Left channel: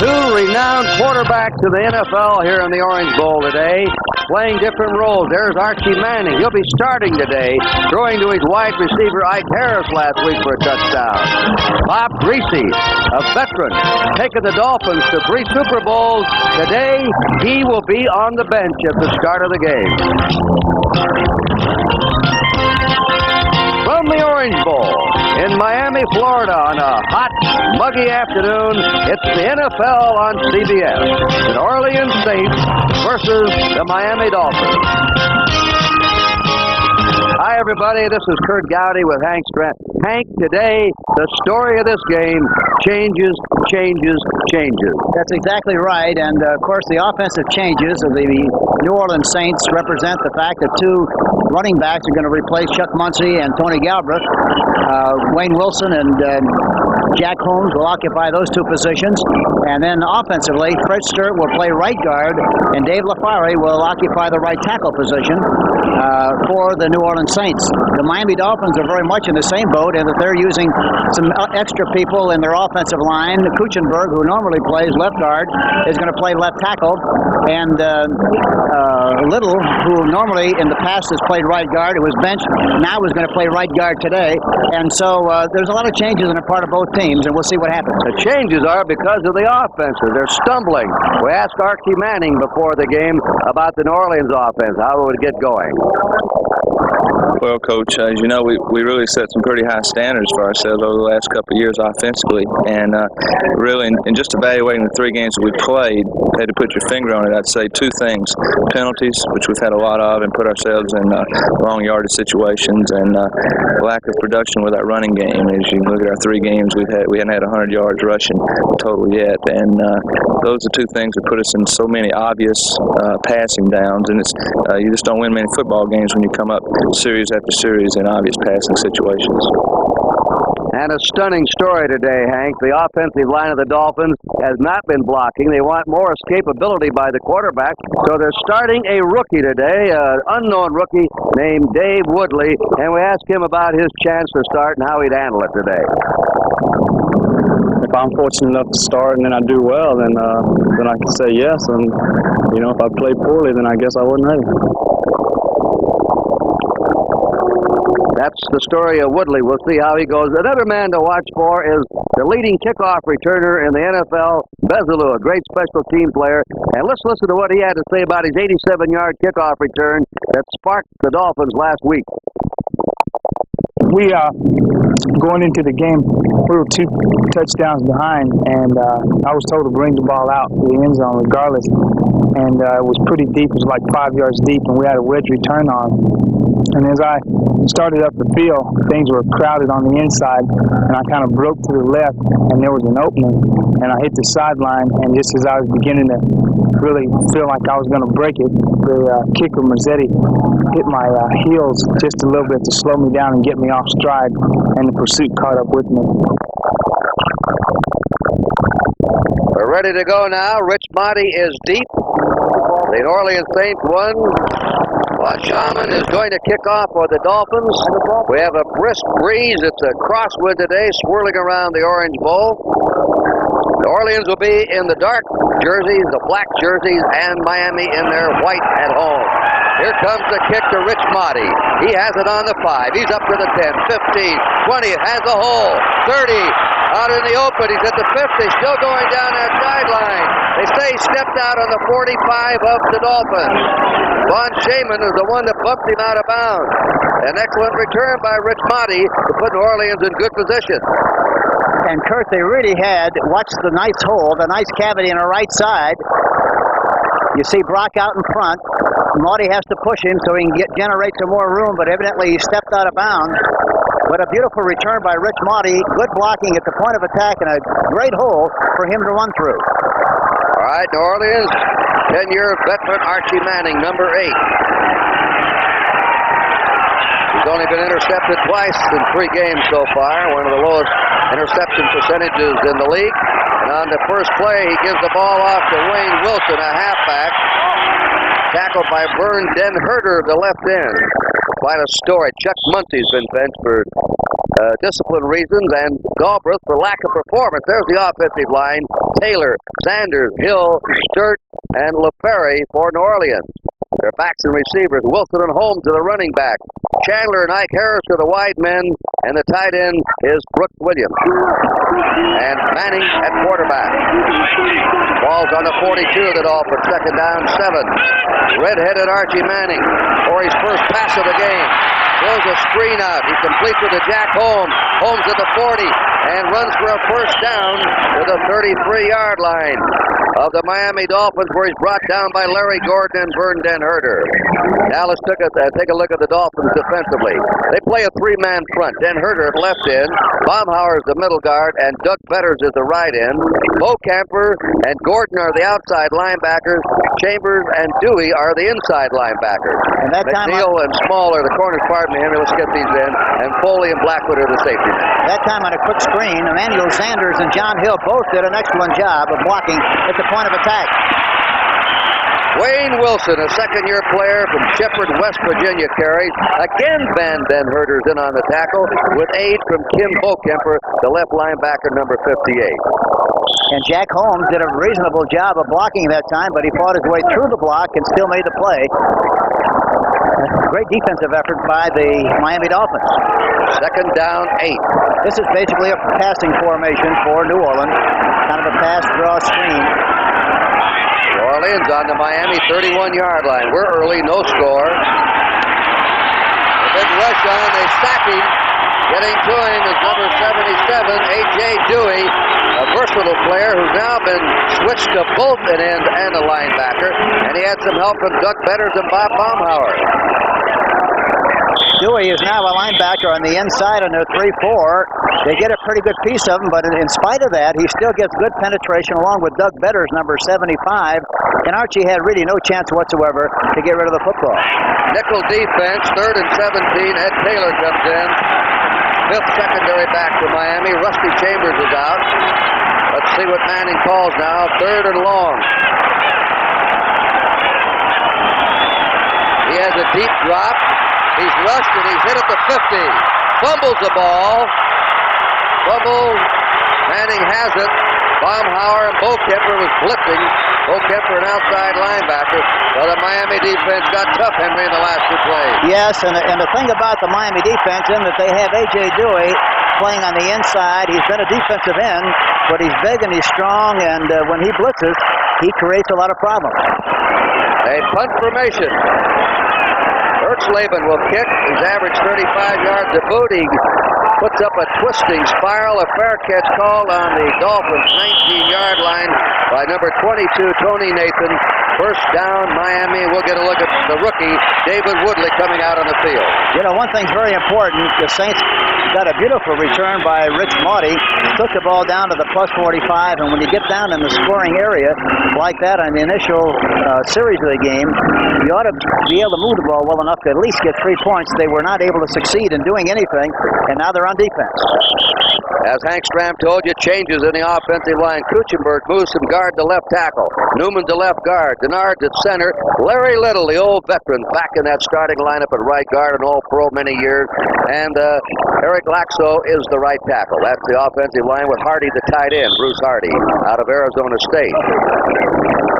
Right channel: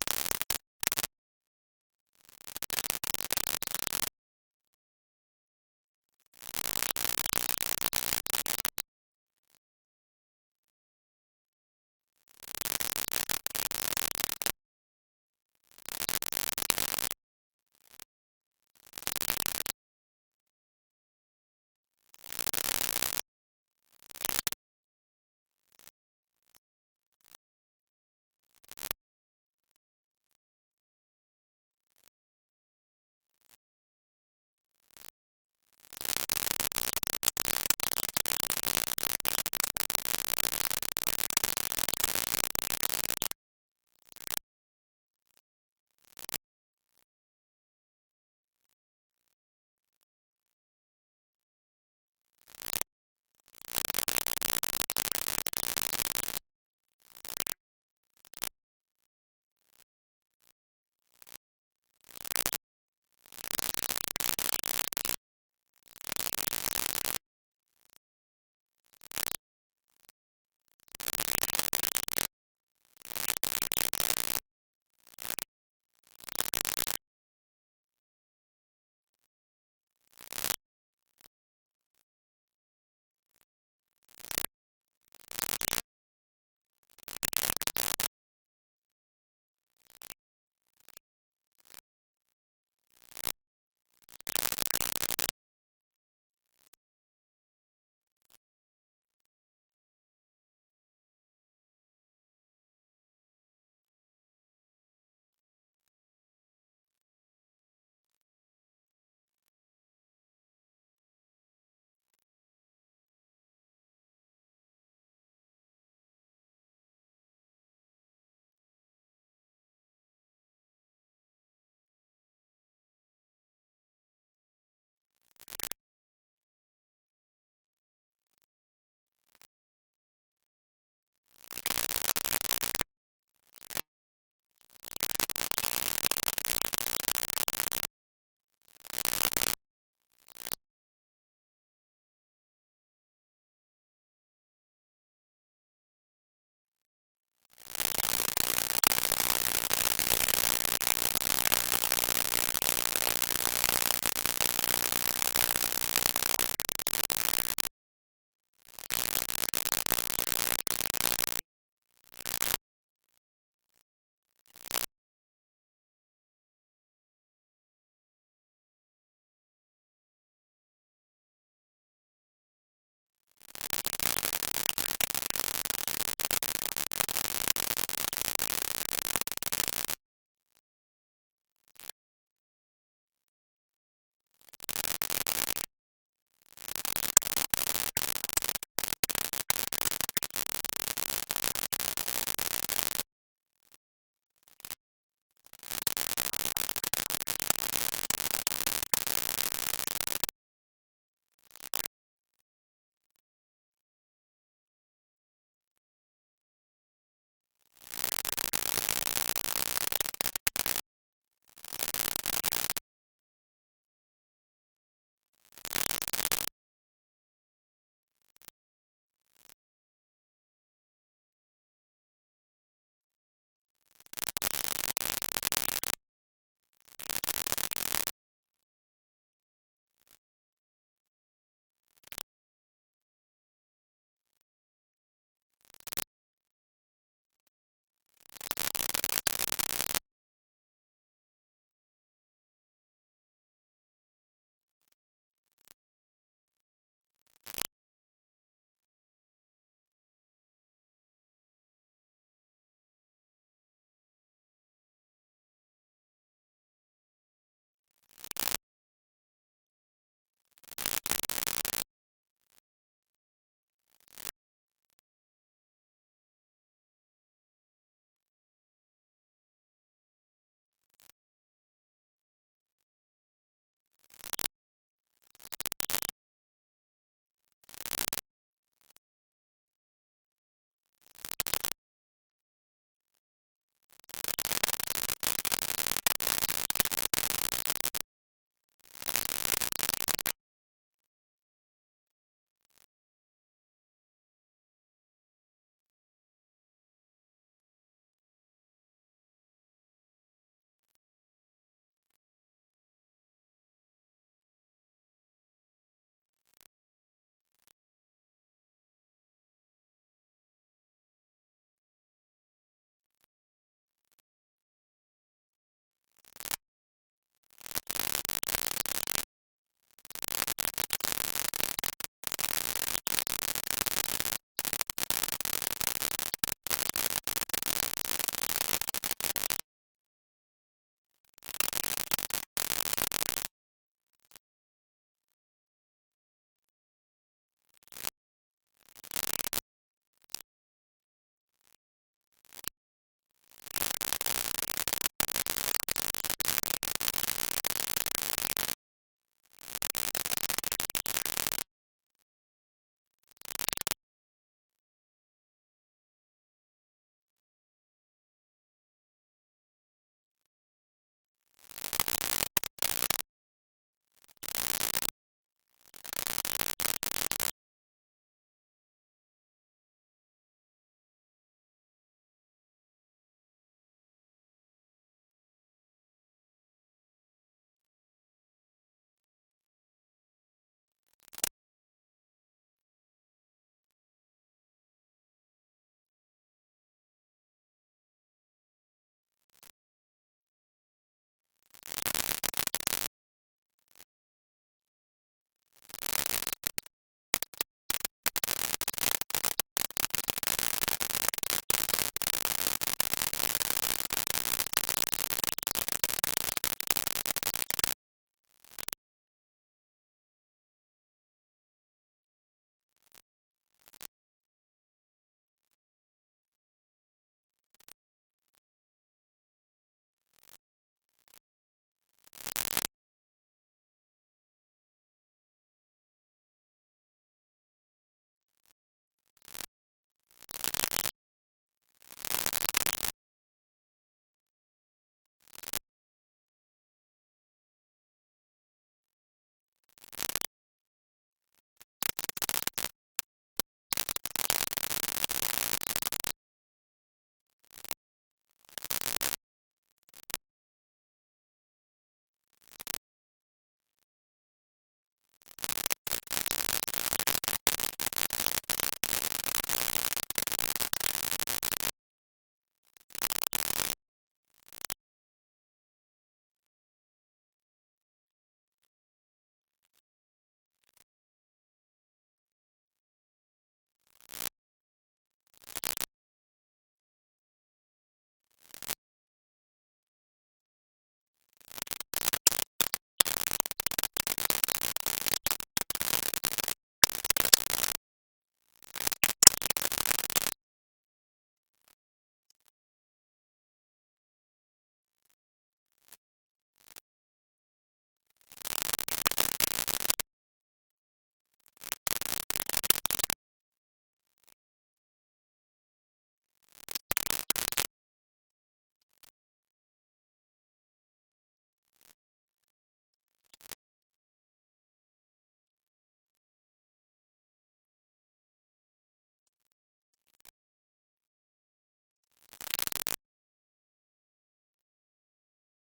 Two renowned quarterbacks in the NFL here in the Orange Bowl today, playing different roles. There's Archie Manning. He'll be starting today, throwing to his wide receiver Ike Harris last week for a touchdown. Bob Greasy, a veteran, taking the Dolphins to 3 Super Bowls. Today, he will be on the bench at the start of the game. From the Orange Bowl in Miami, Florida, on a hot, muggy afternoon, it's the NFL on CBS. The New Orleans Saints versus the Miami Dolphins. Hi, everybody. This is Kurt Gowdy with Hank Strand. Hank, today, the story of this game changes. That's exactly right. And, of course, the offensive changes of the New Orleans Saints represent the fact that 2 running backs are going to replace Chuck Muncie and Tony Galbraith. Wayne Wilson and Jack Holmes will occupy those 2 positions. And then offensively, Fred Sturt will play right guard, and Dave LaFari will occupy the right tackle position for the New Orleans Saints. The Miami Dolphins are very much in the same boat in that they're using some extra people in their offensive line. Kuchenberg, who normally plays left guard, is going to play left tackle. And Little, who normally in the past has played right guard, who was benched, now is going to play right guard today. And so there's a lot of changes on the part of both teams, and we'll see what happens. The changes are because of the offenses. They're stumbling. We asked Archie Manning before the game about the New Orleans offense, how it would get going. Well, Coach, as you know, we really set some pretty high standards for ourselves over the last couple of years offensively. And really, in just evaluating the 3 games that we played, had to put your finger on it, I'd say 2 things. Penalties, which we've had a lot of and put ourselves in long yardage situations, and lack of production with our running game. As you look at our 3 games, we hadn't had 100 yards rushing total yet. And those are 2 things that put us in so many obvious passing downs. And it's you just don't win many football games when you come up series after series in obvious passing situations. And a stunning story today, Hank. The offensive line of the Dolphins has not been blocking. They want more escapability by the quarterback, so they're starting a rookie today, an unknown rookie named Dave Woodley, and we asked him about his chance to start and how he'd handle it today. If I'm fortunate enough to start and then I do well, then I can say yes. And, if I play poorly, then I guess I wouldn't have. That's the story of Woodley. We'll see how he goes. Another man to watch for is the leading kickoff returner in the NFL, Bezalou, a great special team player. And let's listen to what he had to say about his 87-yard kickoff return that sparked the Dolphins last week. We going into the game, we were 2 touchdowns behind, and I was told to bring the ball out to the end zone regardless. And it was pretty deep. It was like 5 yards deep, and we had a wedge return on. And as I started up the field, things were crowded on the inside, and I kind of broke to the left, and there was an opening, and I hit the sideline, and just as I was beginning to really feel like I was going to break it, the kicker, Mazzetti, hit my heels just a little bit to slow me down and get me off stride, and the pursuit caught up with me. We're ready to go now. Rich Monty is deep. The New Orleans Saints won. Shaman is going to kick off for the Dolphins. We have a brisk breeze. It's a crosswind today, swirling around the Orange Bowl. New Orleans will be in the dark jerseys, the black jerseys, and Miami in their white at home. Here comes the kick to Rich Motti. He has it on the 5. He's up to the 10, 15, 20. It has a hole. 30. Out in the open. He's at the 50. Still going down that sideline. They say he stepped out on the 45 of the Dolphins. Von Shaman is the one that bumped him out of bounds. An excellent return by Rich Motti to put New Orleans in good position. And Kurt, they really had, watch the nice hole, the nice cavity on the right side. You see Brock out in front. Motti has to push him so he can generate some more room, but evidently he stepped out of bounds. But a beautiful return by Rich Motti. Good blocking at the point of attack and a great hole for him to run through. All right, New Orleans, 10-year veteran Archie Manning, number 8. He's only been intercepted twice in 3 games so far, one of the lowest interception percentages in the league. And on the first play, he gives the ball off to Wayne Wilson, a halfback, tackled by Vern Den Herder, the left end. quite a story. Chuck Muncy's been benched for discipline reasons, and Galbraith for lack of performance. There's the offensive line. Taylor, Sanders, Hill, Sturt, and LaFerry for New Orleans. Their backs and receivers, Wilson and Holmes to the running back. Chandler and Ike Harris to the wide men, and the tight end is Brooks Williams. And Manning at quarterback. Ball's on the 42 of the Dolphins, second down, 7. Red-headed Archie Manning for his first pass of the game. Throws a screen out. He completes it to Jack Holmes. Holmes at the 40 and runs for a first down to the 33-yard line of the Miami Dolphins, where he's brought down by Larry Gordon and Vern Den Herter. Now let's take a look at the Dolphins defensively. They play a three-man front. Den Herter at left end, Baumhauer is the middle guard, and Doug Betters is the right end. Beaucamper and Gordon are the outside linebackers. Chambers and Dewey are the inside linebackers. And that time McNeil and Small are the corners. Pardon me, Henry. Let's get these in. And Foley and Blackwood are the safety men. That time on a quick screen, Emmanuel Sanders and John Hill both did an excellent job of blocking at the point of attack. Wayne Wilson, a second-year player from Shepherd, West Virginia, carries. Again, Van Den Herter's in on the tackle with aid from Kim Beaucamper, the left linebacker, number 58. And Jack Holmes did a reasonable job of blocking that time, but he fought his way through the block and still made the play. Great defensive effort by the Miami Dolphins. Second down, 8. This is basically a passing formation for New Orleans, kind of a pass draw screen. New Orleans on the Miami 31-yard line. We're early, no score. A big rush on, they sack him. Getting to him is number 77, A.J. Dewey, a versatile player who's now been switched to both an end and a linebacker, and he had some help from Doug Betters and Bob Baumhauer. Dewey is now a linebacker on the inside on their 3-4. They get a pretty good piece of him, but in spite of that, he still gets good penetration along with Doug Betters, number 75, and Archie had really no chance whatsoever to get rid of the football. Nickel defense, 3rd and 17. Ed Taylor comes in. 5th secondary back for Miami. Rusty Chambers is out. Let's see what Manning calls now. 3rd and long. He has a deep drop. He's rushed and he's hit at the 50. Fumbles the ball. Fumble. Manning has it. Baumhauer and Beaucamper was blitzing. Beaucamper, an outside linebacker. Well, the Miami defense got tough, Henry, in the last 2 plays. Yes, and the thing about the Miami defense is that they have A.J. Dewey playing on the inside. He's been a defensive end, but he's big and he's strong, and when he blitzes, he creates a lot of problems. A punt formation. Ertzleben will kick. He's averaged 35 yards a boot. He puts up a twisting spiral. A fair catch called on the Dolphins' 19-yard line by number 22, Tony Nathan. First down, Miami. We'll get a look at the rookie, David Woodley, coming out on the field. You know, one thing's very important. The Saints got a beautiful return by Rich Maudie. Took the ball down to the plus 45, and when you get down in the scoring area like that on the initial series of the game, you ought to be able to move the ball well enough to at least get 3 points. They were not able to succeed in doing anything, and now they're on defense. As Hank Stram told you, changes in the offensive line. Kuchenberg moves from guard to left tackle. Newman to left guard. Denard at center. Larry Little, the old veteran, back in that starting lineup at right guard, an all-pro many years. And Eric Laxo is the right tackle. That's the offensive line with Hardy the tight end, Bruce Hardy, out of Arizona State.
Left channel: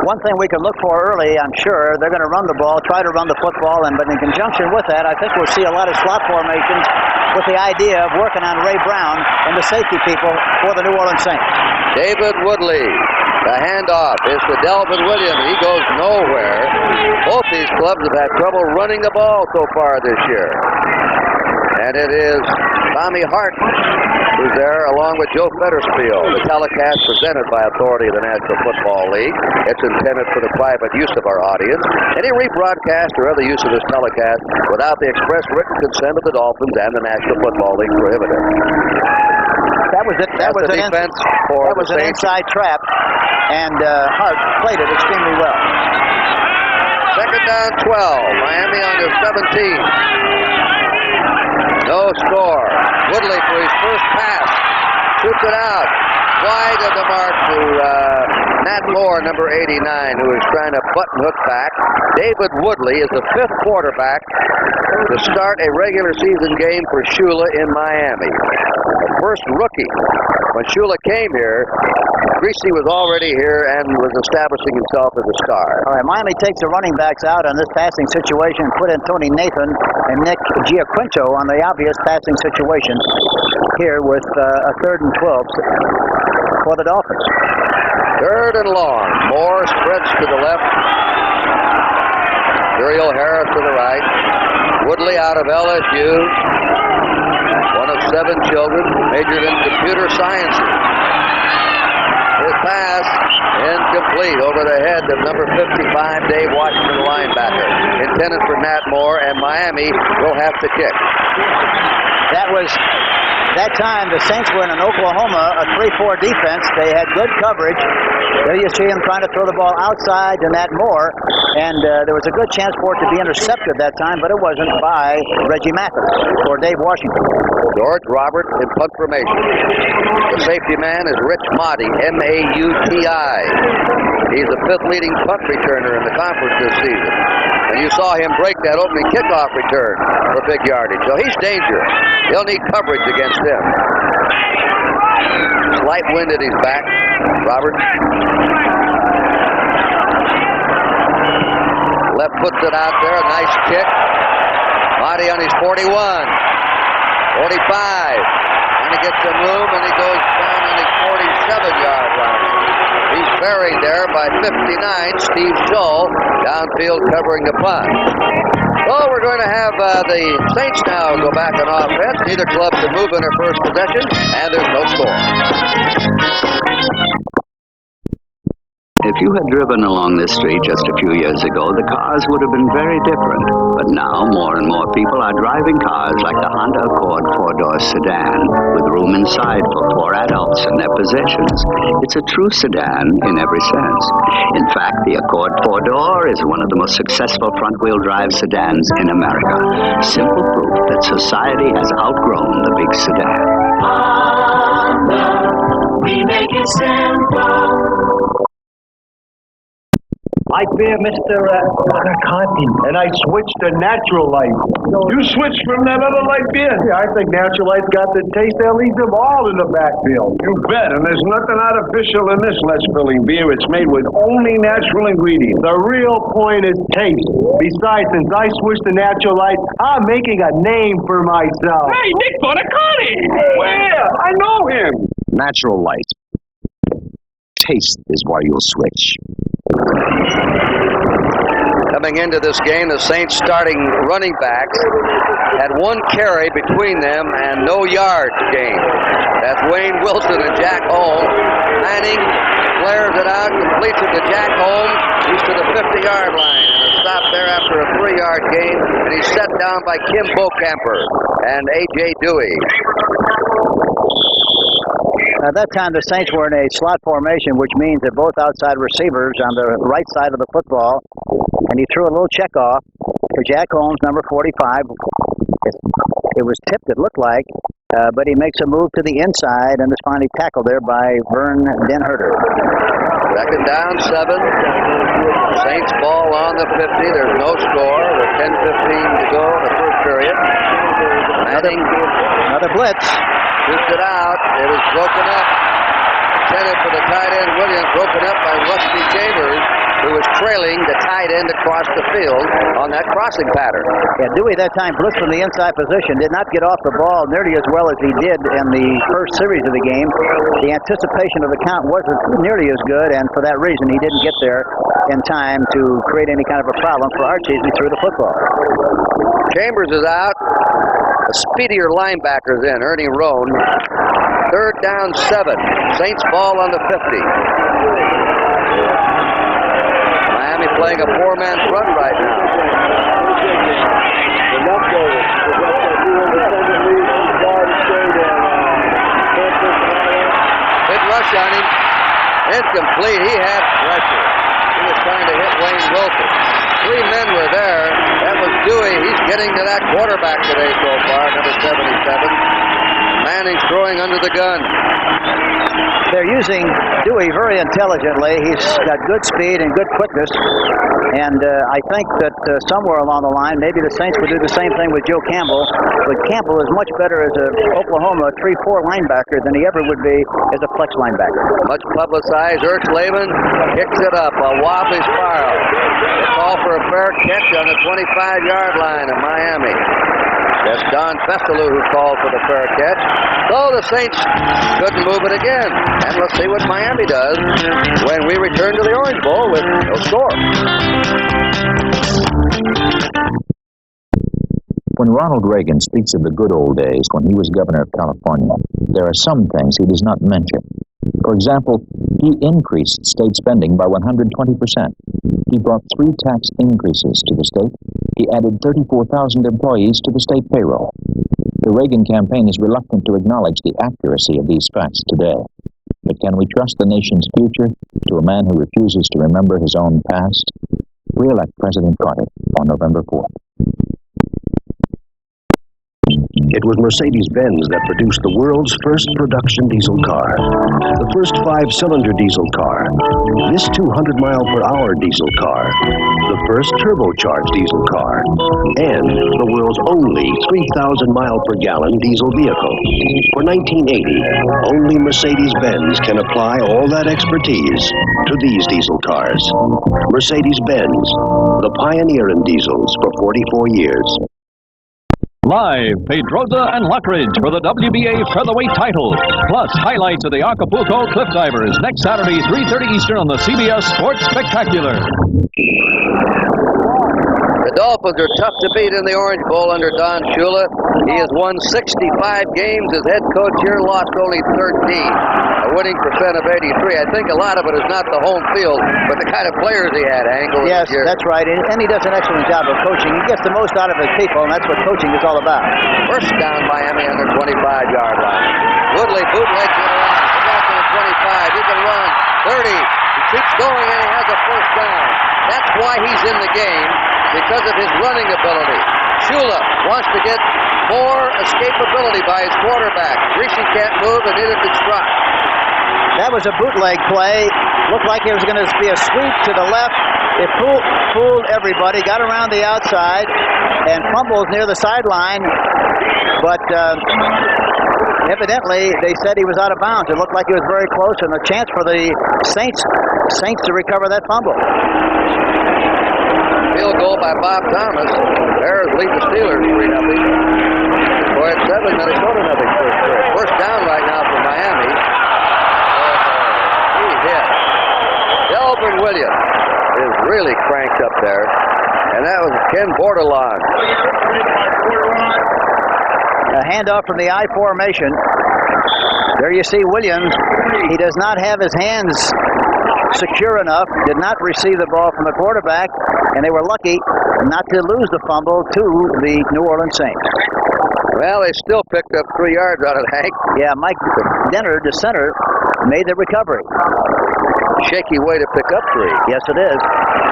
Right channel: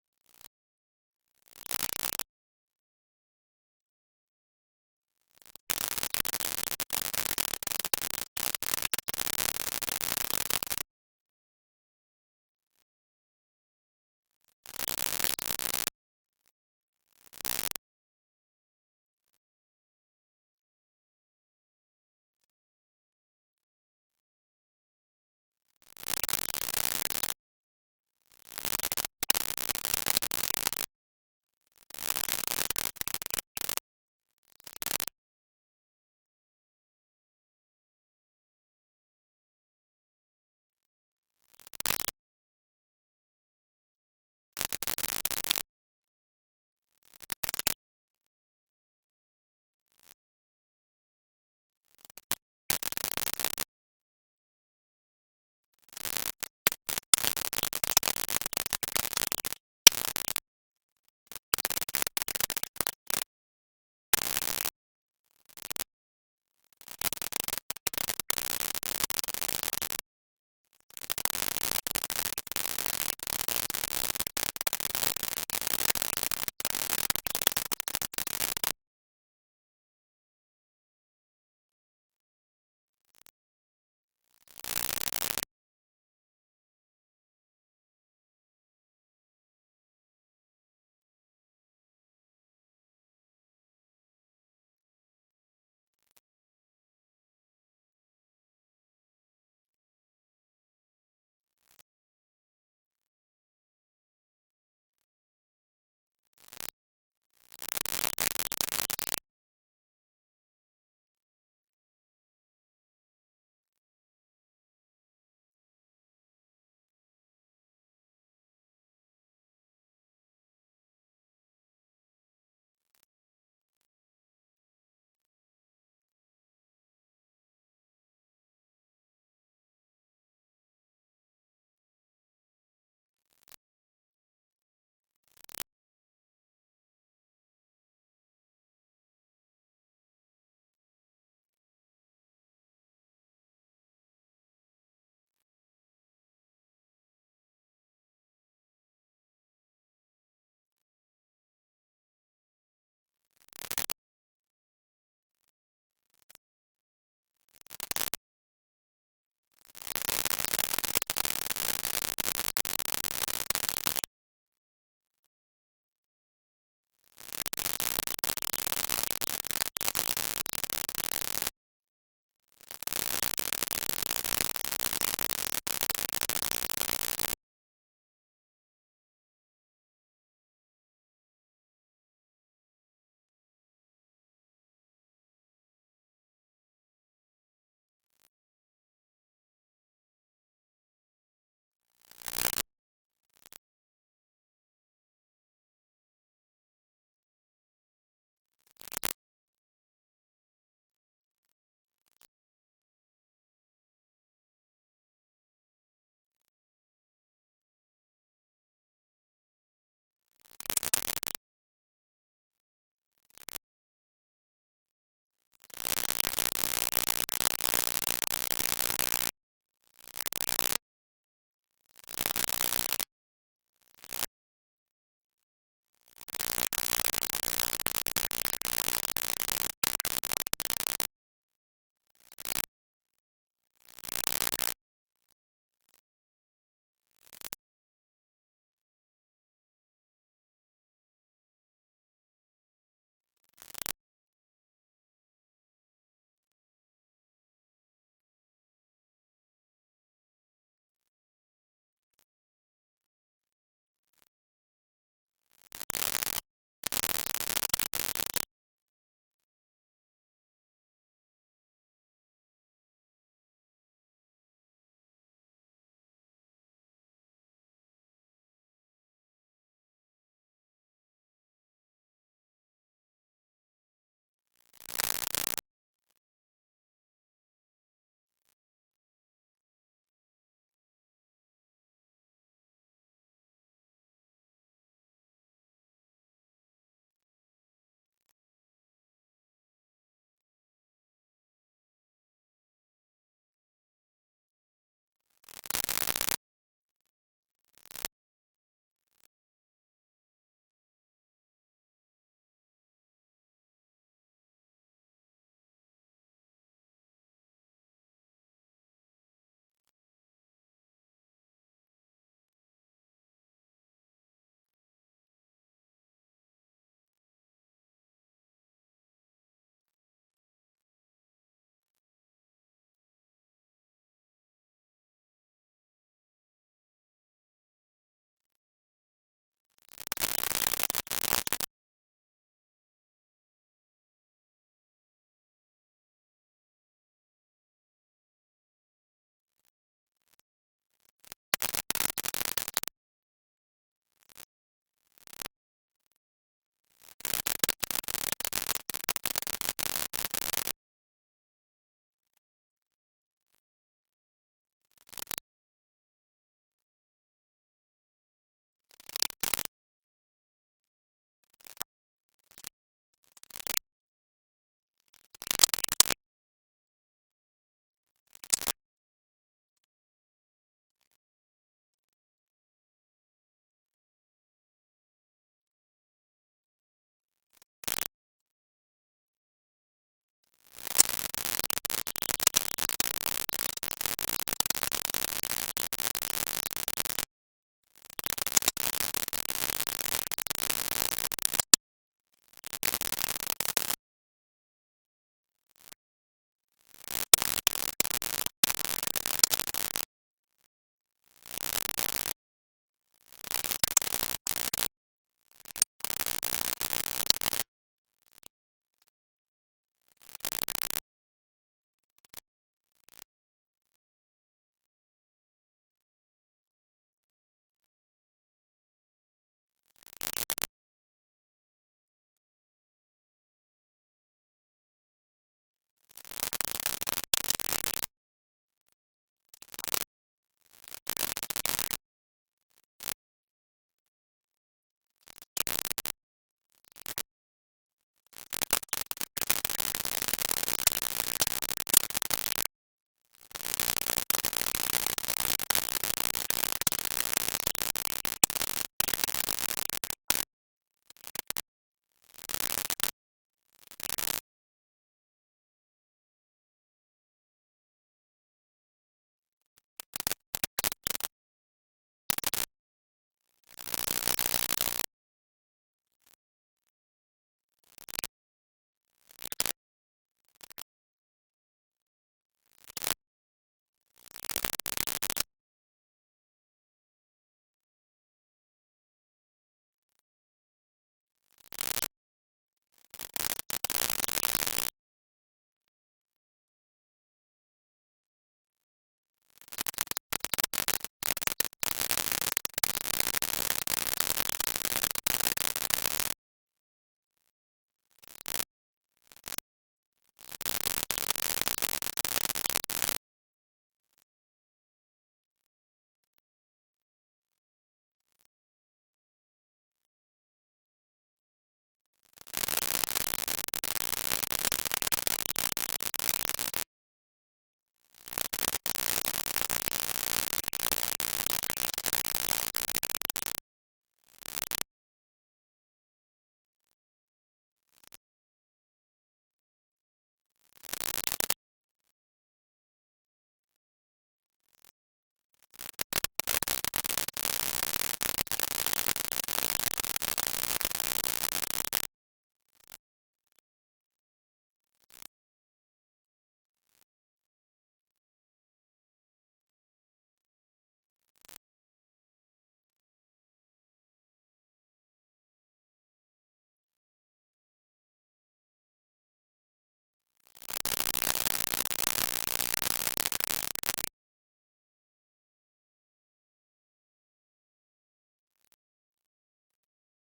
One thing we can look for early, I'm sure, they're going to run the ball, try to run the football, but in conjunction with that, I think we'll see a lot of slot formations with the idea of working on Ray Brown and the safety people for the New Orleans Saints. David Woodley, the handoff is to Delvin Williams. He goes nowhere. Both these clubs have had trouble running the ball so far this year. And it is Tommy Hart who's there, along with Joe Fettersfield. The telecast presented by authority of the National Football League. It's intended for the private use of our audience. Any rebroadcast or other use of this telecast without the express written consent of the Dolphins and the National Football League prohibited. That was it. That was an inside trap, and Hart played it extremely well. Second down, 12. Miami on their 17. No score. Woodley for his first pass. Shoots it out. Wide of the mark to Matt Moore, number 89, who is trying to button hook back. David Woodley is the 5th quarterback to start a regular season game for Shula in Miami. The first rookie. When Shula came here, Greasy was already here and was establishing himself as a star. All right, Miami takes the running backs out on this passing situation and put in Tony Nathan and Nick Giaquinto on the obvious passing situation here with a 3rd and 12 for the Dolphins. 3rd and long. Moore spreads to the left. Uriel Harris to the right. Woodley out of LSU. One of 7 children, majored in computer sciences. His pass incomplete over the head of number 55, Dave Washington, linebacker. Intended for Matt Moore, and Miami will have to kick. That time, the Saints were in an Oklahoma, a 3-4 defense. They had good coverage. There you see him trying to throw the ball outside to Matt Moore, and there was a good chance for it to be intercepted that time, but it wasn't by Reggie Mathis or Dave Washington. George Robert in punt formation. The safety man is Rich Mauti, M-A-U-T-I. He's the 5th leading punt returner in the conference this season. And you saw him break that opening kickoff return for big yardage. So he's dangerous. He'll need coverage against him. Slight wind at his back. Robert. Left puts it out there. Nice kick. Mauti on his 41. 45. And he gets some room, and he goes down on his 47-yard line. He's buried there by 59, Steve Shull, downfield covering the punt. So we're going to have the Saints now go back on offense. Neither club can move in their first possession, and there's no score. If you had driven along this street just a few years ago, the cars would have been very different. But now, more and more people are driving cars like the Honda Accord 4-door sedan, with room inside for 4 adults in their possessions. It's a true sedan in every sense. In fact, the Accord 4-door is one of the most successful front-wheel drive sedans in America. Simple proof that society has outgrown the big sedan. Honda, we make it simple. Light beer, Mr. Conti. And I switched to Natural Light. You switched from that other light beer? Yeah, I think Natural Light's got the taste that leaves them all in the backfield. You bet, and there's nothing artificial in this less filling beer. It's made with only natural ingredients. The real point is taste. Besides, since I switched to Natural Light, I'm making a name for myself. Hey, Nick Bonacani! Where? I know him! Natural Light. Taste is why you'll switch. Coming into this game, the Saints starting running backs had 1 carry between them and no yards gained. That's Wayne Wilson and Jack Holmes. Manning flares it out, completes it to Jack Holmes. He's to the 50-yard line, and a stop there after a 3-yard gain, and he's set down by Kim Bocamper and A.J. Dewey. At that time, the Saints were in a slot formation, which means that both outside receivers on the right side of the football, and he threw a little check off to Jack Holmes, number 45. It was tipped, it looked like, but he makes a move to the inside and is finally tackled there by Vern Denherter. 2nd down, 7. Saints ball on the 50. There's no score with 10:15 to go in the first period. Manning, another blitz. shoots it out. It is broken up. Intended for the tight end, Williams, broken up by Rusty Chambers, who was trailing the tight end across the field on that crossing pattern. Yeah, Dewey that time blitzed from the inside position, did not get off the ball nearly as well as he did in the first series of the game. The anticipation of the count wasn't nearly as good, and for that reason, he didn't get there in time to create any kind of a problem for Archie as he threw the football. Chambers is out. A speedier linebacker's in, Ernie Roan. 3rd down, 7. Saints ball on the 50. Miami playing a 4-man front right now. Big rush on him. Incomplete. He had pressure. He was trying to hit Wayne Wilson. 3 men were there. That was Dewey. He's getting to that quarterback today so far, number 77. Manning's throwing throwing under the gun. They're using Dewey very intelligently. He's got good speed and good quickness. And I think that somewhere along the line, maybe the Saints would do the same thing with Joe Campbell. But Campbell is much better as an Oklahoma 3-4 linebacker than he ever would be as a flex linebacker. Much publicized. Ertzleben kicks it up. A wobbly spiral. They call for a fair catch on the 25-yard line of Miami. That's Don Festalou who called for the fair catch. So the Saints couldn't move it again. And let's see what Miami does when we return to the Orange Bowl with no score. When Ronald Reagan speaks of the good old days when he was governor of California, there are some things he does not mention. For example, he increased state spending by 120%. He brought 3 tax increases to the state. He added 34,000 employees to the state payroll. The Reagan campaign is reluctant to acknowledge the accuracy of these facts today. But can we trust the nation's future to a man who refuses to remember his own past? Re-elect President Carter on November 4th. It was Mercedes-Benz that produced the world's first production diesel car, the first 5-cylinder diesel car, this 200-mile-per-hour diesel car, the first turbocharged diesel car, and the world's only 3,000-mile-per-gallon diesel vehicle. For 1980, only Mercedes-Benz can apply all that expertise to these diesel cars. Mercedes-Benz, the pioneer in diesels for 44 years. Live, Pedroza and Lockridge for the WBA featherweight title. Plus, highlights of the Acapulco Cliff Divers next Saturday, 3:30 Eastern on the CBS Sports Spectacular. The Dolphins are tough to beat in the Orange Bowl under Don Shula. He has won 65 games as head coach here, lost only 13. A winning percent of 83. I think a lot of it is not the home field, but the kind of players he had, Angle. Yes, that's right. And he does an excellent job of coaching. He gets the most out of his people, and that's what coaching is all about. First down, Miami on their 25-yard line. Woodley bootlegs it around. He got to the 25. He can run 30. He keeps going, and he has a first down. That's why he's in the game, because of his running ability. Shula wants to get more escapability by his quarterback. Rishi can't move, and neither can Strock. That was a bootleg play. Looked like it was going to be a sweep to the left. It fooled everybody, got around the outside, and fumbles near the sideline. But evidently, they said he was out of bounds. It looked like he was very close, and a chance for the Saints to recover that fumble. Field goal by Bob Thomas. Bears lead the Steelers 3-0. Boy, at 7, Minnesota nothing. First down right now for Miami. He's hit. Delvin Williams is really cranked up there. And that was Ken Bordelon. A handoff from the I formation. There you see Williams. He does not have his hands secure enough, did not receive the ball from the quarterback, and they were lucky not to lose the fumble to the New Orleans Saints. Well, they still picked up 3 yards out of Hank. Yeah, Mike Denner, the center, made the recovery. Shaky way to pick up 3. Yes, it is.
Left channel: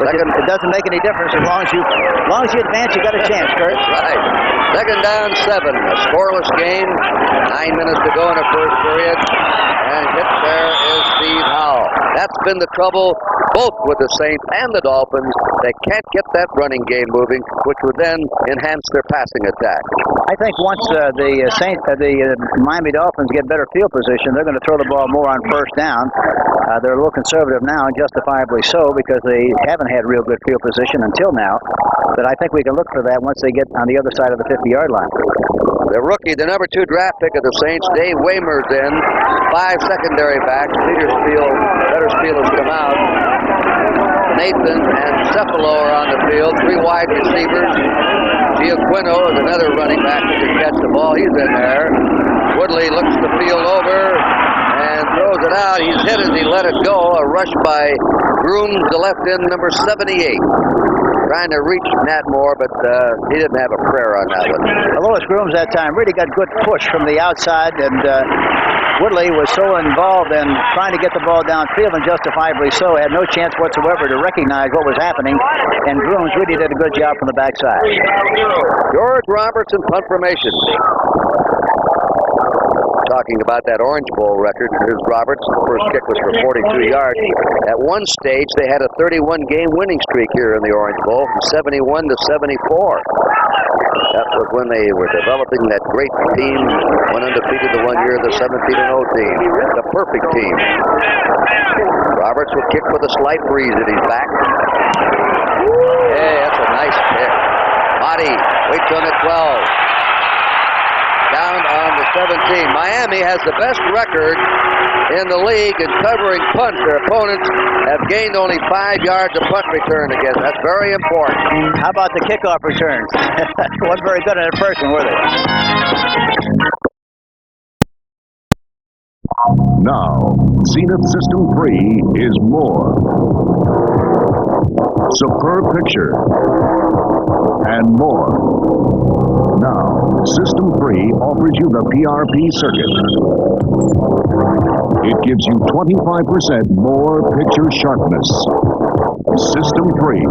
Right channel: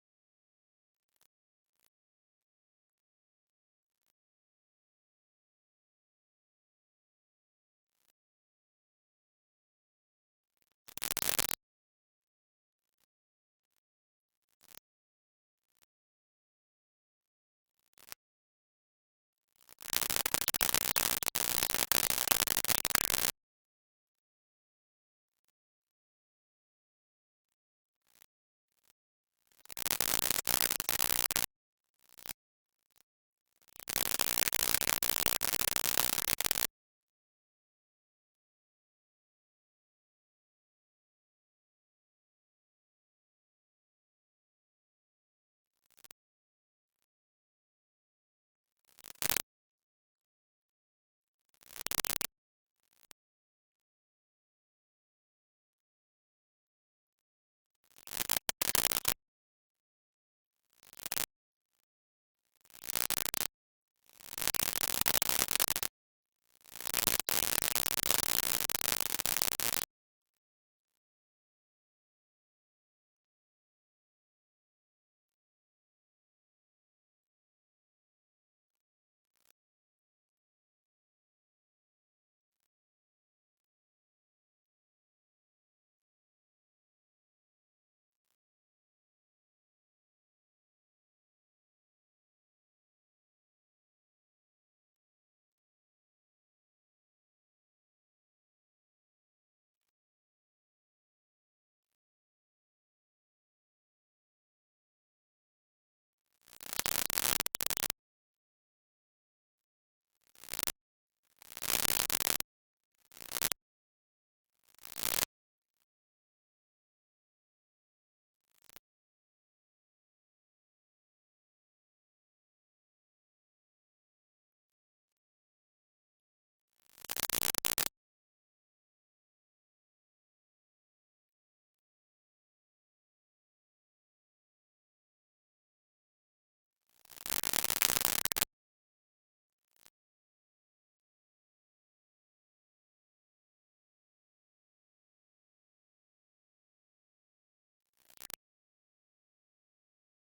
But it doesn't make any difference as long as you advance. You got a chance, Kurt. Right. Second down, 7. A scoreless game. 9 minutes to go in the first period. And hit there is Steve Howell. That's been the trouble both with the Saints and the Dolphins. They can't get that running game moving, which would then enhance their passing attack. I think once the Miami Dolphins get better field position, they're going to throw the ball more on first down. They're a little conservative now, and justifiably so, because they haven't had real good field position until now. But I think we can look for that once they get on the other side of the 50-yard line. The rookie, the number 2 draft pick of the Saints, Dave Waymer's in. 5 secondary backs. Petersfield has come out. Nathan and Cephalo are on the field. 3 wide receivers. Giaquino is another running back who can catch the ball. He's in there. Woodley looks the field over and throws it out. He's hit as he let it go. A rush by Grooms, the left end, number 78. Trying to reach Nat Moore, but he didn't have a prayer on that one. Lois Grooms that time really got good push from the outside, and Woodley was so involved in trying to get the ball downfield, and justifiably so, had no chance whatsoever to recognize what was happening, and Grooms really did a good job from the backside. George Robertson, punt formation. talking about that Orange Bowl record. Here's Roberts. The first kick was for 42 yards. At one stage, they had a 31-game winning streak here in the Orange Bowl, from 71 to 74. That was when they were developing that great team, went undefeated the one year, the 17-0 team. The perfect team. Roberts will kick with a slight breeze at his back. Hey, that's a nice kick. Motti waits on the 12. Down on the 17. Miami has the best record in the league in covering punts. Their opponents have gained only 5 yards of punt return against. That's very important. How about the kickoff returns? Wasn't very good in the first one, were they? Now, Zenith System 3 is more. Superb picture and more. Now, System 3 offers you the PRP circuit. It gives you 25% more picture sharpness. System 3,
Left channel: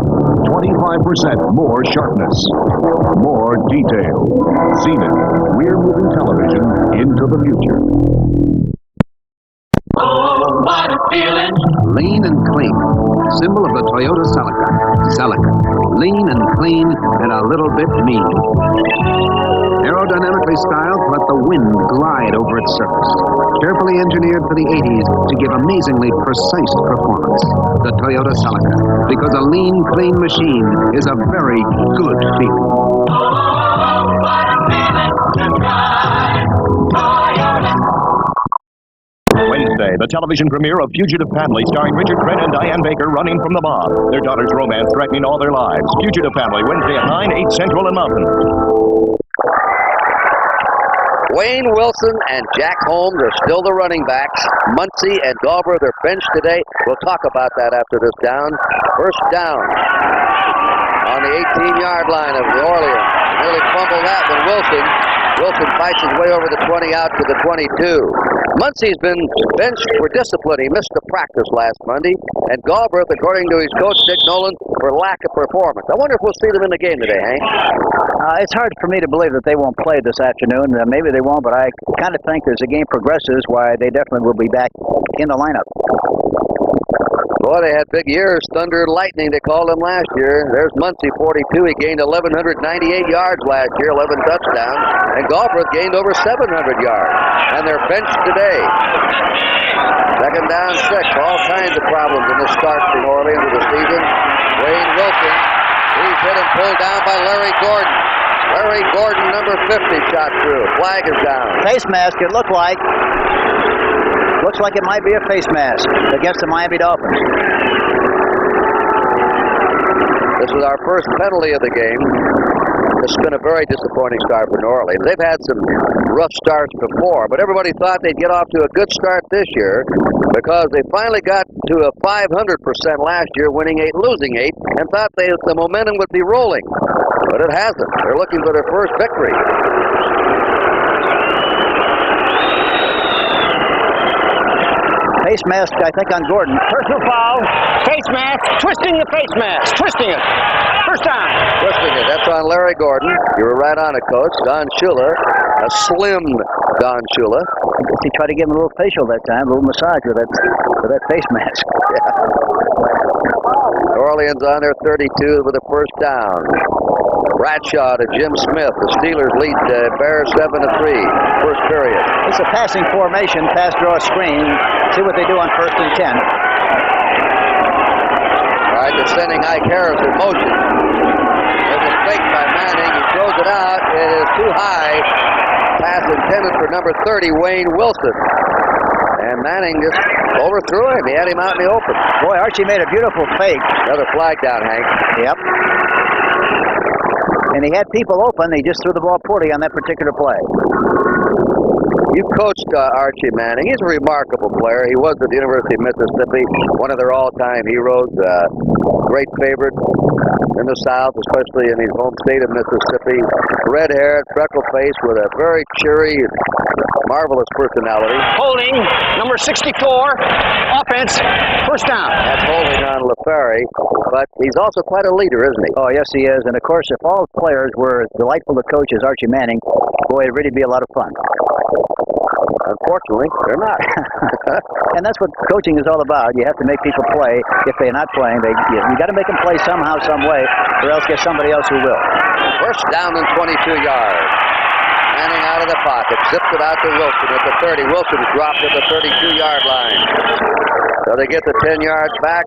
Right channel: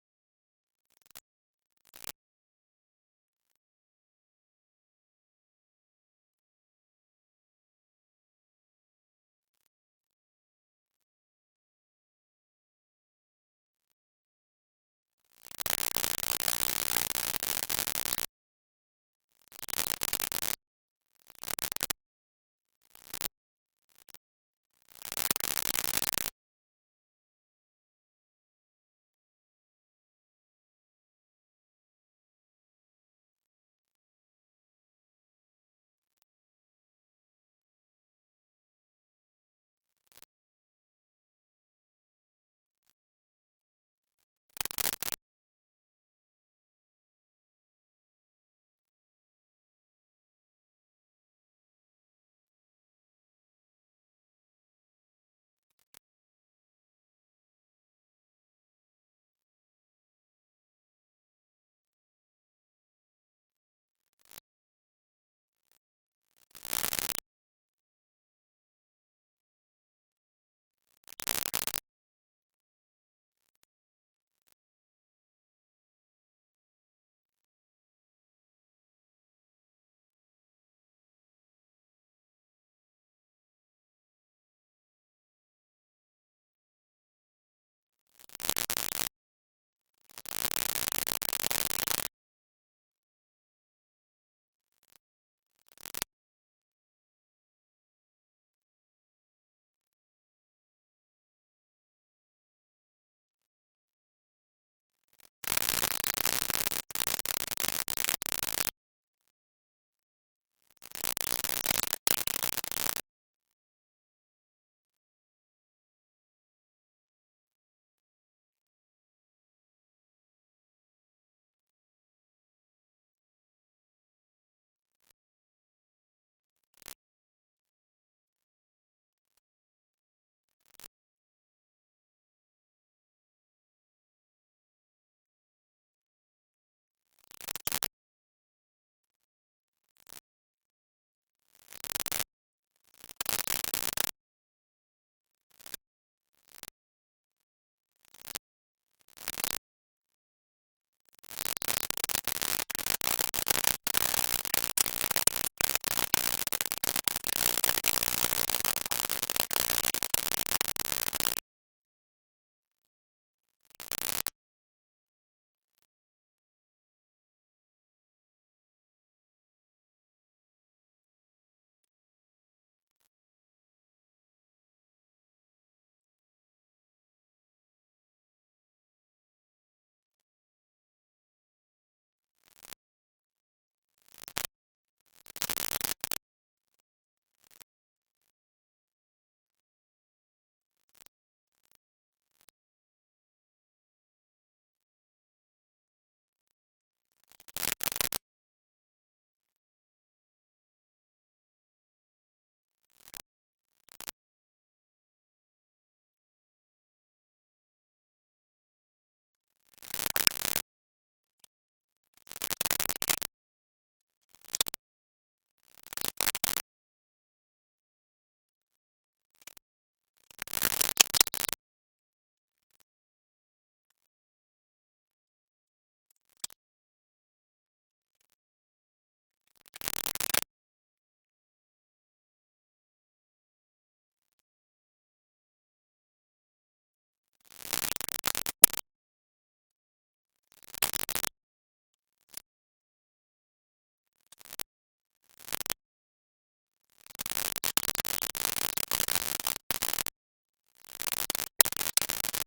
25% more sharpness, more detail. Zenith, rear-moving television into the future. Oh, what a feeling. Lean and clean. Symbol of the Toyota Celica. Celica. Lean and clean and a little bit mean. Aerodynamically styled to let the wind glide over its surface. Carefully engineered for the 80s to give amazingly precise performance. The Toyota Celica. Because a lean, clean machine is a very good feeling. Oh, what a feeling to drive Toyota. Wednesday, the television premiere of Fugitive Family, starring Richard Crenn and Diane Baker, running from the mob. Their daughter's romance threatening all their lives. Fugitive Family, Wednesday at 9, 8 Central and Mountain. Wayne Wilson and Jack Holmes are still the running backs. Muncie and Galbraith, they're benched today. We'll talk about that after this down. First down on the 18-yard line of New Orleans. Nearly fumbled that when Wilson fights his way over the 20 out to the 22. Muncie's been benched for discipline. He missed the practice last Monday. And Galbraith, according to his coach, Dick Nolan, for lack of performance. I wonder if we'll see them in the game today, Hank. It's hard for me to believe that they won't play this afternoon. Maybe they won't, but I kind of think as the game progresses, why they definitely will be back in the lineup. Boy, they had big years. Thunder and Lightning, they called them last year. There's Muncie, 42. He gained 1,198 yards last year, 11 touchdowns. And Galbraith gained over 700 yards. And they're benched today. Second down, 6. All kinds of problems in this start for New Orleans of the season. Wayne Wilson, he's hit and pulled down by Larry Gordon. Larry Gordon, number 50, shot through. Flag is down. Face mask, it looked like. Looks like it might be a face mask against the Miami Dolphins. This is our first penalty of the game. This has been a very disappointing start for New Orleans. They've had some rough starts before, but everybody thought they'd get off to a good start this year because they finally got to a 500% last year, winning 8, losing 8, and thought the momentum would be rolling. But it hasn't. They're looking for their first victory. Face mask, I think, on Gordon. Personal foul, face mask, twisting the face mask, twisting it. First down. Twisting it. That's on Larry Gordon. You were right on it, Coach. Don Shula, a slim Don Shula. I guess he tried to give him a little facial that time, a little massage with that face mask. Yeah. New Orleans on their 32 with a first down. Bradshaw to Jim Smith. The Steelers lead Bears 7-3. First period. It's a passing formation, pass draw screen. See what they do on 1st and 10. All right, they're sending Ike Harris in motion. There's a fake by Manning. He throws it out. It is too high. Pass intended for number 30, Wayne Wilson. And Manning just overthrew him. He had him out in the open. Boy, Archie made a beautiful fake. Another flag down, Hank. Yep. And he had people open. He just threw the ball poorly on that particular play. You coached Archie Manning. He's a remarkable player. He was at the University of Mississippi, one of their all-time heroes. Great favorite in the South, especially in his home state of Mississippi. Red-haired, freckle-faced, with a very cheery, marvelous personality. Holding, number 64, offense, first down. That's holding on LaFerry, but he's also quite a leader, isn't he? Oh, yes, he is. And, of course, if all players were as delightful to coach as Archie Manning, boy, it'd really be a lot of fun. Unfortunately, they're not. And that's what coaching is all about. You have to make people play. If they're not playing, you got to make them play somehow, some way, or else get somebody else who will. First down and 22 yards. Manning out of the pocket, zipped it out to Wilson at the 30. Wilson's dropped at the 32-yard line. So they get the 10 yards back.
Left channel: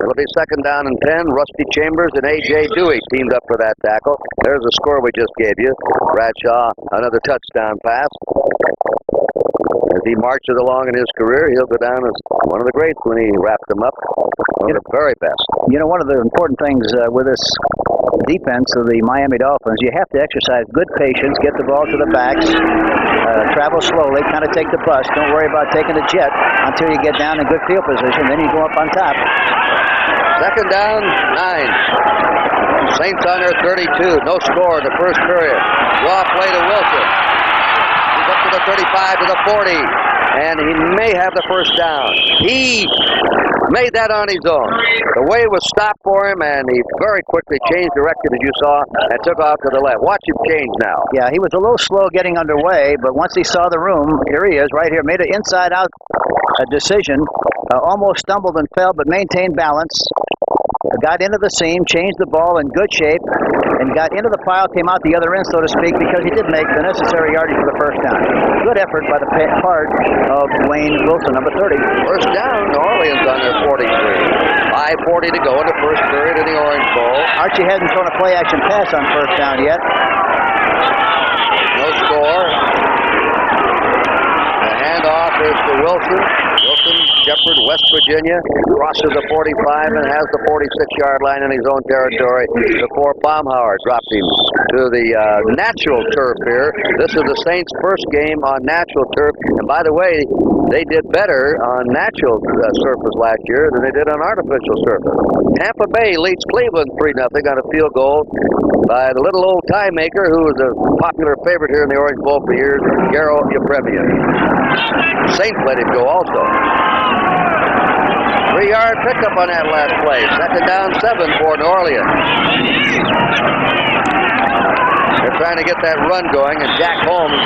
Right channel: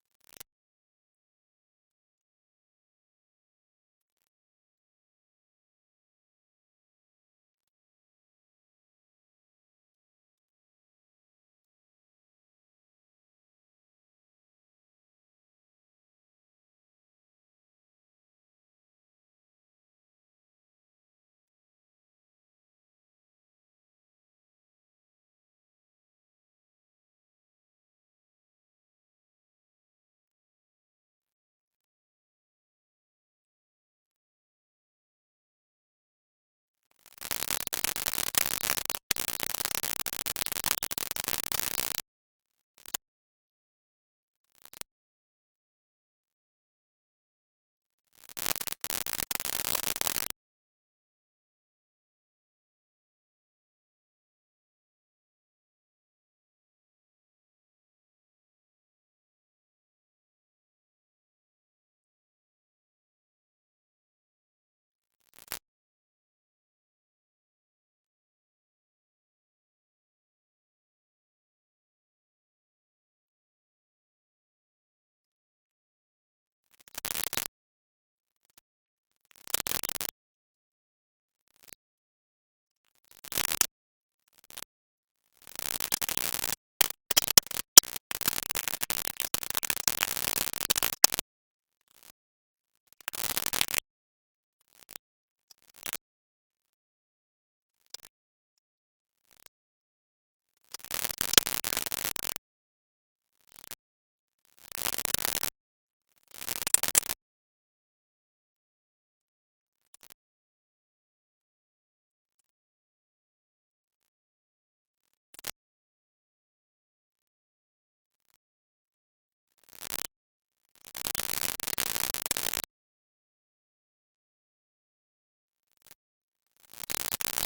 It'll be second down and 10. Rusty Chambers and A.J. Dewey teamed up for that tackle. There's the score we just gave you. Bradshaw, another touchdown pass. As he marches along in his career, he'll go down as one of the greats when he wrapped them up. One of the very best. You know, one of the important things with this defense of the Miami Dolphins, you have to exercise good patience, get the ball to the backs, travel slowly, kind of take the bus. Don't worry about taking a jet until you get down in good field position. Then you go up on top. Second down, 9. Saints on their 32. No score in the first period. Draw play to Wilson. He's up to the 35 to the 40. And he may have the first down. He made that on his own. The way was stopped for him, and he very quickly changed direction, as you saw, and took off to the left. Watch him change now. Yeah, he was a little slow getting underway, but once he saw the room, here he is right here, made an inside-out decision, almost stumbled and fell, but maintained balance. Got into the seam, changed the ball in good shape, and got into the pile, came out the other end, so to speak, because he did make the necessary yardage for the first down. Good effort by the part of Wayne Wilson, number 30. First down, New Orleans on their 43. 5:40 to go in the first period in the Orange Bowl. Archie hasn't thrown a play-action pass on first down yet. No score. The handoff is to Wilson. Shepherd, West Virginia, crosses the 45 and has the 46-yard line in his own territory before Baumhauer dropped him to the natural turf here. This is the Saints' first game on natural turf. And by the way, they did better on natural surface last year than they did on artificial surface. Tampa Bay leads Cleveland 3-0 on a field goal by the little old tie maker who was a popular favorite here in the Orange Bowl for years, Garo Yepremian. Saints let him go also. 3-yard pickup on that last play. Second down, 7 for New Orleans. They're trying to get that run going, and Jack Holmes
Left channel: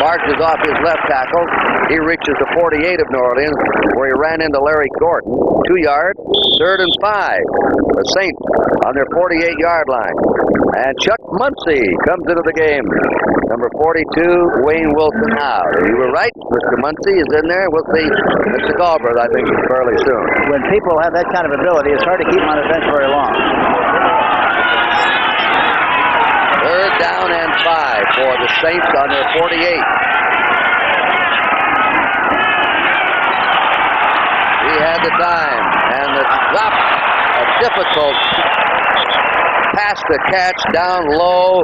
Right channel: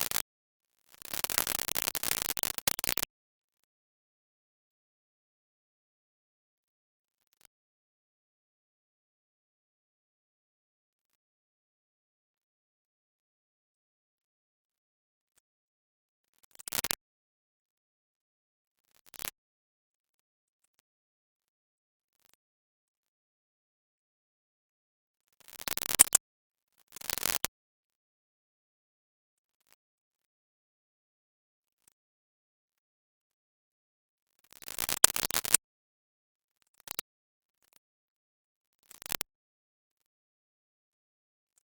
barges off his left tackle. He reaches the 48 of New Orleans, where he ran into Larry Gordon. 2 yards, third and 5. The Saints on their 48-yard line. And Chuck Muncie comes into the game. Number 42, Wayne Wilson out. You were right. Mr. Muncie is in there. We'll see Mr. Galbraith, I think, fairly soon. When people have that kind of ability, it's hard to keep them on the bench very long. Third down and 5 for the Saints on their 48. He had the time, and the drop, a difficult pass to catch down low.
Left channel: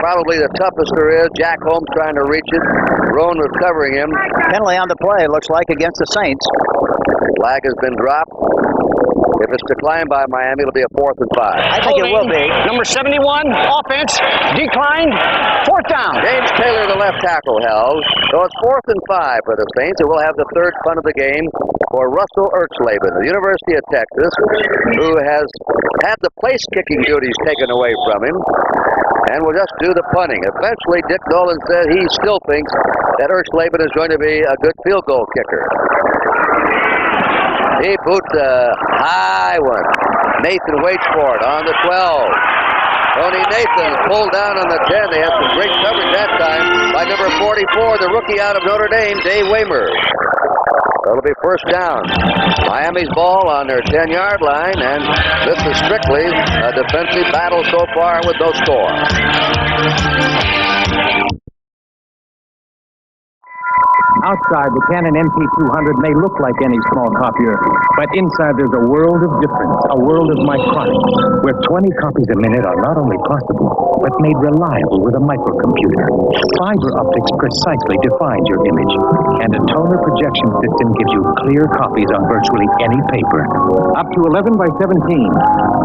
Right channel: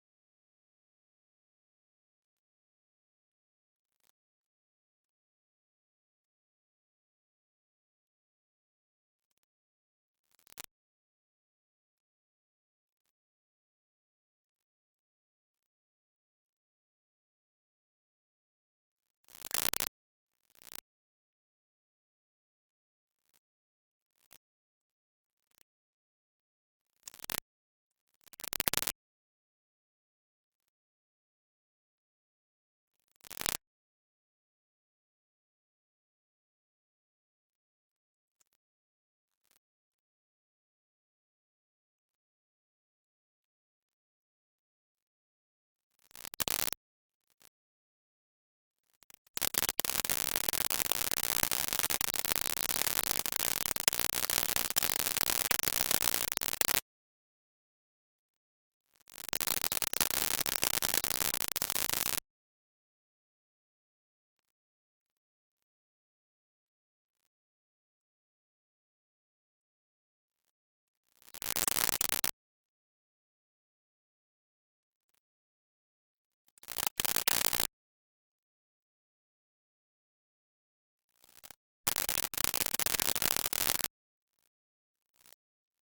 Probably the toughest there is. Jack Holmes trying to reach it. Roan was covering him. Penalty on the play, looks like, against the Saints. Flag has been dropped. If it's declined by Miami, it'll be a 4th and 5. I think it will be. Number 71, offense, declined, 4th down. James Taylor, the left tackle, held. So it's 4th and 5 for the Saints. It will have the third punt of the game for Russell Ertzleben, the University of Texas, who has had the place-kicking duties taken away from him and will just do the punting. Eventually, Dick Nolan said he still thinks that Ertzleben is going to be a good field goal kicker. He boots a high one. Nathan waits for it on the 12. Tony Nathan pulled down on the 10. They had some great coverage that time by number 44, the rookie out of Notre Dame, Dave Waymer. It'll be first down. Miami's ball on their 10-yard line, and this is strictly a defensive battle so far with no score. Outside, the Canon MP200 may look like any small copier, but inside there's a world of difference, a world of micronics, where 20 copies a minute are not only possible, but made reliable with a microcomputer. Fiber optics precisely defines your image, and a toner projection system gives you clear copies on virtually any paper. Up to 11 by 17,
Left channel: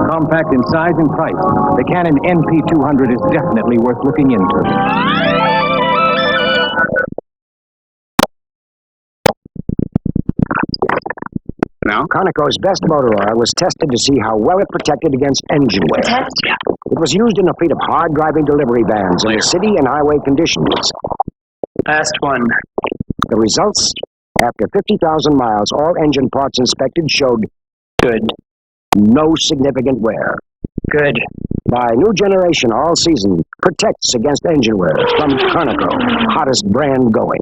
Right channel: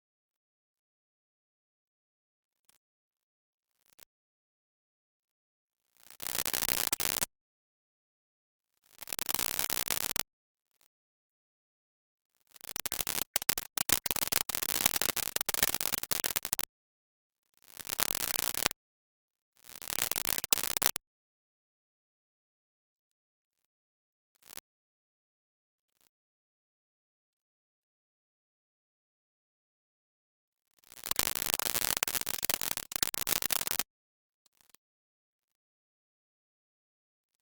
compact in size and price, the Canon MP200 is definitely worth looking into. Now? Conoco's best motor oil was tested to see how well it protected against engine wear. It was used in a fleet of hard-driving delivery vans in the city and highway conditions. Last one. the results, after 50,000 miles, all engine parts inspected showed good. No significant wear. Good. By new generation all season protects against engine wear from Conoco, hottest brand going.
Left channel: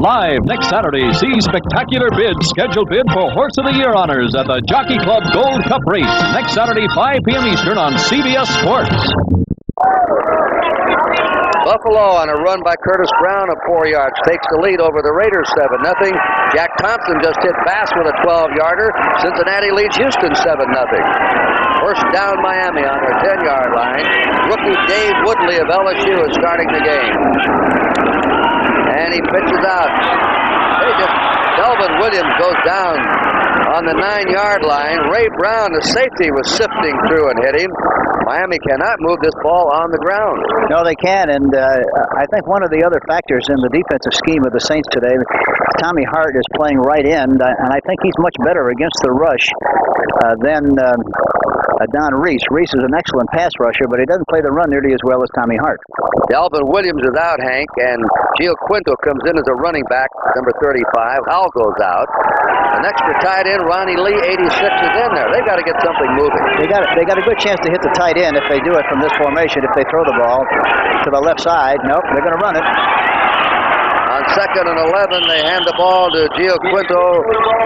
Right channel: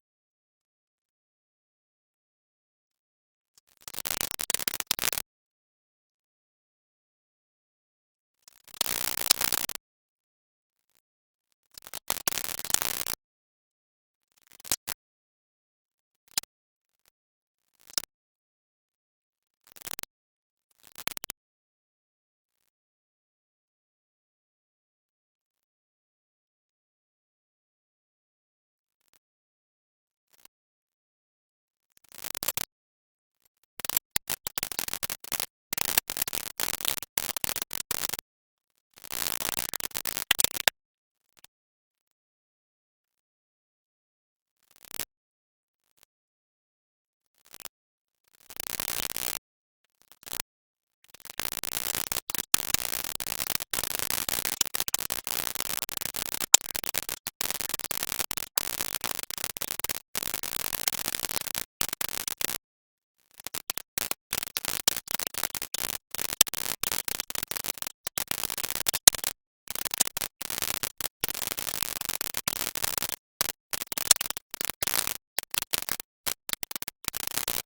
Live next Saturday, see spectacular bids, scheduled bid for Horse of the Year honors at the Jockey Club Gold Cup race next Saturday, 5 p.m. Eastern on CBS Sports. Buffalo on a run by Curtis Brown of 4 yards takes the lead over the Raiders 7-0. Jack Thompson just hit Bass with a 12-yarder. Cincinnati leads Houston 7-0. First down Miami on their 10-yard line. Rookie Dave Woodley of LSU is starting the game. And he pitches out. Delvin Williams goes down on the 9-yard line. Ray Brown, the safety, was sifting through and hit him. Miami cannot move this ball on the ground. No, they can, and I think one of the other factors in the defensive scheme of the Saints today, Tommy Hart is playing right end, and I think he's much better against the rush than Don Reese. Reese is an excellent pass rusher, but he doesn't play the run nearly as well as Tommy Hart. Delvin Williams is out, Hank, and Gio Quinto comes in as a running back, number 35. Howell goes out. The next for tight end, Ronnie Lee, 86, is in there. They got to get something moving. They got a good chance to hit the tight end if they do it from this formation. If they throw the ball to the left side, nope, they're going to run it. On 2nd and 11, they hand the ball to Gio Quinto,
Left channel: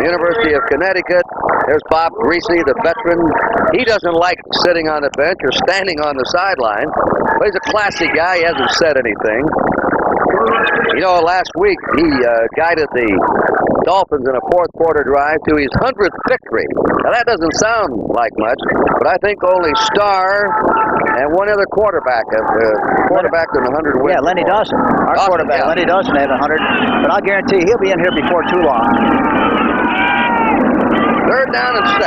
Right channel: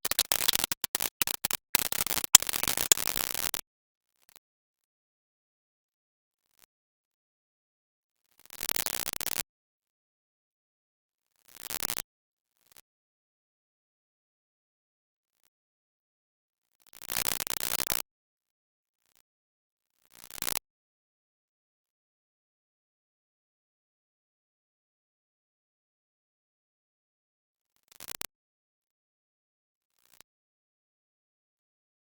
University of Connecticut. There's Bob Greasy, the veteran. He doesn't like sitting on the bench or standing on the sideline. But he's a classy guy. He hasn't said anything. You know, last week he guided the Dolphins in a fourth-quarter drive to his 100th victory. Now, that doesn't sound like much, but I think only Starr and one other quarterback have quarterbacked in 100 wins. Yeah, Lenny Dawson, our quarterback. Yeah. Lenny Dawson had 100, but I'll guarantee he'll be in here before too long. 3rd down and 6.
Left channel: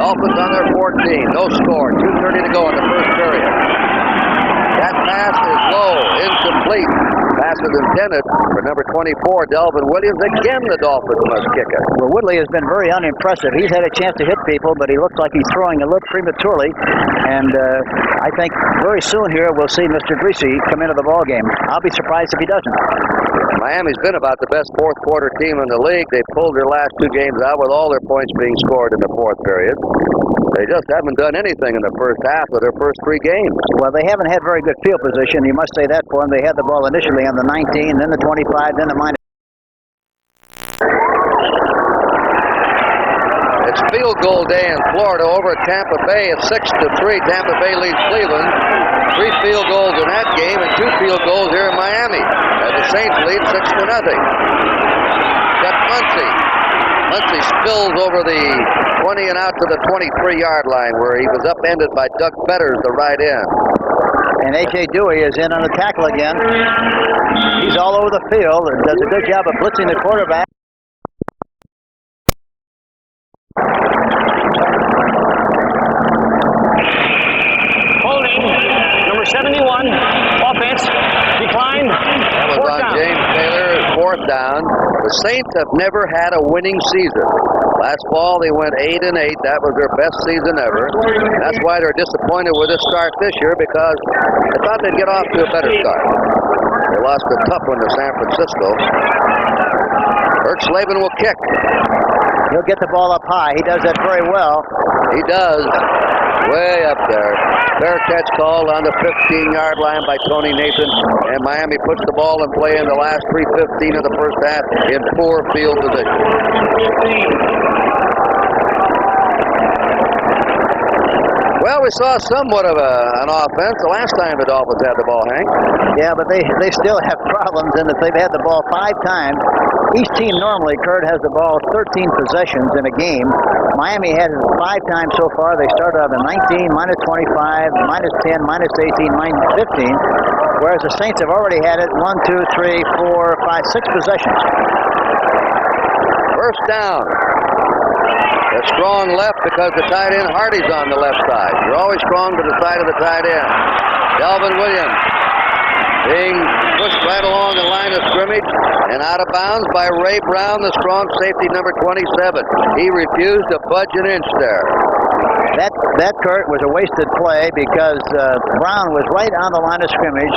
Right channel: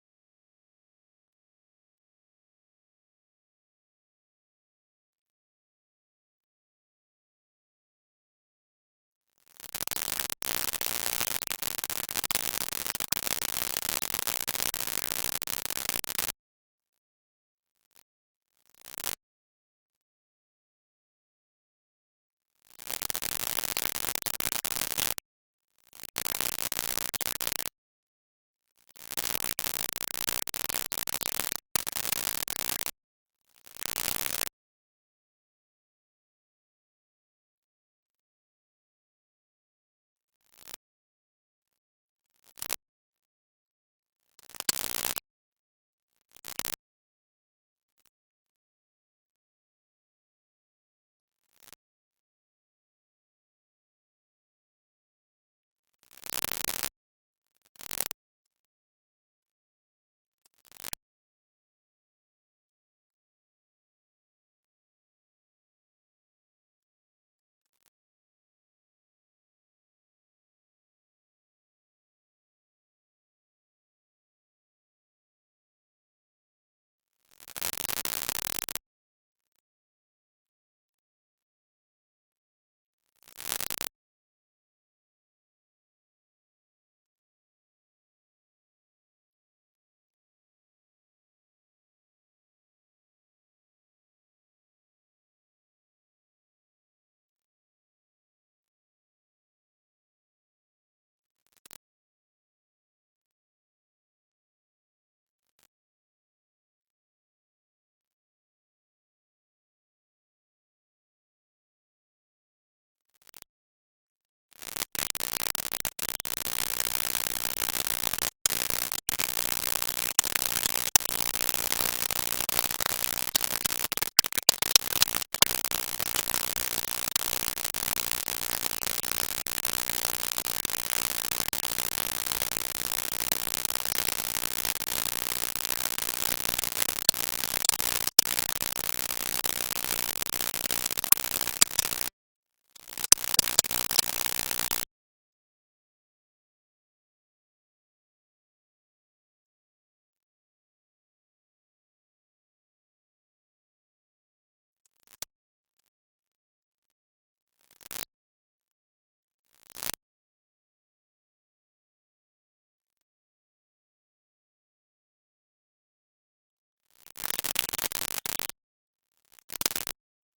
Dolphins on their 14. No score. 2:30 to go in the first period. That pass is low, incomplete. Pass is intended for number 24, Delvin Williams. Again, the Dolphins must kick it. Well, Woodley has been very unimpressive. He's had a chance to hit people, but he looks like he's throwing a little prematurely. And I think very soon here we'll see Mr. Greasy come into the ballgame. I'll be surprised if he doesn't. Miami's been about the best fourth-quarter team in the league. They pulled their last 2 games out with all their points being scored in the fourth period. They just haven't done anything in the first half of their first 3 games. Well, they haven't had very good field position. You must say that for them. They had the ball initially on the 19, then the 25, then the minus. It's field goal day in Florida over at Tampa Bay. It's 6-3. Tampa Bay leads Cleveland. 3 field goals in that game and 2 field goals here in Miami. The Saints lead 6-0. Got Muncy. Muncy spills over the 20 and out to the 23-yard line where he was upended by Doug Betters, the right end. And A.J. Dewey is in on the tackle again. He's all over the field and does a good job of blitzing the quarterback. Holding, number 71, offense, decline. That was on down. James Taylor, 4th down. The Saints have never had a winning season. Last fall, they went 8-8. That was their best season ever. That's why they're disappointed with this start this year, because they thought they'd get off to a better start. They lost a tough one to San Francisco. Bert Slavin will kick. He'll get the ball up high. He does that very well. He does. Way up there. Fair catch called on the 15-yard line by Tony Nathan. And Miami puts the ball in play in the last 3:15 of the first half in poor field position. Well, we saw somewhat of an offense the last time the Dolphins had the ball, Hank. Yeah, but they still have problems in that they've had the ball 5 times. Each team normally, Kurt, has the ball 13 possessions in a game. Miami has it 5 times so far. They started out at 19, minus 25, minus 10, minus 18, minus 15. Whereas the Saints have already had it 1, 2, 3, 4, 5, 6 possessions. First down. A strong left because the tight end Hardy's on the left side. You're always strong to the side of the tight end. Delvin Williams being pushed right along the line of scrimmage and out of bounds by Ray Brown, the strong safety, number 27. He refused to budge an inch there. That, Kurt, was a wasted play because Brown was right on the line of scrimmage.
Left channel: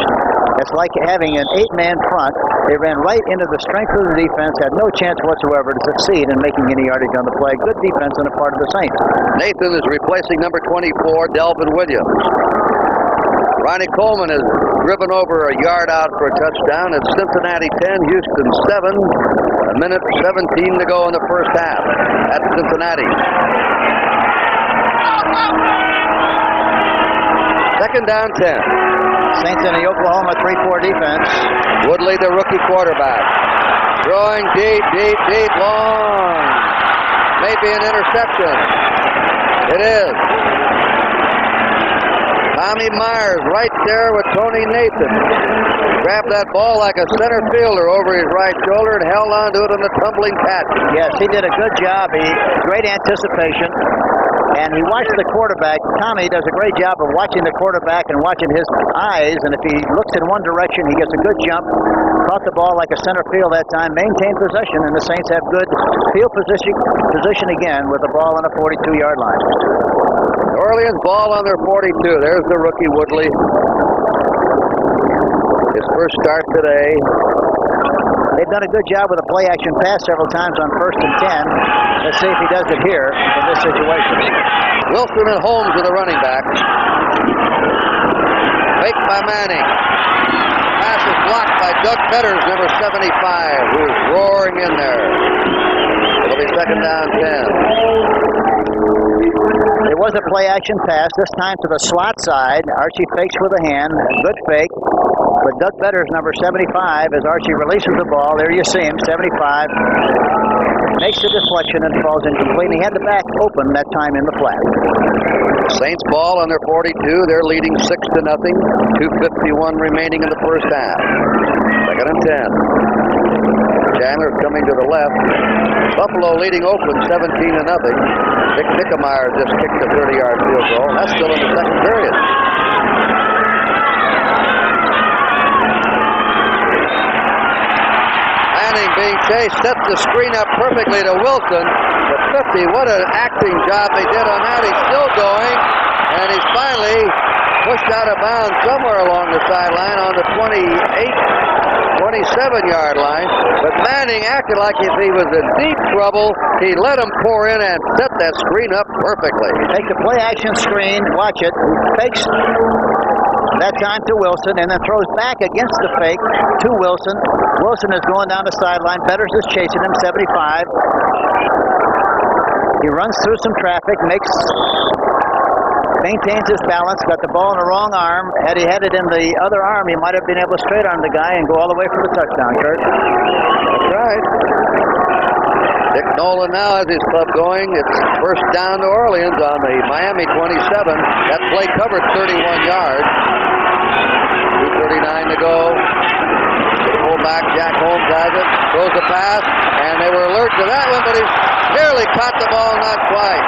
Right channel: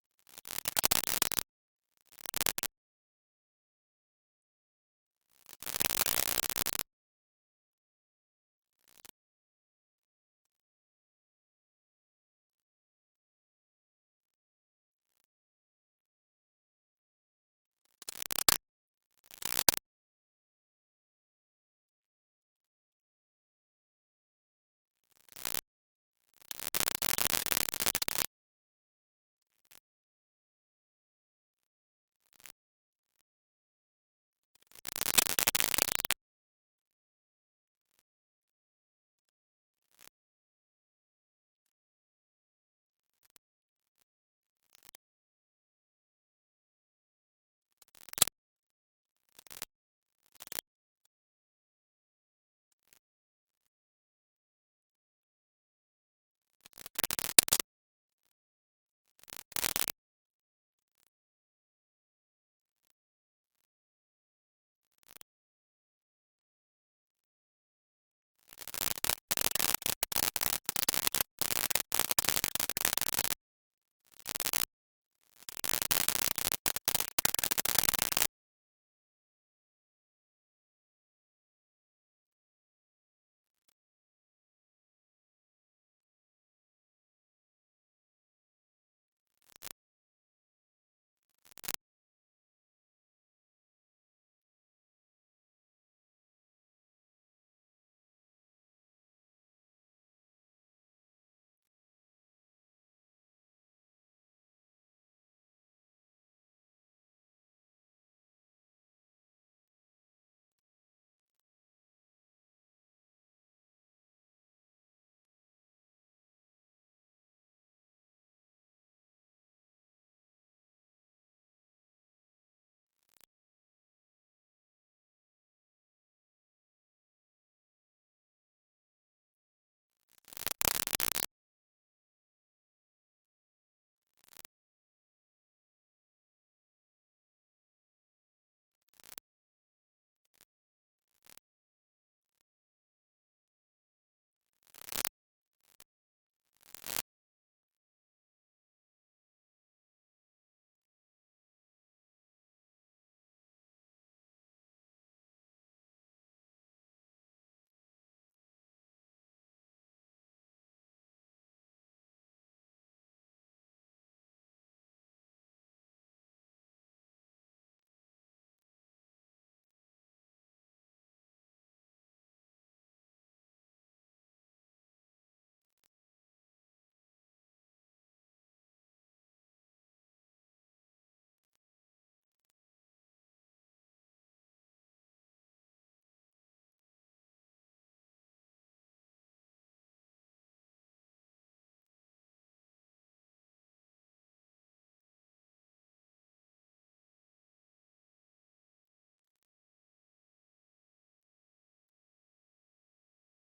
It's like having an 8-man front. They ran right into the strength of the defense, had no chance whatsoever to succeed in making any yardage on the play. Good defense on the part of the Saints. Nathan is replacing number 24, Delvin Williams. Ronnie Coleman has driven over a yard out for a touchdown. It's Cincinnati 10, Houston 7. A minute 17 to go in the first half at Cincinnati. Second down 10. Saints in the Oklahoma 3-4 defense. Woodley, the rookie quarterback. Throwing deep, long. Maybe an interception. It is. Tommy Myers right there with Tony Nathan. Grabbed that ball like a center fielder over his right shoulder and held on to it in the tumbling catch. Yes, he did a good job. Great anticipation. And he watched the quarterback. Tommy does a great job of watching the quarterback and watching his eyes. And if he looks in one direction, he gets a good jump. Caught the ball like a center field that time. Maintained possession, and the Saints have good field position again with the ball on a 42-yard line. New Orleans ball on their 42. There's the rookie Woodley. His first start today. They've done a good job with a play-action pass several times on 1st and 10. Let's see if he does it here in this situation. Wilson and Holmes are the running backs. Fake by Manning. Pass is blocked by Doug Fetters, number 75, who is roaring in there. It'll be second down 10. It was a play-action pass, this time to the slot side. Archie fakes with a hand. Good fake. But Doug Fetters, number 75, as Archie releases the ball, there you see him, 75, makes the deflection and falls incomplete. He had the back open that time in the flat. Saints ball on their 42. They're leading 6-0. 2:51 remaining in the first half. Second and 10. Chandler coming to the left. Buffalo leading Oakland 17-0. Dick Nickemeyer just kicked a 30-yard field goal. That's still in the second period. Manning being chased, sets the screen up perfectly to Wilson. The 50, what an acting job they did on that. He's still going, and he's finally pushed out of bounds somewhere along the sideline on the 27-yard line. But Manning acted like if he was in deep trouble. He let him pour in and set that screen up perfectly. Take the play-action screen, watch it, fakes that time to Wilson, and then throws back against the fake to Wilson. Wilson is going down the sideline. Fetters is chasing him, 75. He runs through some traffic, maintains his balance, got the ball in the wrong arm. Had he had it in the other arm, he might have been able to straight arm the guy and go all the way for the touchdown, Kurt. That's right. Dick Nolan now has his club going. It's first down New Orleans on the Miami 27. That play covered 31 yards. 2:39 to go. The fullback, Jack Holmes, has it. Throws the pass, and they were alert to that one, but he nearly caught the ball, not quite.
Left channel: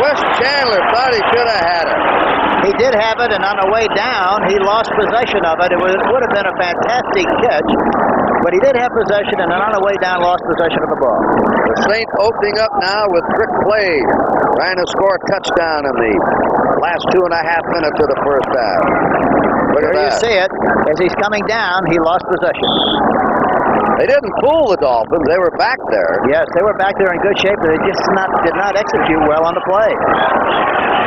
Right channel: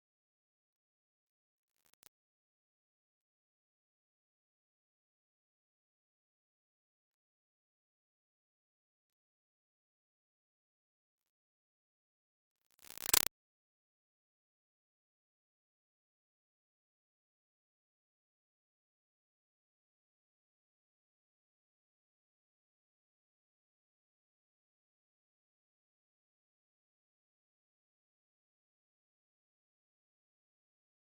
Wes Chandler thought he should have had it. He did have it, and on the way down, he lost possession of it. It would have been a fantastic catch, but he did have possession, and then on the way down, lost possession of the ball. The Saints opening up now with trick plays, trying to score a touchdown in the last 2.5 minutes of the first half. Look at that. You see it. As he's coming down, he lost possession. They didn't fool the Dolphins. They were back there. Yes, they were back there in good shape, but they just did not execute well on the play.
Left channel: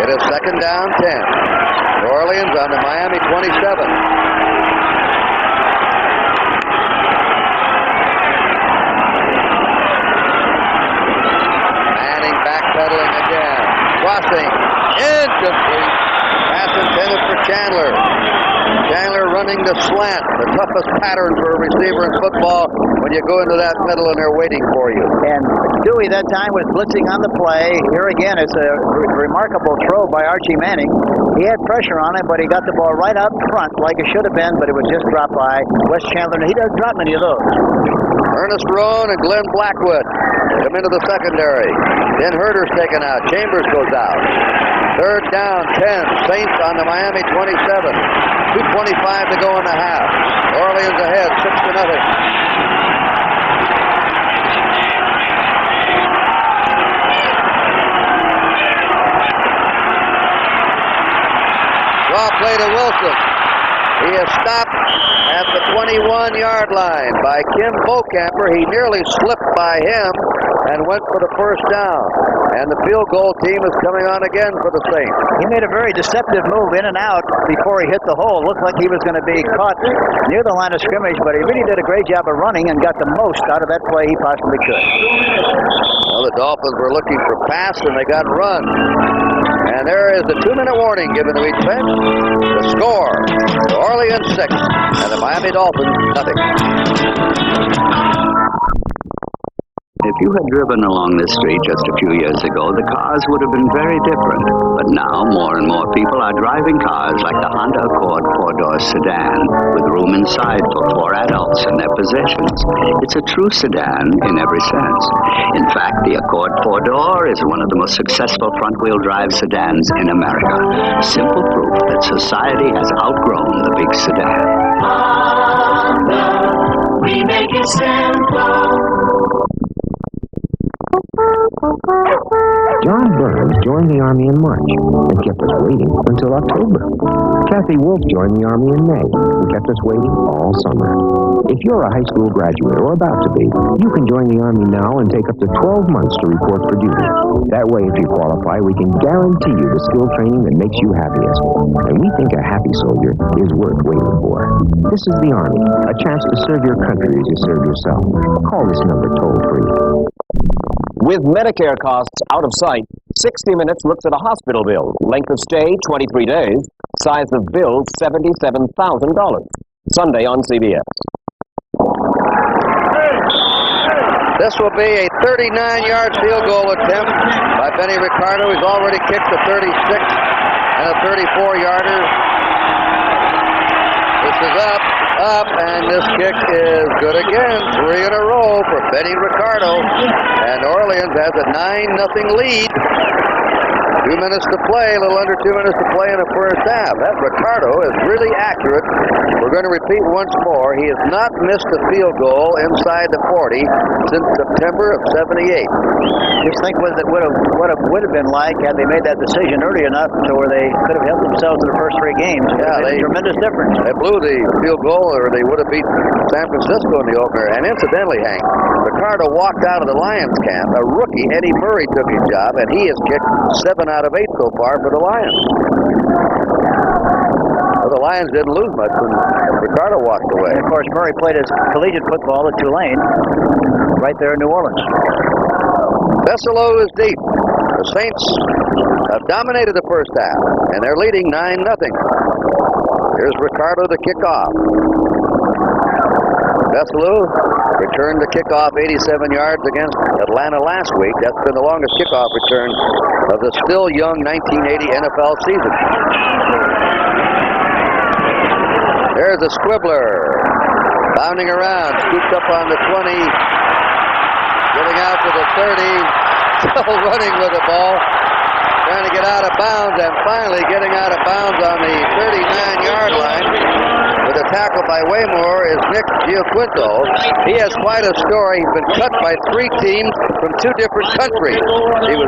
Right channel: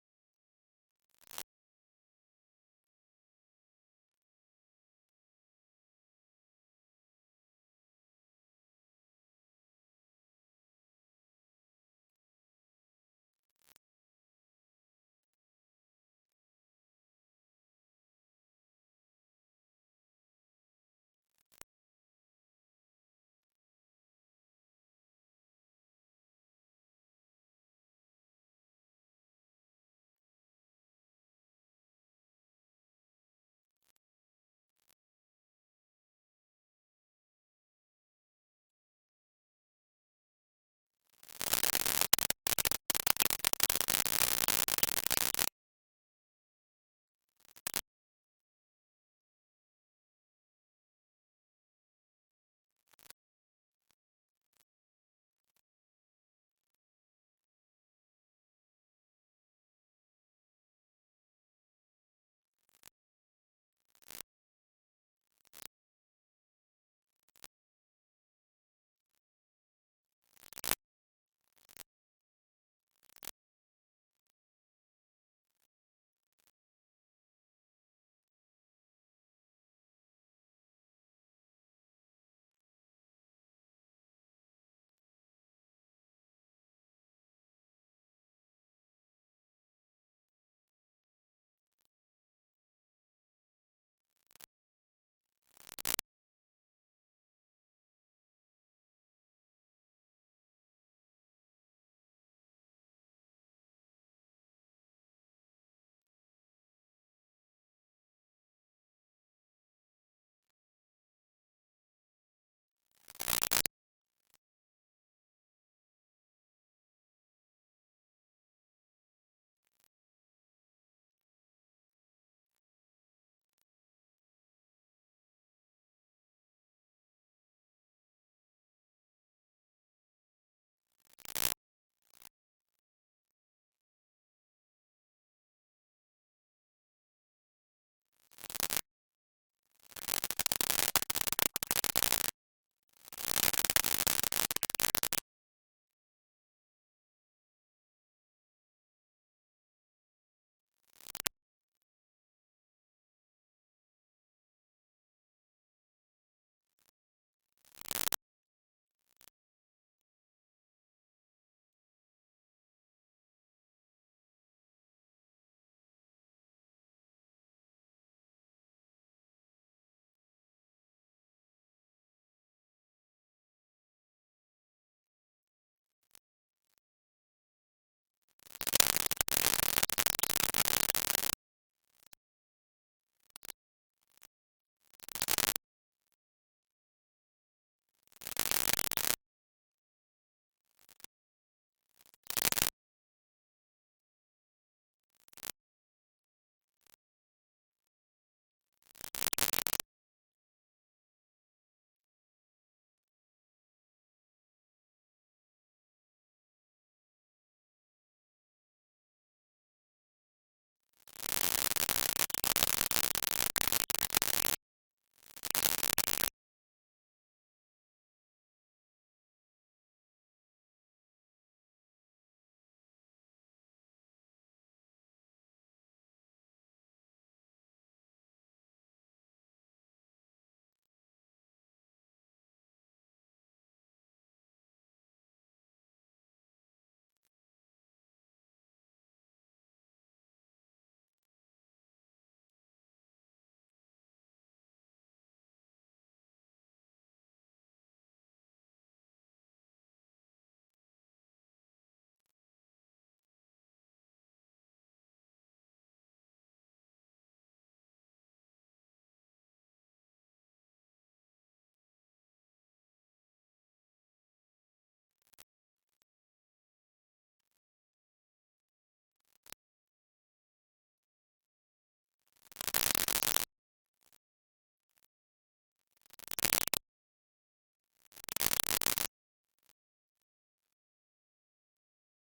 It is second down 10. New Orleans on the Miami 27. Manning backpedaling again. Crossing. Incomplete. Pass intended for Chandler. Chandler running the slant, the toughest pattern for a receiver in football when you go into that middle and they're waiting for you. And Dewey that time was blitzing on the play. Here again, it's a remarkable throw by Archie Manning. He had pressure on him, but he got the ball right up front like it should have been, but it was just dropped by Wes Chandler. He doesn't drop many of those. Ernest Roan and Glenn Blackwood come into the secondary. Then Herder's taken out. Chambers goes out. Third down, 10. Saints on the Miami 27. 2:25 to go in the half. Orleans ahead, 6-0. He is stopped at the 21-yard line by Kim Bocamper. He nearly slipped by him and went for the first down. And the field goal team is coming on again for the Saints. He made a very deceptive move in and out before he hit the hole. Looked like he was going to be caught near the line of scrimmage, but he really did a great job of running and got the most out of that play he possibly could. Well, the Dolphins were looking for pass, and they got run. And there is a 2-minute warning given to each bench. The score, New Orleans 6, and the Miami Dolphins nothing. If you had driven along this street just a few years ago, the cars would have been very different. But now, more and more people are driving cars like the Honda Accord four-door sedan, with room inside for 4 adults in their possessions. It's a true sedan in every sense. In fact, the Accord four-door is one of the most successful front-wheel drive sedans in America. Simple proof that society has outgrown the big sedan. Honda, we make it simple. John Burns joined the Army in March and kept us waiting until October. Kathy Wolf joined the Army in May and kept us waiting all summer. If you're a high school graduate or about to be, you can join the Army now and take up to 12 months to report for duty. That way, if you qualify, we can guarantee you the skill training that makes you happiest. And we think a happy soldier is worth waiting for. This is the Army, a chance to serve your country as you serve yourself. Call this number toll-free. With Medicare costs out of sight, 60 Minutes looks at a hospital bill. Length of stay, 23 days. Size of bill, $77,000. Sunday on CBS. This will be a 39-yard field goal attempt by Benny Ricardo. He's already kicked a 36 and a 34-yarder. This is up, and this kick is good again. 3 in a row for Benny Ricardo. And Orleans has a 9-0 lead. 2 minutes to play, a little under 2 minutes to play in the first half. That Ricardo is really accurate. We're going to repeat once more. He has not missed a field goal inside the 40 since September of '78. Just think what it would have been like had they made that decision early enough to where they could have helped themselves in the first 3 games. Yeah, tremendous difference. They blew the field goal, or they would have beat San Francisco in the opener. And incidentally, Hank, Ricardo walked out of the Lions camp. A rookie, Eddie Murray, took his job, and he has kicked 7 out of 8 so far for the Lions. Well, the Lions didn't lose much when Ricardo walked away. And of course, Murray played his collegiate football at Tulane, right there in New Orleans. Vesselo is deep. The Saints have dominated the first half, and they're leading 9-0. Here's Ricardo to kick off. Vesselo returned the kickoff 87 yards against Atlanta last week. That's been the longest kickoff return of the still young 1980 NFL season. There's a squibbler bounding around, scooped up on the 20, getting out to the 30, still running with the ball, trying to get out of bounds, and finally getting out of bounds on the 39-yard line. With a tackle by Waymore is Nick Giaquinto. He has quite a story. He's been cut by 3 teams from 2 different countries. He was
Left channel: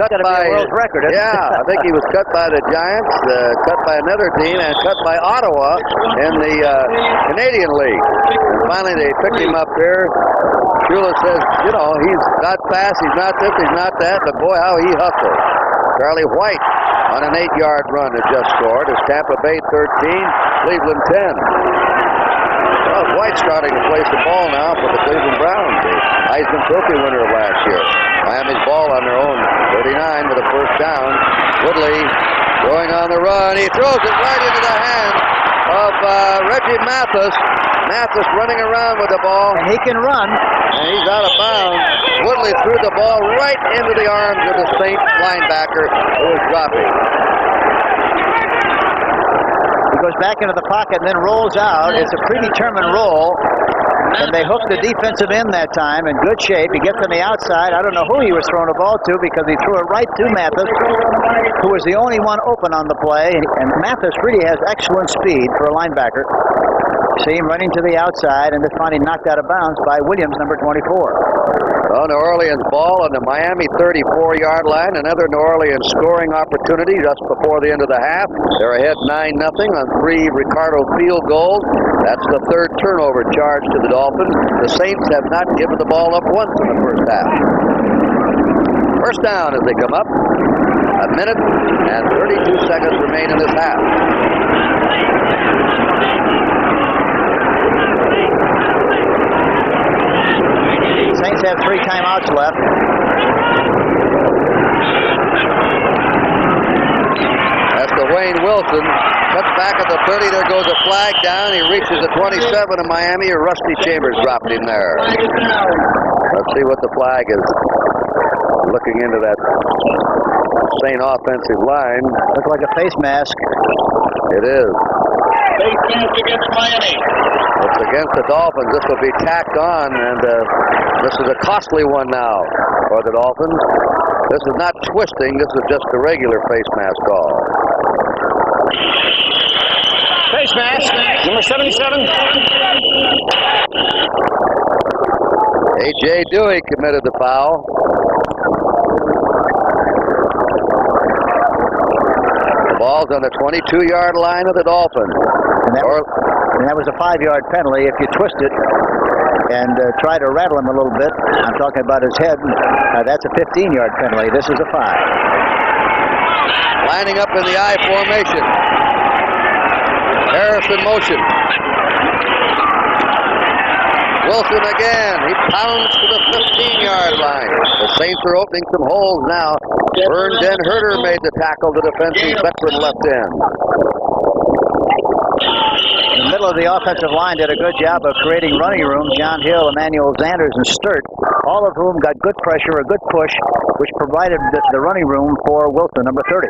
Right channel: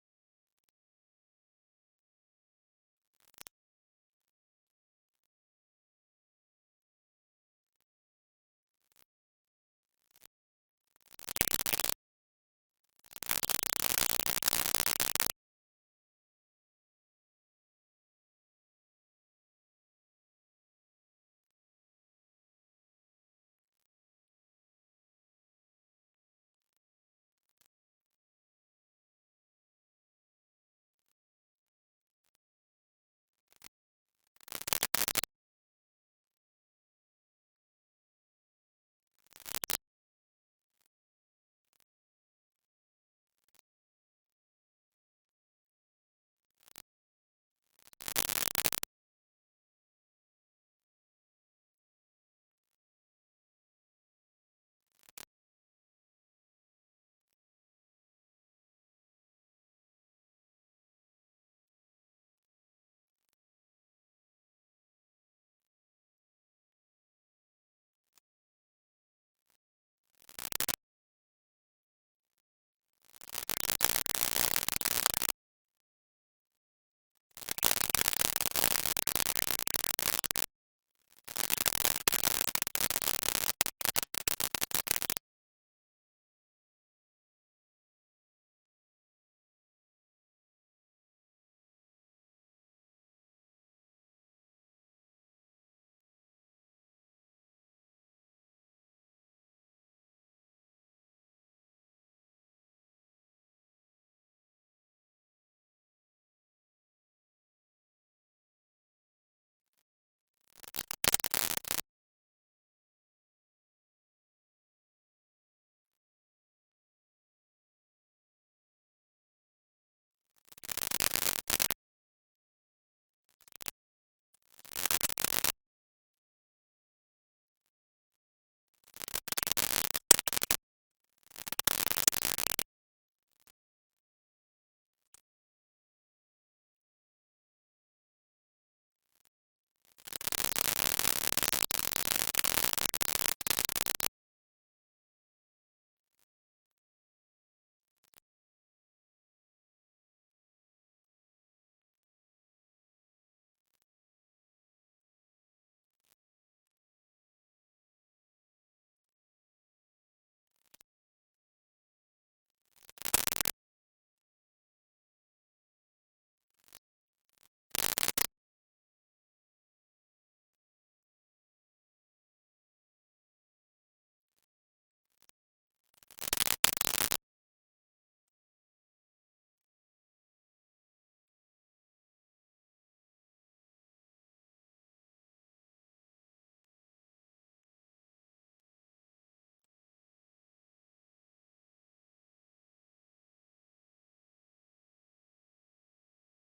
cut by world record. Yeah, I think he was cut by the Giants, cut by another team, and cut by Ottawa in the Canadian League. And finally, they picked him up there. Shula says, you know, he's not fast, he's not this, he's not that, but boy, how he hustles. Charlie White on an 8-yard run has just scored. It's Tampa Bay 13, Cleveland 10. Well, White's starting to place the ball now for the Cleveland Browns, the Heisman Trophy winner of last year. Miami's ball on their own 39 with a first down. Woodley going on the run. He throws it right into the hand of Reggie Mathis. Mathis running around with the ball. And he can run. And he's out of bounds. Woodley threw the ball right into the arms of the Saints linebacker who was dropping. He goes back into the pocket and then rolls out. It's a predetermined roll. And they hooked the defensive end that time in good shape. He gets on the outside. I don't know who he was throwing the ball to because he threw it right to Mathis, who was the only one open on the play. And Mathis really has excellent speed for a linebacker. See him running to the outside and then finally knocked out of bounds by Williams, number 24. New Orleans ball on the Miami 34-yard line. Another New Orleans scoring opportunity just before the end of the half. They're ahead 9-0 on 3 Ricardo field goals. That's the 3rd turnover charge to the Dolphins. The Saints have not given the ball up once in the first half. First down as they come up. 1 minute and 32 seconds remain in this half. Saints have 3 timeouts left. That's the Wayne Wilson. Cuts back at the 30. There goes a flag down. He reaches the 27 of Miami. Rusty Chambers dropped him there. Let's see what the flag is. Looking into that Saint offensive line. Looks like a face mask. It is. Face mask against Miami. It's against the Dolphins. This will be tacked on, and this is a costly one now for the Dolphins. This is not twisting. This is just a regular face mask call. Face mask, number 77. A.J. Dewey committed the foul. The ball's on the 22-yard line of the Dolphins. And that was a 5-yard penalty. If you twist it and try to rattle him a little bit, I'm talking about his head, that's a 15-yard penalty. This is a 5. Lining up in the I formation. Harris in motion. Wilson again. He pounds to the 15-yard line. The Saints are opening some holes now. Vern Den Herter made the tackle. The defensive veteran left in. The middle of the offensive line did a good job of creating running room. John Hill, Emmanuel Sanders, and Sturt, all of whom got good pressure, a good push, which provided the running room for Wilson, number 30.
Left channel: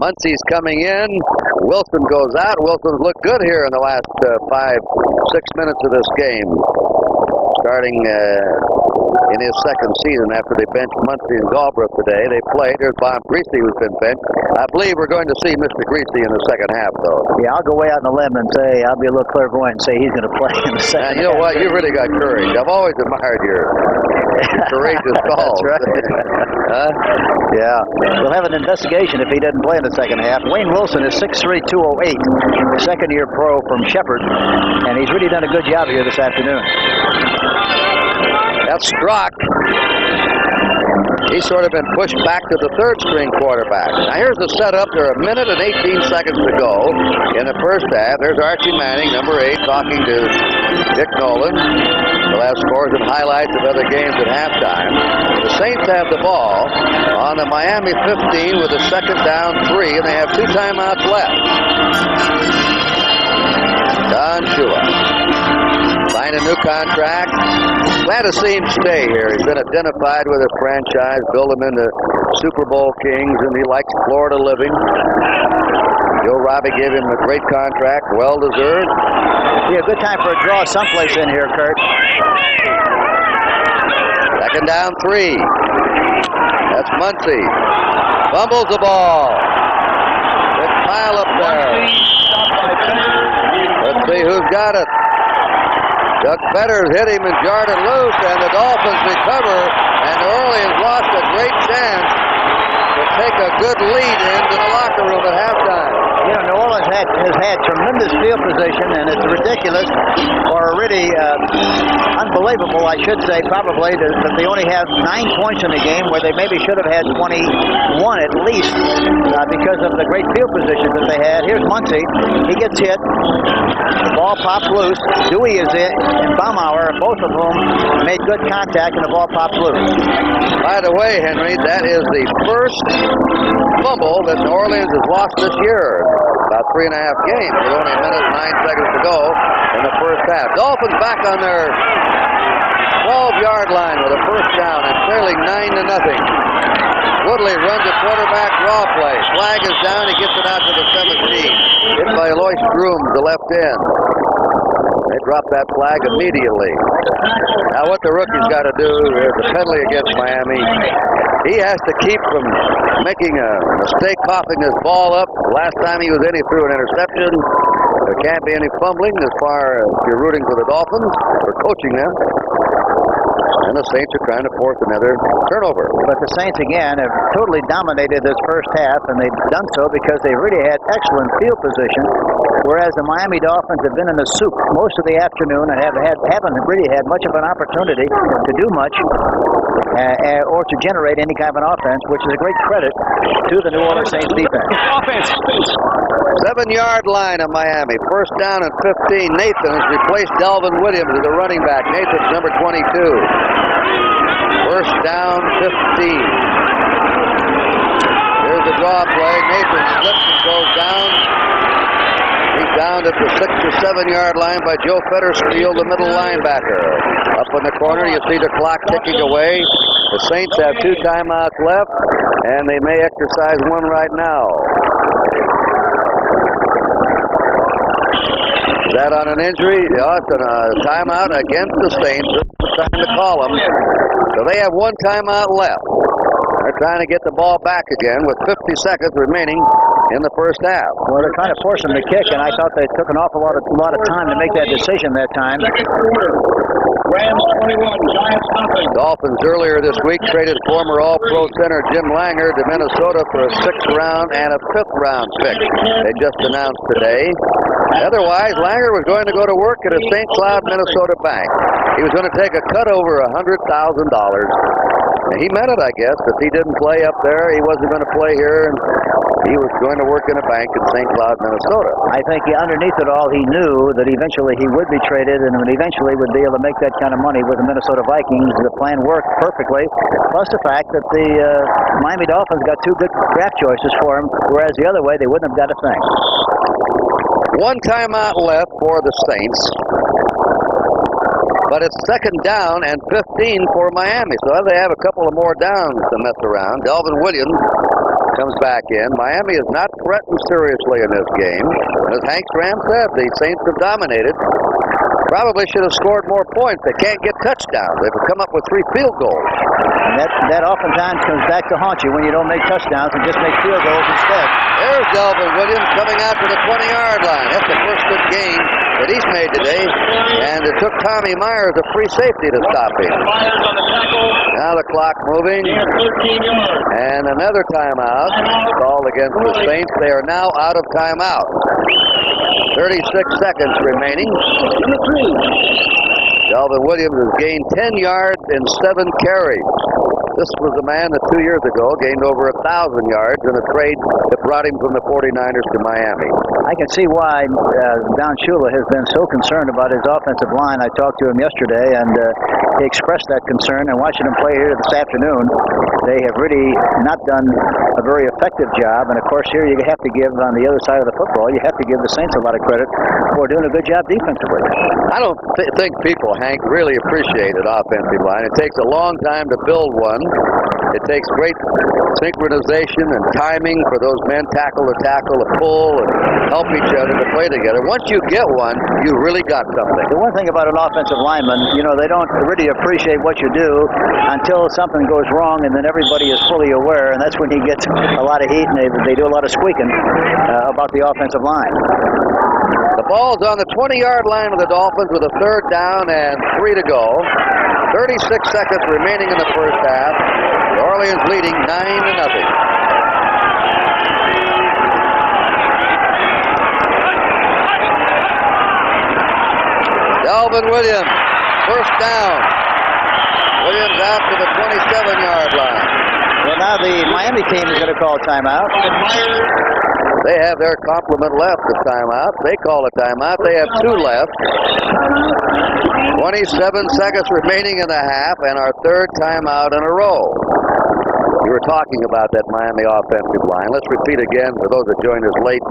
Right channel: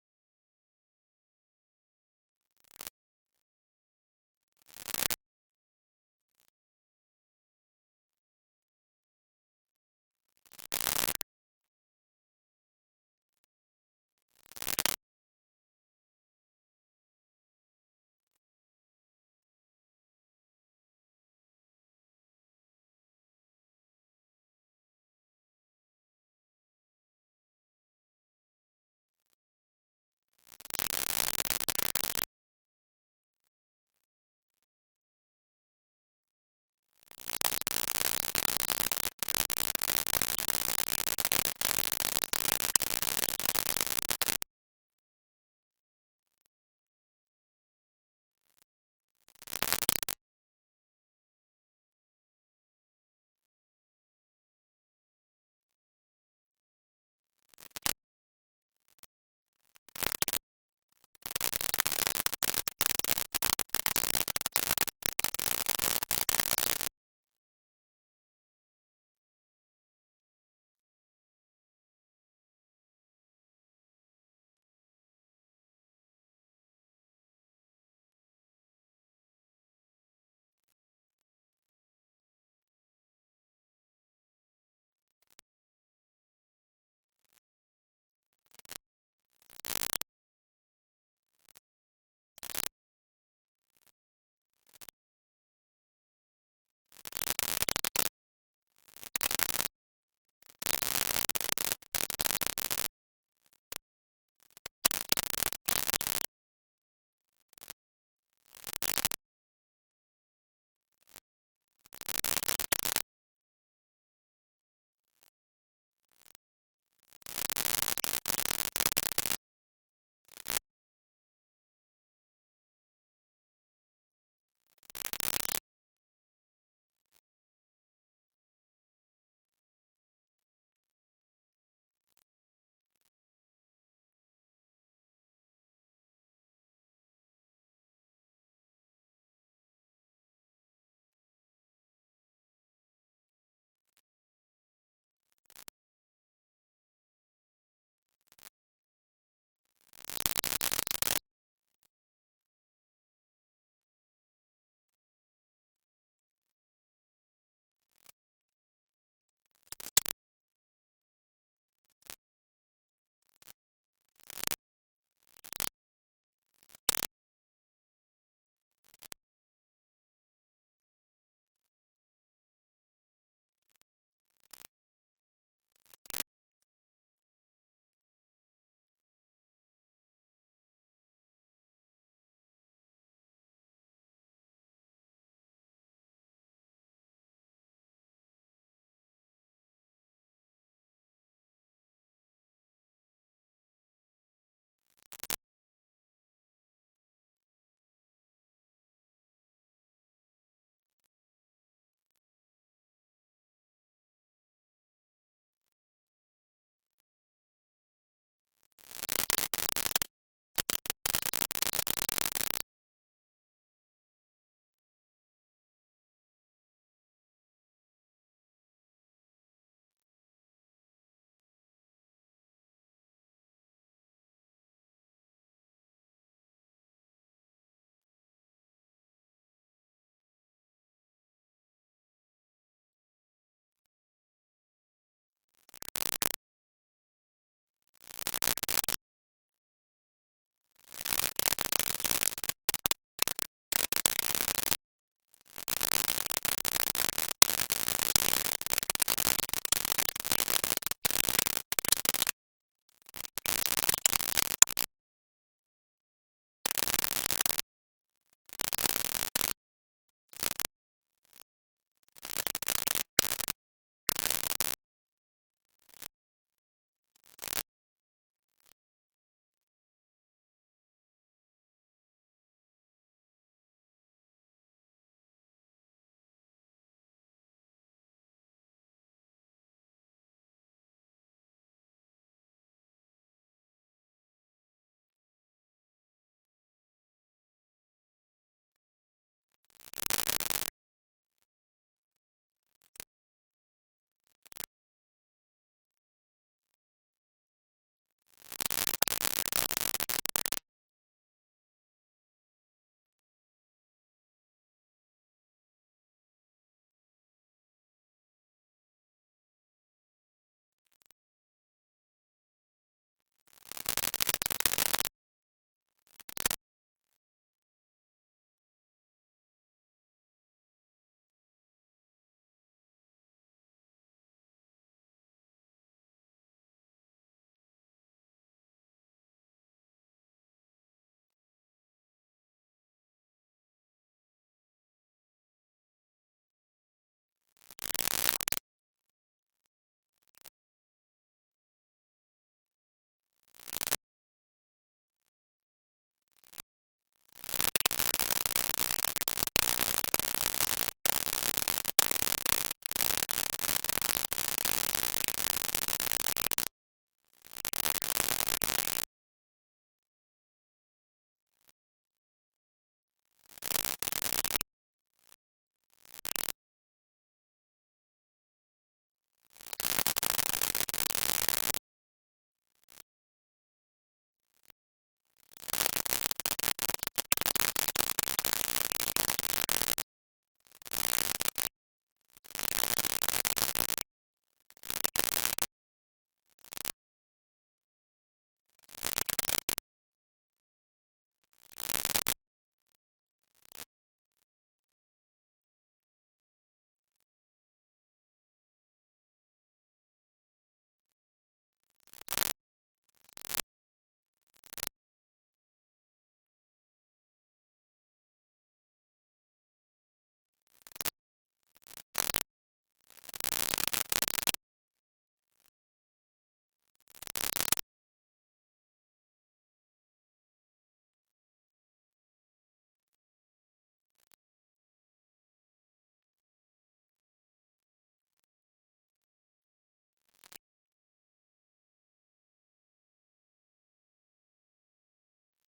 Muncie's coming in. Wilson goes out. Wilson's looked good here in the last 5-6 minutes of this game. Starting in his second season after they benched Muncie and Galbraith today. They played. There's Bob Greasy who's been benched. I believe we're going to see Mr. Greasy in the second half, though. Yeah, I'll go way out on a limb and say, I'll be a little clairvoyant and say he's going to play in the second half. You know what? You really got courage. I've always admired your courageous calls. That's right. Huh? Yeah. We'll have an investigation if he doesn't play in the second half. Wayne Wilson is 6'3", 208, second-year pro from Shepherd, and he's really done a good job here this afternoon. That's Strock. He's sort of been pushed back to the third-string quarterback. Now here's the setup. There are 1 minute and 18 seconds to go in the first half. There's Archie Manning, number 8, talking to Dick Nolan. We'll have scores and highlights of other games at halftime. The Saints have the ball on the Miami 15 with a second down 3, and they have 2 timeouts left. Don Shula signed a new contract. Glad to see him stay here. He's been identified with his franchise, built him into Super Bowl kings, and he likes Florida living. Joe Robbie gave him a great contract, well-deserved. Be a good time for a draw someplace in here, Kurt. Second down 3. That's Muncie. Fumbles the ball. Big pile up there. Let's see who's got it. Doug Fetters hit him and jarred it loose, and the Dolphins recover, and New Orleans lost a great chance to take a good lead into the locker room at halftime. You know, New Orleans has had tremendous field position, and it's ridiculous, or really unbelievable, I should say, probably, that they only have 9 points in the game where they maybe should have had 21 at least because of the great field position that they had. Here's Muncie. He gets hit. The ball pops loose. Dewey is in, and Baumauer, both of whom made good contact, and the ball pops loose. By the way, Henry, that is the first fumble that New Orleans has lost this year. About 3.5 games with only 1 minute and 9 seconds to go in the first half. Dolphins back on their 12-yard line with a first down and trailing 9-0. Woodley runs a quarterback draw play. Flag is down. He gets it out to the 17. Hit by Lois Groom, the left end. They drop that flag immediately. Now what the rookie's got to do is the penalty against Miami. He has to keep from making a mistake coughing his ball up. Last time he was in, he threw an interception. There can't be any fumbling as far as you're rooting for the Dolphins or coaching them. And the Saints are trying to force another turnover. But the Saints, again, have totally dominated this first half, and they've done so because they really had excellent field position, whereas the Miami Dolphins have been in the soup most of the afternoon and haven't really had much of an opportunity to do much or to generate any kind of an offense, which is a great credit to the New Orleans Saints defense. Offense. 7-yard line of Miami. First down and 15. Nathan has replaced Delvin Williams as the running back. Nathan's number 22. First down, 15. Here's the draw play. Nathan slips and goes down. He's down at the 6 or 7-yard line by Joe Fettersfield, the middle linebacker. Up in the corner, you see the clock ticking away. The Saints have 2 timeouts left, and they may exercise one right now. Is that on an injury? Yeah, it's a timeout against the Saints. This is the time to call them. So they have 1 timeout left. They're trying to get the ball back again with 50 seconds remaining in the first half. Well, they're trying to force them to kick, and I thought they took an awful lot of time to make that decision that time. Second quarter. Rams 21, Giants nothing. Dolphins earlier this week traded former All-Pro center Jim Langer to Minnesota for a 6th round and a 5th round pick. They just announced today. Otherwise, Langer was going to go to work at a St. Cloud, Minnesota bank. He was going to take a cut over $100,000. And he meant it, I guess. If he didn't play up there, he wasn't going to play here. And he was going to work in a bank in St. Cloud, Minnesota. I think underneath it all, he knew that eventually he would be traded and eventually would be able to make that kind of money with the Minnesota Vikings. The plan worked perfectly, plus the fact that the Miami Dolphins got 2 good draft choices for him, whereas the other way, they wouldn't have got a thing. 1 timeout left for the Saints. But it's 2nd down and 15 for Miami. So they have a couple of more downs to mess around. Delvin Williams comes back in. Miami is not threatened seriously in this game. As Hank Stram said, the Saints have dominated. Probably should have scored more points. They can't get touchdowns. They've come up with 3 field goals. And that oftentimes comes back to haunt you when you don't make touchdowns and just make field goals instead. There's Delvin Williams coming out to the 20-yard line. That's the first good game that he's made today. And it took Tommy Myers a free safety to stop him. Now the clock moving. And another timeout called against the Saints. They are now out of timeout. 36 seconds remaining. Delvin Williams has gained 10 yards in 7 carries. This was the man that 2 years ago gained over 1,000 yards in a trade that brought him from the 49ers to Miami. I can see why Don Shula has been so concerned about his offensive line. I talked to him yesterday, and he expressed that concern. And watching him play here this afternoon, they have really not done a very effective job. And, of course, here you have to give, on the other side of the football, you have to give the Saints a lot of credit for doing a good job defensively. I don't think people, Hank, really appreciate an offensive line. It takes a long time to build one. It takes great synchronization and timing for those men tackle to pull and help each other to play together. Once you get one, you really got something. The one thing about an offensive lineman, they don't really appreciate what you do until something goes wrong, and then everybody is fully aware, and that's when he gets a lot of heat, and they do a lot of squeaking about the offensive line. The ball's on the 20-yard line of the Dolphins with a 3rd down and 3 to go. 36 seconds remaining in the first half. New Orleans leading 9-0. Delvin Williams, first down. Williams out to the 27-yard line. Well, now the Miami team is going to call timeout. They have their complement left of timeout. They call a timeout. They have 2 left. 27 seconds remaining in the half, and our 3rd timeout in a row. We were talking about that Miami offensive line. Let's repeat again for those that joined us late.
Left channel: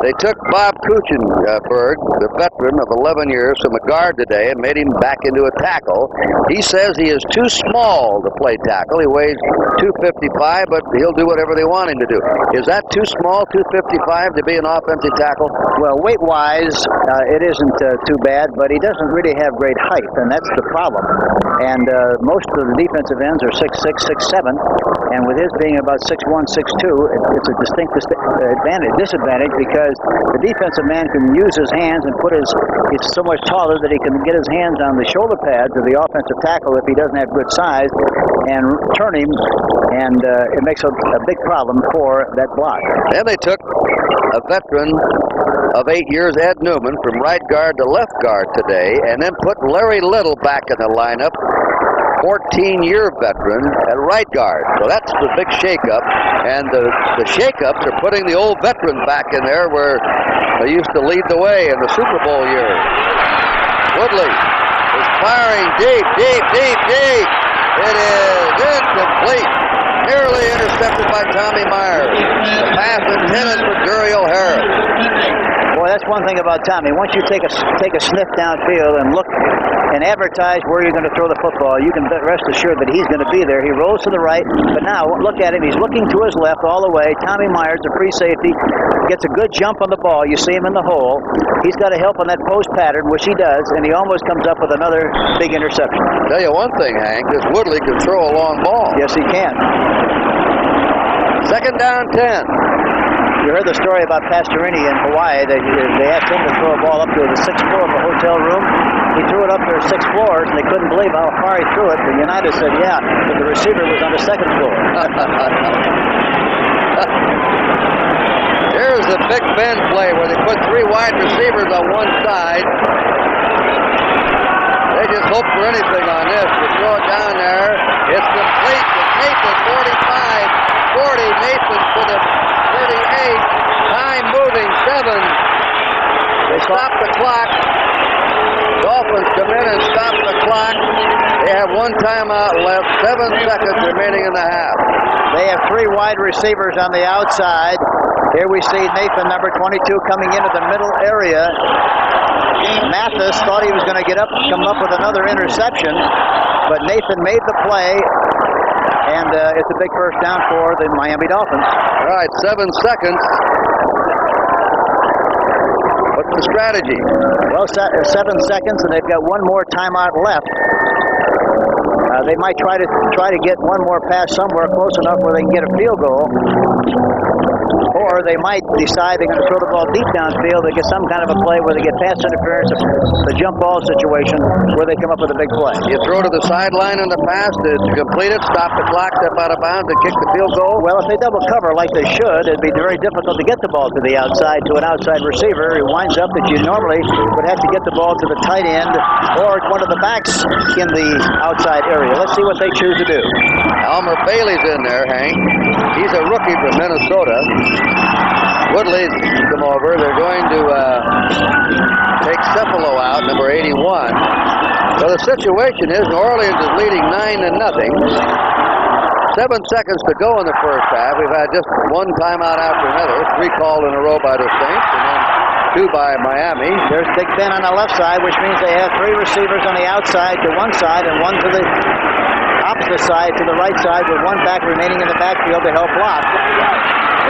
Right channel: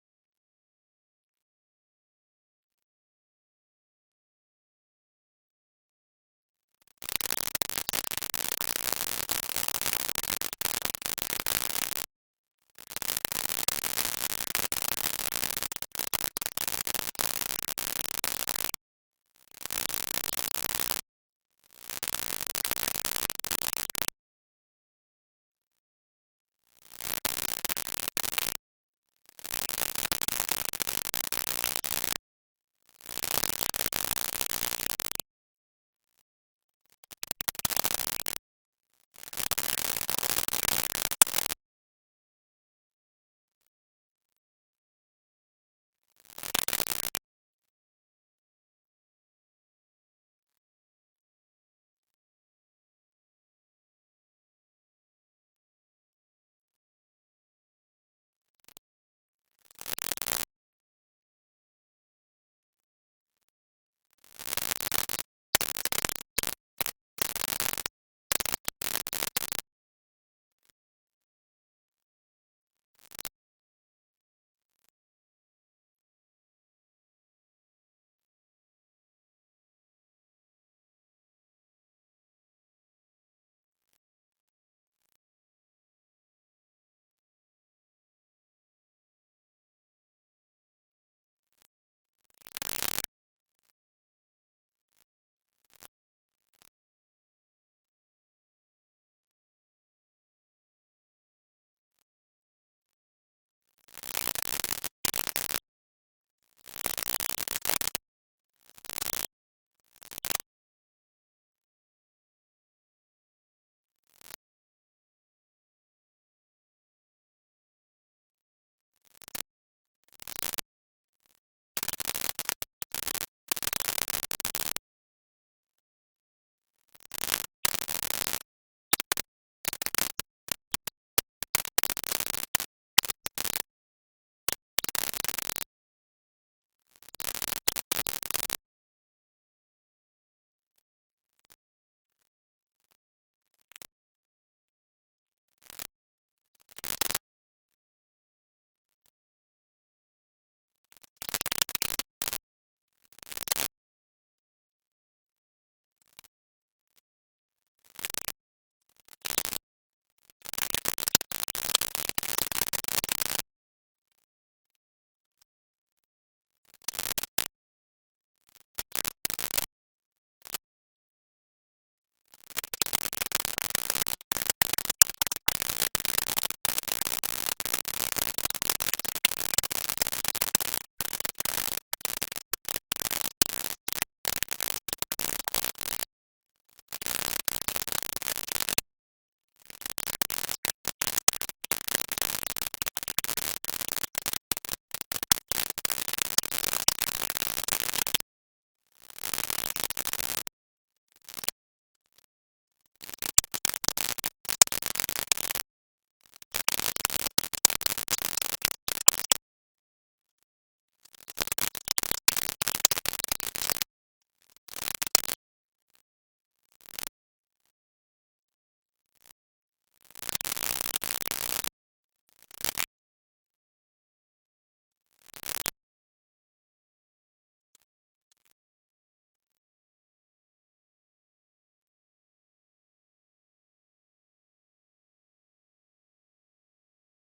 They took Bob Kuchenberg, the veteran of 11 years, from a guard today and made him back into a tackle. He says he is too small to play tackle. He weighs 255, but he'll do whatever they want him to do. Is that too small, 255, to be an offensive tackle? Well, weight-wise, it isn't too bad, but he doesn't really have great height, and that's the problem. And most of the defensive ends are 6'6", 6'7", and with his being about 6'1", 6'2", it's a distinct disadvantage because the defensive man can use his hands and put he's so much taller that he can get his hands on the shoulder pads of the offensive tackle if he doesn't have good size and turn him, and it makes a big problem for that block. And they took a veteran of 8 years, Ed Newman, from right guard to left guard today, and then put Larry Little back in the lineup, 14-year veteran at right guard. So that's the big shakeup. And the shakeups are putting the old veteran back in there where they used to lead the way in the Super Bowl years. Woodley is firing deep. It is incomplete. Nearly intercepted by Tommy Myers. The pass intended for Jerry O'Hara. Boy, that's one thing about Tommy. Once you take a sniff downfield and look and advertise where you're going to throw the football, you can rest assured that he's going to be there. He rolls to the right, but now look at him. He's looking to his left all the way. Tommy Myers, the free safety, gets a good jump on the ball. You see him in the hole. He's got to help on that post pattern, which he does, and he almost comes up with another big interception. I'll tell you one thing, Hank, this Woodley can throw a long ball. Yes, he can. Second down 10. You heard the story about Pastorini in Hawaii. They asked him to throw a ball up to the 6th floor of a hotel room. He threw it up to 6 floors, and they couldn't believe how far he threw it. The United said, yeah, but the receiver was on the 2nd floor. Here's the Big Ben play where they put 3 wide receivers on one side. They just hope for anything on this. They throw it down there. It's complete to Nathan, 45, 40. Nathan to the 38. Time moving, 7. They stop the clock. Dolphins come in and stop the clock. They have 1 timeout left, 7 seconds remaining in the half. They have 3 wide receivers on the outside. Here we see Nathan, number 22, coming into the middle area. Mathis thought he was going to come up with another interception, but Nathan made the play, and it's a big first down for the Miami Dolphins. All right, 7 seconds. What's the strategy? Well, 7 seconds, and they've got 1 more timeout left. They might try to get 1 more pass somewhere close enough where they can get a field goal. Or they might decide they're going to throw the ball deep downfield. They get some kind of a play where they get pass interference, the jump ball situation, where they come up with a big play. You throw to the sideline in the pass to complete it, stop the clock, step out of bounds, and kick the field goal? Well, if they double cover like they should, it'd be very difficult to get the ball to the outside, to an outside receiver. It winds up that you normally would have to get the ball to the tight end or one of the backs in the outside area. Let's see what they choose to do. Elmer Bailey's in there, Hank. He's a rookie from Minnesota. Woodley's come over. They're going to take Cephalo out, number 81. So the situation is New Orleans is leading 9-0. 7 seconds to go in the first half. We've had just 1 timeout after another. 3 called in a row by the Saints, and then 2 by Miami. There's Big Ben on the left side, which means they have 3 receivers on the outside to one side and 1 to the opposite side to the right side, with 1 back remaining in the backfield to help block.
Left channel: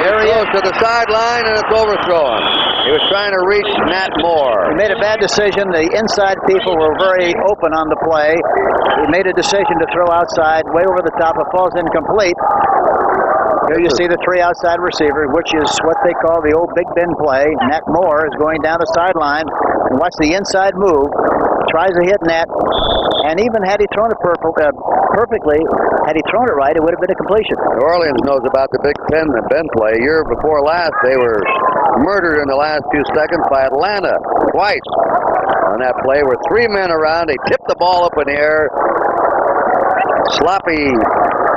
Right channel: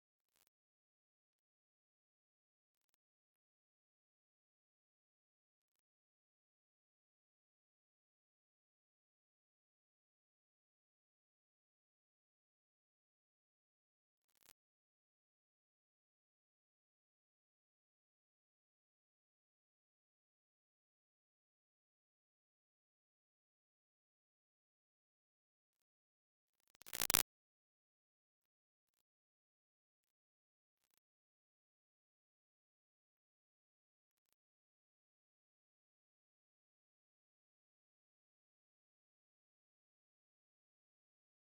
There he goes to the sideline, and it's overthrown. He was trying to reach Nat Moore. He made a bad decision. The inside people were very open on the play. He made a decision to throw outside, way over the top. It falls incomplete. Here you see the 3 outside receivers, which is what they call the old Big Ben play. Nat Moore is going down the sideline, and watch the inside move. Tries to hit Nat, and even had he thrown it perfectly, had he thrown it right, it would have been a completion. New Orleans knows about the Big Ben play. A year before last, they were murdered in the last few seconds by Atlanta twice on that play. Where 3 men around, they tipped the ball up in the air. Sloppy,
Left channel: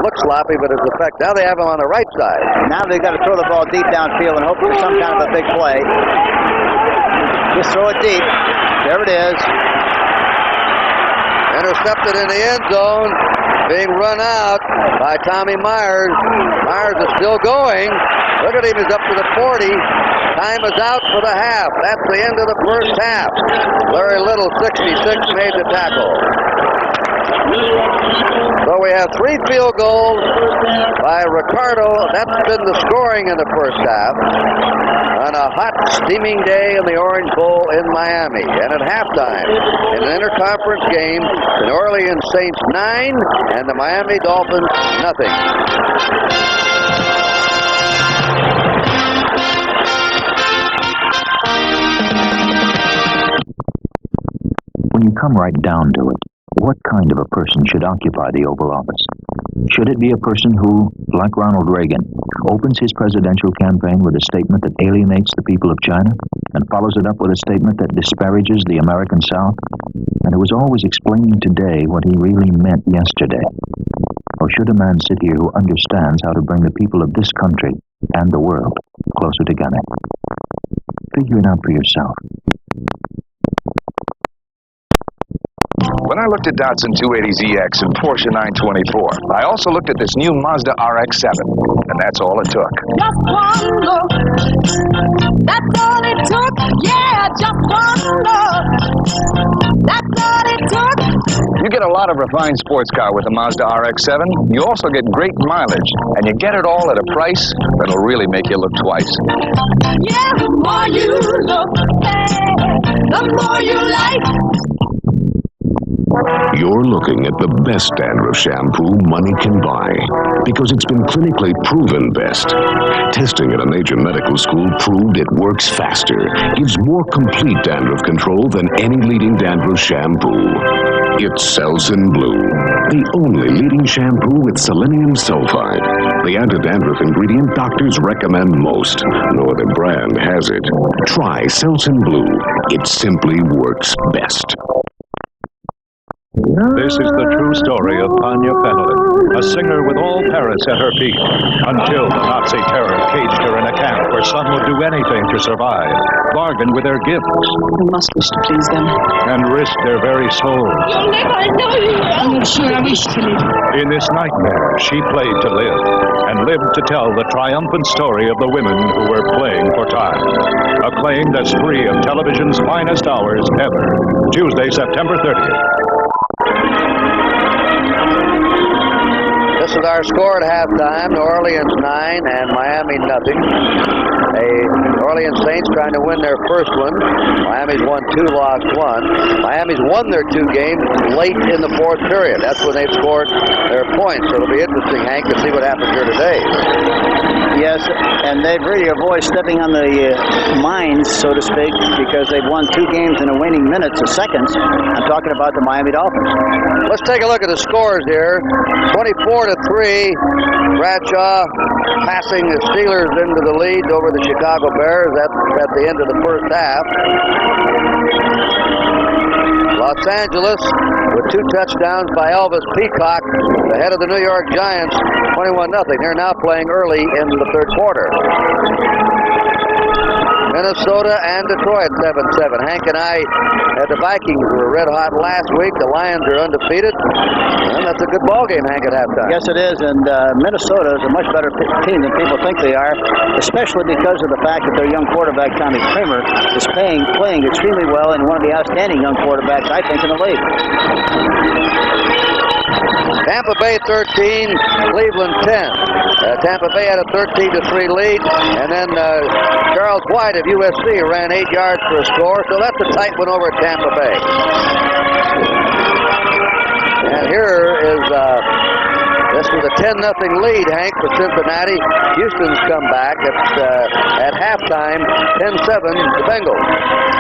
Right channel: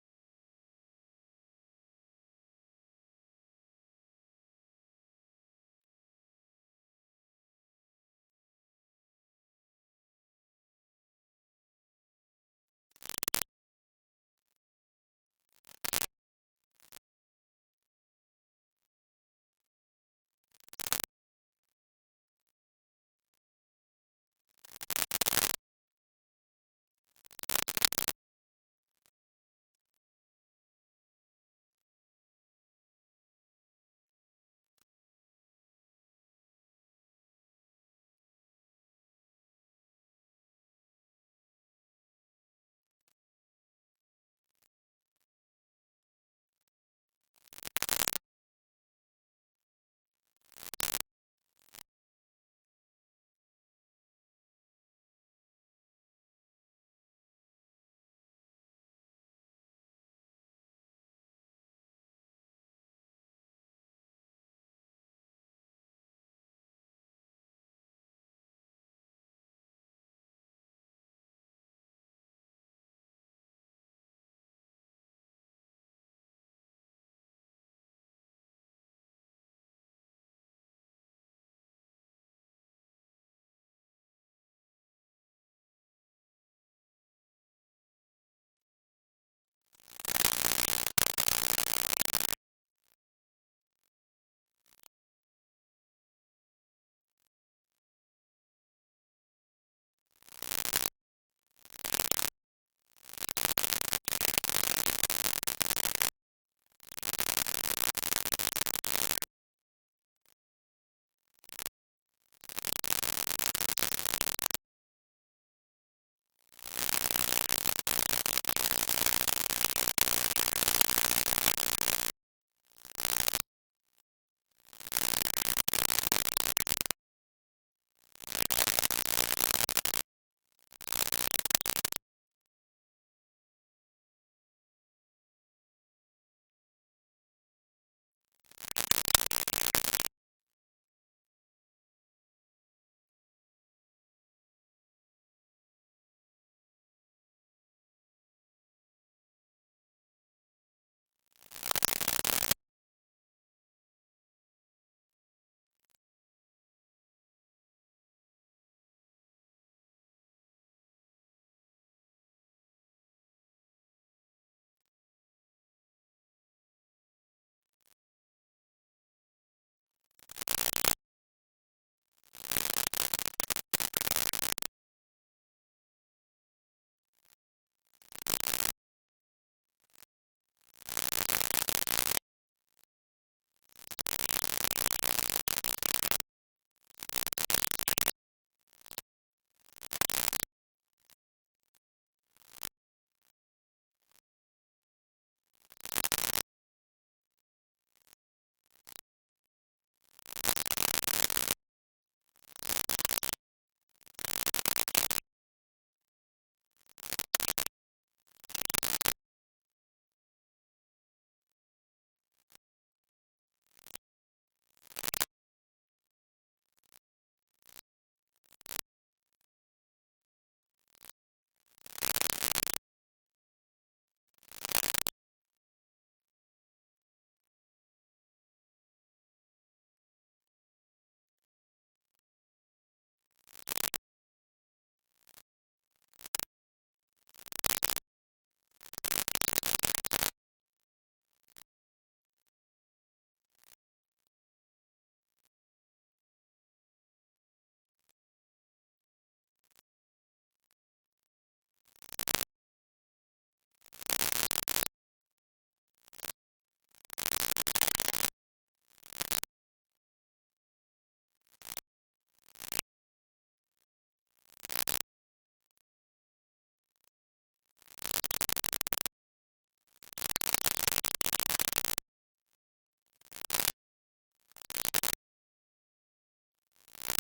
looks sloppy, but it's effect. Now they have him on the right side. Now they've got to throw the ball deep downfield and hope for some kind of a big play. Just throw it deep. There it is. Intercepted in the end zone, being run out by Tommy Myers. Myers is still going. Look at him, he's up to the 40. Time is out for the half. That's the end of the first half. Larry Little, 66, made the tackle. So we have 3 field goals by Ricardo. That's been the scoring in the first half. On a hot, steaming day in the Orange Bowl in Miami. And at halftime, in an interconference game, the New Orleans Saints 9 and the Miami Dolphins nothing. come right down to it, what kind of a person should occupy the Oval Office? Should it be a person who, like Ronald Reagan, opens his presidential campaign with a statement that alienates the people of China and follows it up with a statement that disparages the American South, and who is always explaining today what he really meant yesterday? Or should a man sit here who understands how to bring the people of this country and the world closer together? Figure it out for yourself. When I looked at Datsun 280ZX and Porsche 924, I also looked at this new Mazda RX-7, and that's all it took. Just one look, that's all it took. Yeah, just one look, that's all it took. You get a lot of refined sports car with a Mazda RX-7. You also get great mileage, and you get it all at a price that'll really make you look twice. Yeah, the more you look, the more you like. You're looking at the best dandruff shampoo money can buy because it's been clinically proven best. Testing at a major medical school proved it works faster, gives more complete dandruff control than any leading dandruff shampoo. It's Selsun Blue, the only leading shampoo with selenium sulfide, the anti-dandruff ingredient doctors recommend most. No other brand has it. Try Selsun Blue. It simply works best. This is the true story of Tanya Fenelon, a singer with all Paris at her feet, until the Nazi terror caged her in a camp where some would do anything to survive, bargain with their gifts. You must wish to please them. And risk their very souls. You'll live, I know you will. I'm sure I wish to live. In this nightmare, she played to live, and lived to tell the triumphant story of the women who were playing for time. A claim that's free of television's finest hours ever. Tuesday, September 30th. This is our score at halftime. New Orleans 9 and Miami nothing. The New Orleans Saints trying to win their first one. Miami's won 2, lost 1. Miami's won their 2 games late in the fourth period. That's when they've scored their points. So it'll be interesting, Hank, to see what happens here today. Yes, and they've really avoided stepping on the mines, so to speak, because they've won 2 games in the waning minutes of seconds. I'm talking about the Miami Dolphins. Let's take a look at the scores here. 24-3. Bradshaw passing the Steelers into the lead over the Chicago Bears. That's at the end of the first half. Los Angeles with 2 touchdowns by Elvis Peacock, ahead of the New York Giants, 21-0. They're now playing early into the third quarter. Minnesota and Detroit 7-7. Hank and I had the Vikings who were red hot last week. The Lions are undefeated. And that's a good ball game, Hank, at halftime. Yes, it is. And Minnesota is a much better team than people think they are, especially because of the fact that their young quarterback, Tommy Kramer, is playing extremely well and one of the outstanding young quarterbacks, I think, in the league. Tampa Bay 13, Cleveland 10. Tampa Bay had a 13-3 lead, and then Charles White of USC ran 8 yards for a score, so that's a tight one over at Tampa Bay. And here is this was a 10-0 lead, Hank, for Cincinnati. Houston's come back at halftime, 10-7, the Bengals.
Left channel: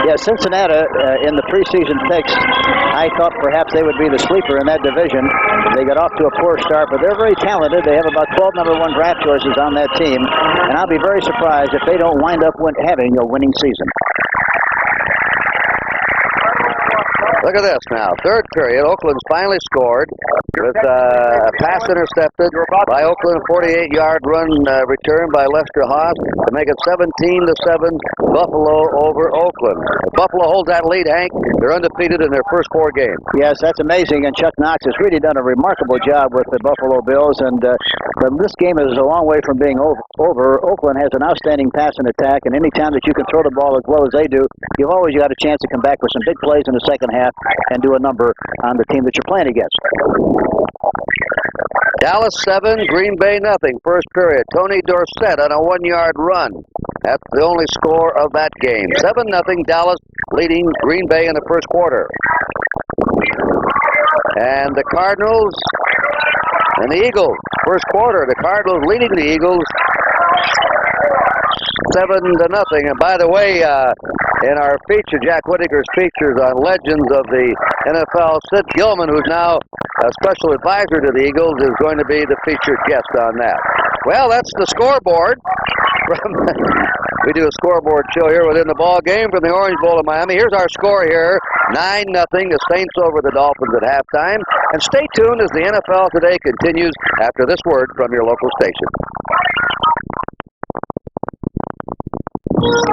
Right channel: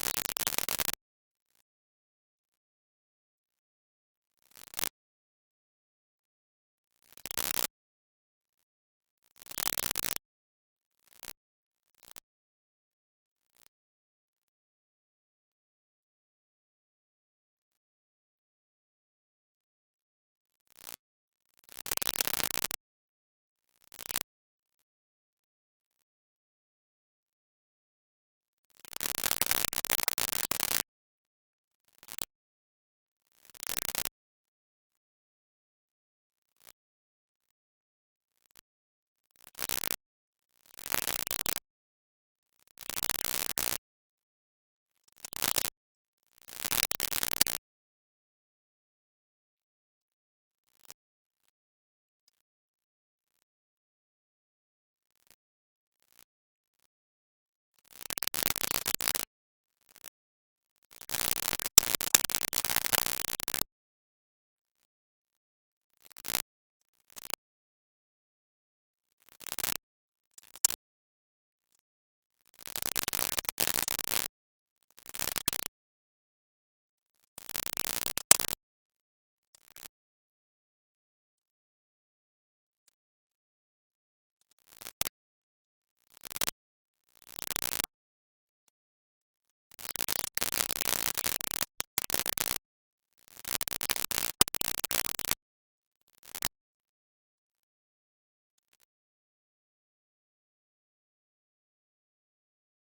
Yeah, Cincinnati in the preseason picks, I thought perhaps they would be the sleeper in that division. They got off to a poor start, but they're very talented. They have about 12 number 1 draft choices on that team, and I'll be very surprised if they don't wind up having a winning season. Look at this now. Third period, Oakland's finally scored with a pass intercepted by Oakland, a 48-yard run return by Lester Haas to make it 17-7, Buffalo over Oakland. If Buffalo holds that lead, Hank, they're undefeated in their first 4 games. Yes, that's amazing, and Chuck Knox has really done a remarkable job with the Buffalo Bills, and this game is a long way from being over. Oakland has an outstanding passing attack, and any time that you can throw the ball as well as they do, you've always got a chance to come back with some big plays in the second half and do a number on the team that you're playing against. Dallas 7, Green Bay nothing. First period. Tony Dorsett on a 1-yard run. That's the only score of that game. 7-0 Dallas leading Green Bay in the first quarter. And the Cardinals and the Eagles. First quarter, the Cardinals leading the Eagles 7-0. And by the way, in our feature, Jack Whittaker's features on legends of the NFL, Sid Gilman, who's now a special advisor to the Eagles, is going to be the featured guest on that. Well, that's the scoreboard. We do a scoreboard show here within the ball game from the Orange Bowl of Miami. Here's our score here, 9-0, the Saints over the Dolphins at halftime. And stay tuned as the NFL Today continues after this word from your local station.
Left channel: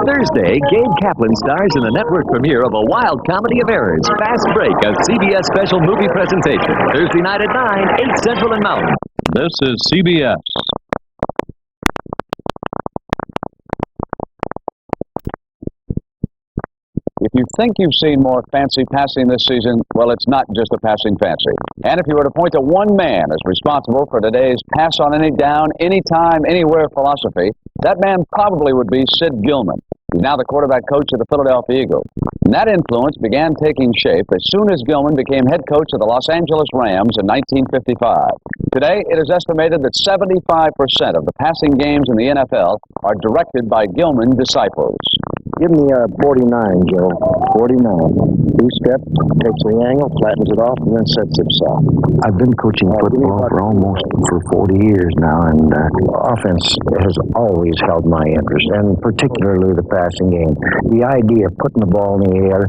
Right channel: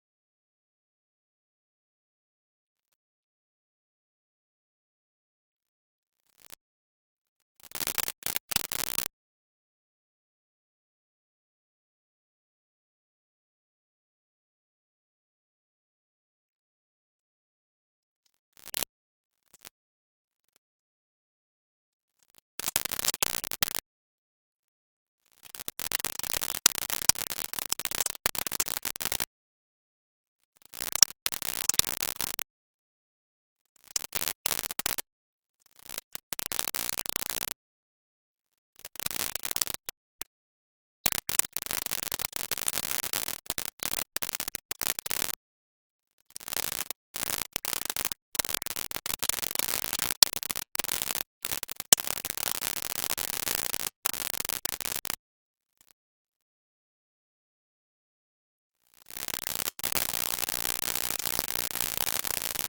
Thursday, Gabe Kaplan stars in the network premiere of A Wild Comedy of Errors, Fast Break, a CBS special movie presentation. Thursday night at 9, 8 Central and Mountain. This is CBS. If you think you've seen more fancy passing this season, well, it's not just a passing fancy. And if you were to point to one man as responsible for today's pass on any down, anytime, anywhere philosophy, that man probably would be Sid Gilman. He's now the quarterback coach of the Philadelphia Eagles. And that influence began taking shape as soon as Gilman became head coach of the Los Angeles Rams in 1955. Today, it is estimated that 75% of the passing games in the NFL are directed by Gilman disciples. Give me a 49, Joe. 49. Two-step, takes the angle, flattens it off, and then sets himself. I've been coaching football for 40 years now, and offense has always held my interest, and particularly the passing game. The idea of putting the ball in the air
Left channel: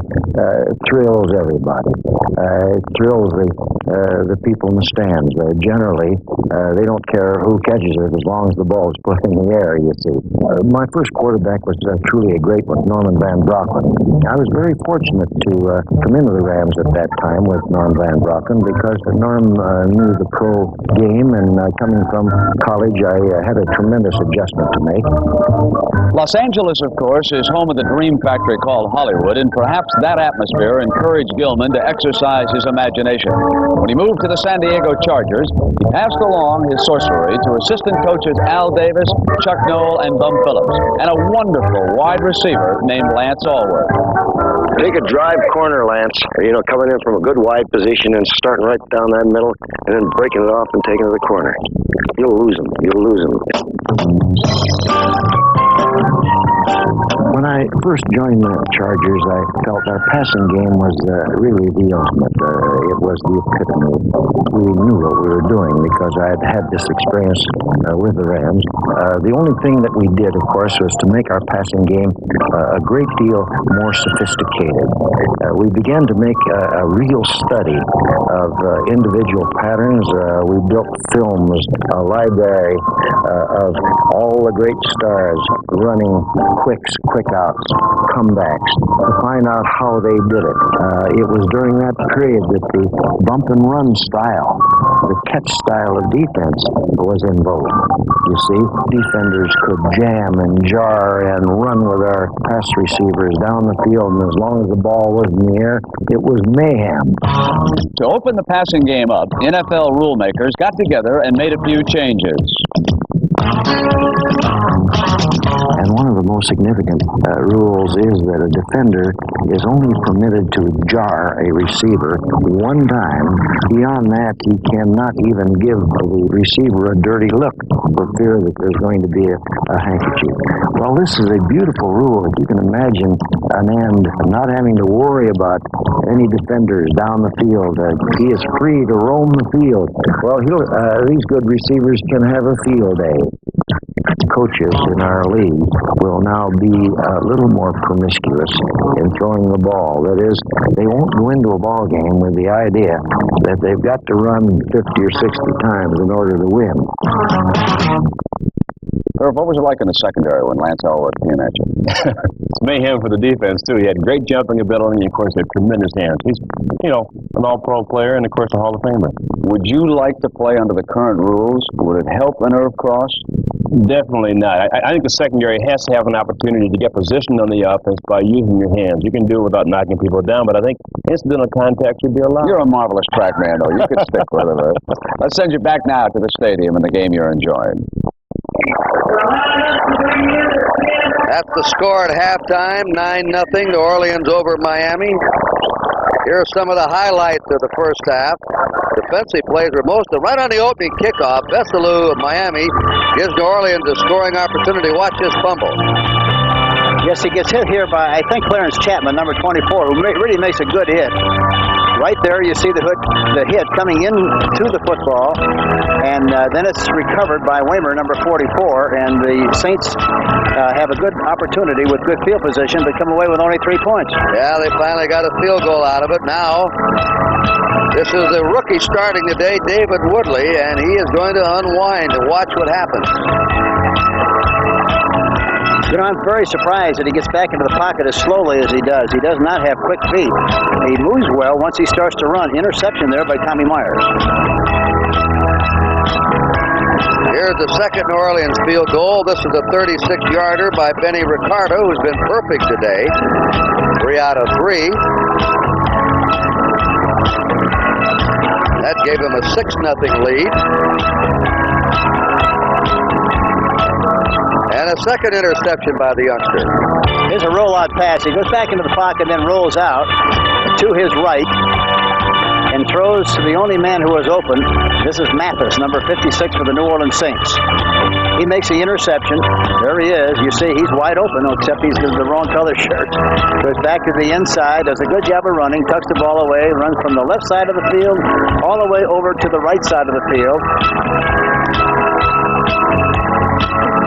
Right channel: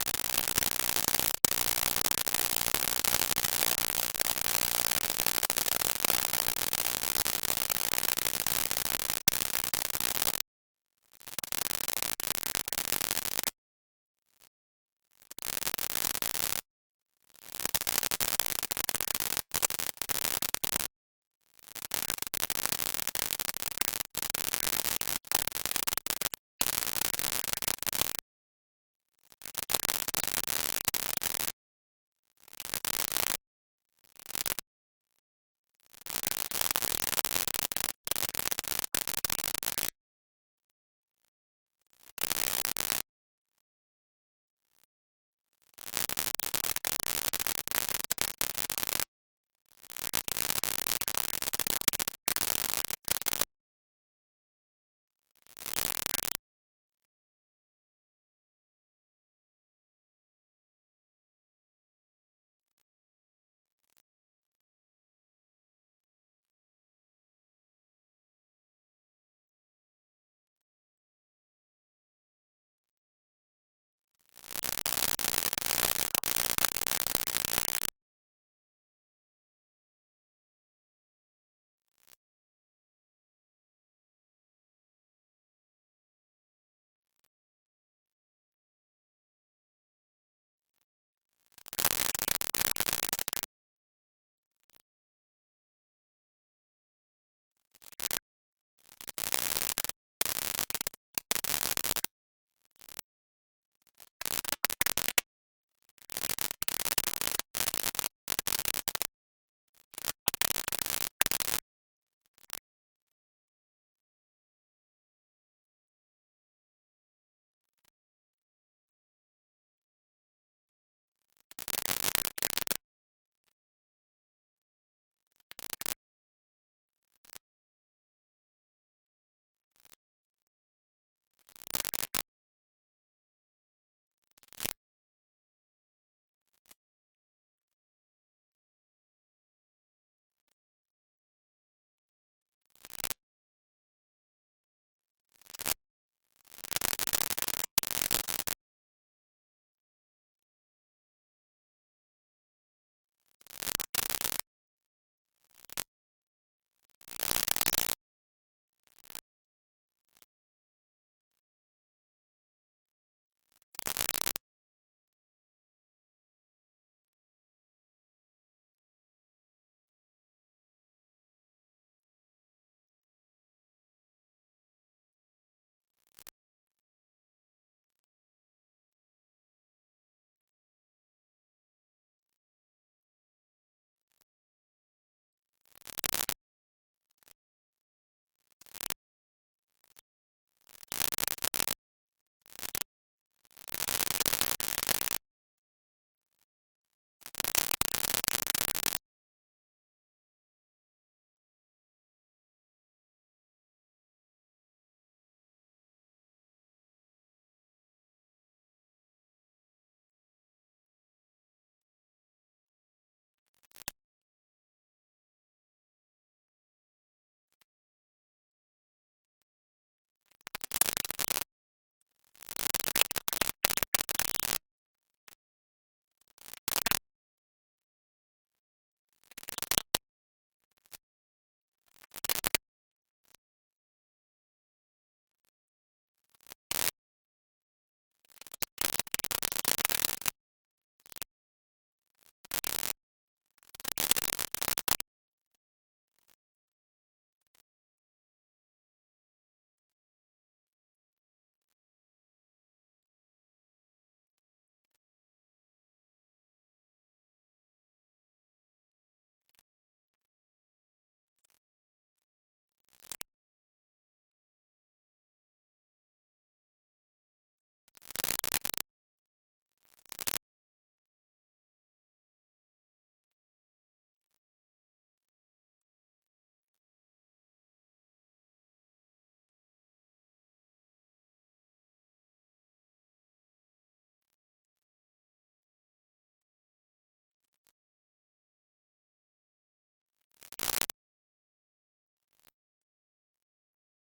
thrills everybody. It thrills the people in the stands. Generally, they don't care who catches it as long as the ball is put in the air, you see. My first quarterback was truly a great one, Norman Van Brocklin. I was very fortunate to come into the Rams at that time with Norm Van Brocklin because Norm knew the pro game, and coming from college, I had a tremendous adjustment to make. Los Angeles, of course, is home of the dream factory called Hollywood, and perhaps that atmosphere encouraged Gilman to exercise his imagination. When he moved to the San Diego Chargers, he passed along his sorcery to assistant coaches Al Davis, Chuck Noll, and Bum Phillips, and a wonderful wide receiver named Lance Allworth. Take a drive corner, Lance. Coming in from a good wide position and starting right down that middle, and then breaking it off and taking it to the corner. You'll lose him. You'll lose him. When I first joined the Chargers, I felt our passing game was really the ultimate. It was the epitome. We knew what we were doing because I had had this experience with the Rams. The only thing that we did, of course, was to make our passing game a great deal more sophisticated. We began to make a real study of individual patterns. We built films, a library of all the great stars running quicks, quick outs, comebacks, to find out how they did it. It was during that period that the bump and run style, the catch style of defense was in vogue. You see, defenders could jam and jar and run with our pass receivers down the field, and as long as the ball was in the air, it was mayhem. To open the passing game up, NFL rule makers got together and made a few changes. And one of the most significant rules is that a defender is only permitted to jar a receiver one time. Beyond that, he cannot even give the receiver a dirty look for fear that there's going to be a handkerchief. Well, this is a beautiful rule. If you can imagine an end not having to worry about any defenders down the field. He is free to roam the field. Well, these good receivers can have a field day. Coaches in our league will now be a little more promiscuous in throwing the ball. That is, they won't go into a ball game with the idea that they've got to run 50 or 60 times in order to win. Irv, what was it like in the secondary when Lance Allworth came at you? It's mayhem for the defense, too. He had great jumping ability and, of course, had tremendous hands. He's, an all-pro player and, of course, a Hall of Famer. Would you like to play under the current rules? Would it help an Irv Cross? Definitely not. I think the secondary has to have an opportunity to get positioned on the offense by using your hands. You can do it without knocking people down, but I think incidental contact should be allowed. You're a marvelous track man, though. You could stick with it, Irv. Let's send you back now to the stadium and the game you're enjoying. That's the score at halftime, 9-0, New Orleans over Miami. Here are some of the highlights of the first half. Defensive plays were most of right on the opening kickoff. Veselu of Miami gives New Orleans a scoring opportunity. Watch this fumble. Yes, he gets hit here by, I think, Clarence Chapman, number 24, who really makes a good hit. Right there, you see the hit coming into the football, and then it's recovered by Waymer, number 44, and the Saints have a good opportunity with good field position to come away with only 3 points. Yeah, they finally got a field goal out of it. Now, this is the rookie starting today, David Woodley, and he is going to unwind and watch what happens. You know, I'm very surprised that he gets back into the pocket as slowly as he does. He does not have quick feet. He moves well once he starts to run. Interception there by Tommy Myers. Here's the second New Orleans field goal. This is a 36-yarder by Benny Ricardo, who's been perfect today. 3 out of 3. That gave him a 6-0 lead. And a second interception by the youngster. Here's a rollout pass. He goes back into the pocket, then rolls out to his right and throws to the only man who was open. This is Mathis, number 56 for the New Orleans Saints. He makes the interception. There he is. You see, he's wide open, except he's in the wrong color shirt. Goes back to the inside, does a good job of running, tucks the ball away, runs from the left side of the field all the way over to the right side of the field.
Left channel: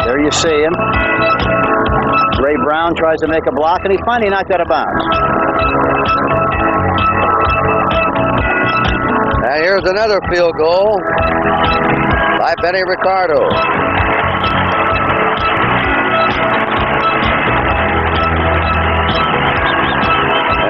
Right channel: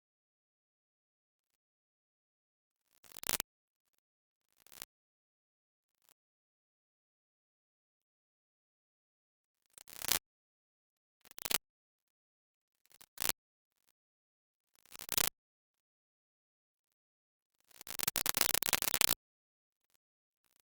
There you see him. Ray Brown tries to make a block, and he's finally knocked out of bounds. And here's another field goal by Benny Ricardo.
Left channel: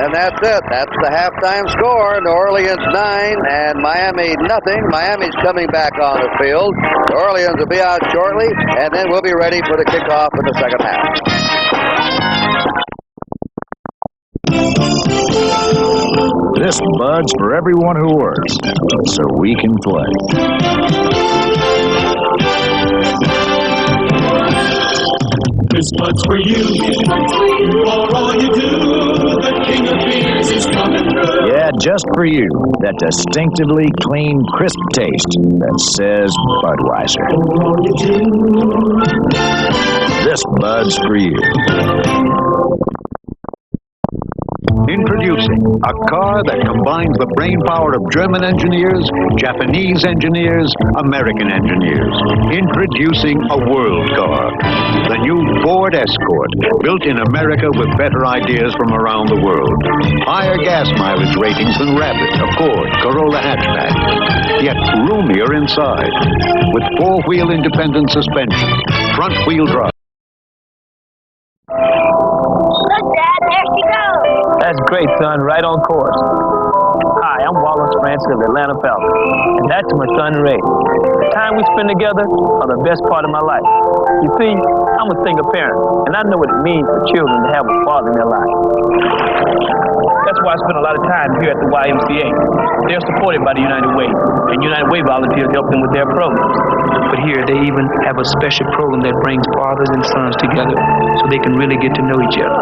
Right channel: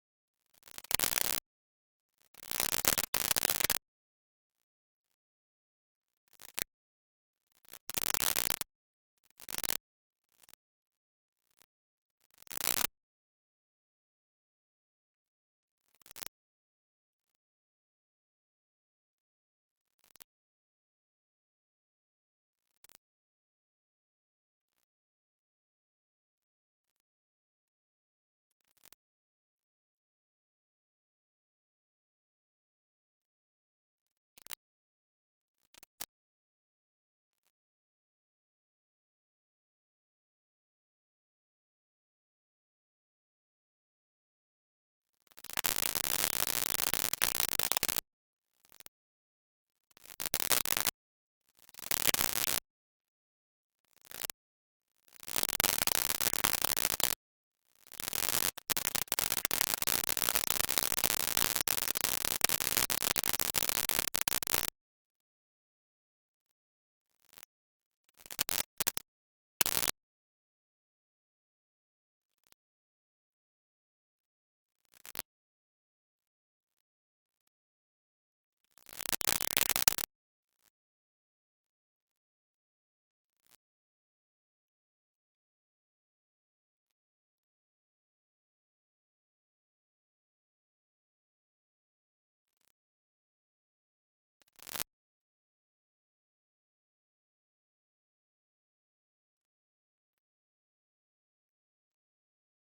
And that's it. That's the halftime score. New Orleans 9 and Miami nothing. Miami's coming back on the field. New Orleans will be out shortly, and then we'll be ready for the kickoff in the second half. This Bud's for everyone who works, so we can play. This Bud's for you. For all you do, the king of beers is coming through. Yeah, just for you. That distinctively clean, crisp taste that says Budweiser. For all you do. This Bud's for you. Introducing a car that combines the brain power of German engineers, Japanese engineers, American engineers. Introducing a world car. The new Ford Escort, built in America with better ideas from around the world. Higher gas mileage ratings than Rapid, Accord, Corolla hatchback. Yet roomier inside. With four-wheel independent suspension, front-wheel drive. Look, Dad, there she goes. That's great, son. Right on course. Hi, I'm Wallace Francis of the Atlanta Falcons, and that's my son, Ray. The time we spend together are the best part of my life. You see, I'm a single parent, and I know what it means for children to have a father in their life. That's why I spend a lot of time here at the YMCA. They're supported by the United Way, and United Way volunteers help them with their programs. But here, they even have a special program that brings fathers and sons together so they can really get to know each other.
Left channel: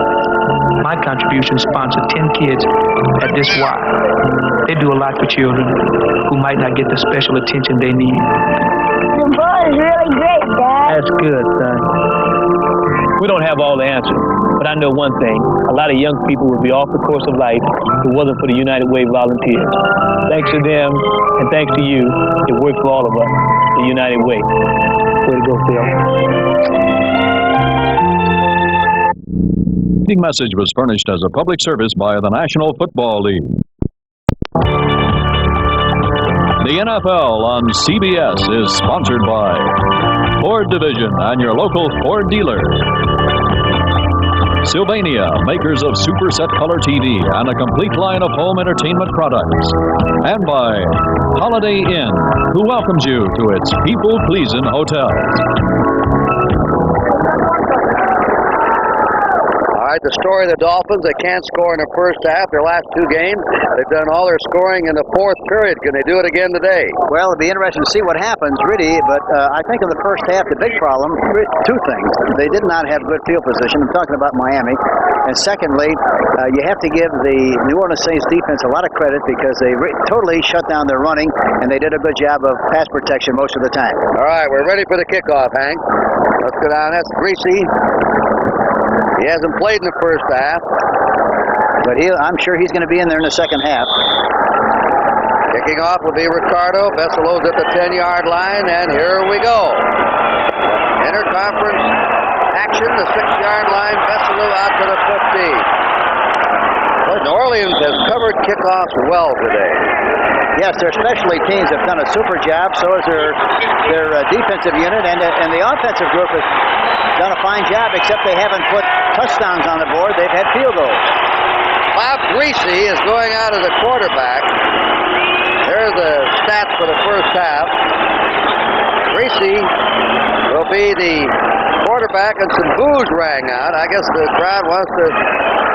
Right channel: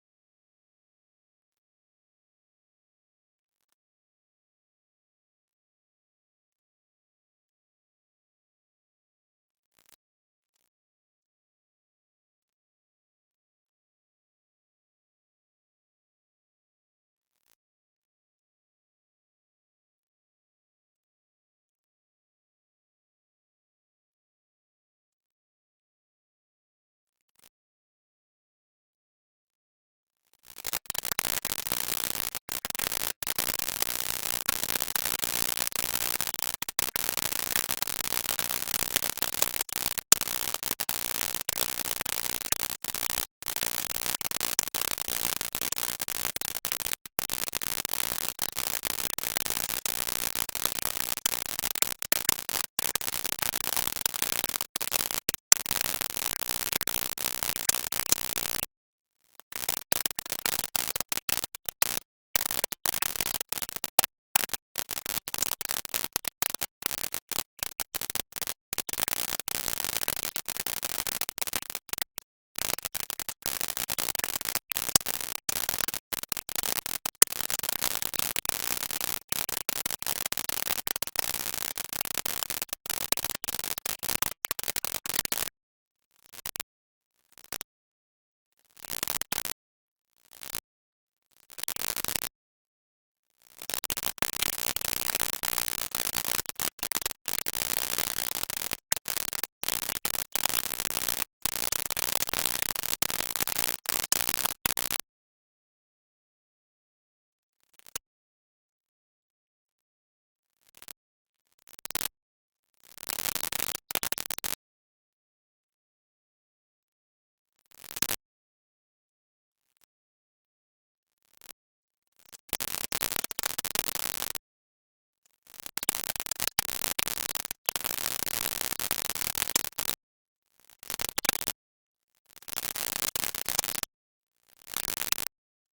My contribution sponsored 10 kids at this Y. They do a lot for children who might not get the special attention they need. The ball is really great, Dad. That's good, son. We don't have all the answers, but I know one thing. A lot of young people would be off the course of life if it wasn't for the United Way volunteers. Thanks to them, and thanks to you, it worked for all of us, the United Way. Way to go, Phil. The message was furnished as a public service by the National Football League. The NFL on CBS is sponsored by Ford Division and your local Ford dealer. Sylvania, makers of Super Set Color TV and a complete line of home entertainment products. And by Holiday Inn, who welcomes you to its people-pleasing hotels. All right, the story of the Dolphins, they can't score in the first half. Their last two games, they've done all their scoring in the fourth period. Can they do it again today? Well, it'll be interesting to see what happens, really. But I think in the first half, the big problem, two things. They did not have good field position. I'm talking about Miami. And secondly, you have to give the New Orleans Saints defense a lot of credit because they totally shut down their running, and they did a good job of pass protection most of the time. All right, we're ready for the kickoff, Hank. Let's go down. That's Greasy. He hasn't played in the first half. But I'm sure he's going to be in there in the second half. Kicking off will be Ricardo. Besselo's at the 10-yard line, and here we go. Interconference action, the 6-yard line. Besselo out to the 50. Well, New Orleans has covered kickoffs well today. Yes, their specialty teams have done a super job. So has their defensive unit, and the offensive group has done a fine job, except they haven't put touchdowns on the board. They've had field goals. Bob Greasy is going out as a quarterback. There's the stats for the first half. Greasy will be the quarterback, and some boos rang out. I guess the crowd wants to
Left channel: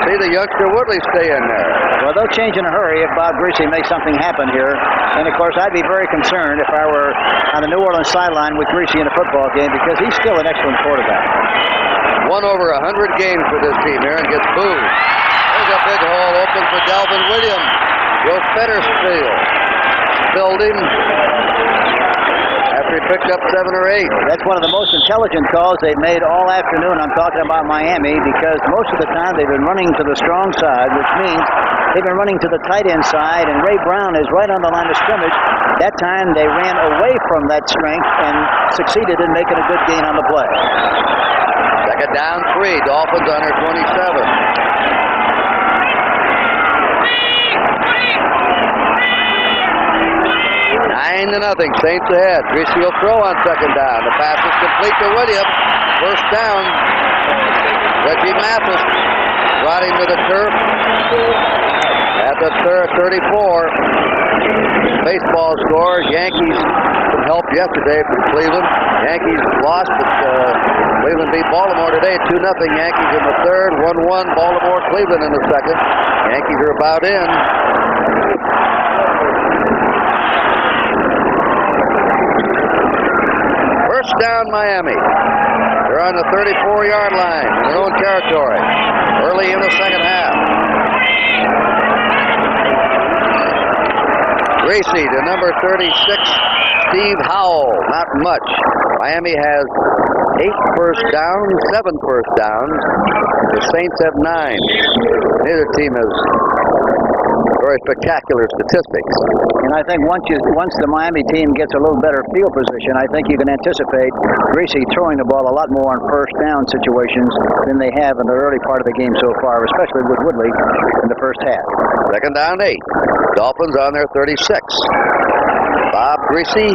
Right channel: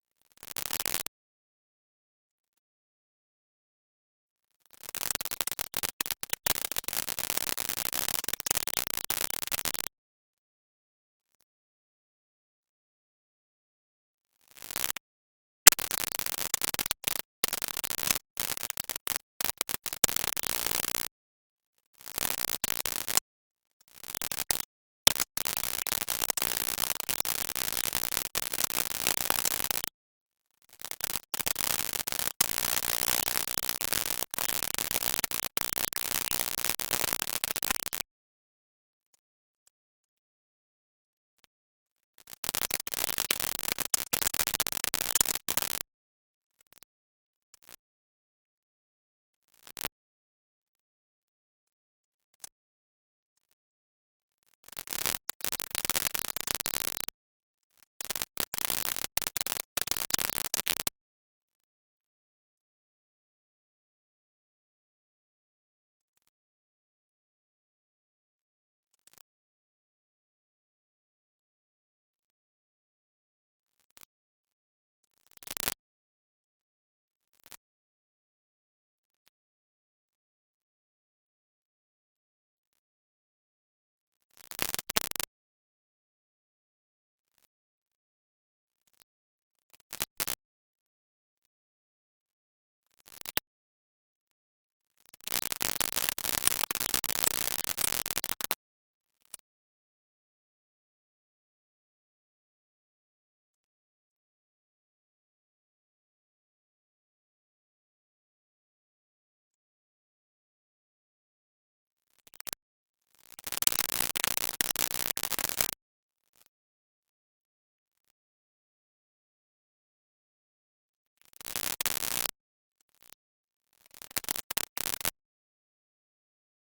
see the youngster Woodley stay in there. Well, they'll change in a hurry if Bob Greasy makes something happen here. And, of course, I'd be very concerned if I were on the New Orleans sideline with Greasy in a football game, because he's still an excellent quarterback. Won over 100 games for this team here and gets booed. There's a big hole open for Delvin Williams. Joe Fettersfield filled him after he picked up 7 or 8. That's one of the most intelligent calls they've made all afternoon. I'm talking about Miami, because most of the time they've been running to the strong side, which means they've been running to the tight end side, and Ray Brown is right on the line of scrimmage. That time they ran away from that strength and succeeded in making a good gain on the play. Second down 3, Dolphins on their 27. 9-0, Saints ahead. Greasy will throw on second down. The pass is complete to Williams. First down. Reggie Mathis brought him to the turf at the 34. Baseball score. Yankees some help yesterday from Cleveland. Yankees lost, but Cleveland beat Baltimore today. 2-0 Yankees in the third. 1-1 Baltimore Cleveland in the second. Yankees are about in. First down Miami. They're on the 34-yard line in their own territory early in the second half. Greasy to number 36, Steve Howell. Not much. Miami has 8 first downs, 7 first downs. The Saints have 9. Neither team has very spectacular statistics. And I think once the Miami team gets a little better field position, I think you can anticipate Greasy throwing the ball a lot more on first down situations than they have in the early part of the game so far, especially with Woodley in the first half. Second down 8. Dolphins on their 36. Bob Greasy,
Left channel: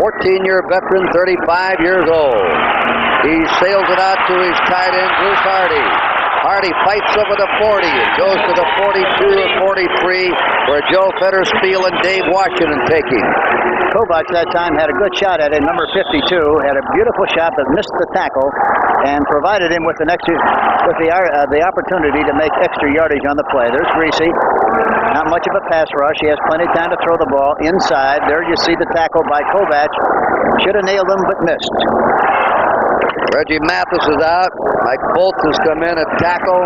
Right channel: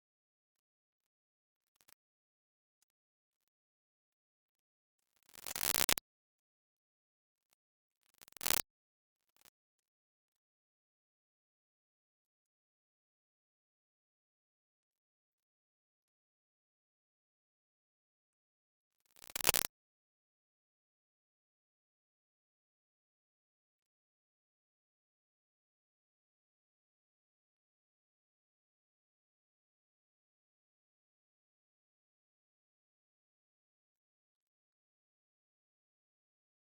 14-year veteran, 35 years old. He sails it out to his tight end, Bruce Hardy. Hardy fights over the 40 and goes to the 42 or 43, where Joe Fettersfield and Dave Washington take him. Kovacs that time had a good shot at it. Number 52 had a beautiful shot that missed the tackle and provided him with the opportunity to make extra yardage on the play. There's Greasy. Not much of a pass rush. He has plenty of time to throw the ball inside. There you see the tackle by Kovacs. Should have nailed him, but missed. Reggie Mathis is out. Mike Bolts has come in at tackle.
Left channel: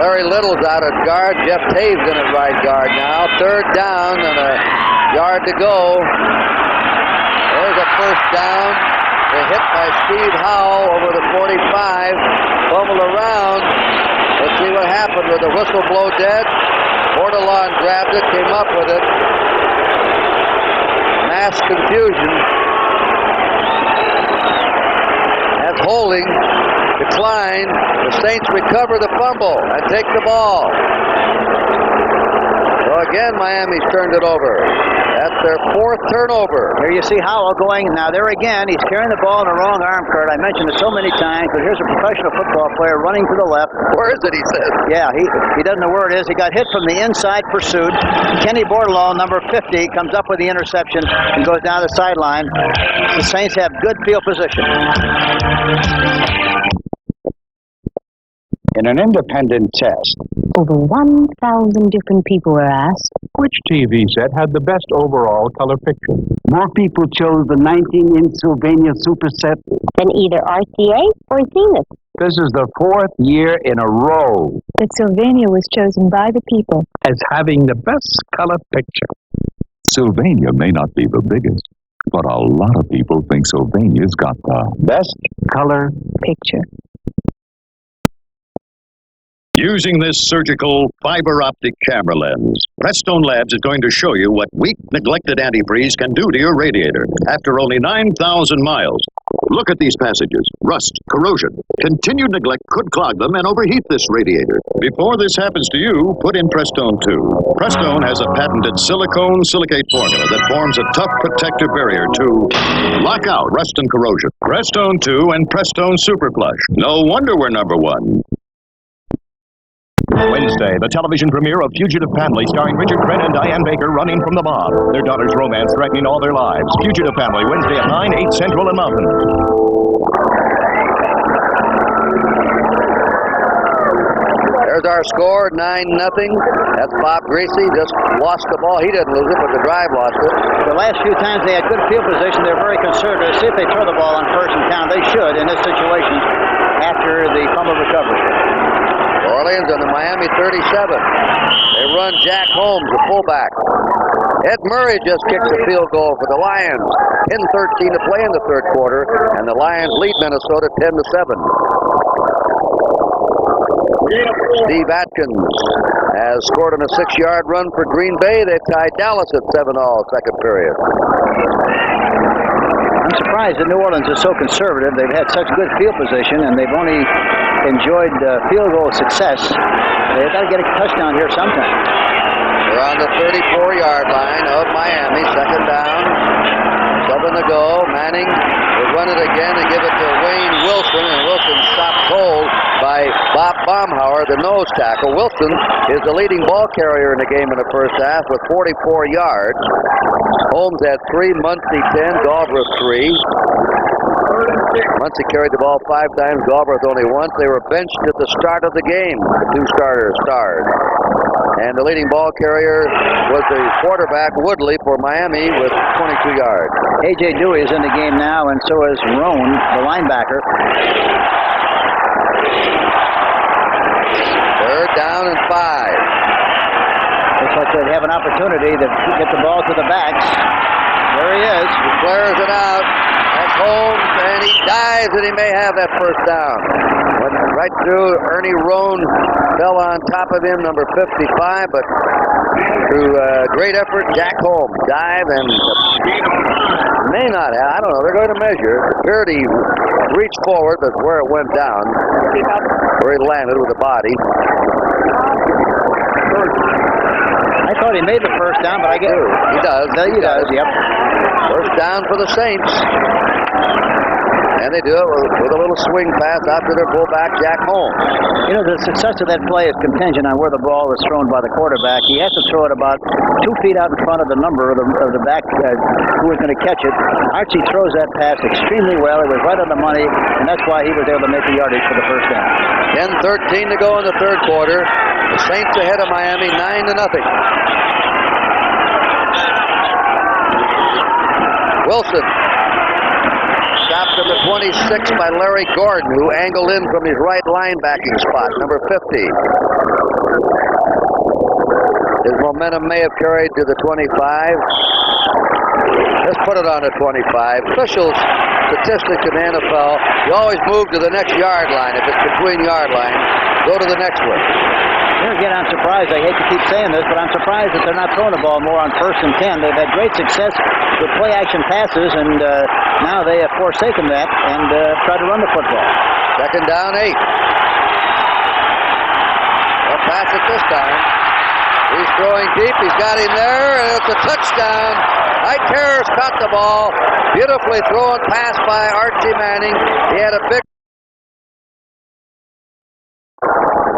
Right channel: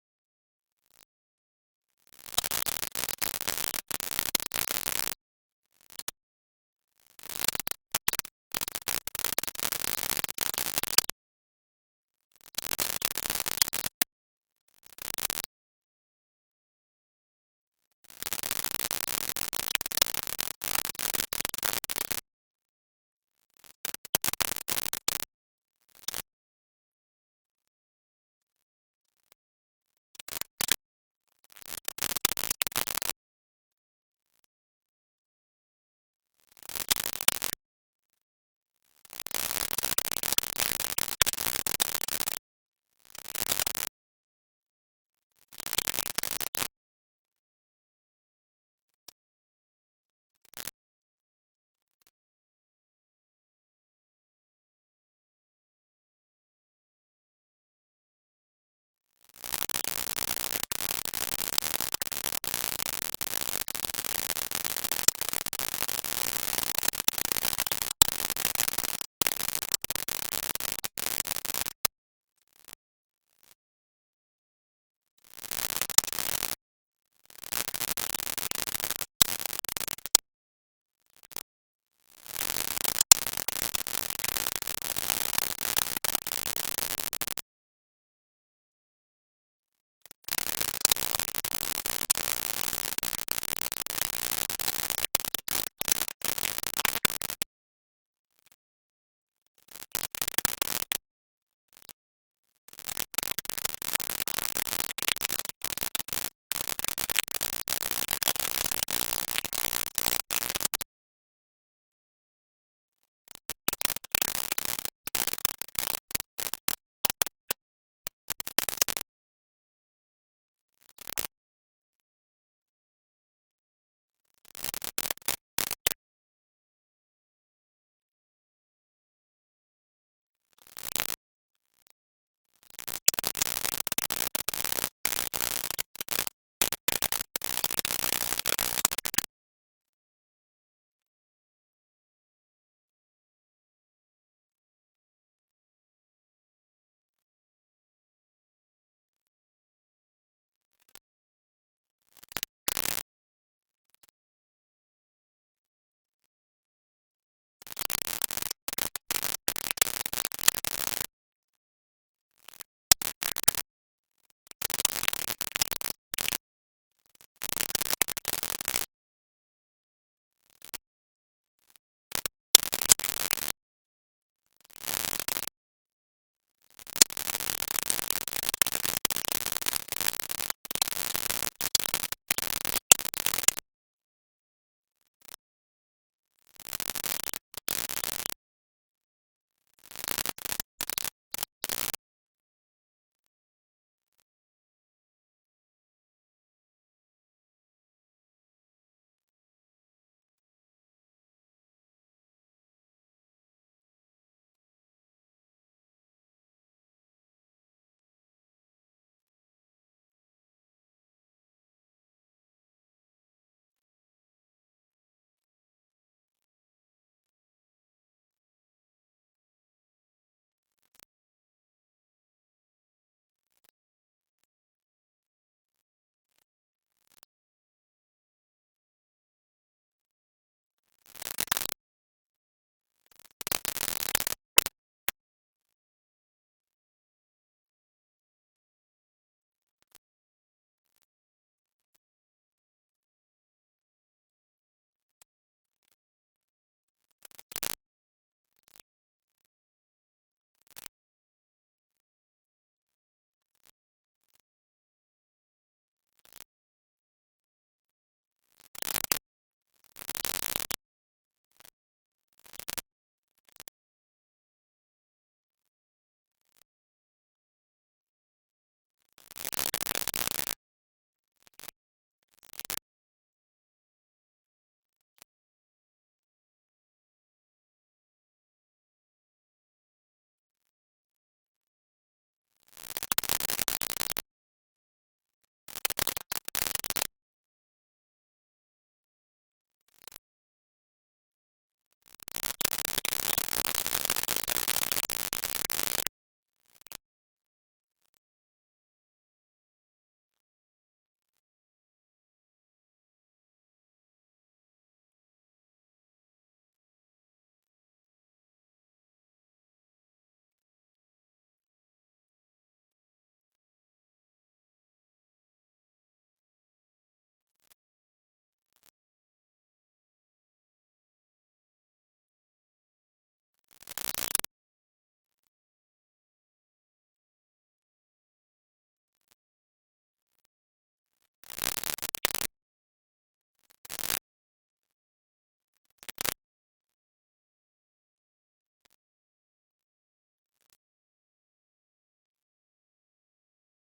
Larry Little's out at guard. Jeff Taves in at right guard now. Third down and a yard to go. There's a first down. A hit by Steve Howell over the 45. Fumbled around. Let's see what happened with the whistle blow dead. Bordelon grabbed it, came up with it. Mass confusion. That's holding. Decline. The Saints recover the fumble and take the ball. So again, Miami's turned it over. That's their 4th turnover. Here you see Howell going. Now there again, he's carrying the ball in the wrong arm, Kurt. I mentioned it so many times, but here's a professional football player running to the left. Where is it, he says? Yeah, he doesn't know where it is. He got hit from the inside pursuit. Kenny Bordelon, number 50, comes up with the interception and goes down the sideline. The Saints have good field position. In an independent test, over 1,000 different people were asked, which TV set had the best overall color picture? more people chose the 19-inch Sylvania Superset than either RCA or Zenith. This is the 4th year in a row That Sylvania was chosen by the people as having the best color picture. Sylvania may not be the biggest, But a lot of people think Sylvania's got the best color picture. Using this surgical fiber optic camera lens, Prestone Labs is going to show you what weak, neglected antifreeze can do to your radiator after only 9,000 miles. Look at these passages. Rust, corrosion. Continued neglect could clog them and overheat this radiator. Before this happens to you, put in Prestone 2. Prestone has a patented silicone silicate formula that forms a tough protective barrier to lock out rust and corrosion. Prestone 2 and Prestone Super Flush. No wonder we're number one. Wednesday, the television premiere of Fugitive Family starring Richard Crenna and Diane Baker running from the mob. Their daughter's romance threatening all their lives. Fugitive Family, Wednesday at 9, 8 Central and Mountain. There's our score, 9-0. That's Bob Greasy. Just lost the ball. He didn't lose it, but the drive lost it. The last few times they had good field position. They're very conservative. See if they throw the ball on first and count. They should in this situation after the fumble recovery. Orleans on the Miami 37. They run Jack Holmes, the fullback. Ed Murray just kicks a field goal for the Lions. 10-13 to play in the third quarter, and the Lions lead Minnesota 10-7. Steve Atkins has scored on a 6-yard run for Green Bay. They've tied Dallas at 7-all second period. I'm surprised that New Orleans is so conservative. They've had such good field position, and they've only enjoyed field goal success. They've got to get a touchdown here sometime. They're on the 34-yard line of Miami. Second down. 7 to go. Manning will run it again and give it to Wayne Wilson, and Wilson stopped cold by Bob Baumhauer, the nose tackle. Wilson is the leading ball carrier in the game in the first half with 44 yards. Holmes had 3, Muncie 10, Galbraith 3. Muncie carried the ball 5 times, Galbraith only once. They were benched at the start of the game. The 2 starters starred. And the leading ball carrier was the quarterback, Woodley, for Miami with 22 yards. A.J. Dewey is in the game now, and so is Roan, the linebacker. Third down and 5. Looks like they have an opportunity to get the ball to the backs. There he is. He flares it out. That's Holmes, and he dives, and he may have that first down. Went right through. Ernie Roan fell on top of him, number 55, but through great effort, Jack Holmes dive and may not have. I don't know. They're going to measure. Appeared he reached forward, but where it went down, where he landed with the body. I thought he made the first down, but I guess he does. He does. Yep. First down for the Saints. And they do it with a little swing pass out to their fullback, Jack Holmes. You know, the success of that play is contingent on where the ball is thrown by the quarterback. He has to throw it about 2 feet out in front of the number of the back who is going to catch it. Archie throws that pass extremely well. It was right on the money, and that's why he was able to make the yardage for the first down. 10-13 to go in the third quarter. The Saints ahead of Miami 9-0. Wilson stopped at the 26 by Larry Gordon, who angled in from his right linebacking spot, number 50. His momentum may have carried to the 25. Let's put it on the 25. Officials, statistics in the NFL, you always move to the next yard line. If it's between yard lines, go to the next one. Here again, I'm surprised. I hate to keep saying this, but I'm surprised that they're not throwing the ball more on 1st and 10. They've had great success with play-action passes, and now they have forsaken that and tried to run the football. Second down, 8. They'll pass it this time. He's throwing deep. He's got him there, and it's a touchdown. Ike Harris caught the ball. Beautifully thrown pass by Archie Manning. He had a big...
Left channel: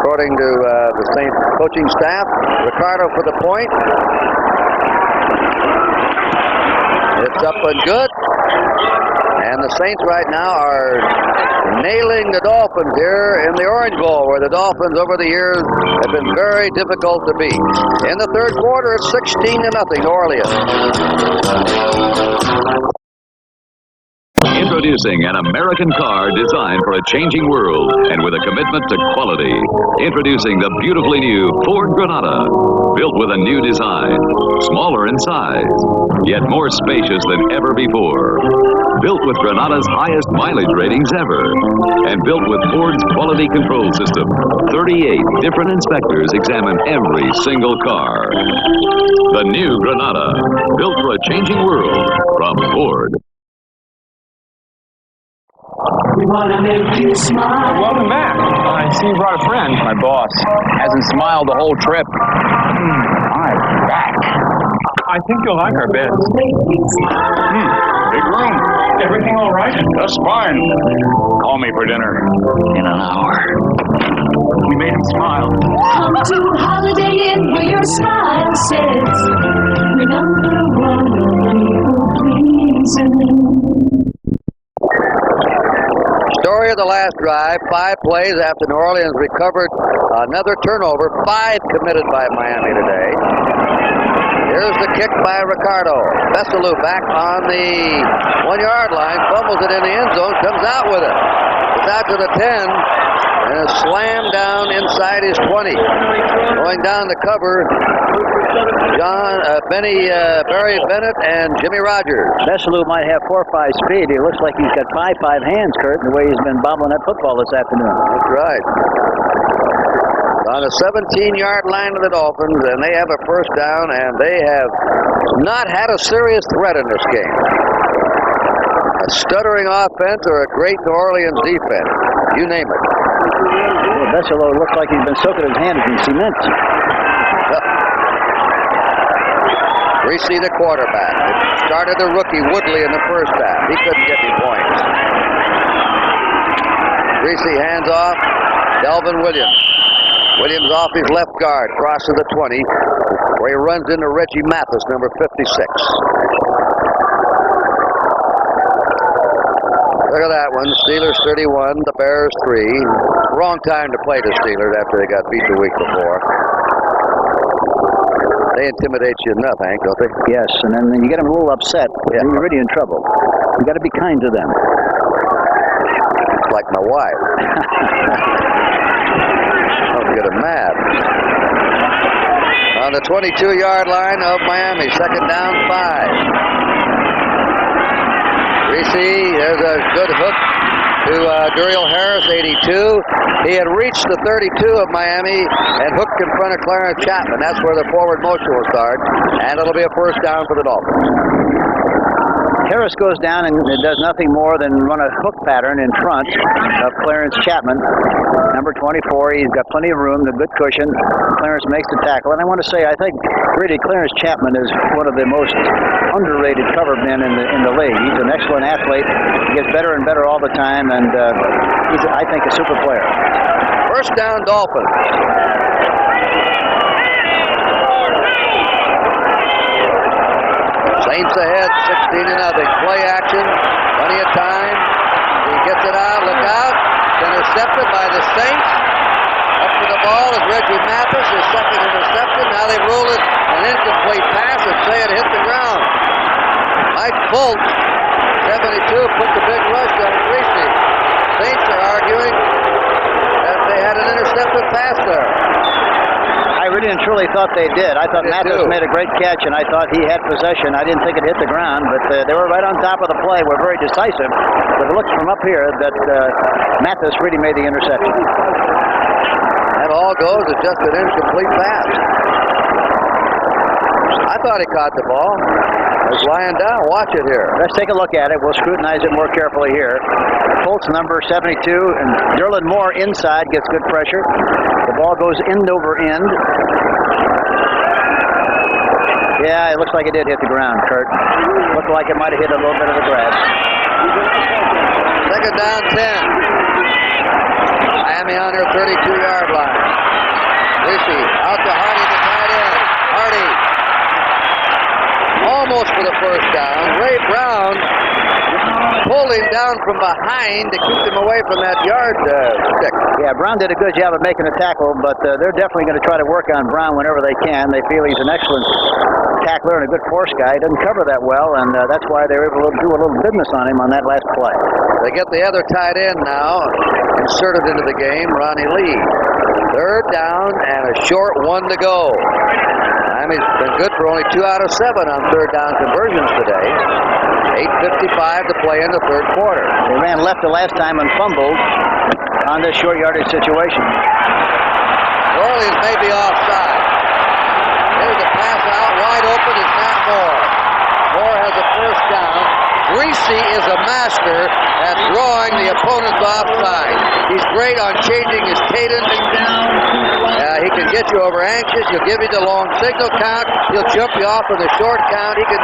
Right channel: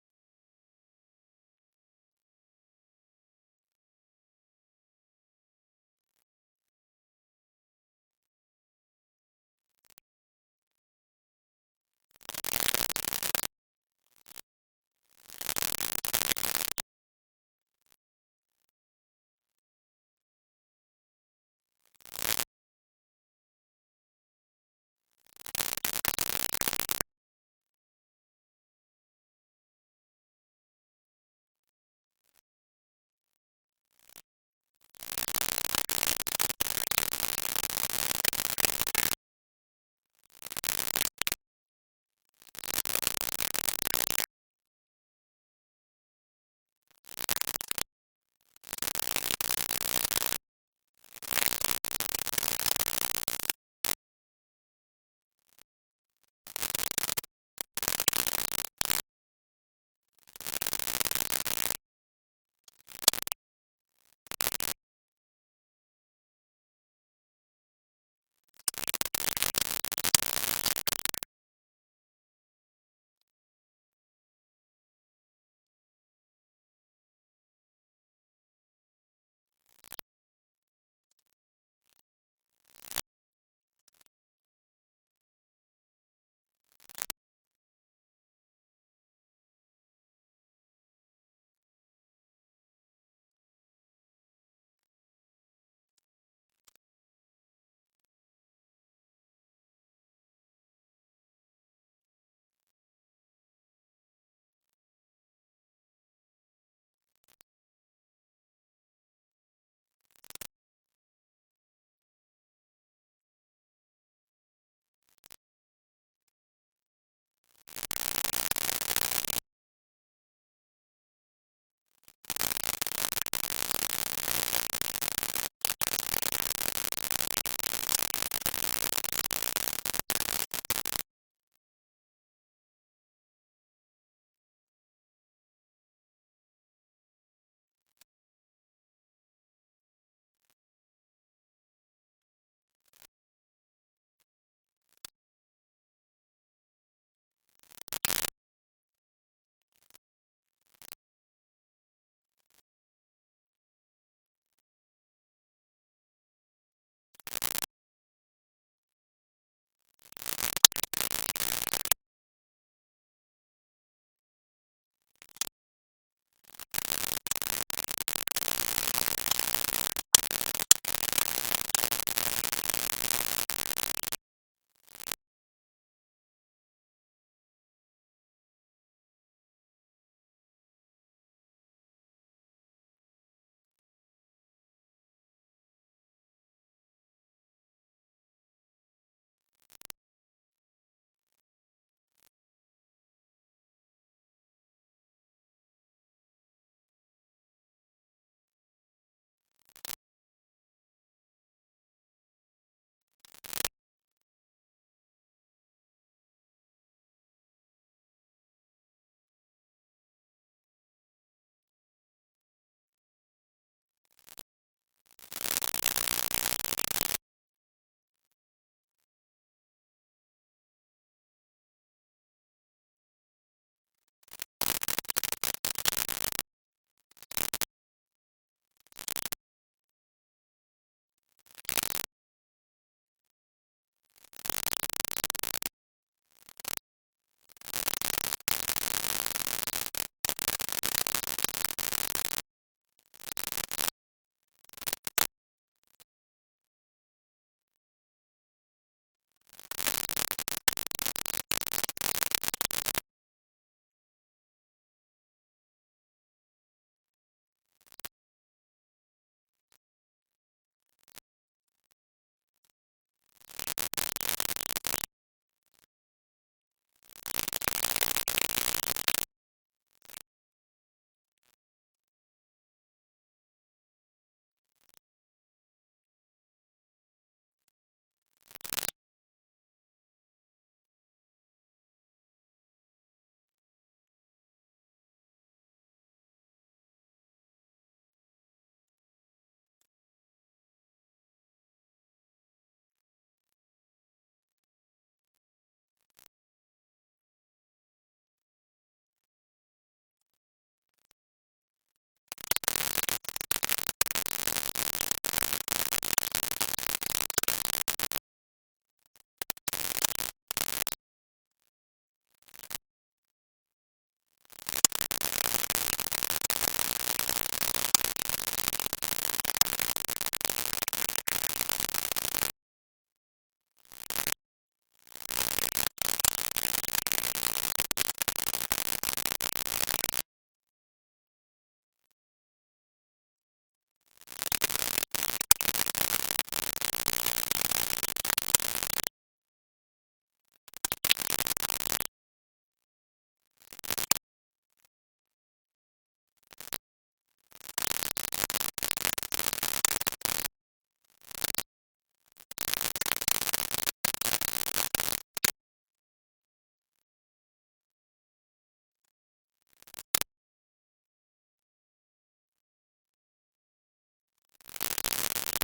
According to the Saints coaching staff, Ricardo for the point. It's up and good. And the Saints right now are nailing the Dolphins here in the Orange Bowl, where the Dolphins over the years have been very difficult to beat. In the third quarter, it's 16-0 New Orleans. Introducing an American car designed for a changing world and with a commitment to quality. Introducing the beautifully new Ford Granada. Built with a new design, smaller in size, yet more spacious than ever before. Built with Granada's highest mileage ratings ever. And built with Ford's quality control system. 38 different inspectors examine every single car. The new Granada, built for a changing world from Ford. We wanna make you smile. Welcome back. I see you brought a friend. My boss. Hasn't smiled the whole trip. My back. I think you'll like our beds. Big room. Everything all right? Just fine. Call me for dinner. In an hour. We made him smile. Come to Holiday Inn where your smile says we're number one people pleasing. Story of the last drive, 5 plays after New Orleans recovered another turnover, 5 committed by Miami today. Here's the kick by Ricardo. Veselu back on the 1-yard line, fumbles it in the end zone, comes out with it. It's out to the 10, and is slammed down inside his 20. Going down the cover, Barry Bennett and Jimmy Rogers. Veselu might have 4.5 speed. He looks like he's got 5.5 hands, Kurt, the way he's been bobbling that football this afternoon. That's right. On the 17-yard line of the Dolphins, and they have a first down, and they have not had a serious threat in this game. A stuttering offense or a great New Orleans defense. You name it. Well, Veselu looks like he's been soaking his hands in cement. Reese, the quarterback. It started the rookie Woodley in the first half. He couldn't get any points. Reese hands off. Delvin Williams. Williams off his left guard. Crosses the 20. Where he runs into Reggie Mathis, number 56. Look at that one. Steelers 31, the Bears 3. Wrong time to play the Steelers after they got beat the week before. They intimidate you enough, Hank, don't they? Yes, and then when you get them a little upset, you're really in trouble. You got to be kind to them. It's like my wife. Don't get them mad. On the 22-yard line of Miami, second down, 5. Reese, there's a good hook to Duriel Harris, 82. He had reached the 32 of Miami and hooked in front of Clarence Chapman. That's where the forward motion will start, and it'll be a first down for the Dolphins. Harris goes down and does nothing more than run a hook pattern in front of Clarence Chapman. Number 24, he's got plenty of room, a good cushion. Clarence makes the tackle. And I want to say, I think really Clarence Chapman is one of the most underrated cover men in the league. He's an excellent athlete. He gets better and better all the time, and he's, I think, a super player. First down, Dolphins. Saints ahead, 16-0. Play action, plenty of time. He gets it out, look out. Intercepted by the Saints. Up to the ball is Reggie Mathis, his second interception. Now they roll it, an incomplete pass, and say it hit the ground. Mike Fultz, 72, put the big rush on Reese. Saints are arguing that they had an intercepted pass there. I really and truly thought they did. I thought Mathis made a great catch, and I thought he had possession. I didn't think it hit the ground, but they were right on top of the play. Were very decisive. But it looks from up here that Mathis really made the interception. That all goes as just an incomplete pass. I thought he caught the ball. It's lying down. Watch it here. Let's take a look at it. We'll scrutinize it more carefully here. Colts number 72, and Derlin Moore inside gets good pressure. The ball goes end over end. Yeah, it looks like it did hit the ground, Kurt. Looked like it might have hit a little bit of the grass. Second down, 10. Miami on their 32-yard line. Reese out to Hardy, the tight end. Hardy almost for the first down. Ray Brown pulled him down from behind to keep him away from that yard stick. Yeah, Brown did a good job of making a tackle, but they're definitely going to try to work on Brown whenever they can. They feel he's an excellent tackler and a good force guy. He doesn't cover that well, and that's why they were able to do a little business on him on that last play. They get the other tight end now inserted into the game, Ronnie Lee. Third down and a short one to go. Miami's been good for only 2 out of 7 on third down conversions today. 8:55 to play in the third quarter. They ran left the last time and fumbled on this short yardage situation. New Orleans may be offside. Here's a pass out, wide open is Matt Moore. Moore has a first down. Greasy is a master at drawing the opponent's offside. He's great on changing his cadence. He can get you over anxious. He'll give you the long signal count. He'll jump you off with a short count. He can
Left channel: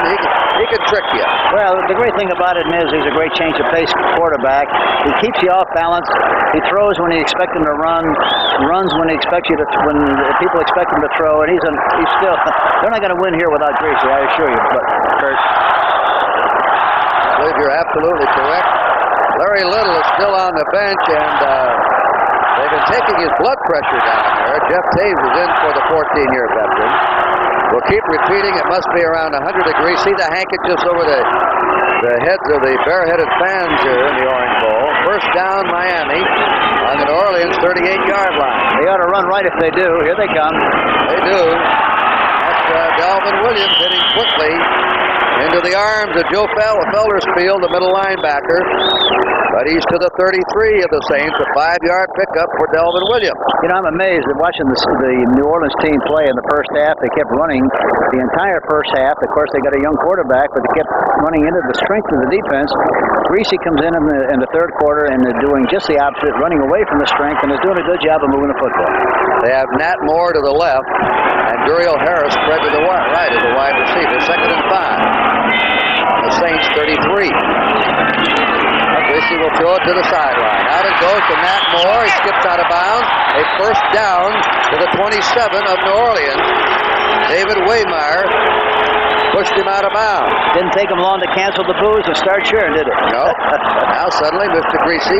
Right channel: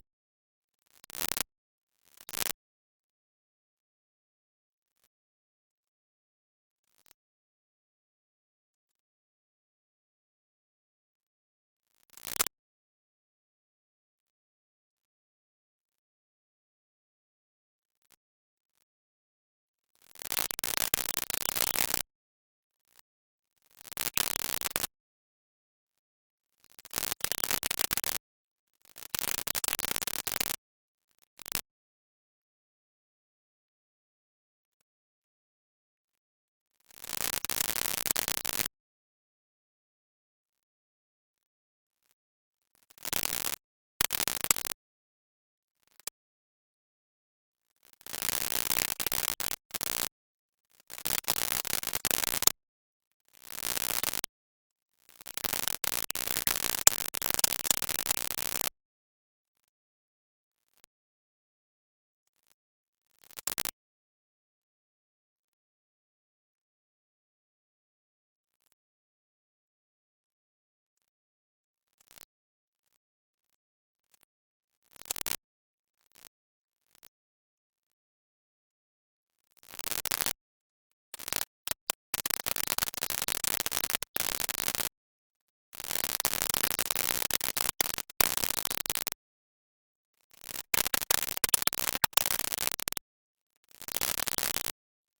trick you. Well, the great thing about it is he's a great change of pace quarterback. He keeps you off balance. He throws when you expect him to run. Runs when he expects you to. When people expect him to throw. And he's still. They're not going to win here without Greasy, I assure you. But Kurt, I believe you're absolutely correct. Larry Little is still on the bench, and they've been taking his blood pressure down there. Jeff Taves is in for the 14-year veteran. We'll keep repeating, it must be around 100 degrees. See the handkerchiefs over the heads of the bare-headed fans here in the Orange Bowl. First down, Miami on the New Orleans 38-yard line. They ought to run right if they do. Here they come. They do. That's Dalvin Williams hitting quickly into the arms of Joe Feldersfield, the middle linebacker. But he's to the 33 of the Saints, a 5-yard pickup for Dalvin Williams. You know, I'm amazed at watching the New Orleans team play in the first half. They kept running the entire first half. Of course, they got a young quarterback, but they kept running into the strength of the defense. Greasy comes in the third quarter and is doing just the opposite, running away from the strength, and is doing a good job of moving the football. They have Nat Moore to the left, and Duriel Harris spread to the right as a wide receiver. 2nd and 5. The Saints 33. Greasy will throw it to the sideline. Out it goes to Nat Moore. He skips out of bounds. A first down to the 27 of New Orleans. David Waymire pushed him out of bounds. Didn't take him long to cancel the booze and start cheering, did it? No. Now suddenly Mr. Greasy,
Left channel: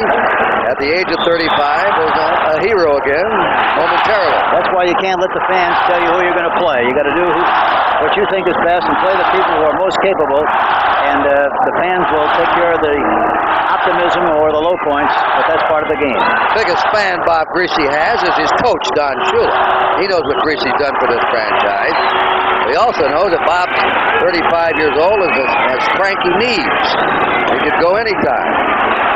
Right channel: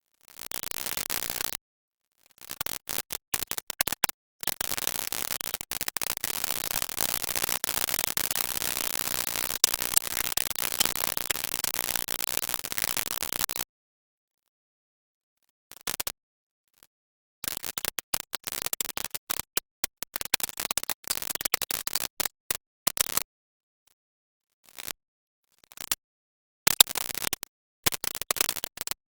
at the age of 35, is a hero again momentarily. That's why you can't let the fans tell you who you're going to play. You got to do what you think is best and play the people who are most capable, and the fans will take care of the optimism or the low points, but that's part of the game. Biggest fan Bob Greasy has is his coach, Don Shula. He knows what Greasy's done for this franchise. He also knows that Bob's 35 years old and has cranky knees. He could go anytime.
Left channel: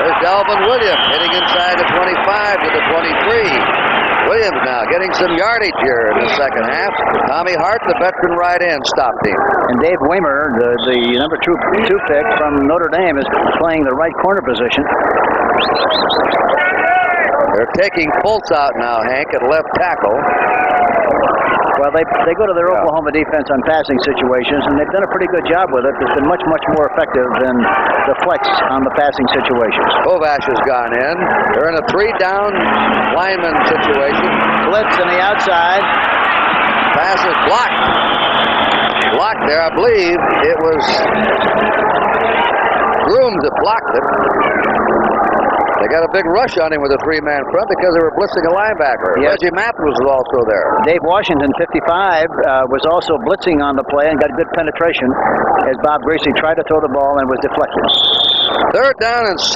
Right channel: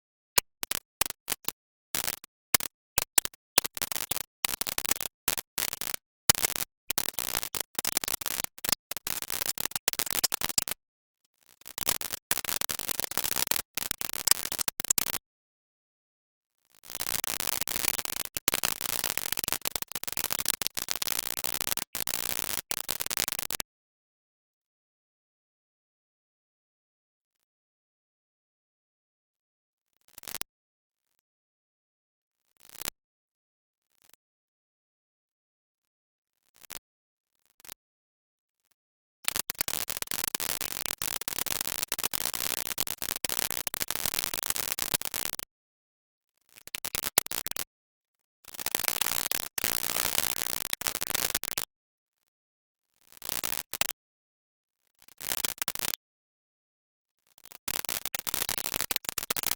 There's Dalvin Williams hitting inside the 25 to the 23. Williams now getting some yardage here in the second half. Tommy Hart, the veteran right end, stopped him. And Dave Waymire, the number 2 pick from Notre Dame, is playing the right corner position. They're taking Fultz out now, Hank, at left tackle. Well, they go to their Oklahoma defense on passing situations, and they've done a pretty good job with it. It's been much, much more effective than the flex on the passing situations. Kovash has gone in. They're in a 3-down lineman situation. Blitz on the outside. Pass is blocked. Blocked there, I believe it was Grooms that blocked it. They got a big rush on him with a 3-man front because they were blitzing a linebacker. Yes. Reggie Matthews was also there. Dave Washington, 55, was also blitzing on the play and got good penetration as Bob Greasy tried to throw the ball and was deflected. 3rd down and 6.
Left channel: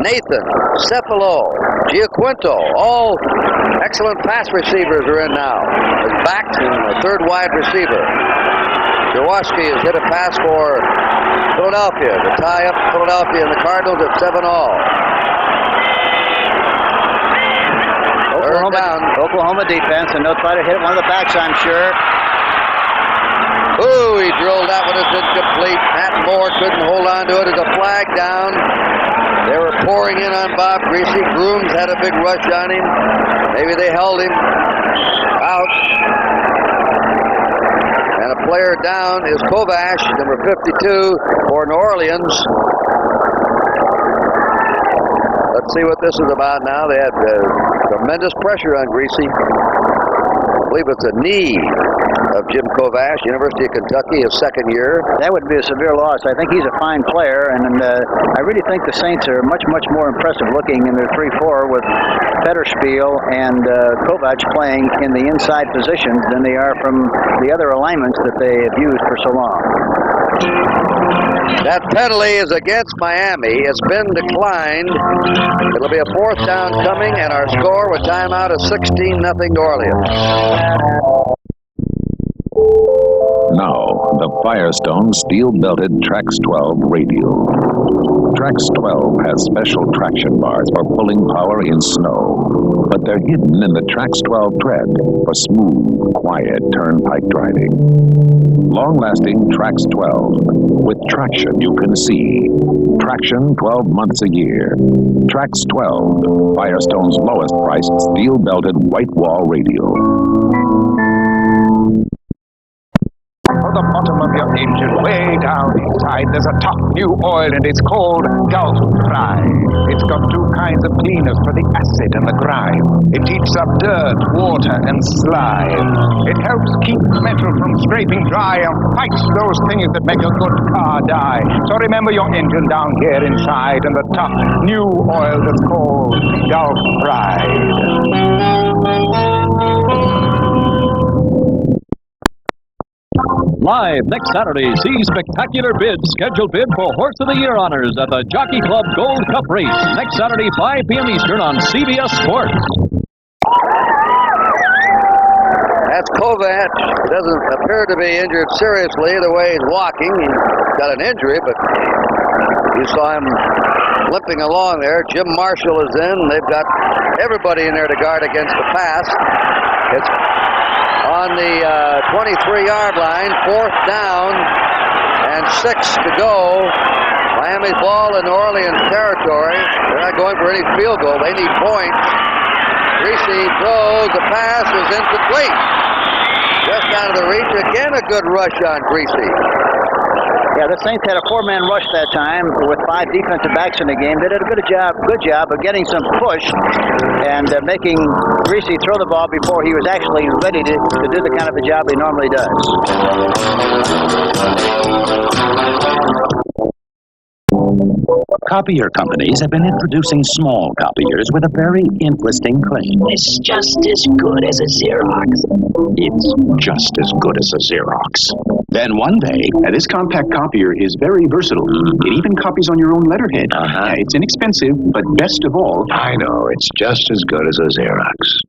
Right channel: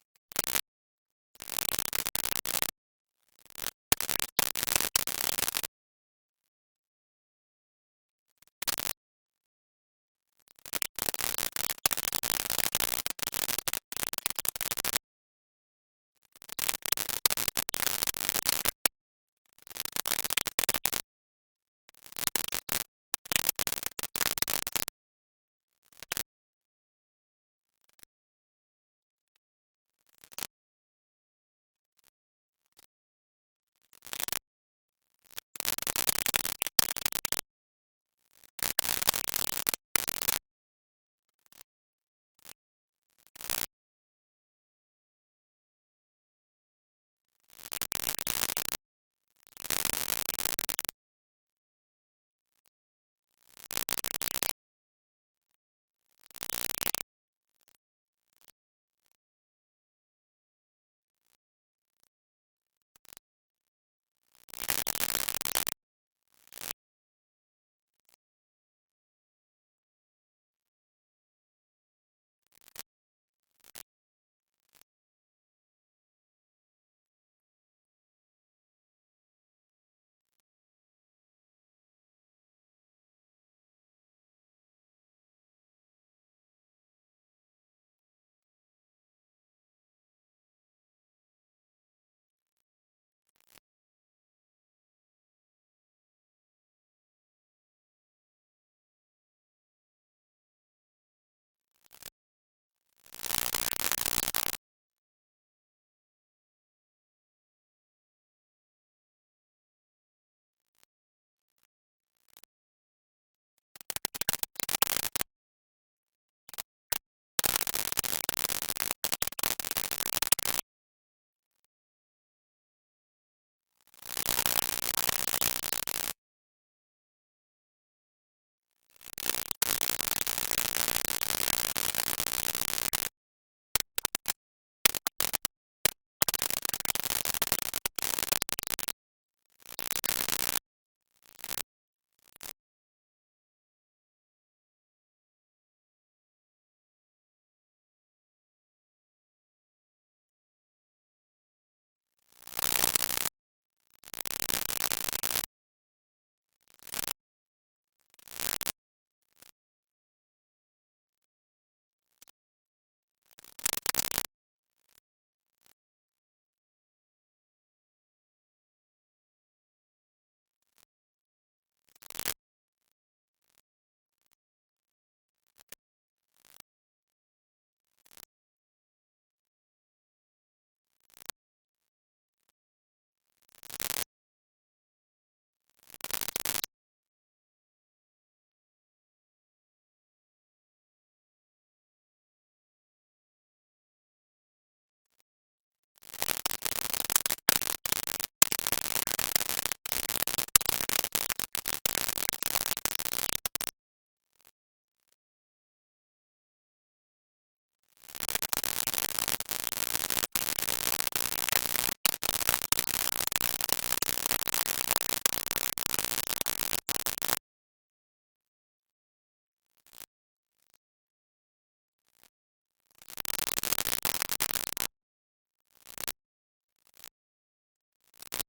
Nathan, Cephalo, Giaquinto, all excellent pass receivers are in now. As backs and a 3rd wide receiver. Jaworski has hit a pass for Philadelphia to tie up Philadelphia and the Cardinals at 7-all. Oklahoma defense, and they'll try to hit one of the backs, I'm sure. Ooh, he drilled that one. It's incomplete. Matt Moore couldn't hold on to it. There's a flag down. They were pouring in on Bob Greasy. Grooms had a big rush on him. Maybe they held him out. And a player down is Kovash, number 52 for New Orleans. Let's see what this is about now. They had tremendous pressure on Greasy. I believe it's a knee. of Jim Kovash, University of Kentucky, his second year. That would be a severe loss. I think he's a fine player, and I really think the Saints are much more impressive looking in their 3-4 with Fetterspiel and Kovac playing in the inside positions than they are from the other alignments that they have used for so long. That penalty is against Miami. It's been declined. It'll be a 4th down coming, and our score with timeout is 16-0 New Orleans. Now, the Firestone steel-belted Trax 12 radial. Trax 12 has special traction bars for pulling power in snow, but they're hidden in the Trax 12 tread for smooth, quiet turnpike driving. Long-lasting Trax 12 with traction you can see. Traction 12 months a year. Trax 12, Firestone's lowest-priced steel-belted white wall radial. For the bottom of your engine, way down inside, there's a top new oil, and it's called Gulf Dry. It's got 2 kinds of cleaners for the acid and the grime. It keeps up dirt, water, and slime. It helps keep metal from scraping dry and fights those things that make a good car die. So remember your engine down here inside, and the top new oil that's called Gulf Dry. Live next Saturday, see spectacular bids. Scheduled bid for Horse of the Year honors at the Jockey Club Gold Cup race. Next Saturday, 5 p.m. Eastern on CBS Sports. That's Kovac. He doesn't appear to be injured seriously the way he's walking. He's got an injury, but you saw him limping along there. Jim Marshall is in. They've got everybody in there to guard against the pass. It's on the 23-yard line, 4th down, and 6 to go. Miami's ball in New Orleans territory. They're not going for any field goal. They need points. Greasy throws. The pass is incomplete. Just out of the reach. Again, a good rush on Greasy. Yeah, the Saints had a 4-man rush that time with 5 defensive backs in the game. They did a good job of getting some push and making Greasy throw the ball before he was actually ready to do the kind of a job he normally does. Copier companies have been introducing small copiers with a very interesting claim. It's just as good as a Xerox. It's just as good as a Xerox. Then one day... this compact copier is very versatile. It even copies on your own letterhead. It's inexpensive, but best of all... I know, it's just as good as a Xerox.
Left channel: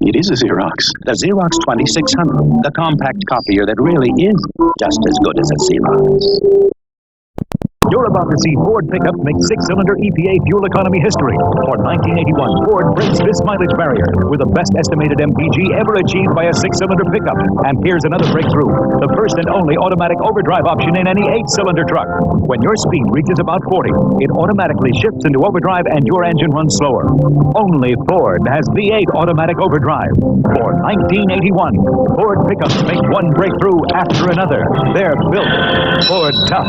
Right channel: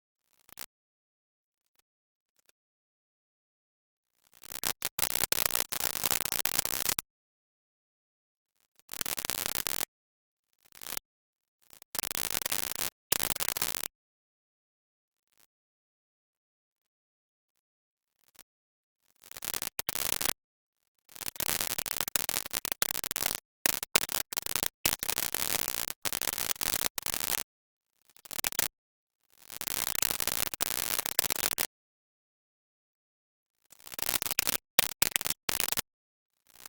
It is a Xerox. The Xerox 2600, the compact copier that really is just as good as a Xerox. You're about to see Ford pickups make 6-cylinder EPA fuel economy history. For 1981, Ford breaks this mileage barrier with the best estimated MPG ever achieved by a 6-cylinder pickup. And here's another breakthrough, the first and only automatic overdrive option in any 8-cylinder truck. When your speed reaches about 40, it automatically shifts into overdrive and your engine runs slower. Only Ford has V8 automatic overdrive. For 1981, Ford pickups make one breakthrough after another. They're built Ford tough.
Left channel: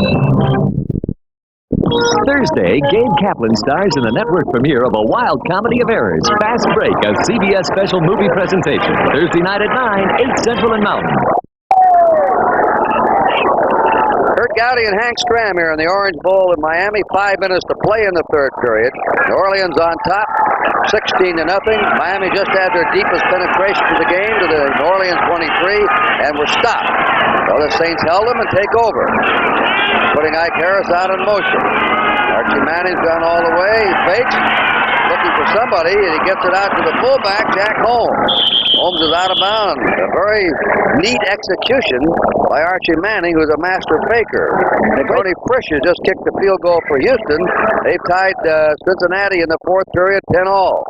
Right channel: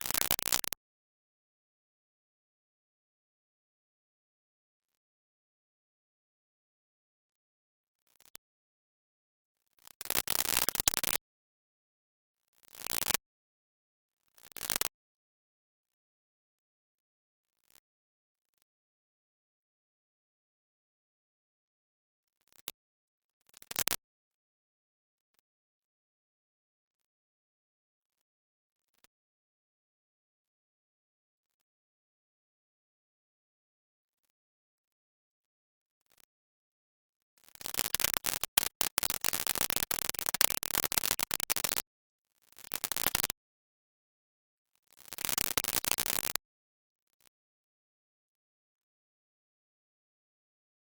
Thursday, Gabe Kaplan stars in the network premiere of a wild comedy of errors, Fast Break, a CBS special movie presentation. Thursday night at 9, 8 Central and Mountain. Kurt Gowdy and Hank Stram here in the Orange Bowl in Miami. 5 minutes to play in the 3rd period. New Orleans on top, 16-0. Miami just had their deepest penetration to the game to the New Orleans 23 and were stopped. So the Saints held them and take over, putting Ike Harris out in motion. Archie Manning's gone all the way. He fakes, looking for somebody, and he gets it out to the fullback, Jack Holmes. Holmes is out of bounds. A very neat execution by Archie Manning, who's a master faker. And Tony Frisch just kicked the field goal for Houston. They've tied Cincinnati in the 4th period, 10-all.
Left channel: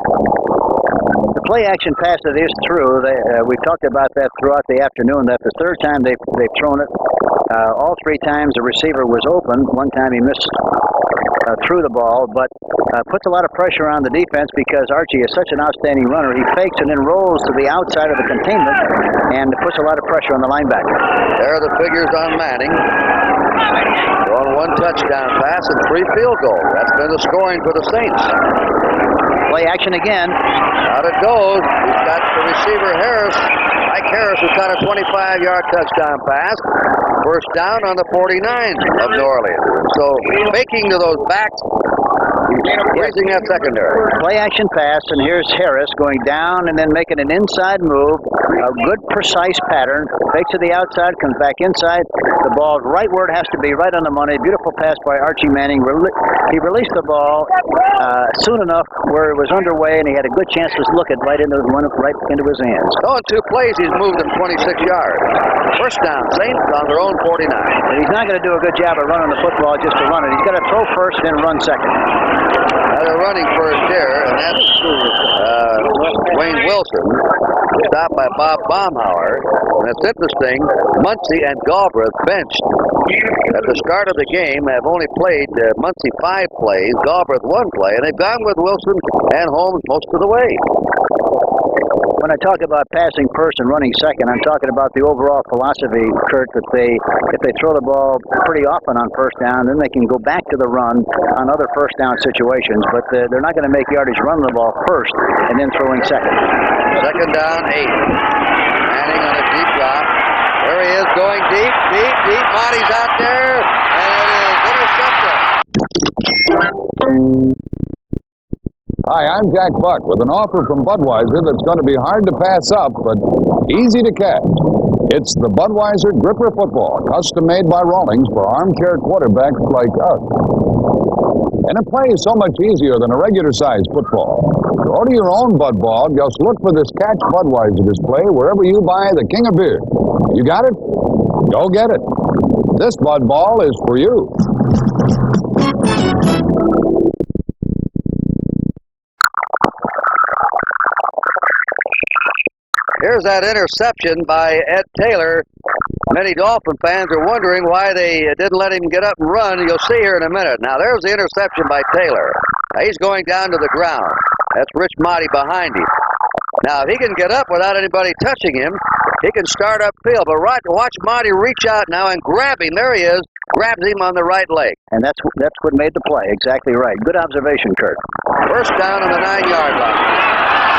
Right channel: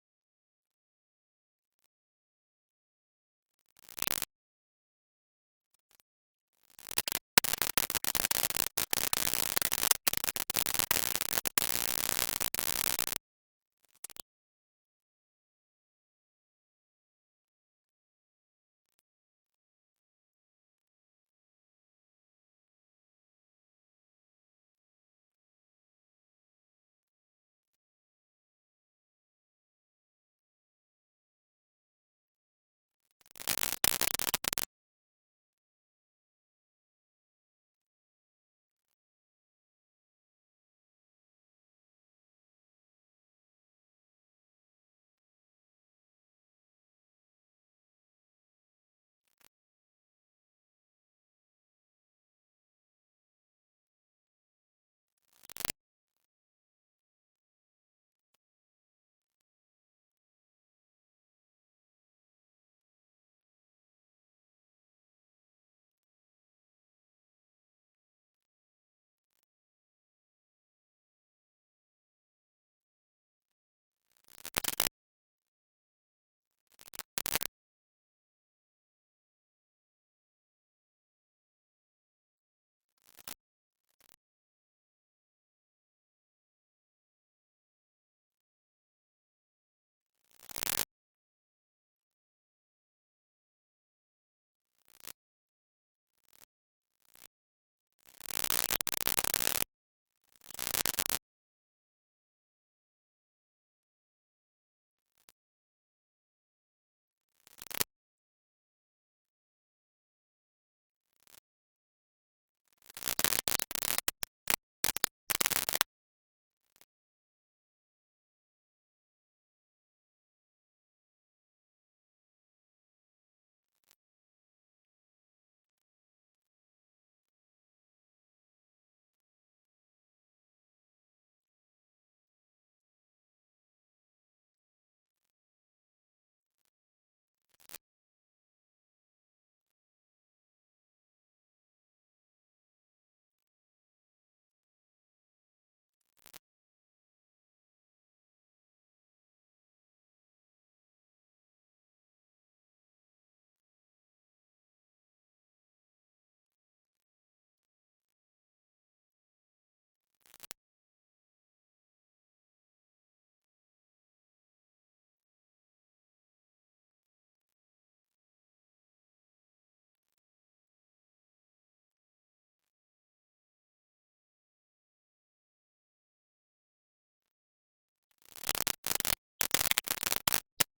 The play-action pass that is through, we've talked about that throughout the afternoon. That's the 3rd time they've thrown it. All 3 times the receiver was open. One time he missed threw the ball, but puts a lot of pressure on the defense because Archie is such an outstanding runner. He fakes and then rolls to the outside of the containment and puts a lot of pressure on the linebacker. There are the figures on Manning. On 1 touchdown pass and 3 field goals. That's been the scoring for the Saints. Play action again. Out it goes. He's got the receiver Harris. Mike Harris has got a 25-yard touchdown pass. First down on the 49 of New Orleans. So faking to those backs, raising that secondary. Play action pass, and here's Harris going down and then making an inside move. A good, precise pattern. Fakes to the outside, comes back inside. The ball's right where it has to be, right on the money. Beautiful pass by Archie Manning. He released the ball soon enough where it was underway, and he had a good chance to look it right into his hands. Oh, in 2 plays, he's moved him 26 yards. First down, Saints on their own 49. And he's not going to do a good job of running the football just to run it. He's got to throw first, then run second. Now they're running first here, and that's Wayne Wilson, stopped by Bob Baumhauer. And it's interesting, Muncie and Galbraith benched at the start of the game have only played Muncie 5 plays, Galbraith 1 play, and they've gone with Wilson and Holmes most of the way. When I talk about passing first and running second, I'm talking about the overall philosophy, Kurt, that if they throw the ball pretty often on first down, then they can go back to the run on other first down situations, but they're not going to make yardage running the ball first and then throwing second. Second down, 8. Manning on a deep drop. There he is, going deep. Monty's out there, and it is intercepted. Hi, I'm Jack Buck with an offer from Budweiser that's going to be hard to pass up, but easy to catch. It's the Budweiser Gripper Football, custom made by Rawlings for armchair quarterbacks like us. And it plays so much easier than a regular-sized football. Go to your own Bud Ball, just look for this Catch Budweiser display wherever you buy the King of Beer. You got it? Go get it. This Bud Ball is for you. Here's that interception by Ed Taylor. Many Dolphin fans are wondering why they didn't let him get up and run. You'll see here in a minute. Now, there's the interception by Taylor. Now, he's going down to the ground. That's Rich Motti behind him. Now, if he can get up without anybody touching him, he can start upfield. But watch Motti reach out now and grab him. There he is. Grabs him on the right leg. And that's what made the play. Exactly right. Good observation, Kurt. First down on the 9-yard line.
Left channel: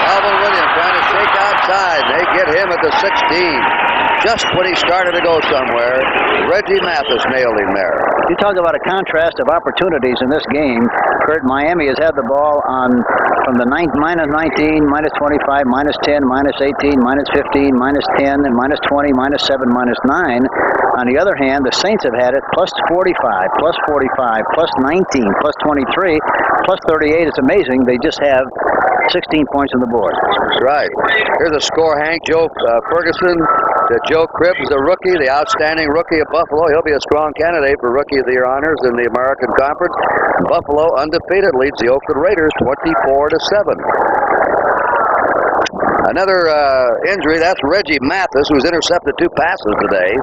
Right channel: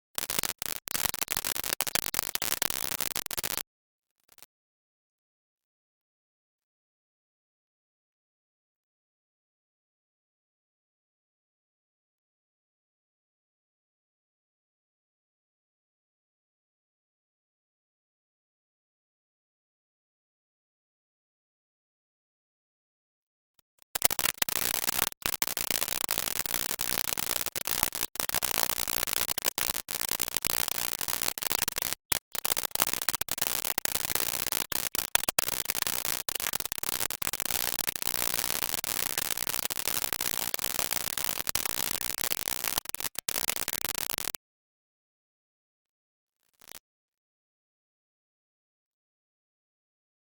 Alvin Williams trying to shake outside. They get him at the 16. Just when he started to go somewhere, Reggie Mathis nailed him there. You talk about a contrast of opportunities in this game. Kurt, Miami has had the ball from the minus 19, minus 25, minus 10, minus 18, minus 15, minus 10, and minus 20, minus 7, minus 9. On the other hand, the Saints have had it plus 45, plus 45, plus 19, plus 23, plus 38. It's amazing. They just have 16 points on the board. That's right. Here's a score, Hank. Joe Ferguson. Joe Cribbs, the rookie, the outstanding rookie of Buffalo. He'll be a strong candidate for Rookie of the Year honors in the American Conference. Buffalo, undefeated, leads the Oakland Raiders 24-7. Another injury, that's Reggie Mathis, who's intercepted 2 passes today.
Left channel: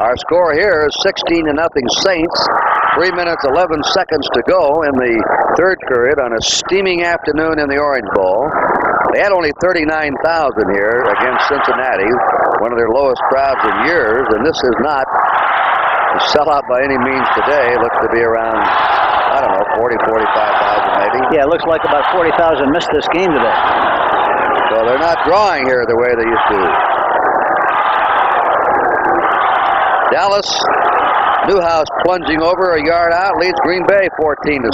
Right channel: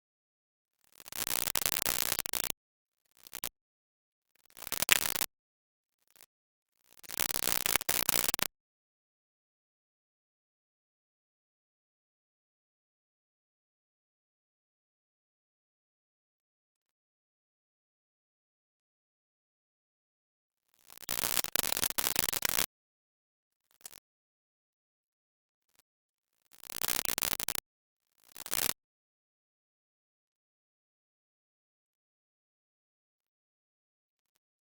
Our score here is 16-0 Saints. 3 minutes, 11 seconds to go in the third period on a steaming afternoon in the Orange Bowl. They had only 39,000 here against Cincinnati, one of their lowest crowds in years, and this is not a sellout by any means today. It looks to be around, I don't know, 40,000, 45,000 maybe. Yeah, it looks like about 40,000 missed this game today. So they're not drawing here the way they used to. Dallas, Newhouse plunging over a yard out, leads Green Bay 14-7.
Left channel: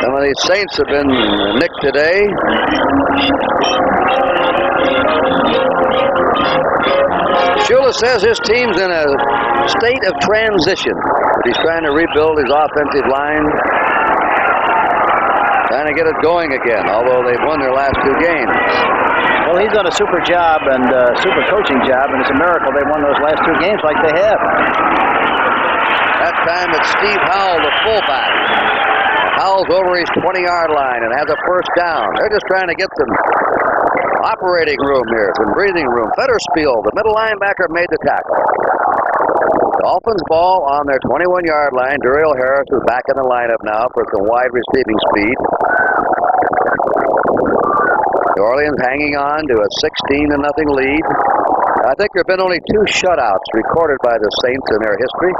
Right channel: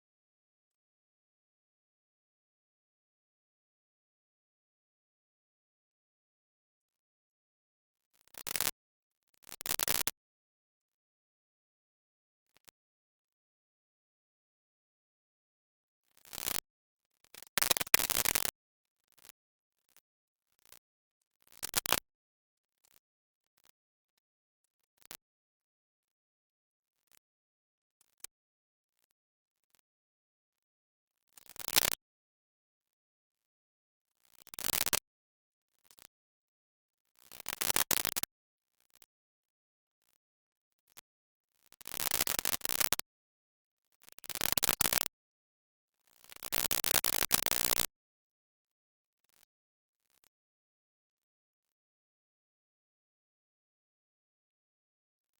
Some of these Saints have been nicked today. Shula says his team's in a state of transition. He's trying to rebuild his offensive line, trying to get it going again, although they've won their last 2 games. Well, he's done a super job and super coaching job, and it's a miracle they won those last 2 games like they have. That time it's Steve Howell, the fullback. Howell's over his 20-yard line and has a first down. They're just trying to get some operating room here, some breathing room. Fetterspiel, the middle linebacker, made the tackle. Dolphins ball on their 21-yard line. Duriel Harris is back in the lineup now for some wide receiving speed. New Orleans hanging on to a 16-0 lead. I think there have been only 2 shutouts recorded by the Saints in their history.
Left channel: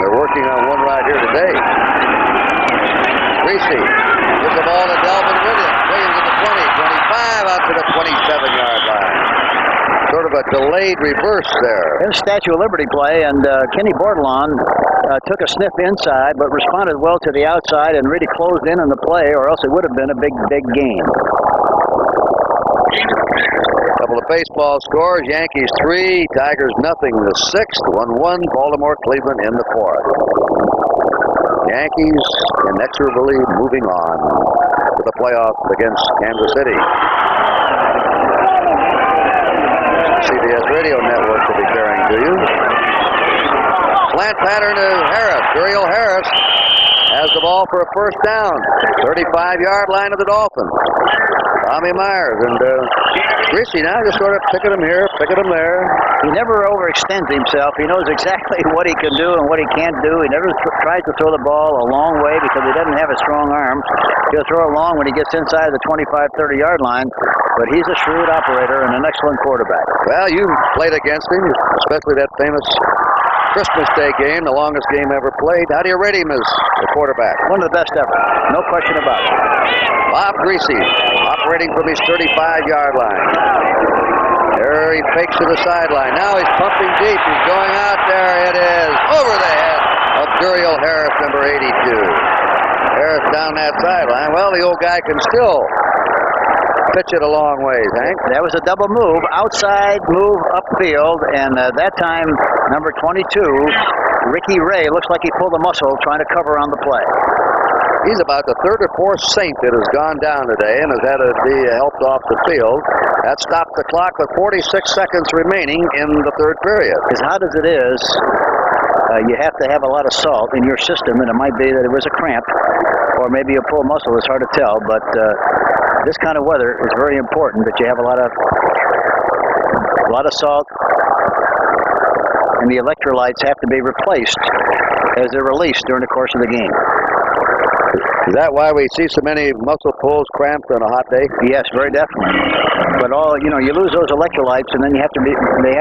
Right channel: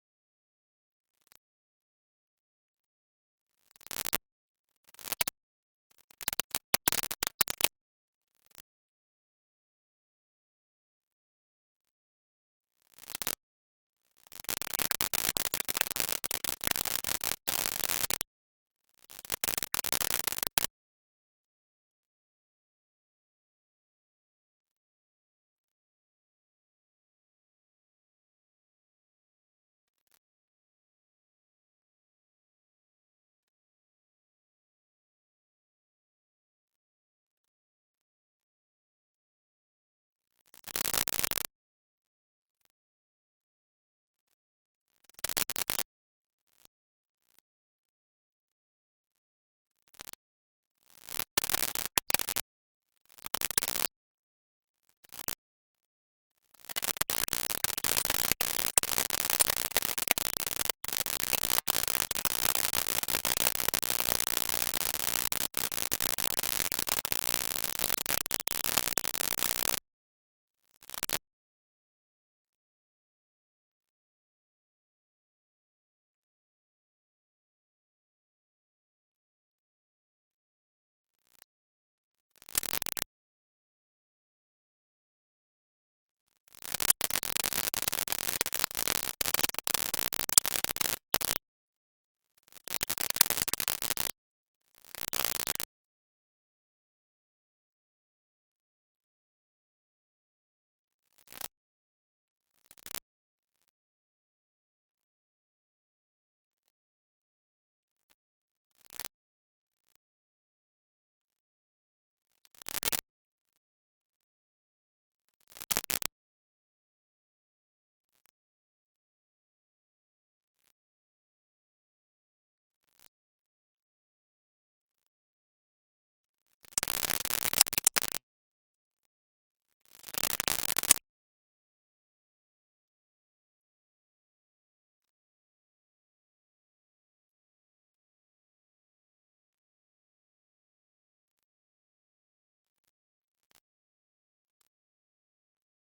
They're working on one right here today. Greasy gives the ball to Delvin Williams. Williams at the 20, 25, out to the 27-yard line. Sort of a delayed reverse there. There's a Statue of Liberty play, and Kenny Bordelon took a sniff inside, but responded well to the outside and really closed in on the play, or else it would have been a big game. Couple of baseball scores. Yankees 3, Tigers nothing. The 6th, 1-1. Baltimore, Cleveland in the 4th. Yankees inexorably moving on to the playoffs against Kansas City. CBS Radio Network will be carrying to you. Slant pattern to Harris. Uriel Harris has the ball for a first down. 35-yard line of the Dolphins. Tommy Myers and Greasy now just sort of picking him here, picking him there. He never overextends himself. He knows exactly what he can do and what he can't do. He never tries to throw the ball a long way because he doesn't have a strong arm. He'll throw it long when he gets inside the 25, 30-yard line, but he's a shrewd operator and an excellent quarterback. Well, you played against him, especially that famous Christmas Day game, the longest game ever played. How do you rate him as a quarterback? One of the best ever. No question about it. Bob Greasy operating from his 35-yard line. There he fakes to the sideline. Now he's pumping deep. He's going out there. It is over the head of Uriel Harris, number 82. Harris down that sideline. Well, the old guy can still pitch it a long ways, Hank. That was a double move, outside move upfield, and that time, number 22, Ricky Ray, looks like he pulled a muscle trying to cover on the play. He's about the 3rd or 4th Saint that has gone down today and has had to be helped off the field. That stopped the clock with 46 seconds remaining in the 3rd period. As hot as it is, you have to have a lot of salt in your system, and it might be that it was a cramp, or maybe a pulled muscle. It's hard to tell, but this kind of weather is very important that you have a lot of salt, and the electrolytes have to be replaced as they're released during the course of the game. Is that why we see so many muscle pulls, cramps on a hot day? Yes, very definitely. But you lose those electrolytes, and then they have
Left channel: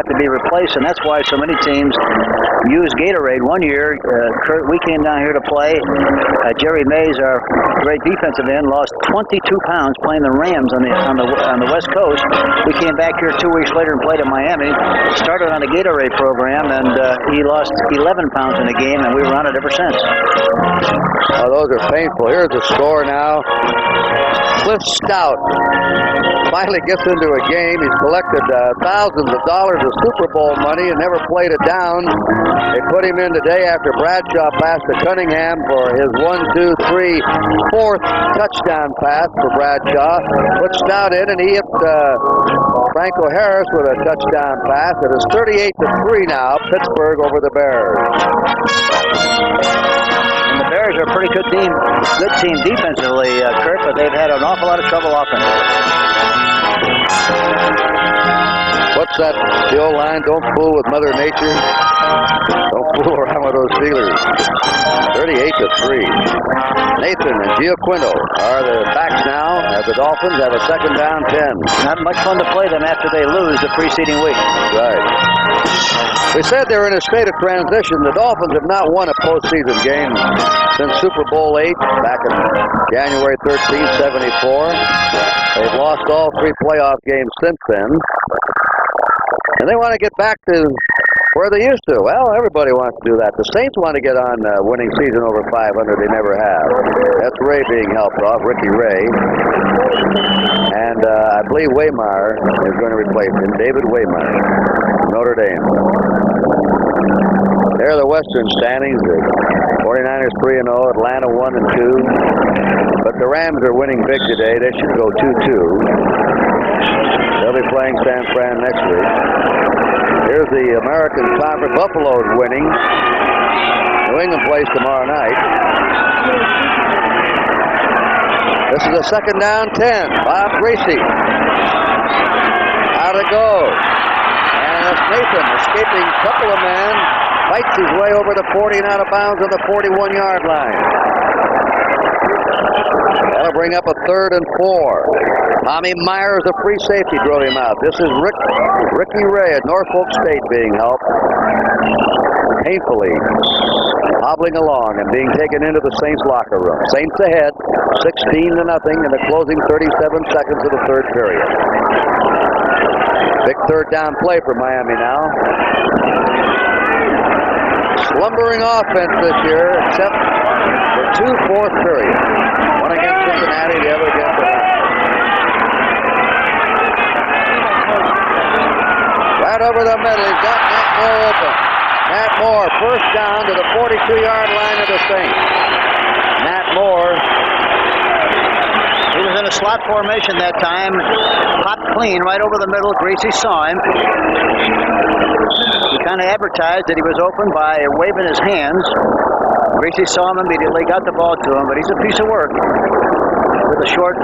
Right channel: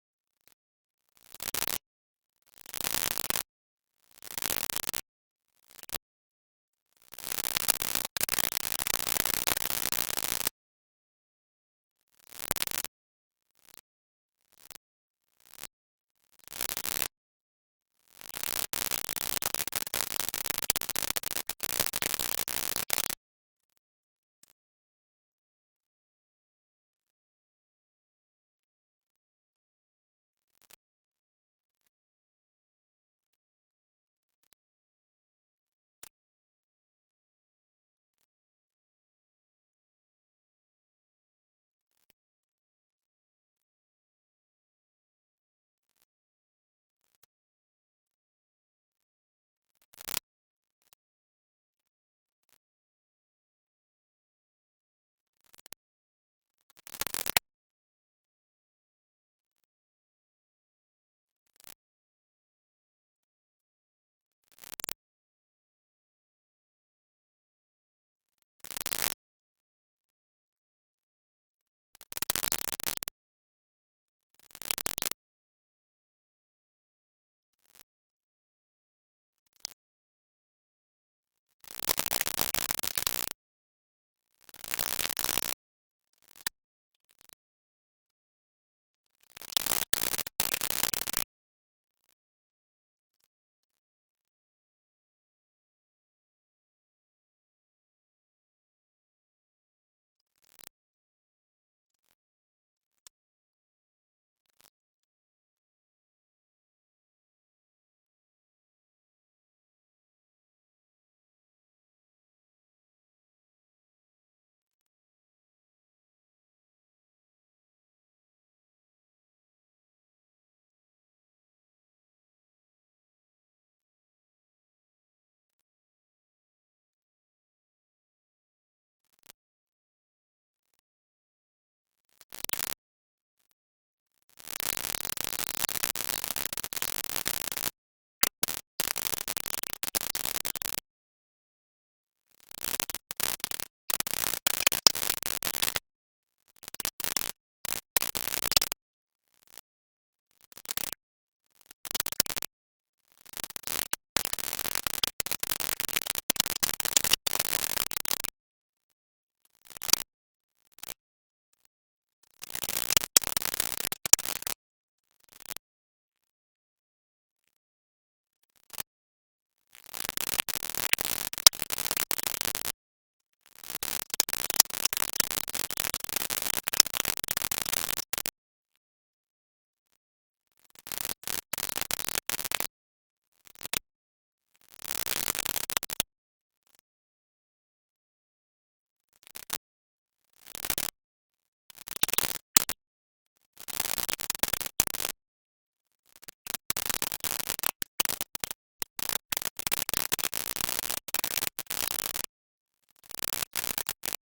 to be replaced, and that's why so many teams use Gatorade. One year, Kurt, we came down here to play. Jerry Mays, our great defensive end, lost 22 pounds playing the Rams on the West Coast. We came back here 2 weeks later and played in Miami. Started on a Gatorade program, and he lost 11 pounds in the game, and we were on it ever since. Oh, those are painful. Here's the score now. Cliff Stout finally gets into a game. He's collected thousands of dollars of Super Bowl money and never played it down. They put him in today after Bradshaw passed to Cunningham for his 4th touchdown pass for Bradshaw. Put Stout in, and he hit Franco Harris with a touchdown pass. It is 38-3 now, Pittsburgh over the Bears. And the Bears are a pretty good team defensively, Kurt, but they've had an awful lot of trouble offensively. What's that, the old line? Don't fool with Mother Nature. Don't fool around with those Steelers. 38-3. Nathan and Giaquinto are the backs now as the Dolphins have a 2nd down 10. Not much fun to play them after they lose the preceding week. Right. We said they're in a state of transition. The Dolphins have not won a postseason game since Super Bowl 8 back in January 13, 74. They've lost all 3 playoff games since then. And they want to get back to where they used to. Well, everybody wants to do that. The Saints want to get on a winning season over 500. They never have. That's Ray being helped off, Ricky Ray. And I believe Waymire is going to replace him, David Waymire, Notre Dame. There are the Western standings. The 49ers 3-0, Atlanta 1-2. But the Rams are winning big today. They should go 2-2. They'll be playing San Fran next week. Here's the American Conference. Buffalo's winning. New England plays tomorrow night. This is a 2nd down 10. Bob Greasy. How to go. And it's Nathan escaping a couple of men. Fights his way over the 40 and out of bounds on the 41-yard line. That'll bring up a 3rd and 4. Tommy Myers, the free safety, drove him out. This is Ricky Ray at Norfolk State being helped. Painfully hobbling along and being taken into the Saints locker room. Saints ahead, 16-0 in the closing 37 seconds of the 3rd period. Big 3rd down play for Miami now. Slumbering offense this year, except for 2 fourth periods. One against Cincinnati, the other against Atlanta. Right over the middle, he's got Matt Moore open. Matt Moore, first down to the 42-yard line of the Saints. Matt Moore. He was in a slot formation that time. Popped clean right over the middle. Greasy saw him. He kind of advertised that he was open by waving his hands. Greasy saw him immediately, got the ball to him, but he's a piece of work with a short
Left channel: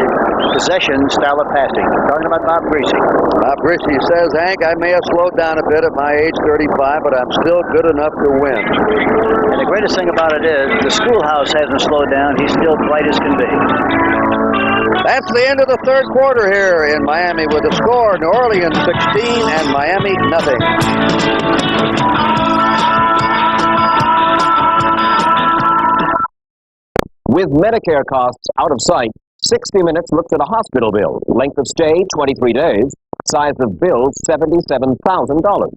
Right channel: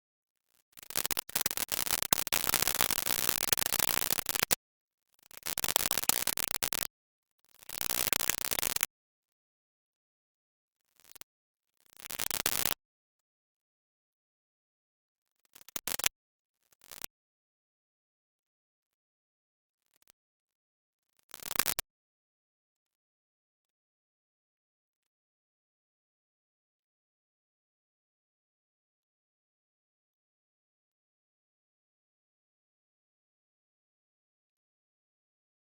possession style of passing. Talking about Bob Greasy. Bob Greasy says, Hank, I may have slowed down a bit at my age, 35, but I'm still good enough to win. And the greatest thing about it is the schoolhouse hasn't slowed down. He's still bright as can be. That's the end of the 3rd quarter here in Miami with the score, New Orleans 16 and Miami nothing. With Medicare costs out of sight, 60 Minutes looks at a hospital bill. Length of stay, 23 days. Size of bill, $77,000.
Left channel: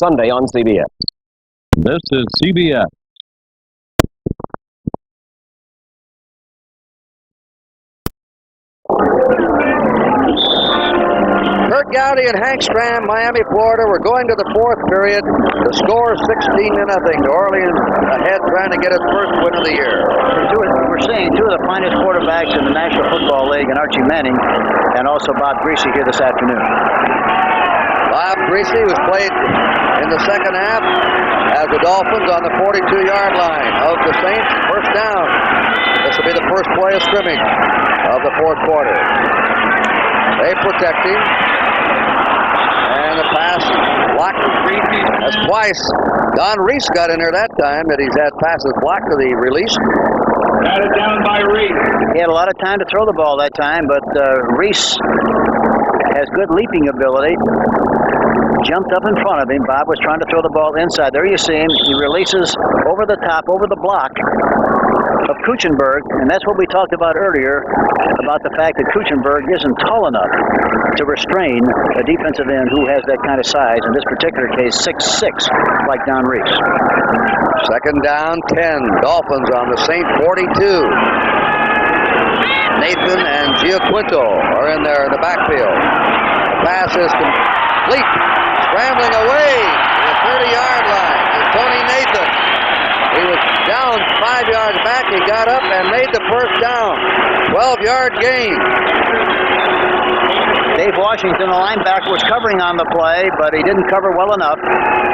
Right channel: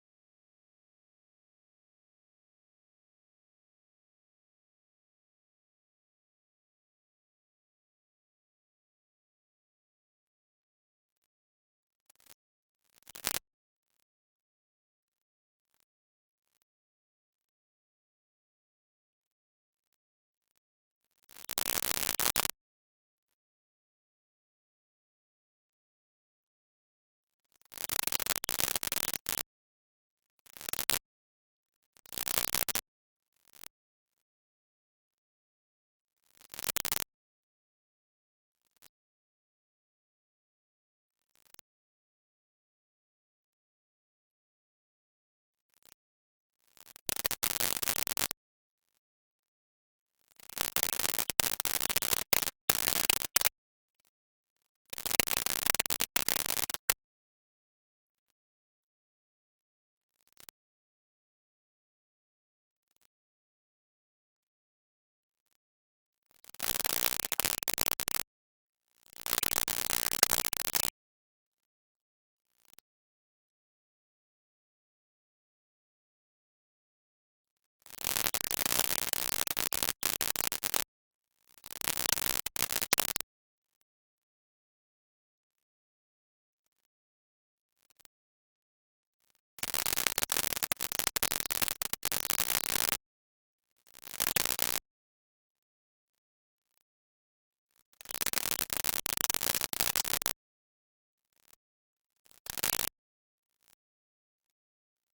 Sunday on CBS. This is CBS. Kurt Gowdy and Hank Stram, Miami, Florida. We're going to the 4th period. The score is 16-0. New Orleans ahead, trying to get its first win of the year. We're seeing 2 of the finest quarterbacks in the National Football League, and Archie Manning, and also Bob Greasy here this afternoon. Bob Greasy was played in the second half as the Dolphins on the 42-yard line of the Saints. First down. This will be the first play of scrimmage of the 4th quarter. They protect him. And the pass blocked. That's twice. Don Reese got in there that time that he's had passes blocked to the release. Batted down by Reese. He had a lot of time to throw the ball that time, but Reese has good leaping ability. Jumped up in front of him. Bob was trying to throw the ball inside. There you see him. He releases over the top, over the block of Kuchenberg, and that's what we talked about earlier, about the fact that Kuchenberg isn't tall enough to restrain a defensive end who has that kind of size, in this particular case 6'6", like Don Reese. Second down, 10. Dolphins on the Saint 42. Nathan and Giaquinto are in there in the backfield. The pass is complete. Scrambling away to the 30-yard line is Tony Nathan. He was down 5 yards back. He got up and made the first down. 12-yard gain. Dave Washington, the linebacker, was covering on the play, but he didn't cover well enough.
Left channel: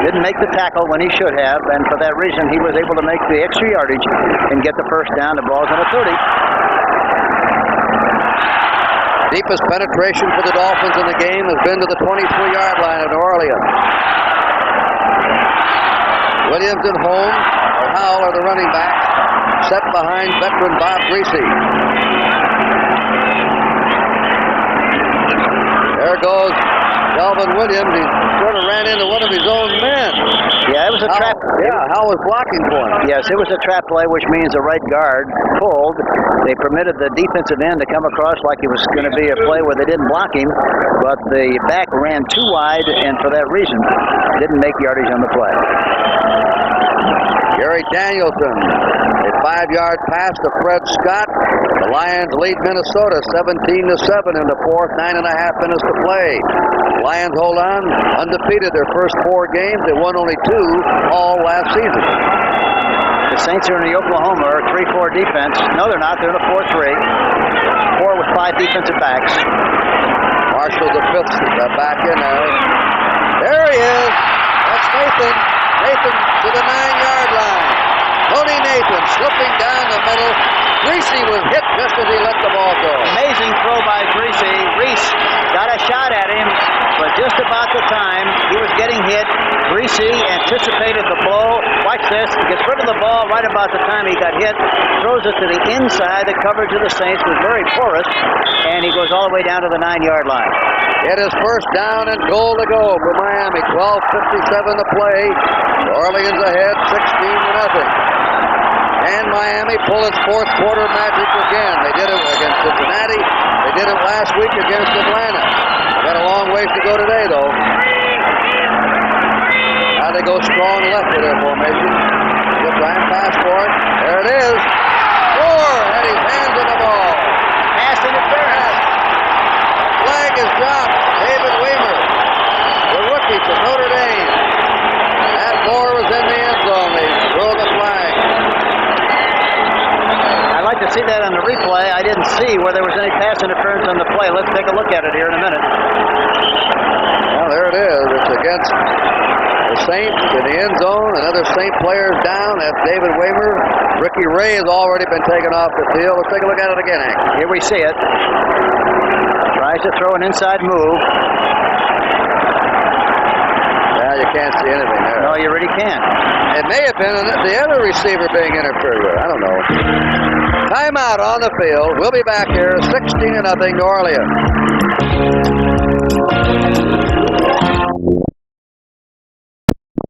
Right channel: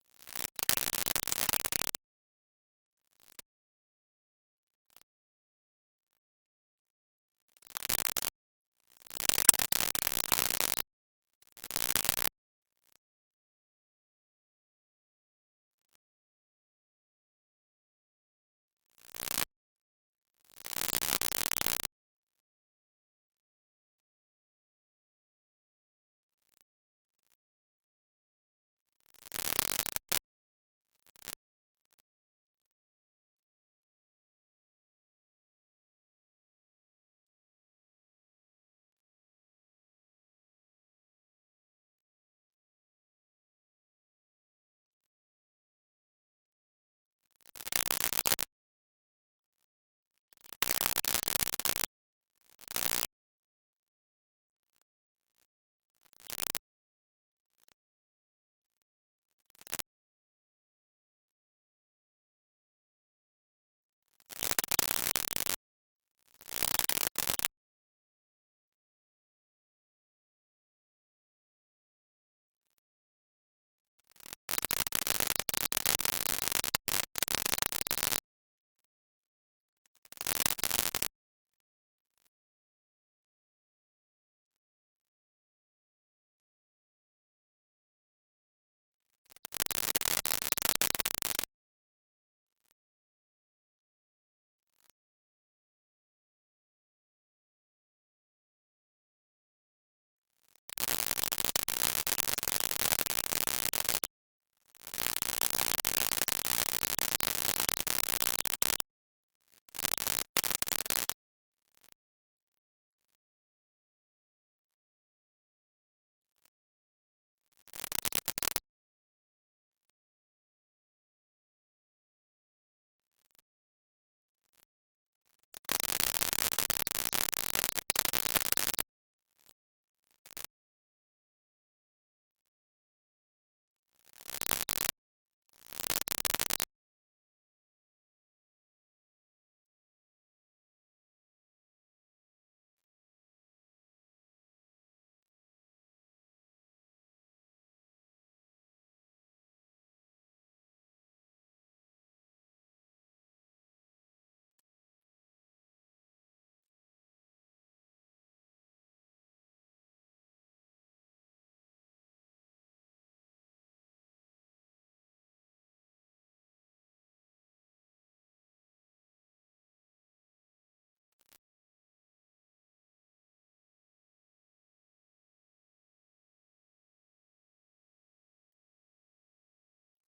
Didn't make the tackle when he should have, and for that reason, he was able to make the extra yardage and get the first down. The ball's on the 30. Deepest penetration for the Dolphins in the game has been to the 23-yard line of New Orleans. Williams and Holmes, or Howell are the running backs, set behind veteran Bob Greasy. There goes Delvin Williams. He sort of ran into one of his own men. Yeah, it was a trap. Yeah, Howell was blocking for him. Yes, it was a trap play, which means the right guard pulled. They permitted the defensive end to come across like it was going to be a play where they didn't block him, but the back ran too wide, and for that reason, didn't make yardage on the play. Gary Danielson, a 5-yard pass to Fred Scott. The Lions lead Minnesota 17-7 in the 4th, 9.5 minutes to play. The Lions hold on, undefeated their first 4 games. They won only 2 all last season. The Saints are in the Oklahoma 3-4 defense. No, they're not. They're in a 4-3. 4 with 5 defensive backs. Marshall, the 5th back in there. There he is. That's Nathan. Nathan to the 9-yard line. Tony Nathan slipping down the middle. Greasy was hit just as he let the ball go. Amazing throw by Greasy. Reese got a shot at him, but just about the time he was getting hit, Greasy anticipated the blow. Watch this. He gets rid of the ball right about the time he got hit. Throws it to the inside. The coverage of the Saints was very porous. And he goes all the way down to the 9-yard line. It is first down and goal to go for Miami. 12:57 to play. New Orleans ahead 16-0. And Miami pull its fourth quarter magic again. They did it against Cincinnati. They did it last week against Atlanta. Got a long ways to go today, though. Now they go strong left with their formation. They'll try and pass for it. There it is. Moore had his hands on the ball. Pass interference. Flag is dropped. David Weimer, the rookie from Notre Dame. And Moore was in the end zone. They throw the flag. I'd like to see that on the replay. I didn't see where there was any pass interference on the play. Let's take a look at it here in a minute. Well, there it is. It's against the Saints in the end zone. Another Saint player is down. That's David Weimer. Ricky Ray has already been taken off the field. Let's take a look at it again, Hank. Here we see it. Tries to throw an inside move. Yeah, you can't see anything there. No, you really can't. It may have been the other receiver being interfered with. I don't know. Timeout on the field. We'll be back here 16-0 New Orleans.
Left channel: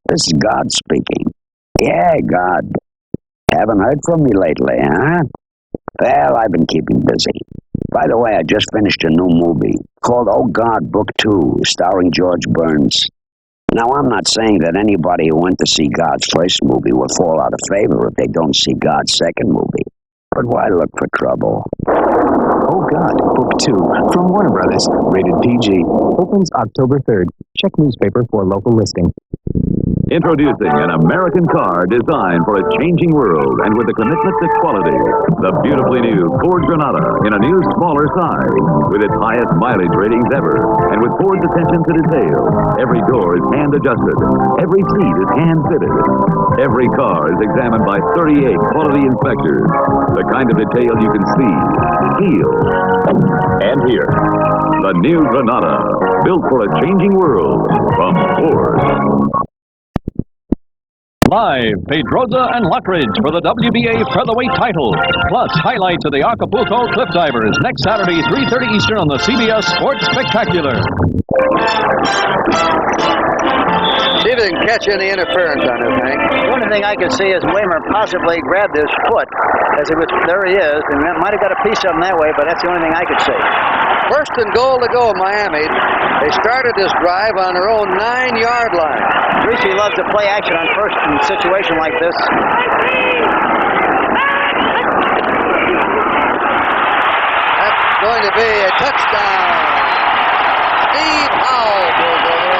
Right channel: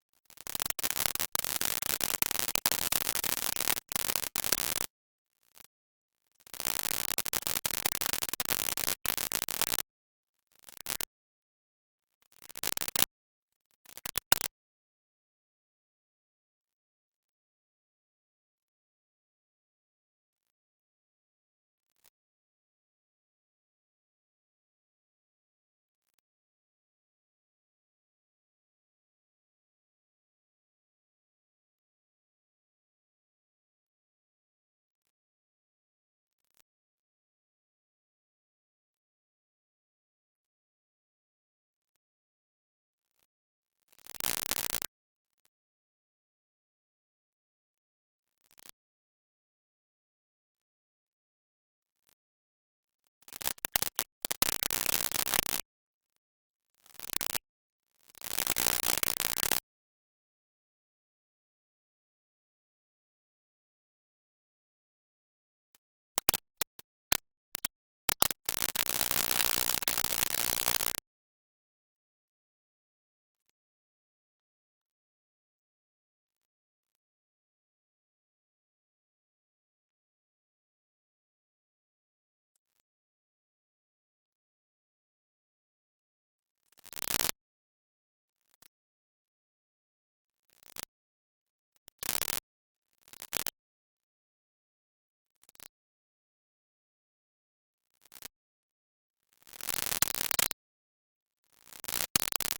This is God speaking. Yeah, God. Haven't heard from me lately, huh? Well, I've been keeping busy. By the way, I just finished a new movie called Oh God, Book 2, starring George Burns. Now, I'm not saying that anybody who went to see God's first movie will fall out of favor if they don't see God's second movie. But why look for trouble? Oh God, Book 2, from Warner Brothers, rated PG. Opens October 3rd. Check newspaper for local listing. Introducing an American car designed for a changing world and with a commitment to quality. The beautifully new Ford Granada in a new smaller size with its highest mileage ratings ever and with Ford's attention to detail. Every door is hand adjusted. Every seat is hand fitted. Every car is examined by 38 quality inspectors. The kind of detail you can see, feel, and hear. The new Granada, built for a changing world from Ford. Live, Pedroza and Lockridge for the WBA featherweight title. Plus, highlights of the Acapulco Cliff Divers next Saturday, 3:30 Eastern on the CBS Sports Spectacular. See if they can catch any interference on this, Hank. The only thing I can see is Weimer possibly grabbed his foot as he was, there he is, and that might have got a piece of him that way, but that's the only thing I could see. First and goal to go, Miami. They started this drive on their own 9-yard line. Greasy loves to play action on first in a situation like this. That's going to be a touchdown. Steve Howell goes over,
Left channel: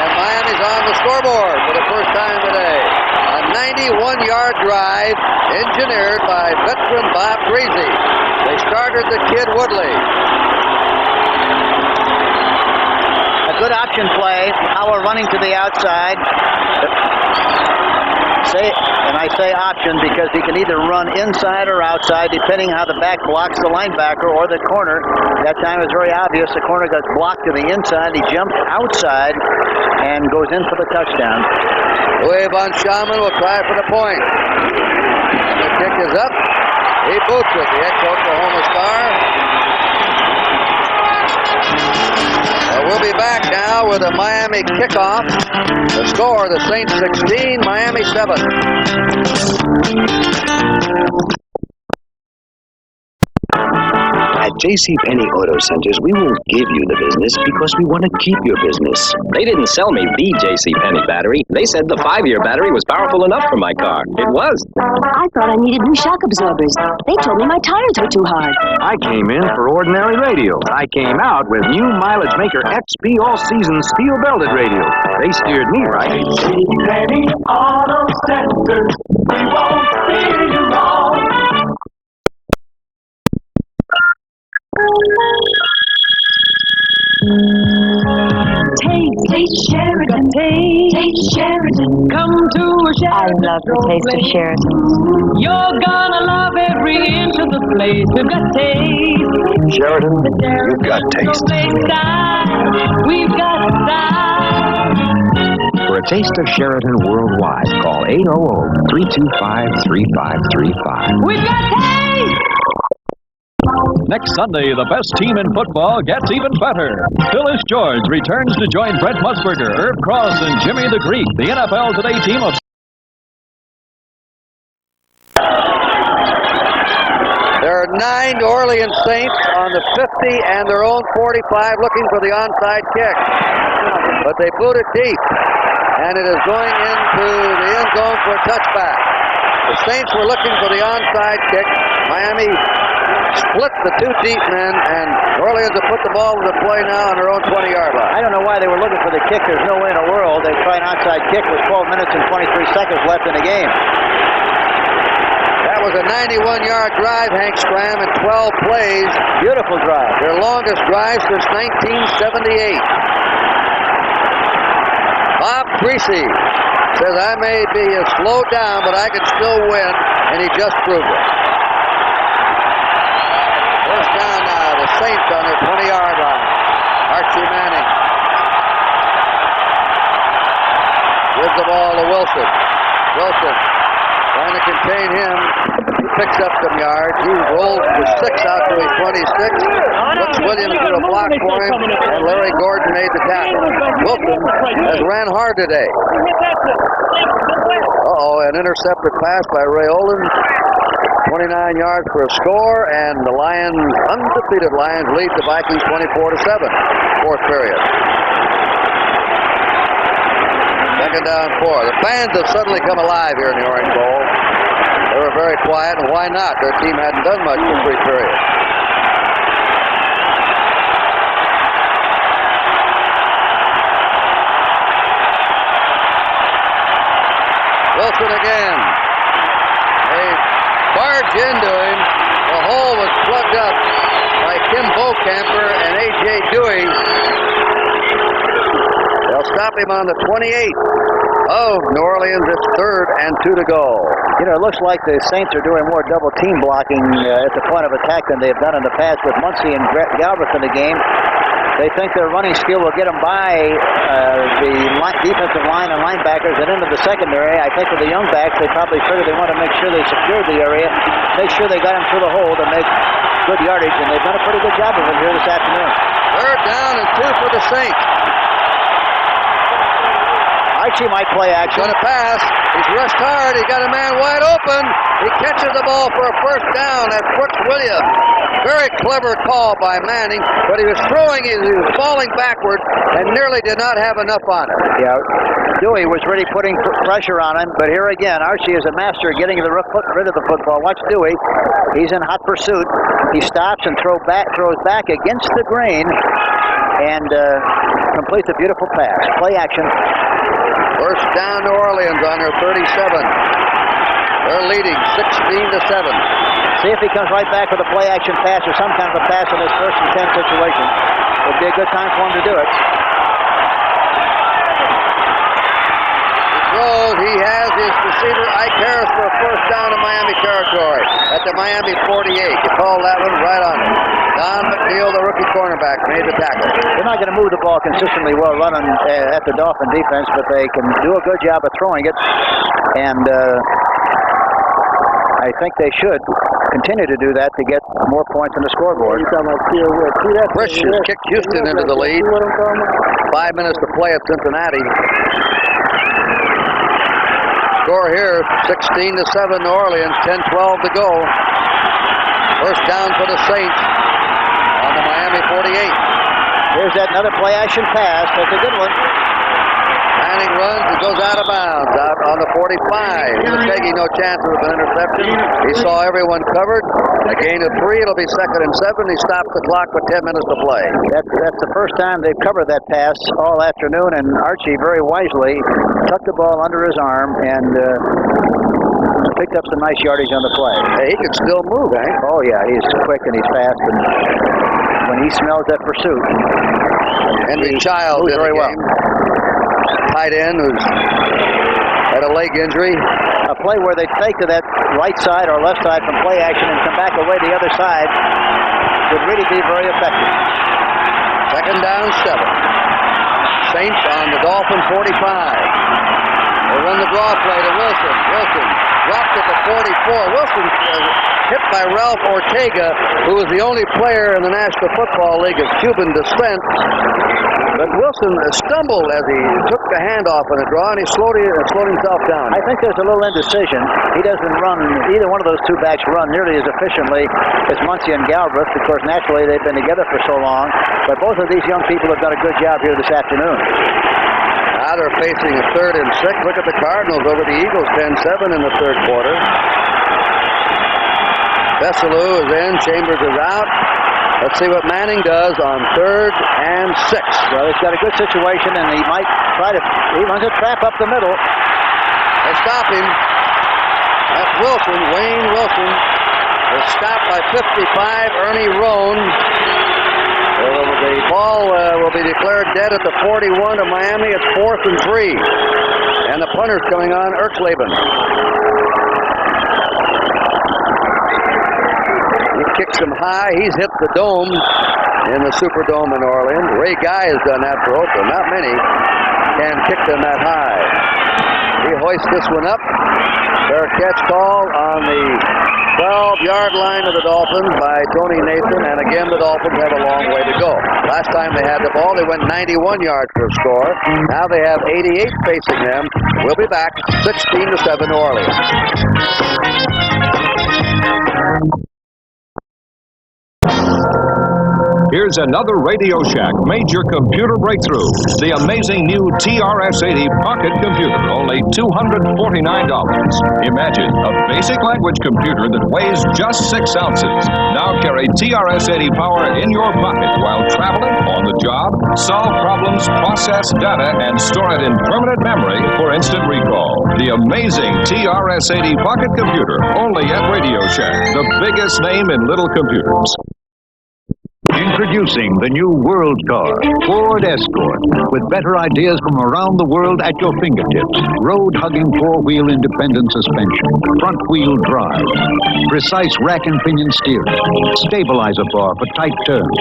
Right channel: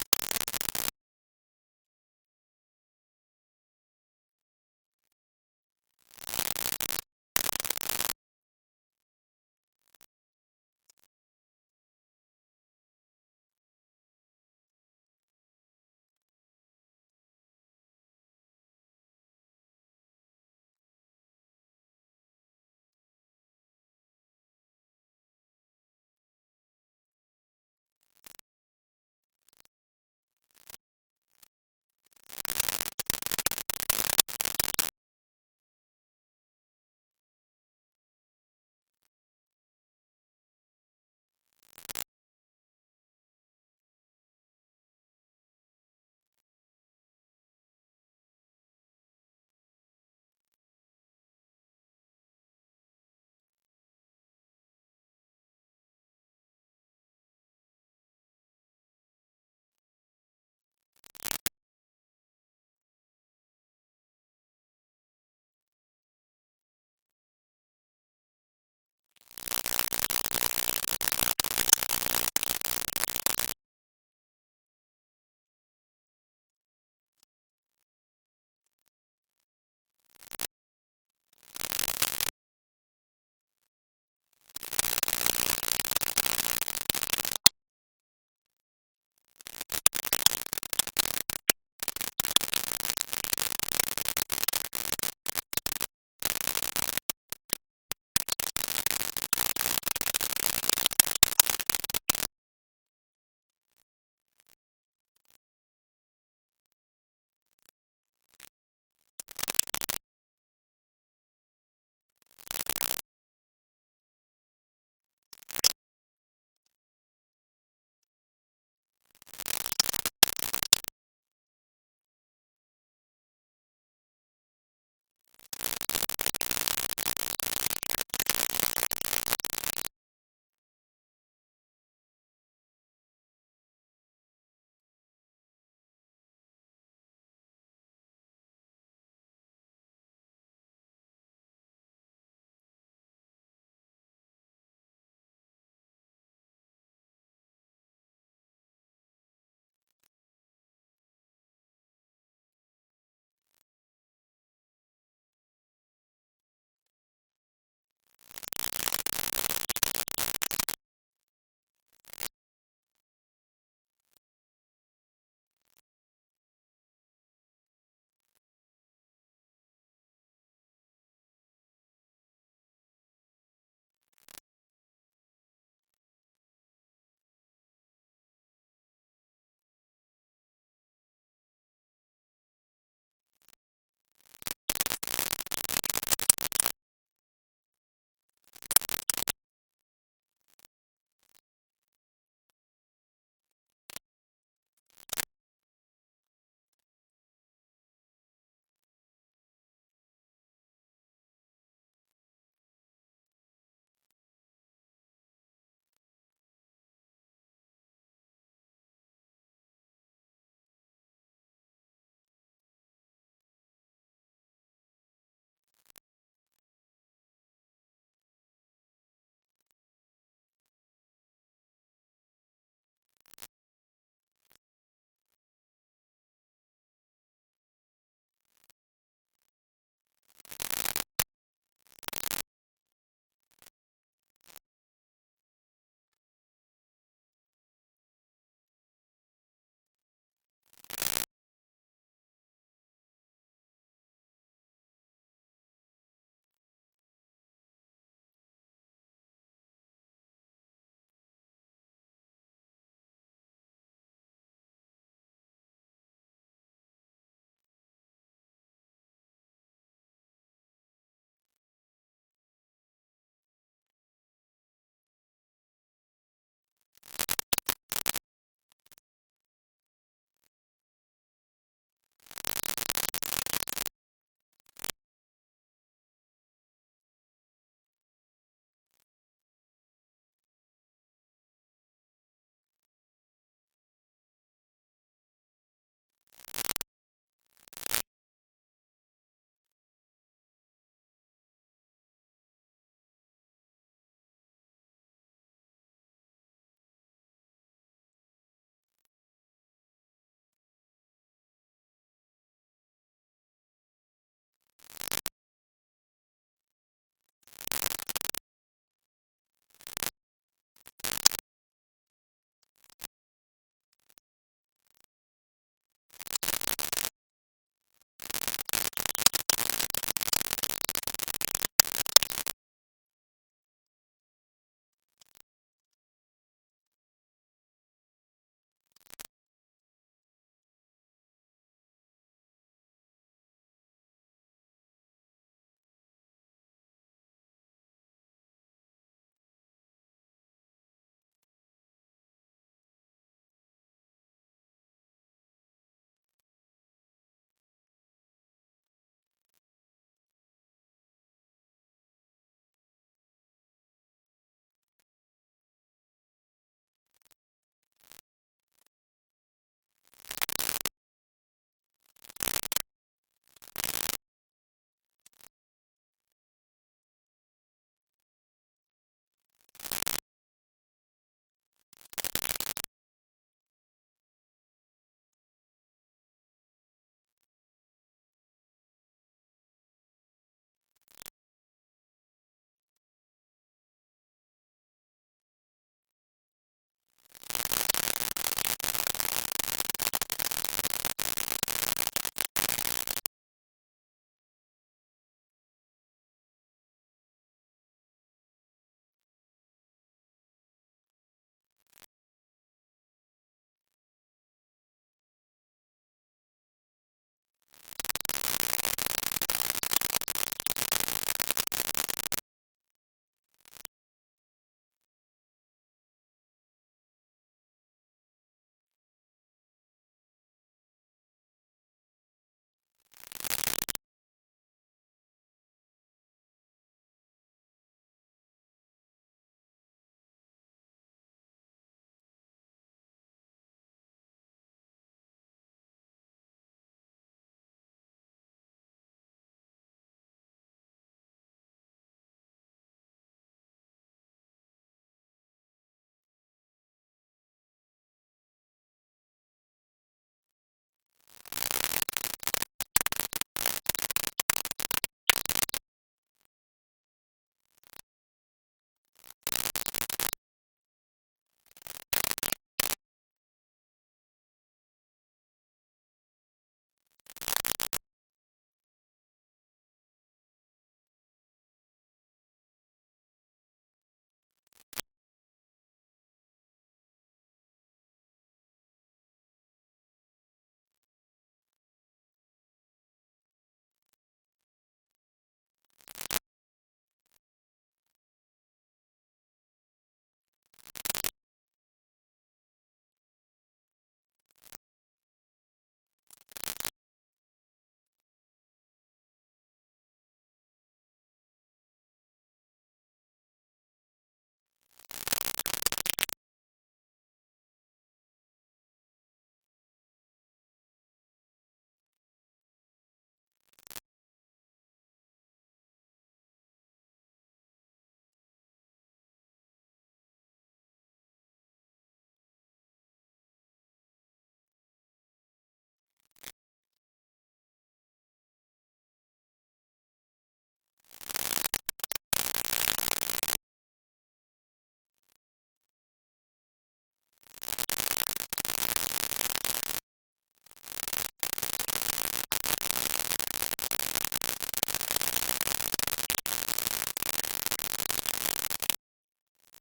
and Miami's on the scoreboard for the first time today. A 91-yard drive engineered by veteran Bob Greasy. They started the kid Woodley. Good option play. Howell running to the outside. I say option because he can either run inside or outside depending how the back blocks the linebacker or the corner. That time it was very obvious. The corner got blocked to the inside. He jumped outside and goes in for the touchdown. Louis Von Schaman will try for the point. And the kick is up. He boots it. The ex-Oklahoma Star. We'll be back now with a Miami kickoff. The score, the Saints 16, Miami 7. At JCPenney Auto Centers, we won't give you the business because we want to keep your business. They didn't sell me the JCPenney battery. They said the 5-year battery was powerful enough for my car. It was. I thought I needed new shock absorbers. They told me my tires were too hard. I came in for ordinary radio. I came out with new Mileage Maker XP all-season steel-belted radio. They steered me right. JCPenney Auto Centers, we won't steer you wrong. Taste Sheridan. Taste Sheridan. Come to a Sheridan. I love the taste of Sheridan. You're gonna love every inch of the place. We've got taste. Sheridan, you've got taste. We've got style. For a taste of Sheraton worldwide. Call 800-325-3535. We've got taste! Next Sunday, the best team in football gets even better. Phyllis George returns to join Brett Musburger, Herb Cross, and Jimmy the Greek, the NFL Today team of... There are 9 New Orleans Saints on the 50 and their own 45 looking for the onside kick. But they boot it deep, and it is going into the end zone for a touchback. The Saints were looking for the onside kick. Miami split the 2 deep men, and New Orleans have put the ball into play now on their own 20-yard line. I don't know why they were looking for the kick. There's no way in the world they try an onside kick with 12 minutes and 23 seconds left in the game. That was a 91-yard drive, Hank Stram, in 12 plays. Beautiful drive. Their longest drive since 1978. Bob Creasy says, I may be slowed down, but I can still win, and he just proved it. First down now, the Saints on their 20-yard line. Archie Manning gives the ball to Wilson. Wilson trying to contain him. He picks up some yards. He rolls for 6 out to a 26. Puts Williams to a block for him, and Larry Gordon made the tackle. Wilson has ran hard today. An intercepted pass by Ray Olin. 29 yards for a score, and the Lions, undefeated Lions, lead the Vikings 24-7. Fourth period. Second down 4. The fans have suddenly come alive here in the Orange Bowl. They were very quiet, and why not? Their team hadn't done much in 3 periods. Wilson again. They barge into him. The hole was plugged up by Kim Bocamper and A.J. Dewey. They'll stop him on the 28 of New Orleans. It's 3rd and 2 to go. You know, it looks like the Saints are doing more double team blocking at the point of attack than they've done in the past with Muncy and Galbraith in the game. They think their running skill will get them by the defensive line and linebackers and into the secondary. I think with the young backs, they probably figured they want to make sure they secured the area, make sure they got them through the hole to make good yardage, and they've done a pretty good job of it here this afternoon. 3rd down and 2 for the Saints. Archie might play action. Going to pass. He's rushed hard. He got a man wide open. He catches the ball for a first down. That's Brooks Williams. Very clever call by Manning, but he was throwing, he was falling backward and nearly did not have enough on it. Yeah, Dewey was really putting pressure on him, but here again, Archie is a master of getting rid of the football. Watch Dewey. He's in hot pursuit. He stops and throws back against the grain and completes a beautiful pass. Play action. First down New Orleans on their 37. They're leading 16-7. See if he comes right back with a play-action pass or some kind of a pass in this 1st and 10 situation. It'd be a good time for him to do it. He throws. He has his receiver, Ike Harris, for a first down in Miami territory at the Miami 48. You call that one right on it. Don McNeil, the rookie cornerback, made the tackle. They're not going to move the ball consistently well running at the Dolphin defense, but they can do a good job of throwing it. And I think they should continue to do that to get more points on the scoreboard. Frisch has kicked Houston into the lead. 5 minutes to play at Cincinnati. Score here, 16-7 New Orleans, 10-12 to go. First down for the Saints on the Miami 48. Here's that another play-action pass. That's a good one. Manning runs and goes out of bounds, out on the 45. He was taking no chances of an interception. He saw everyone covered. A gain of 3. It'll be 2nd and 7. He stopped the clock with 10 minutes to play. That's the first time they've covered that pass all afternoon, and Archie very wisely tucked the ball under his arm and picked up some nice yardage on the play. Hey, he can still move, eh? Oh, yeah. He's quick and he's fast, and when he smells that pursuit, Henry Childs moves very well. Tight end who's had a leg injury. A play where they take to that right side or left side from play action and come back away the other side would really be very effective. 2nd down 7. Saints on the Dolphin 45. They run the draw play to Wilson. Wilson drops at the 44. Wilson hit by Ralph Ortega, who is the only player in the National Football League of Cuban descent. But Wilson stumbled as he took the handoff in the draw, and he slowed himself down. I think there's a little indecision. He doesn't run, either one of those two backs run nearly as efficiently as Muncy and Galbraith, because naturally they've been together for so long. But both of these young people have done a good job here this afternoon. Now they're facing a 3rd and 6. Look at the Cardinals over the Eagles, 10-7 in the third quarter. Bessalou is in. Chambers is out. Let's see what Manning does on 3rd and 6. Well, he's got a good situation, and he might try to. He runs a trap up the middle. They stop him. That's Wilson. Wayne Wilson is stopped by 55. Ernie Roan. The ball will be declared dead at the 41 of Miami. It's 4th and 3. And the punter's coming on, Erkleben. He kicks him high. He's hit the dome in the Superdome in Orleans. Ray Guy has done that for Oakland. Not many can kick them that high. He hoists this one up. Fair catch call on the 12-yard line of the Dolphins by Tony Nathan, and again the Dolphins have a long way to go. Last time they had the ball, they went 91 yards for a score. Now they have 88 facing them. We'll be back 16-7 New Orleans. Here's another Radio Shack major computer breakthrough. The amazing new TRS-80 pocket computer, only $249. Imagine a basic language computer that weighs just 6 ounces. Now carry TRS-80 power in your pocket while traveling, on the job, solve problems, process data, and store it in permanent memory for instant recall. The amazing TRS-80 pocket computer, only at Radio Shack, the biggest name in little computers. Introducing the new World Car, Ford Escort, with better ideas from around the world at your fingertips. Road-hugging four-wheel independent suspension, front-wheel drive, precise rack and pinion steering, stabilizer bar for tight turns,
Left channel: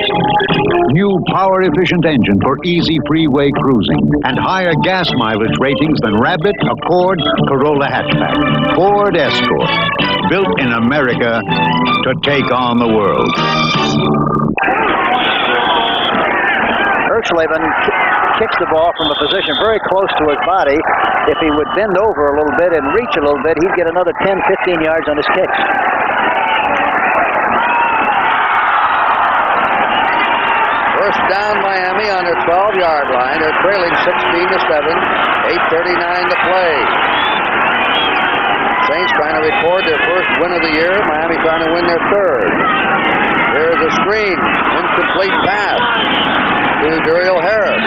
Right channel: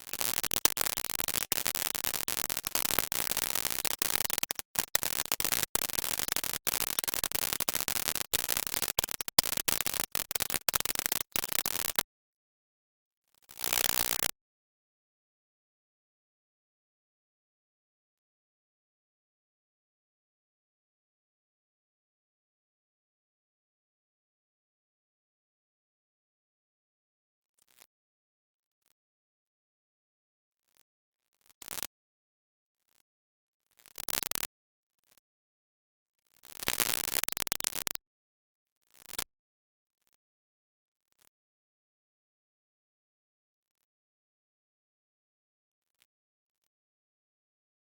new power-efficient engine for easy freeway cruising, and higher gas mileage ratings than Rabbit, Accord, Corolla hatchback. Ford Escort, built in America to take on the world. Erkleben kicks the ball from a position very close to his body. If he would bend over a little bit and reach a little bit, he'd get another 10, 15 yards on his kicks. First down Miami on their 12-yard line. They're trailing 16-7. 8:39 to play. Saints trying to record their first win of the year. Miami trying to win their third. There's a screen. Incomplete pass to Duriel Harris.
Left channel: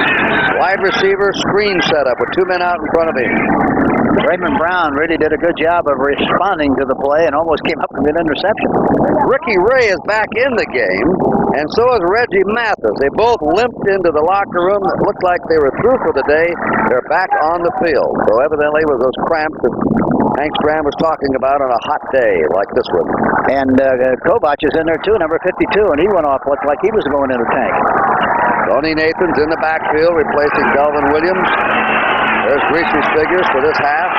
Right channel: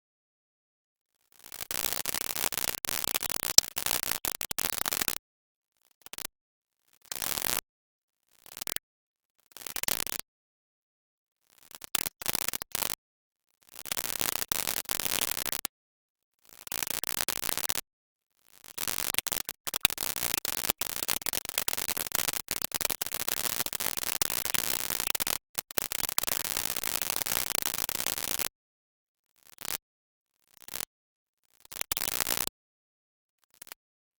Wide receiver screen setup with 2 men out in front of him. Raymond Brown really did a good job of responding to the play and almost came up with an interception. Ricky Ray is back in the game, and so is Reggie Mathis. They both limped into the locker room. It looked like they were through for the day. They're back on the field. So evidently it was those cramps that Hank Stram was talking about on a hot day like this one. And Kovach is in there too, number 52, and he went off looked like he was going in the tank. Tony Nathan's in the backfield replacing Delvin Williams. There's Greasy's figures for this half.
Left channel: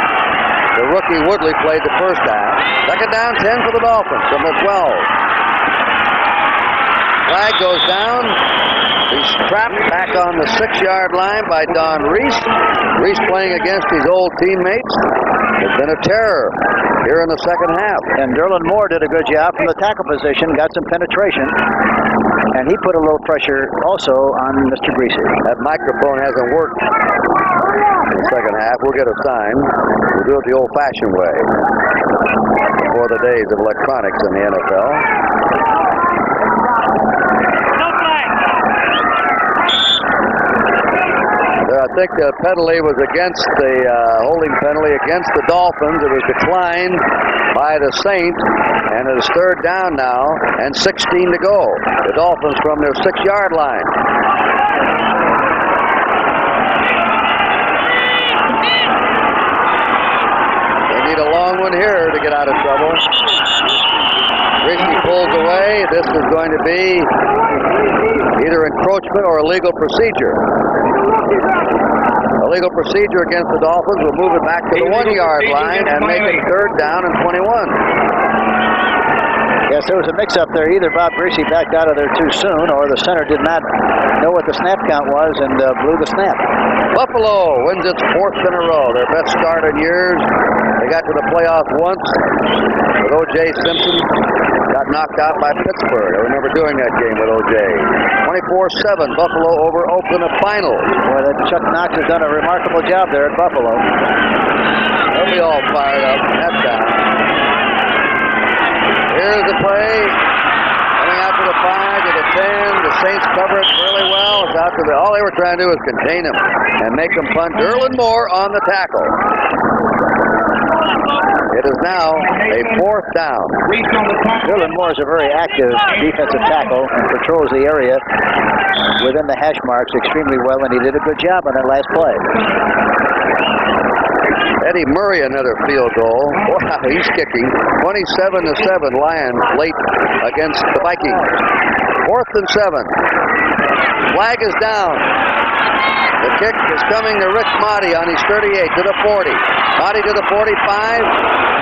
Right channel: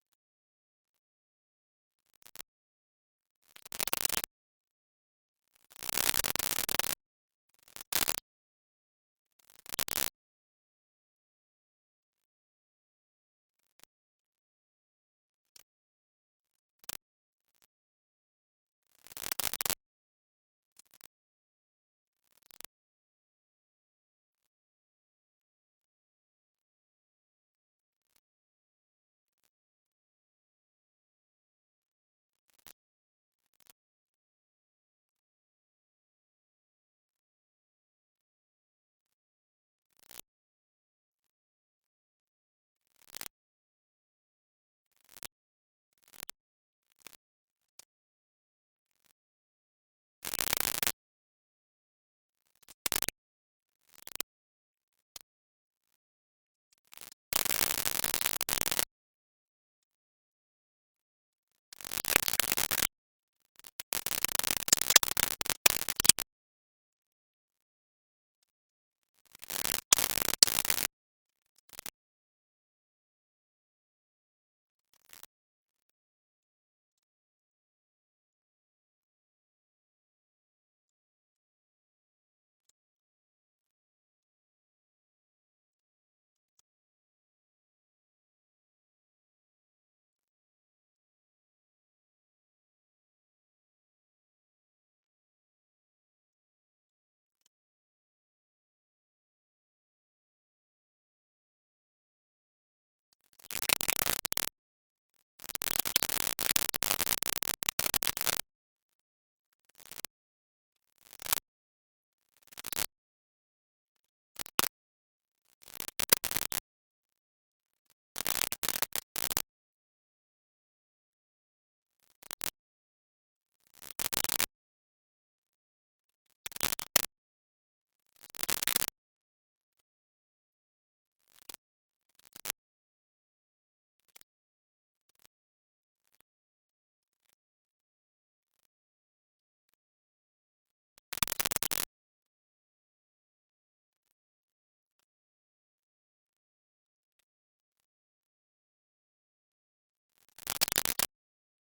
The rookie Woodley played the first half. Second down, 10 for the Dolphins from the 12. Flag goes down. He's trapped back on the 6-yard line by Don Reese. Reese playing against his old teammates. It's been a terror here in the second half. And Derlin Moore did a good job from the tackle position, got some penetration. And he put a little pressure also on Mr. Greasy. That microphone hasn't worked in the second half. We'll get a sign. We'll do it the old-fashioned way before the days of electronics in the NFL. I think the penalty was against the holding penalty against the Dolphins. It was declined by the Saints, and it is third down now and 16 to go. The Dolphins from their 6-yard line. They need a long one here to get out of trouble. Greasy pulls away. This is going to be either encroachment or illegal procedure. Illegal procedure against the Dolphins will move it back to the 1-yard line and make it 3rd down and 21. Yes, there was a mix-up there. Either Bob Greasy backed out of there too soon, or the center did not know what the snap count was and blew the snap. Buffalo wins its 4th in a row. Their best start in years. They got to the playoffs once with O.J. Simpson. Got knocked out by Pittsburgh. I remember doing that game with O.J. 24-7, Buffalo over Oakland, a final. Boy, that Chuck Knox has done a remarkable job there at Buffalo. They'll be all fired up. That's down. Here's the play. Coming out to the 5, to the 10. The Saints cover it really well. It's out to the. All they were trying to do was contain him and make him punt. Derlin Moore on the tackle. It is now a 4th down. Derlin Moore is a very active defensive tackle and patrols the area within the hash marks extremely well, and he did a good job on that last play. Eddie Murray, another field goal. Wow, he's kicking. 27-7 Lions late against the Vikings. 4th and 7. Flag is down. The kick is coming to Rick Motti on his 38 to the 40. Motti to the 45.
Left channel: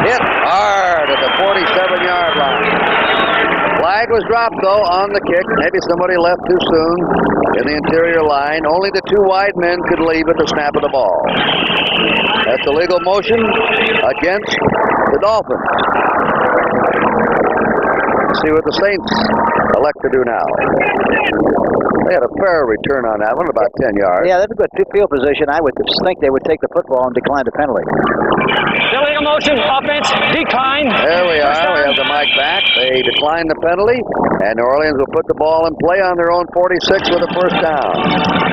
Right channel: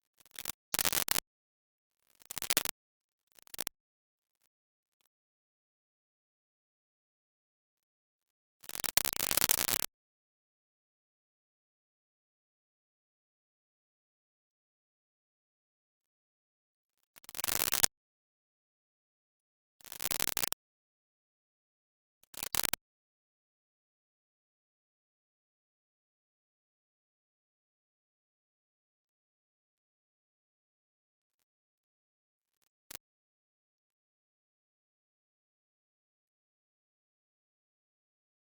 Hit hard at the 47-yard line. Flag was dropped, though, on the kick. Maybe somebody left too soon in the interior line. Only the 2 wide men could leave at the snap of the ball. That's a legal motion against the Dolphins. Let's see what the Saints elect to do now. They had a fair return on that one, about 10 yards. Yeah, that's a good field position. I would think they would take the football and decline the penalty. Illegal motion, offense, decline. There we are. We have the mic back. They decline the penalty, and New Orleans will put the ball in play on their own 46 with a 1st down.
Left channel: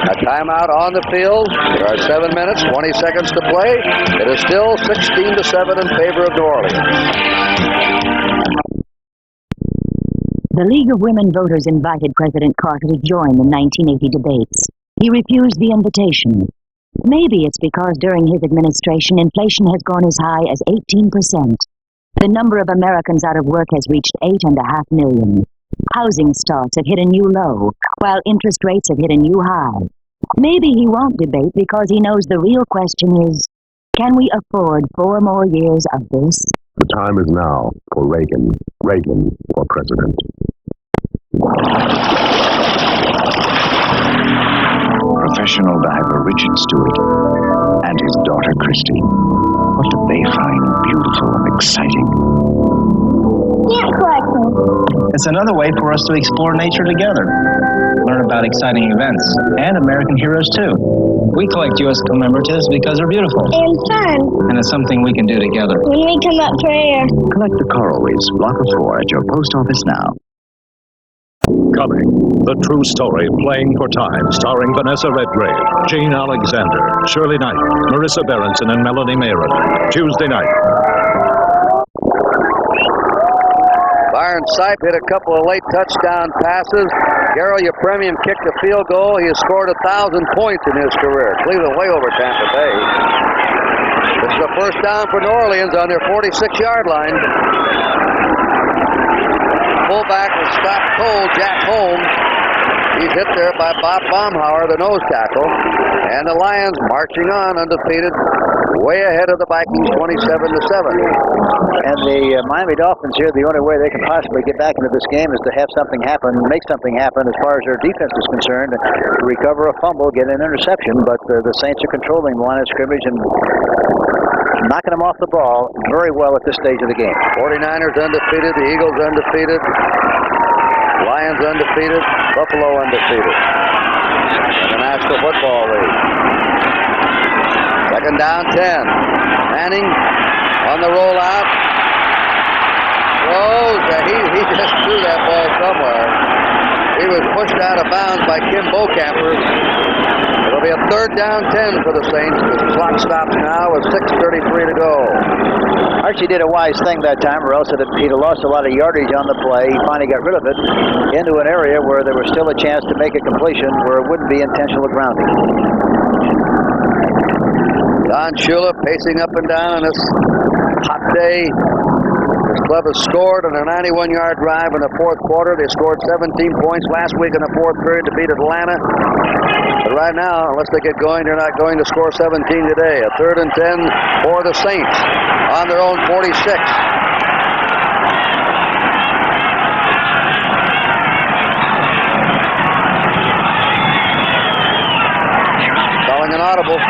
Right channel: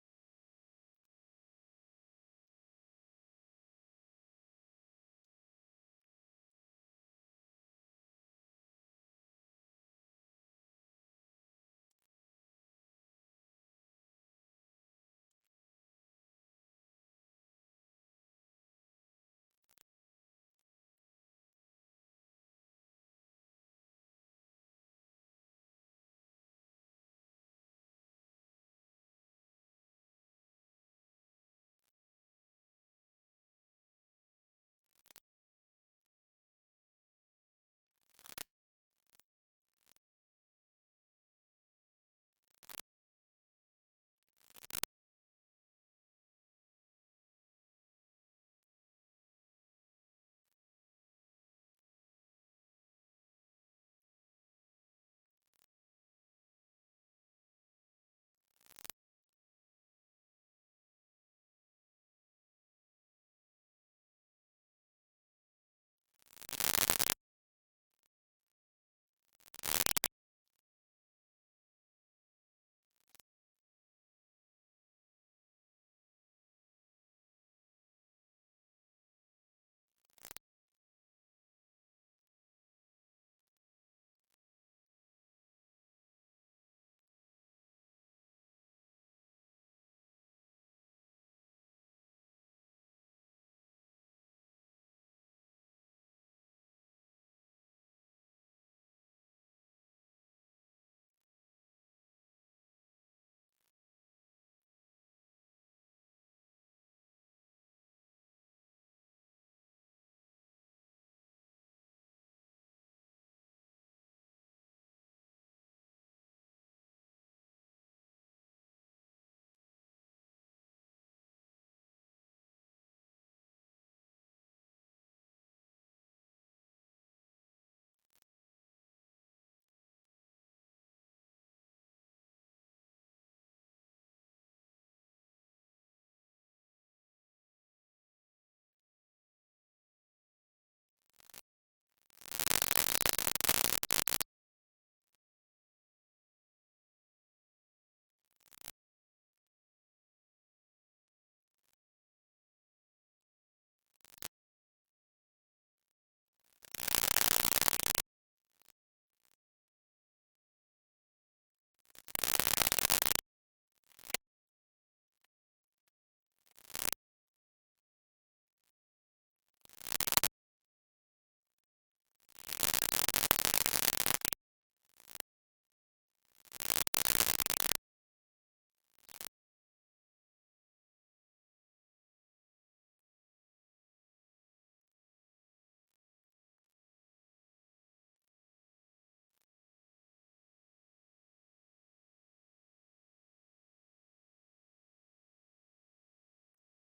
A timeout on the field. There are 7 minutes, 20 seconds to play. It is still 16-7 in favor of New Orleans. The League of Women Voters invited President Carter to join the 1980 debates. He refused the invitation. Maybe it's because during his administration, inflation has gone as high as 18%. The number of Americans out of work has reached 8.5 million. Housing starts have hit a new low, while interest rates have hit a new high. Maybe he won't debate because he knows the real question is, can we afford 4 more years of this? The time is now for Reagan. Reagan for president. Professional diver Richard Stewart and his daughter Christy. What do they find beautiful and exciting? Ant collecting. It's another way for us to explore nature together. Learn about exciting events and American heroes too. We collect U.S. commemoratives because they're beautiful. And fun. And it's something we can do together. When we come up for air. Collect the coral reefs, block of 4 at your post office now. Coming, the true story, Playing for Time, starring Vanessa Redgrave, Jane Alexander, Shirley Knight, Marissa Berenson, and Melanie Mayron. Tuesday night. Byron Sipe hit a couple of late touchdown passes. Garo Yepremian kicked a field goal. He has scored 1,000 points in his career. Cleveland way over Tampa Bay. This is the 1st down for New Orleans on their 46-yard line. Fullback was stopped cold, Jack Holmes. He's hit there by Bob Baumhauer, the nose tackle. And the Lions marching on undefeated, way ahead of the Vikings, 27-7. And the Miami Dolphins here, the only way they can possibly get back into this game is to have something happen, make something happen as far as their defense is concerned, to recover a fumble, get an interception. But the Saints are controlling the line of scrimmage and knocking them off the ball very well at this stage of the game. 49ers undefeated, the Eagles undefeated, Lions undefeated, Buffalo undefeated in the National Football League. 2nd down, 10. Manning on the rollout. Throws. He just threw that ball somewhere. He was pushed out of bounds by Kim Bocamper. It'll be a 3rd down, 10 for the Saints. The clock stops now with 6:33 to go. Archie did a wise thing that time, or else he'd have lost a lot of yardage on the play. He finally got rid of it into an area where there was still a chance to make a completion where it wouldn't be intentional grounding. Don Shula pacing up and down on this hot day. This club has scored on a 91-yard drive in the fourth quarter. They scored 17 points last week in the fourth period to beat Atlanta. But right now, unless they get going, they're not going to score 17 today. A 3rd and 10 for the Saints on their own 46. Calling an audible.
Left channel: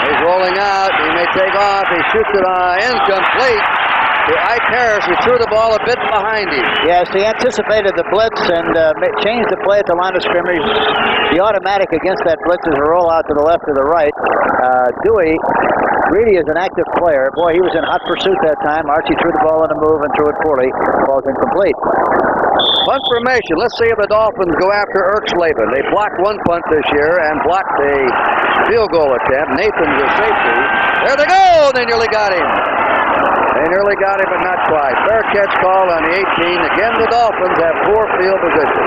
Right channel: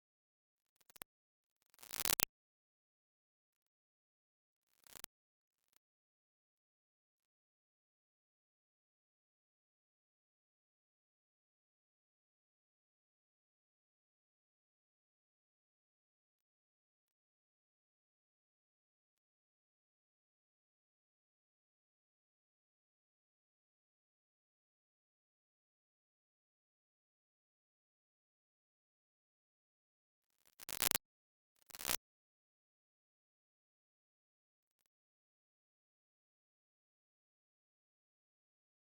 He's rolling out. He may take off. He shoots it incomplete to Ike Harris, who threw the ball a bit behind him. Yes, he anticipated the blitz and changed the play at the line of scrimmage. The automatic against that blitz is a roll out to the left or the right. Dewey really is an active player. Boy, he was in hot pursuit that time. Archie threw the ball on the move and threw it poorly. The ball's incomplete. Punt formation. Let's see if the Dolphins go after Erxleben. They blocked one punt this year and blocked a field goal attempt. Nathan's a safety. There they go! They nearly got him. They nearly got him, but not quite. Fair catch call on the 18. Again, the Dolphins have poor field position.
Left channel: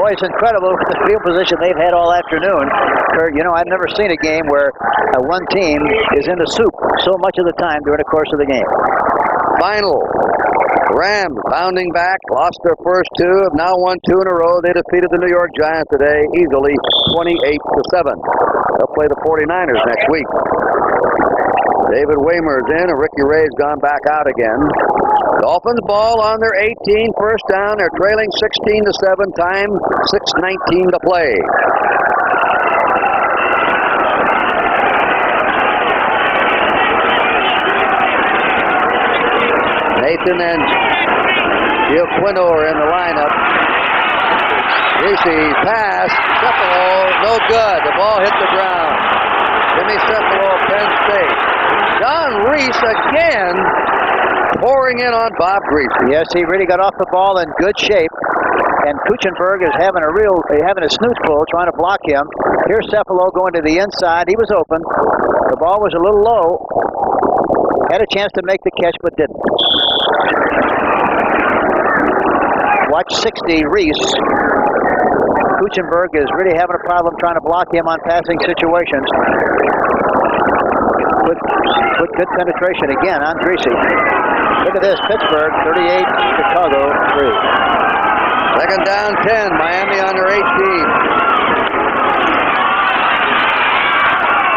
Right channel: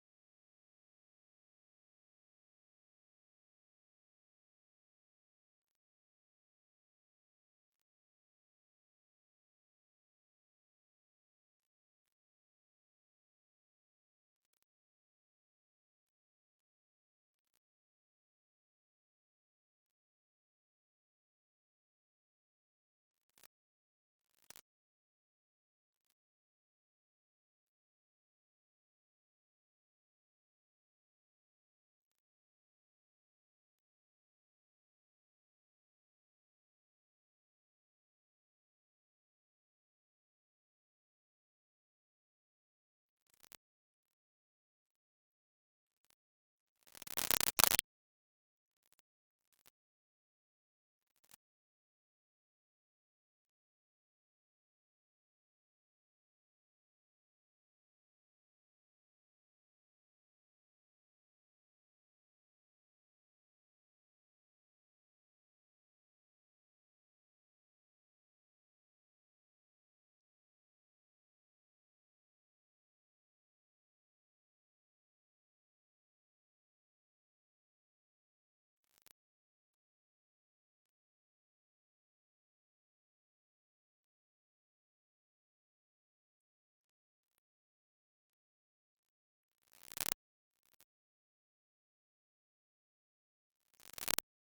Boy, it's incredible the field position they've had all afternoon. Kurt, you know, I've never seen a game where one team is in the soup so much of the time during the course of the game. Final. Rams bounding back, lost their first two, have now won 2 in a row. They defeated the New York Giants today easily, 28-7. They'll play the 49ers next week. David Waymer's in, and Ricky Ray's gone back out again. Dolphins ball on their 18, first down. They're trailing 16-7, time 6:19 to play. Nathan and Gilquino are in the lineup. Reese's pass, Cephalo, no good. The ball hit the ground. Jimmy Cephalo, Penn State. John Reese again pouring in on Bob Greasy. Yes, he really got off the ball in good shape. And Kuchenberg is having a snooze pull trying to block him. Here's Cephalo going to the inside. He was open. The ball was a little low. Had a chance to make the catch, but didn't. Watch 60, Reese. Kuchenberg is really having a problem trying to block him on passing situations. With good penetration again on Greasy. Look at this, Pittsburgh 38, Chicago 3. Second down 10, Miami on their 18.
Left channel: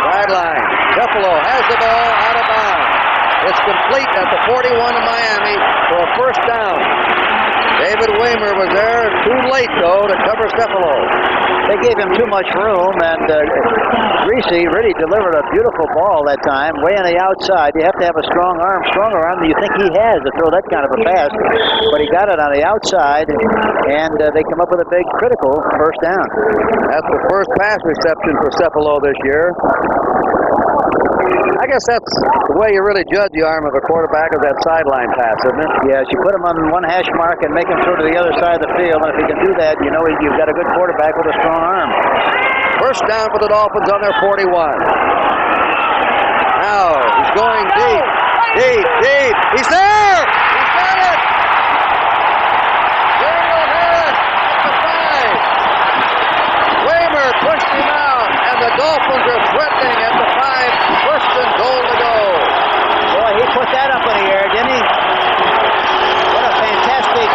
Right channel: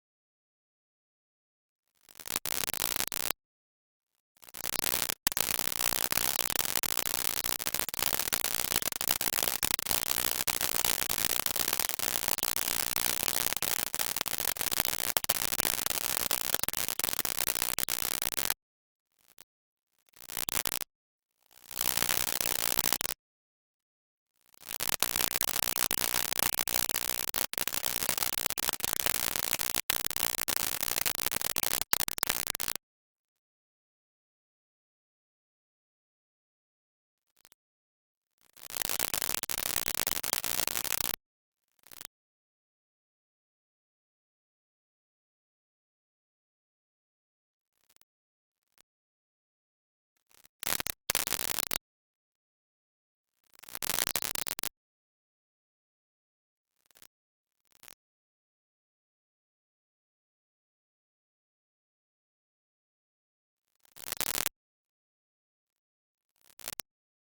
Sideline, Cephalo has the ball out of bounds. It's complete at the 41 of Miami for a first down. David Waymer was there too late, though, to cover Cephalo. They gave him too much room, and Greasy really delivered a beautiful ball that time, way on the outside. You have to have a stronger arm than you think he has to throw that kind of a pass. But he got it on the outside, and they come up with a big critical first down. That's the first pass reception for Cephalo this year. I guess that's the way you really judge the arm of a quarterback, is that sideline pass, isn't it? Yes, you put him on one hash mark and make him throw to the other side of the field, and if he can do that, you know you've got a good quarterback with a strong arm. First down for the Dolphins on their 41. Now he's going deep. He's there! He's got it! Daniel Harris at the 5. Waymer pushed him out, and the Dolphins are threatening at the 5. First and goal to go. Boy, he put that up in the air, didn't he? What a fantastic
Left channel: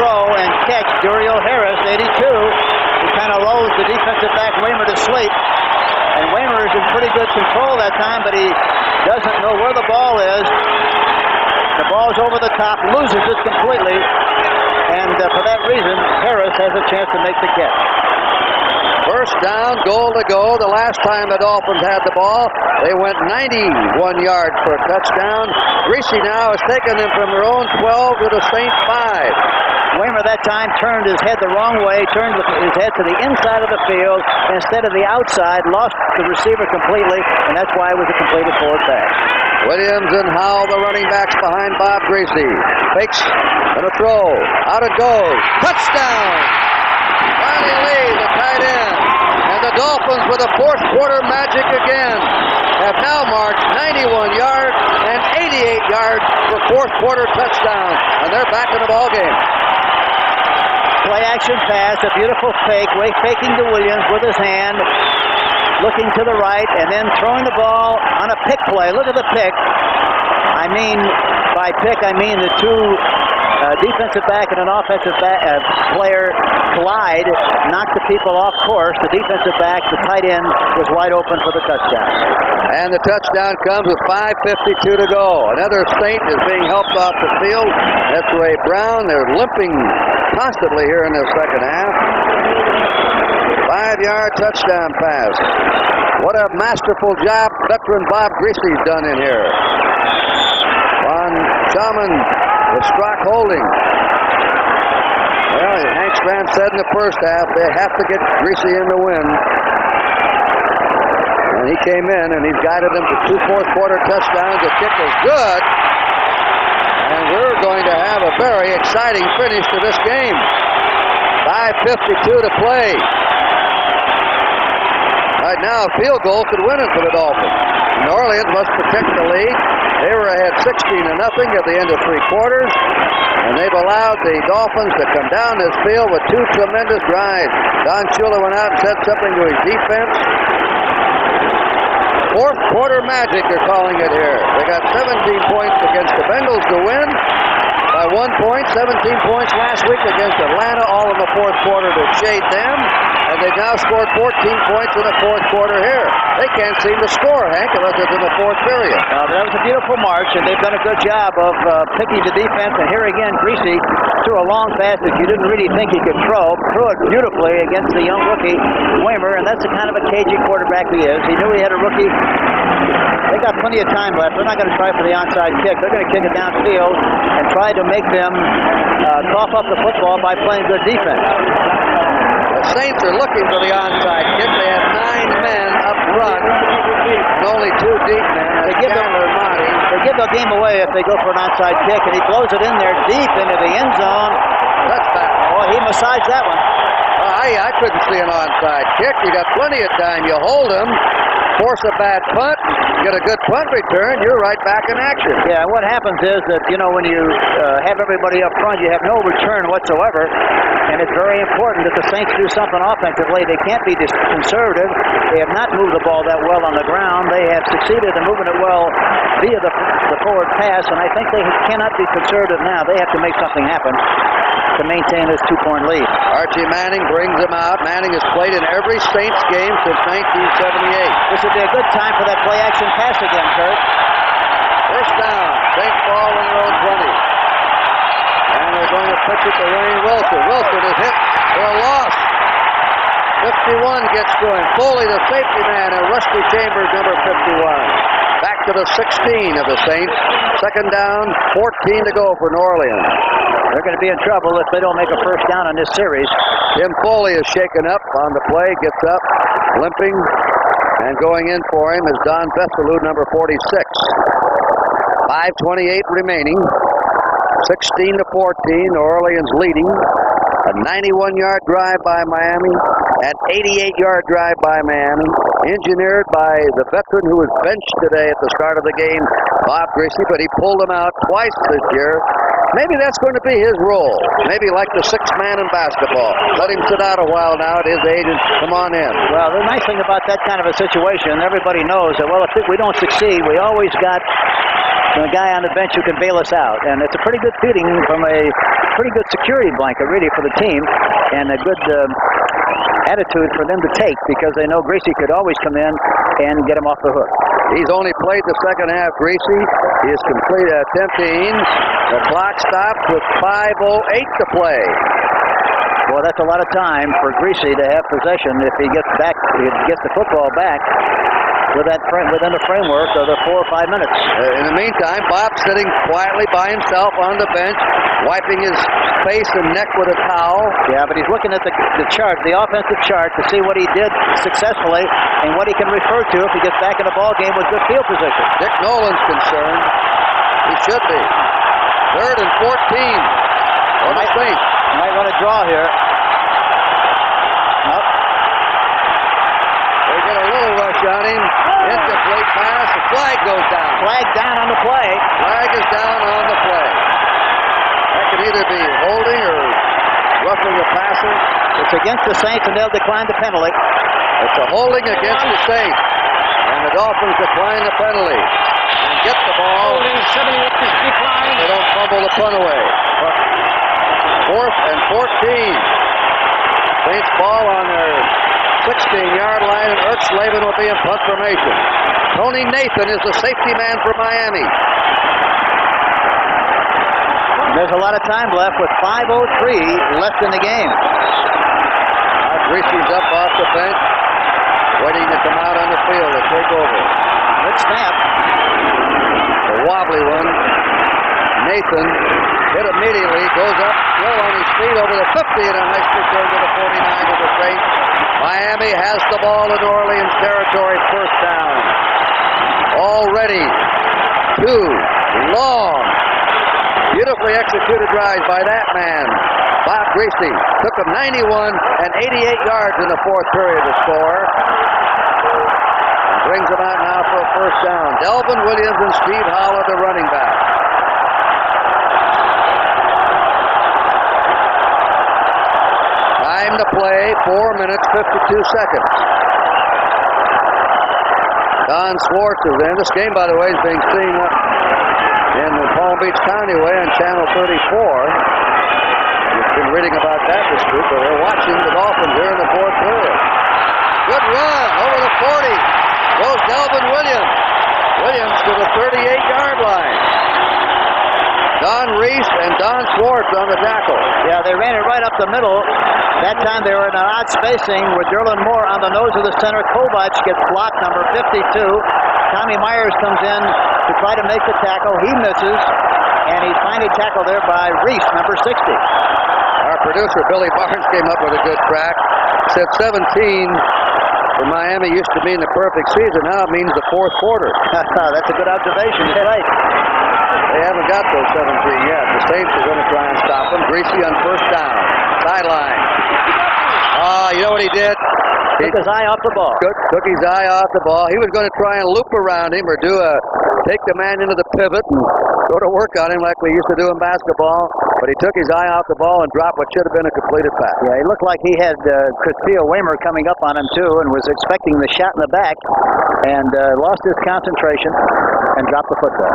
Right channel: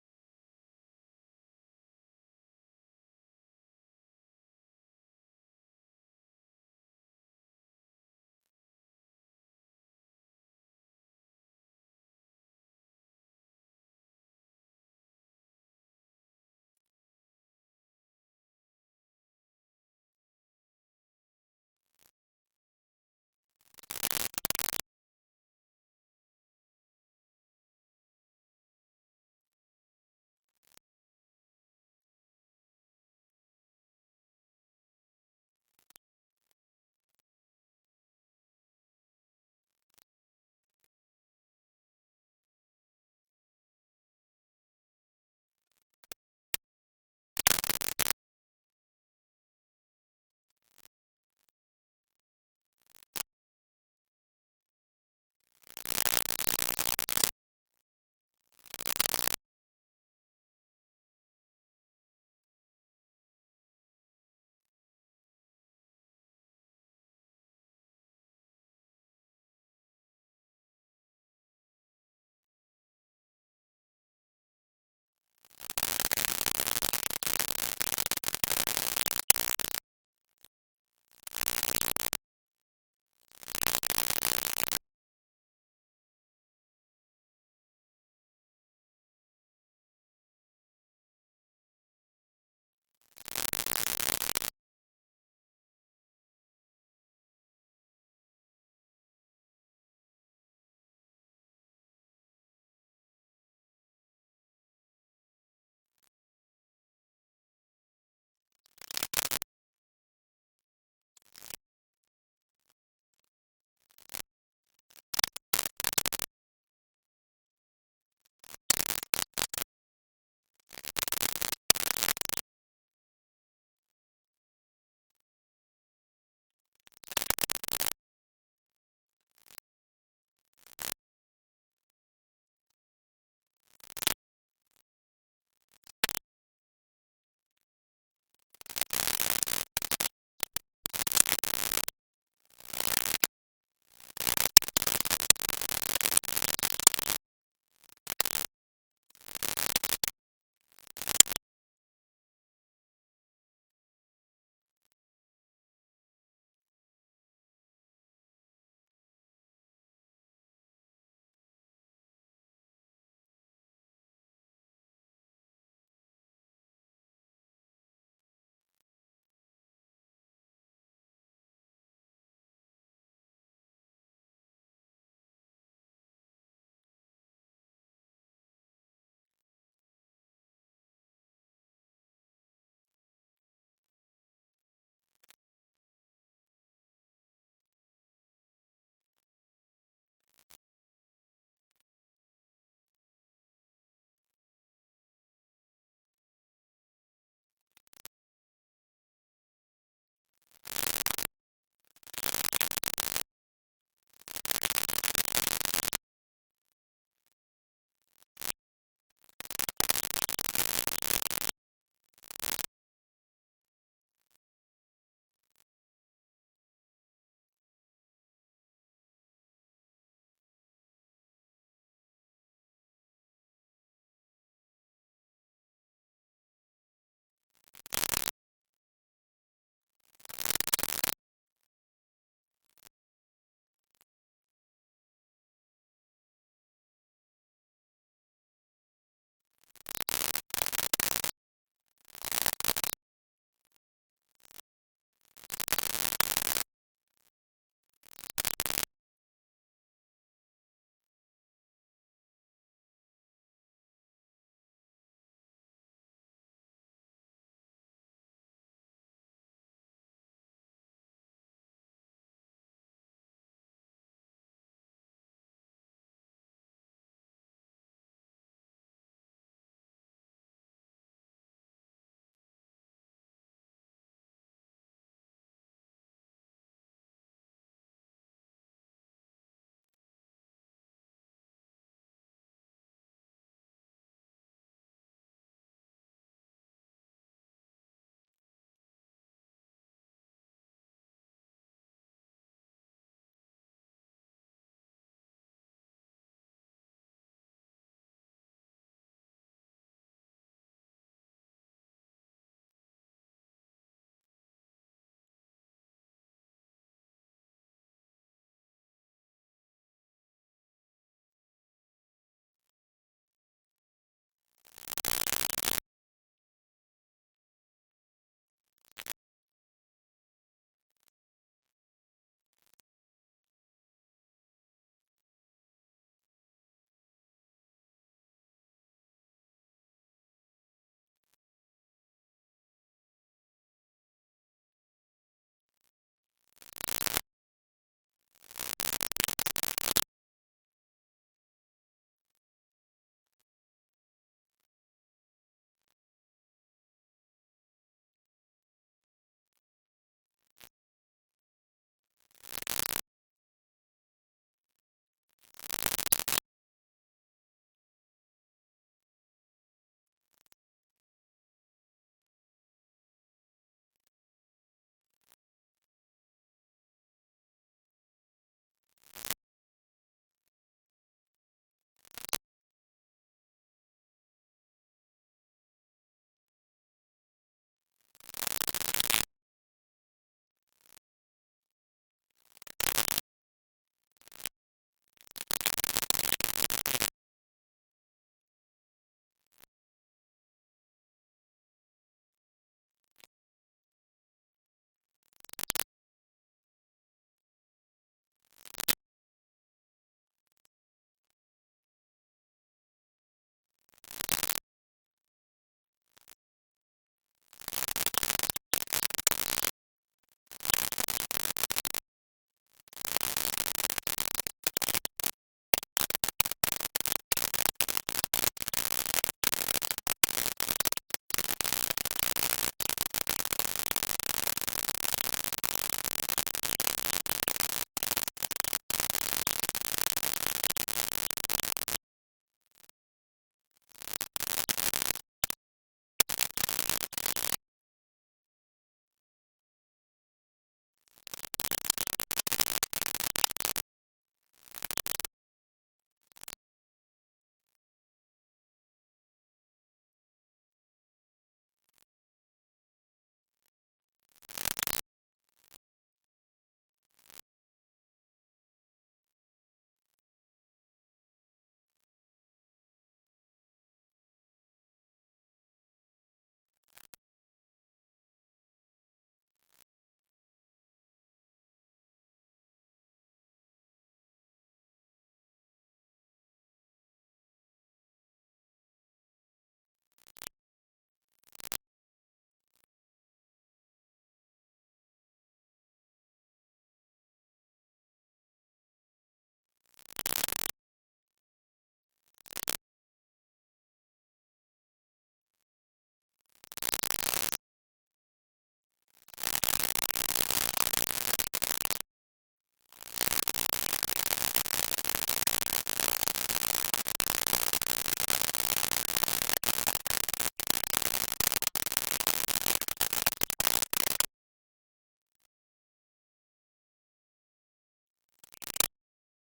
throw and catch. Duriel Harris, 82. He kind of lulls the defensive back Waymer to sleep. And Waymer is in pretty good control that time, but he doesn't know where the ball is. The ball's over the top, loses it completely. And for that reason, Harris has a chance to make the catch. First down, goal to go. The last time the Dolphins had the ball, they went 91 yards for a touchdown. Greasy now has taken them from their own 12 to the Saint 5. Waymer that time turned his head the wrong way, turned his head to the inside of the field instead of the outside, lost the receiver completely, and that's why it was a completed forward pass. Williams and Howell, the running backs behind Bob Greasy. Fakes and a throw. Out it goes. Touchdown! Ronnie Lee, the tight end. And the Dolphins, with a fourth quarter magic again, have now marched 91 yards and 88 yards for fourth quarter touchdown. And they're back in the ballgame. Play action pass, a beautiful fake, faking to Williams with his hand. looking to the right, and then throwing the ball on a pick play. Look at the pick. I mean, by pick, I mean the two defensive back and an offensive player collide, knock the people off course. The defensive back, the tight end, was wide open for the touchdown. And the touchdown comes with 5:52 to go. Another Saint is being helped off the field. That's Ray Brown. They're limping constantly here in the second half. 5-yard touchdown pass. What a masterful job veteran Bob Greasy's done in here. Von Schaman with Strock holding. Well, Hank Stram said in the first half they have to get Greasy in the win. And he came in and he's guided them to 2 fourth-quarter touchdowns. The kick is good. And we're going to have a very exciting finish to this game. 5:52 to play. Right now, a field goal could win it for the Dolphins. New Orleans must protect the lead. They were ahead 16-0 at the end of 3 quarters. And they've allowed the Dolphins to come down this field with 2 tremendous drives. Don Shula went out and said something to his defense. Fourth quarter magic, they're calling it here. They got 17 points against the Bengals to win by 1 point. 17 points last week against Atlanta, all in the fourth quarter to shade them. And they've now scored 14 points in the fourth quarter here. They can't seem to score, Hank, unless it's in the fourth period. That was a beautiful march, and they've done a good job of picking the defense. And here again, Greasy threw a long pass that you didn't really think he could throw. Threw it beautifully against the young rookie, Weimer, and that's the kind of a cagey quarterback he is. He knew he had a rookie. They got plenty of time left. They're not going to try for the onside kick. They're going to kick it downfield and try to make them cough up the football by playing good defense. The Saints are looking for the onside kick. They have 9 men up front and only 2 deep men. They give the game away if they go for an onside kick, and he blows it in there deep into the end zone. Touchback. Boy, he massaged that one. I couldn't see an onside kick. You got plenty of time. You hold him, force a bad punt, get a good punt return, you're right back in action. Yeah, what happens is that, you know, when you have everybody up front, you have no return whatsoever, and it's very important that the Saints do something offensively. They can't be conservative. They have not moved the ball that well on the ground. They have succeeded in moving it well via the forward pass, and I think they cannot be conservative now. They have to make something happen to maintain this 2-point lead. Archie Manning brings him out. Manning has played in every Saints game since 1978. This would be a good time for that play-action pass again, Kurt. First down. Saints ball in their own 20. And they're going to pitch it to Wayne Wilson. Wilson is hit for a loss. 51 gets to him. Foley, the safety man, and Rusty Chambers, number 51. Back to the 16 of the Saints. Second down, 14 to go for New Orleans. They're going to be in trouble if they don't make a first down on this series. Tim Foley is shaken up on the play, gets up, limping, and going in for him is Don Vestalou, number 46. 5:28 remaining. 16-14, New Orleans leading. A 91-yard drive by Miami, an 88-yard drive by Miami, engineered by the veteran who was benched today at the start of the game, Bob Greasy, but he pulled him out twice this year. Maybe that's going to be his role. Maybe like the 6th man in basketball. Let him sit out a while now at his age and come on in. Well, the nice thing about that kind of a situation, everybody knows that, well, if we don't succeed, we always got a guy on the bench who can bail us out. And it's a pretty good feeling from a pretty good security blanket, really, for the team, and a good attitude for them to take, because they know Greasy could always come in and get him off the hook. He's only played the second half, Greasy. He has completed attempting. The clock stops with 5:08 to play. Well, that's a lot of time for Greasy to have possession if he gets the football back within the framework of the 4 or 5 minutes. In the meantime, Bob's sitting quietly by himself on the bench, wiping his face and neck with a towel. Yeah, but he's looking at the chart, the offensive chart, to see what he did successfully and what he can refer to if he gets back in the ball game with good field position. Dick Nolan's concerned. He should be. 3rd and 14. What do you think? Might want to draw here. Nope. They get a little rush on him. Incomplete pass. The flag goes down. Flag down on the play. Flag is down on the play. That could either be holding or roughing the passer. It's against the Saints, and they'll decline the penalty. It's a holding against the Saints. And the Dolphins decline the penalty. And get the ball. They don't fumble the punt away. 4th and 14. Saints ball on their 16-yard line, and Ertzleben will be in punt formation. Tony Nathan is the safety man for Miami. There's a lot of time left with 5:03 left in the game. Greasy's up off the bench, waiting to come out on the field to take over. Good snap. A wobbly one. Nathan hit immediately, goes up, slow on his feet over the 50, and a nice return to the 49 of the Saints. Miami has the ball in New Orleans territory, first down. Already 2 long, beautifully executed drives by that man, Bob Greasy. Took him 91 and 88 yards in the 4th period to score. And brings him out now for a first down. Delvin Williams and Steve Howard, the running back. Time to play, 4 minutes, 52 seconds. Don Schwartz is in. This game, by the way, is being seen up in the Palm Beach County way on Channel 34. You've been reading about that this week, but we're watching the Dolphins here in the 4th period. Good run over the 40. Goes Delvin Williams. Williams to the 38-yard line. Don Reese and Don Schwartz on the tackle. Yeah, they ran it right up the middle. That time they were in an odd spacing with Derlin Moore on the nose of the center. Kovac gets blocked, number 52. Tommy Myers comes in to try to make the tackle. He misses, and he's finally tackled there by Reese, number 60. Our producer, Billy Barnes, came up with a good crack. Said 17 for Miami used to mean the perfect season. Now it means the 4th quarter. That's a good observation. You're right. They haven't got those 17 yet. The Saints are going to try and stop them. Greasy on first down. Sideline. You know what he did? Took his eye off the ball. Took his eye off the ball. He was going to try and loop around him or take the man into the pivot and go to work on him like we used to do in basketball. But he took his eye off the ball and dropped what should have been a completed pass. Yeah, he looked like he had Christia Waymer coming up on him too and was expecting the shot in the back and lost his concentration and dropped the football.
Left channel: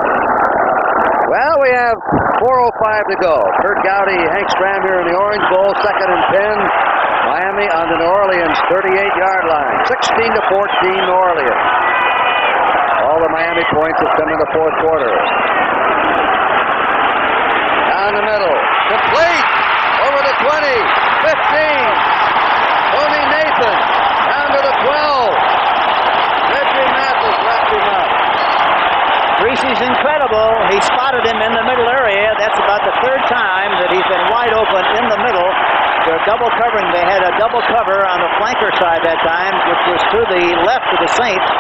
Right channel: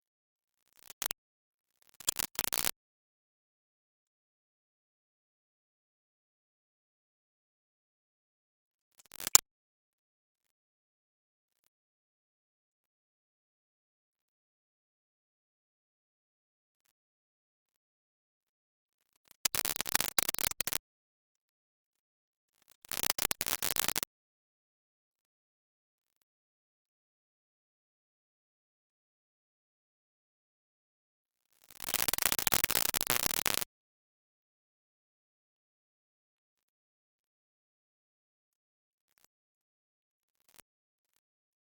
Well, we have 4:05 to go. Kurt Gowdy, Hank Stram here in the Orange Bowl, 2nd and 10. Miami on the New Orleans 38-yard line. 16-14 New Orleans. All the Miami points have come in the 4th quarter. Down the middle. Complete. Over the 20. 15. Tony Nathan. Down to the 12. Reggie Mathis wrapped him up. Greasy's incredible. He spotted him in the middle area. That's about the 3rd time that he's been wide open in the middle. They're double covering. They had a double cover on the flanker side that time, which was to the left of the Saints.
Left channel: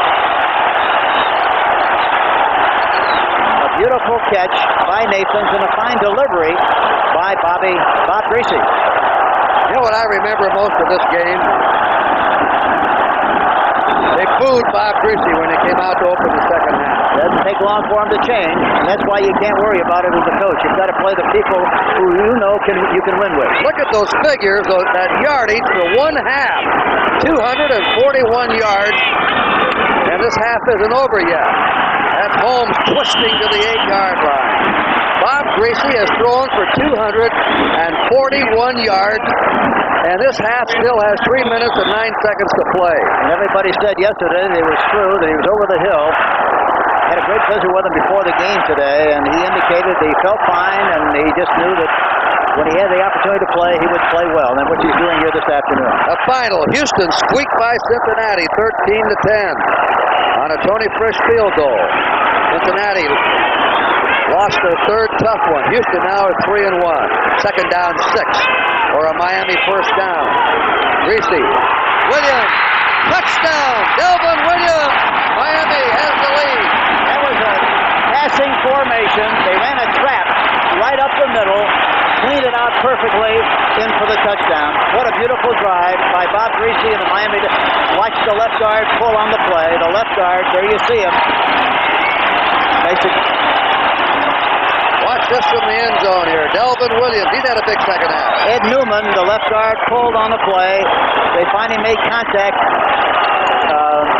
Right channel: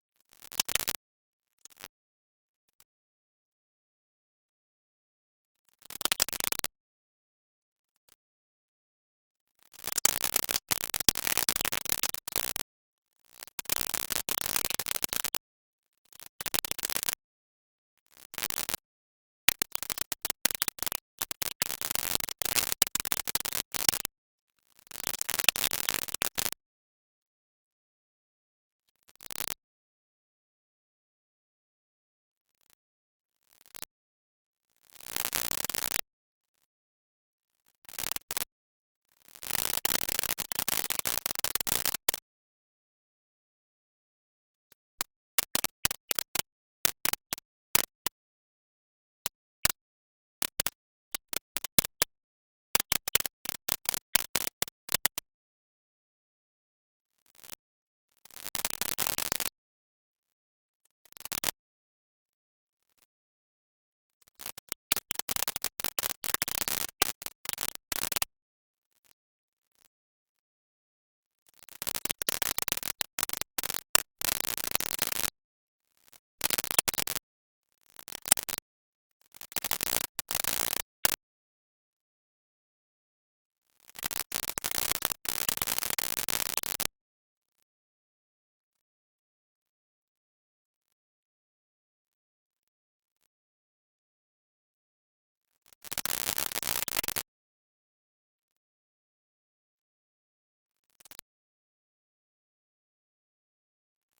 A beautiful catch by Nathans and a fine delivery by Bob Greasy. You know what I remember most of this game? They booed Bob Greasy when he came out to open the second half. Doesn't take long for him to change, and that's why you can't worry about it as a coach. You've got to play the people who you know you can win with. Look at those figures, that yardage for one half. 241 yards, and this half isn't over yet. That's Holmes twisting to the 8-yard line. Bob Greasy has thrown for 241 yards, and this half still has 3 minutes and 9 seconds to play. And everybody said yesterday that it was true, that he was over the hill. Had a great visit with him before the game today, and he indicated that he felt fine, and he just knew that when he had the opportunity to play, he would play well, and which he's doing here this afternoon. A final, Houston squeaked by Cincinnati, 13-10, on a Tony Frisch field goal. Cincinnati lost their 3rd tough one. Houston now is 3-1. 2nd down, 6, or a Miami first down. Greasy, Williams, touchdown, Delvin Williams. Miami has the lead. That was a passing formation. They ran a trap right up the middle, cleaned it out perfectly, in for the touchdown. What a beautiful drive by Bob Greasy and the Miami. Watch the left guard pull on the play. The left guard, there you see him. Watch just from the end zone here. Delvin Williams, he's had a big second half. Ed Newman, the left guard, pulled on the play. They finally made contact.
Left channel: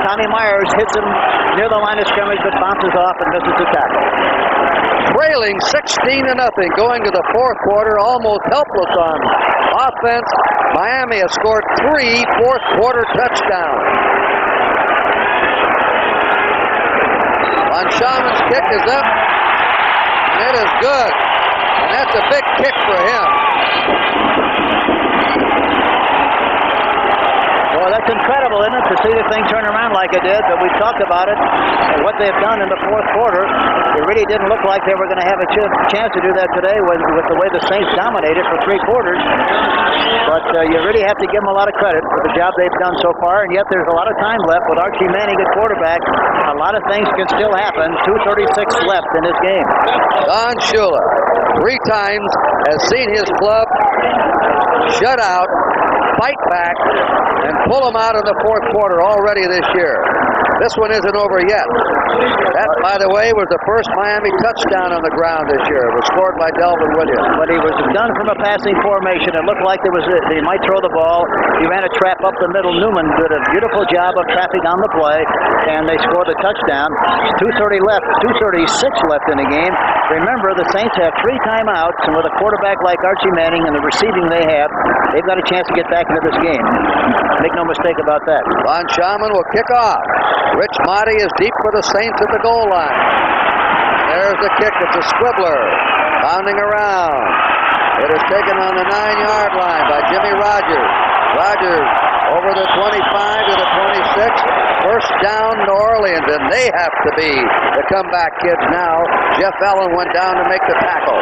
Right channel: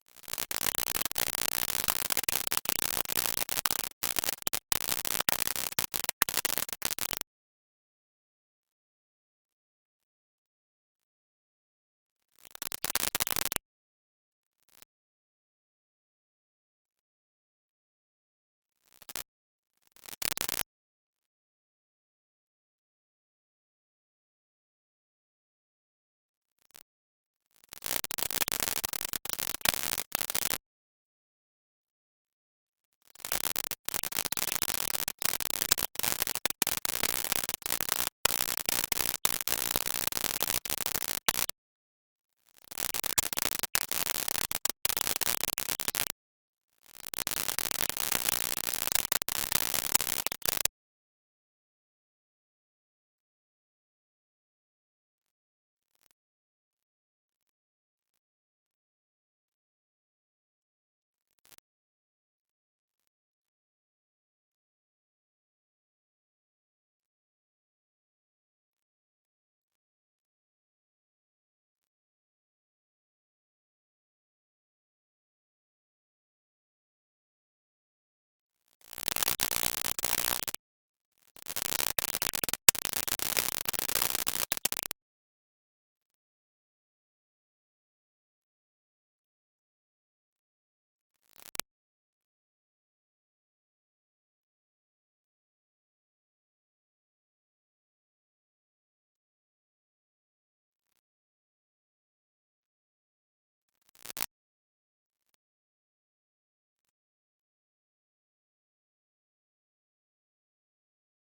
Tommy Myers hits him near the line of scrimmage, but bounces off and misses the tackle. Trailing 16-0 going to the fourth quarter, almost helpless on offense. Miami has scored 3 fourth-quarter touchdowns. Von Schauman's kick is up, and it is good. And that's a big kick for him. Well, that's incredible, isn't it, to see the thing turn around like it did, but we talked about it, and what they've done in the fourth quarter. It really didn't look like they were going to have a chance to do that today with the way the Saints dominated for 3 quarters. But you really have to give them a lot of credit for the job they've done so far, and yet there's a lot of time left with Archie Manning at quarterback. A lot of things can still happen. 2:36 left in this game. Don Shula, 3 times, has seen his club shut out, fight back, and pull them out in the fourth quarter already this year. This one isn't over yet. That, by the way, was the first Miami touchdown on the ground this year. It was scored by Delvin Williams. But he was done from a passing formation. It looked like they might throw the ball. He ran a trap up the middle. Newman did a beautiful job of trapping on the play, and they scored the touchdown. 2:30 left, 2:36 left in the game. Remember, the Saints have 3 timeouts, and with a quarterback like Archie Manning and the receiving they have, they've got a chance to get back into this game. Make no mistake about that. Von Schauman will kick off. Rich Motti is deep for the Saints at the goal line. There's the kick. It's a squibbler. Bounding around. It is taken on the 9-yard line by Jimmy Rogers. Rogers over the 25 to the 26. First down, New Orleans, and they have to be the comeback kids now. Jeff Allen went down to make the tackle.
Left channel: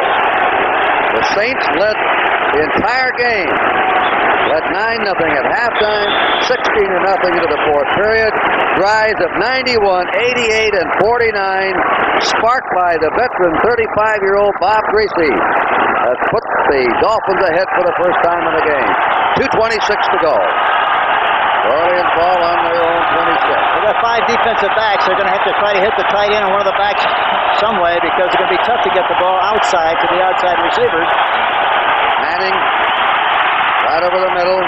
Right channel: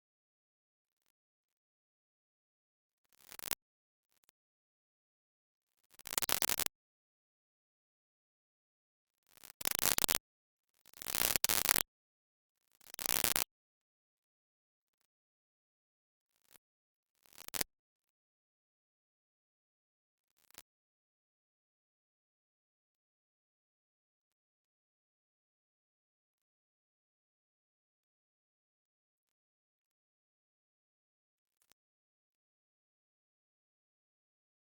The Saints led the entire game. Led 9-0 at halftime, 16-0 into the fourth period. Drives of 91, 88, and 49, sparked by the veteran 35-year-old Bob Greasy, has put the Dolphins ahead for the first time in the game. 2:26 to go. Orleans ball on their own 26. They've got 5 defensive backs. They're going to have to try to hit the tight end and one of the backs some way, because it's going to be tough to get the ball outside to the outside receivers. Manning right over the middle,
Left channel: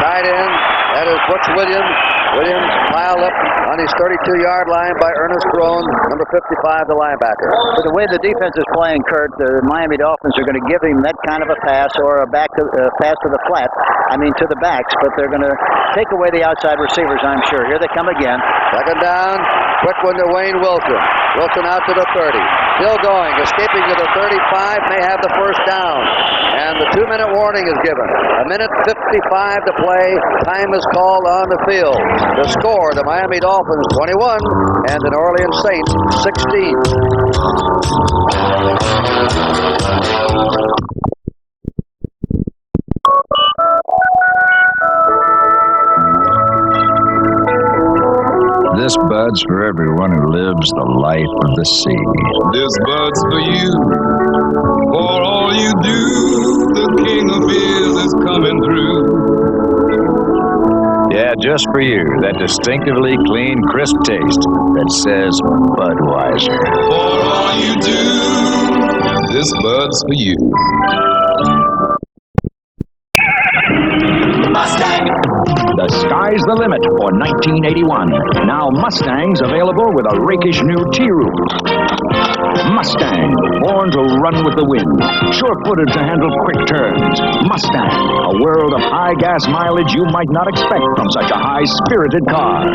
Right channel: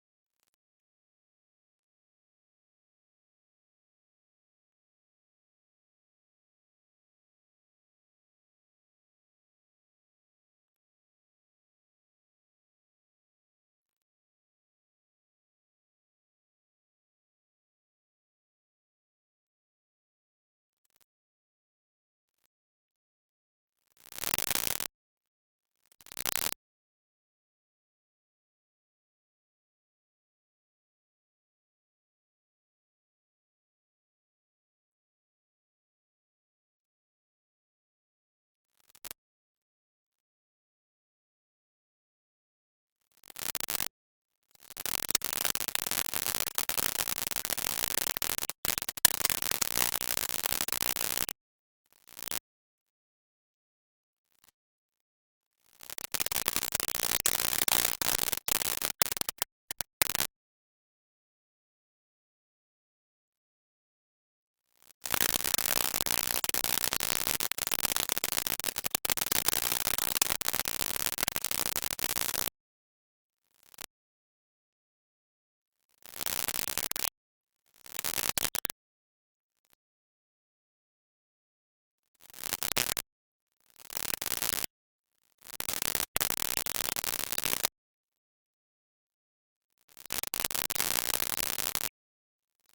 tight end. That is Butch Williams. Williams piled up on his 32-yard line by Ernest Roan, number 55, the linebacker. But the way the defense is playing, Kurt, the Miami Dolphins are going to give him that kind of a pass or a pass to the flat. I mean, to the backs, but they're going to take away the outside receivers, I'm sure. Here they come again. Second down, quick one to Wayne Wilson. Wilson out to the 30. Still going, escaping to the 35, may have the first down. And the 2-minute warning is given. 1:55 to play. Time is called on the field. The score, the Miami Dolphins 21 and the New Orleans Saints 16. This bud's for everyone who lives the life of the sea. This bud's for you. For all you do, the king of beers is coming through. Yeah, just for you, that distinctively clean, crisp taste that says Budweiser. For all you do, this bud's for you. Mustang! The sky's the limit for 1981. Now Mustangs available with a rakish new T-Roof. Mustang, born to run with the wind, sure-footed to handle quick turns. Mustang, a world of high gas mileage you might not expect from such a high-spirited car.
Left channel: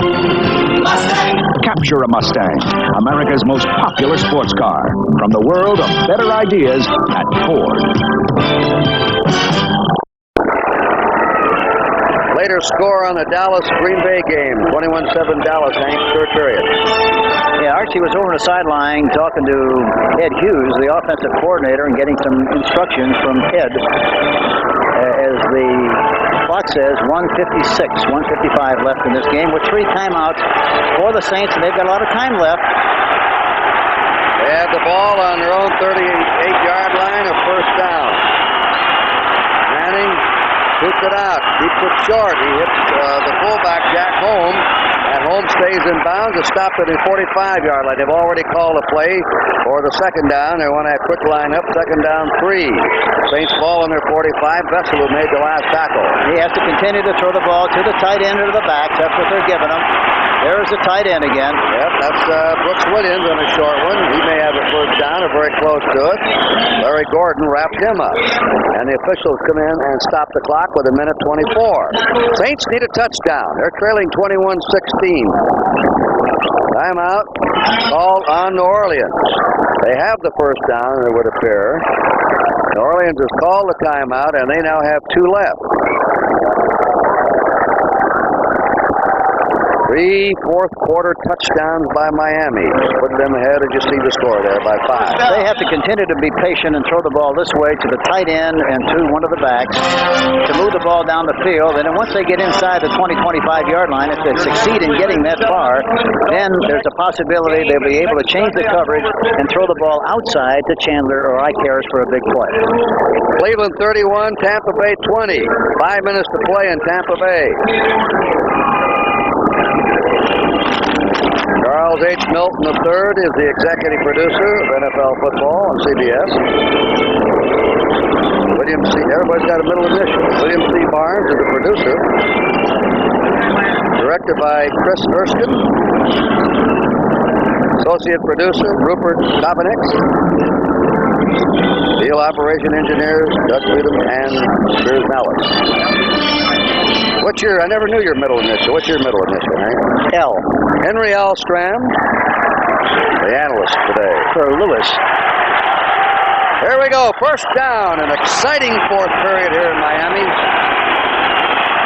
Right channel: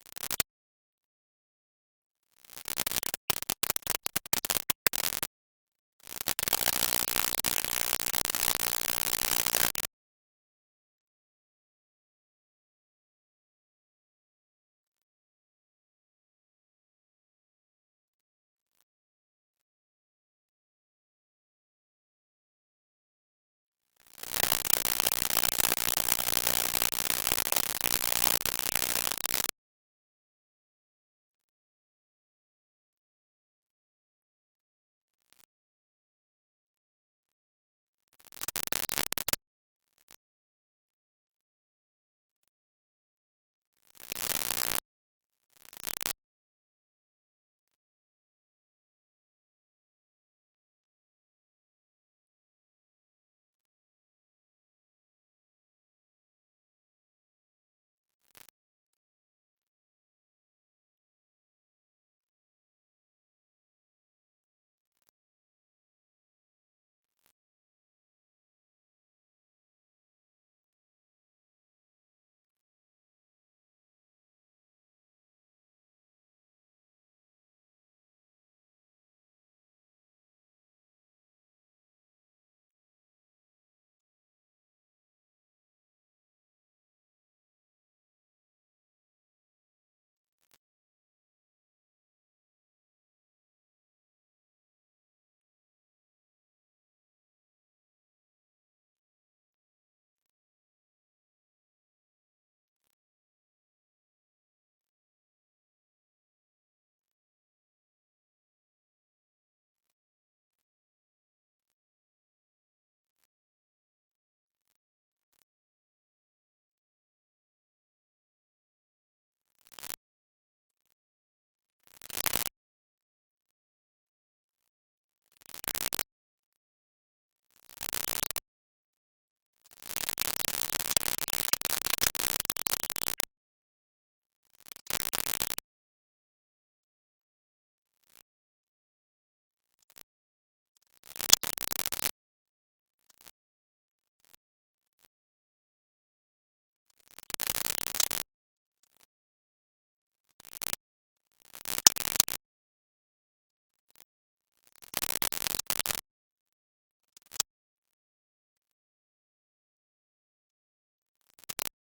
Mustang! Capture a Mustang, America's most popular sports car. From the world of better ideas at Ford. Later score on the Dallas-Green Bay game, 21-7 Dallas, Hank, third period. Yeah, Archie was over on the sideline talking to Ed Hughes, the offensive coordinator, and getting some instructions from Ed. As the clock says, 1:56, 1:55 left in this game with 3 timeouts for the Saints, and they've got a lot of time left. They have the ball on their own 38-yard line, a first down. Manning, 2 Rips it out. Keeps it short. He hits the fullback, Jack Holmes. And Holmes stays in bounds. It's stopped at the 45-yard line. They've already called a play for the second down. They want a quick lineup. Second down, 3. Saints ball on their 45. Vessel who made the last tackle. He has to continue to throw the ball to the tight end or to the back. That's what they're giving him. There's the tight end again. Yep, that's Brooks Williams on a short one. He may have a first down or very close to it. Larry Gordon wrapped him up. And the officials come in and stop the clock with 1:24. Saints need a touchdown. They're trailing 21-16. Timeout called on New Orleans. They have the first down, it would appear. New Orleans has called the timeout, and they now have 2 left. 3 fourth-quarter touchdowns by Miami. Put them ahead, as you see the score there, by 5. They have to continue to be patient and throw the ball this way to the tight end and to one of the backs to move the ball down the field. And then once they get inside the 20-25-yard line, if they succeed in getting that far, then there's a possibility they'll be able to change the coverage and throw the ball outside to Chandler or Ike Harris for a big play. Cleveland 31, Tampa Bay 20. 5 minutes to play in Tampa Bay. Charles H. Milton III is the executive producer of NFL football on CBS. William C. Everybody's got a middle initial. William C. Barnes is the producer. Directed by Chris Erskine. Associate producer Rupert Kopanek. Field operation engineers Doug Freedom and Piers Nellis. I never knew your middle initial. What's your middle initial, Hank? L. Henry L. Stram, the analyst today. For Lewis. Here we go. First down. An exciting fourth period here in Miami.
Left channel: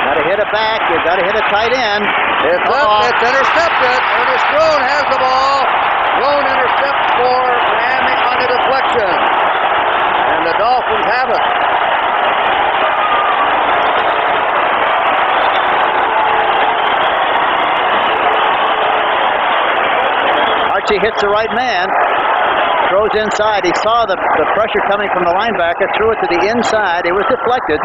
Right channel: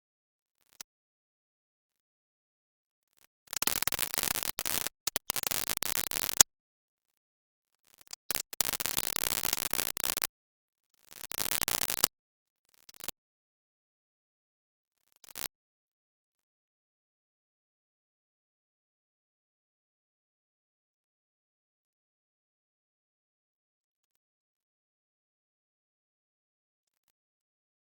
Got to hit it back. You've got to hit a tight end. It's up. It's intercepted. Ernest Roan has the ball. Roan intercepts for Miami on the deflection. And the Dolphins have it. He hits the right man, throws inside. He saw the pressure coming from the linebacker, threw it to the inside. It was deflected.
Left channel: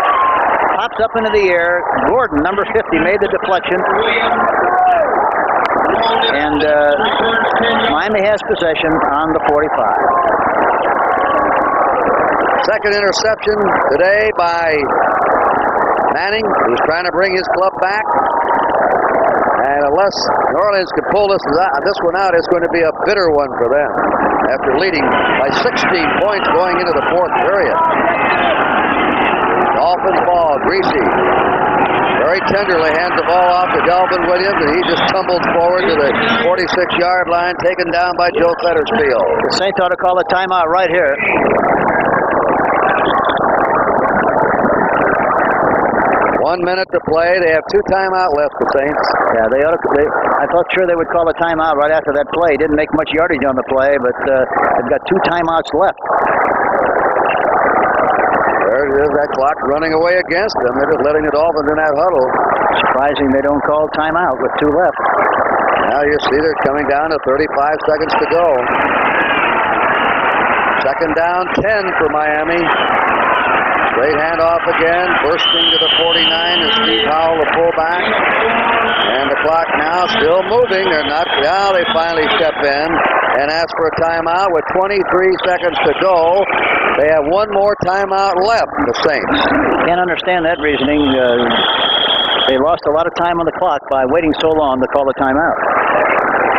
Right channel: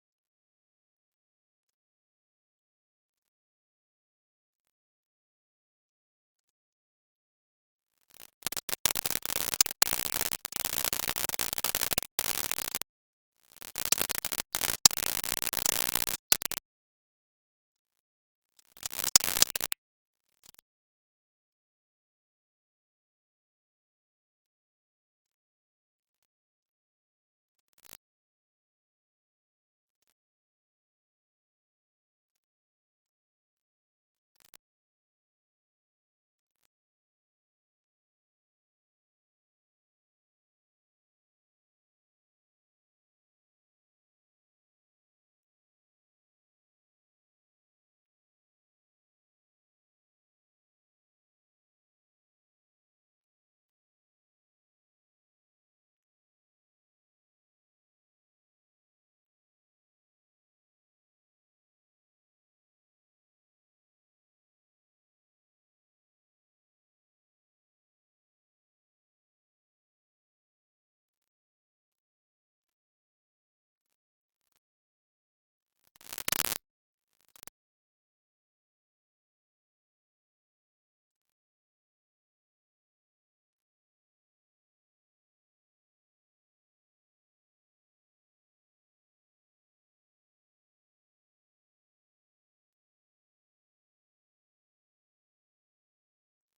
Pops up into the air. Gordon, number 50, made the deflection. And Miami has possession on the 45. Second interception today by Manning, who's trying to bring his club back. And unless New Orleans can pull this one out, it's going to be a bitter one for them after leading by 16 points going into the fourth period. Dolphins ball, Greasy. Very tenderly hands the ball off to Delvin Williams, and he just tumbled forward to the 46-yard line, taken down by Joe Fettersfield. The Saints ought to call a timeout right here. 1 minute to play. They have 2 timeout left, the Saints. Yeah, I thought sure they would call a timeout right after that play. Didn't make much yardage on the play, but they've got 2 timeouts left. There it is, that clock running away against them. They're just letting the Dolphins in that huddle. Surprising they don't call timeout with 2 left. Now you see they're coming down to 35 seconds to go. Second down, 10 for Miami. Straight handoff again, bursting to the 49 is Steve Howell, the fullback. And the clock now still moving. Now they finally step in and ask for a timeout with 23 seconds to go. They have 1 more timeout left, the Saints. Can't understand that reasoning. They lost a lot of time on the clock by waiting so long to call a timeout.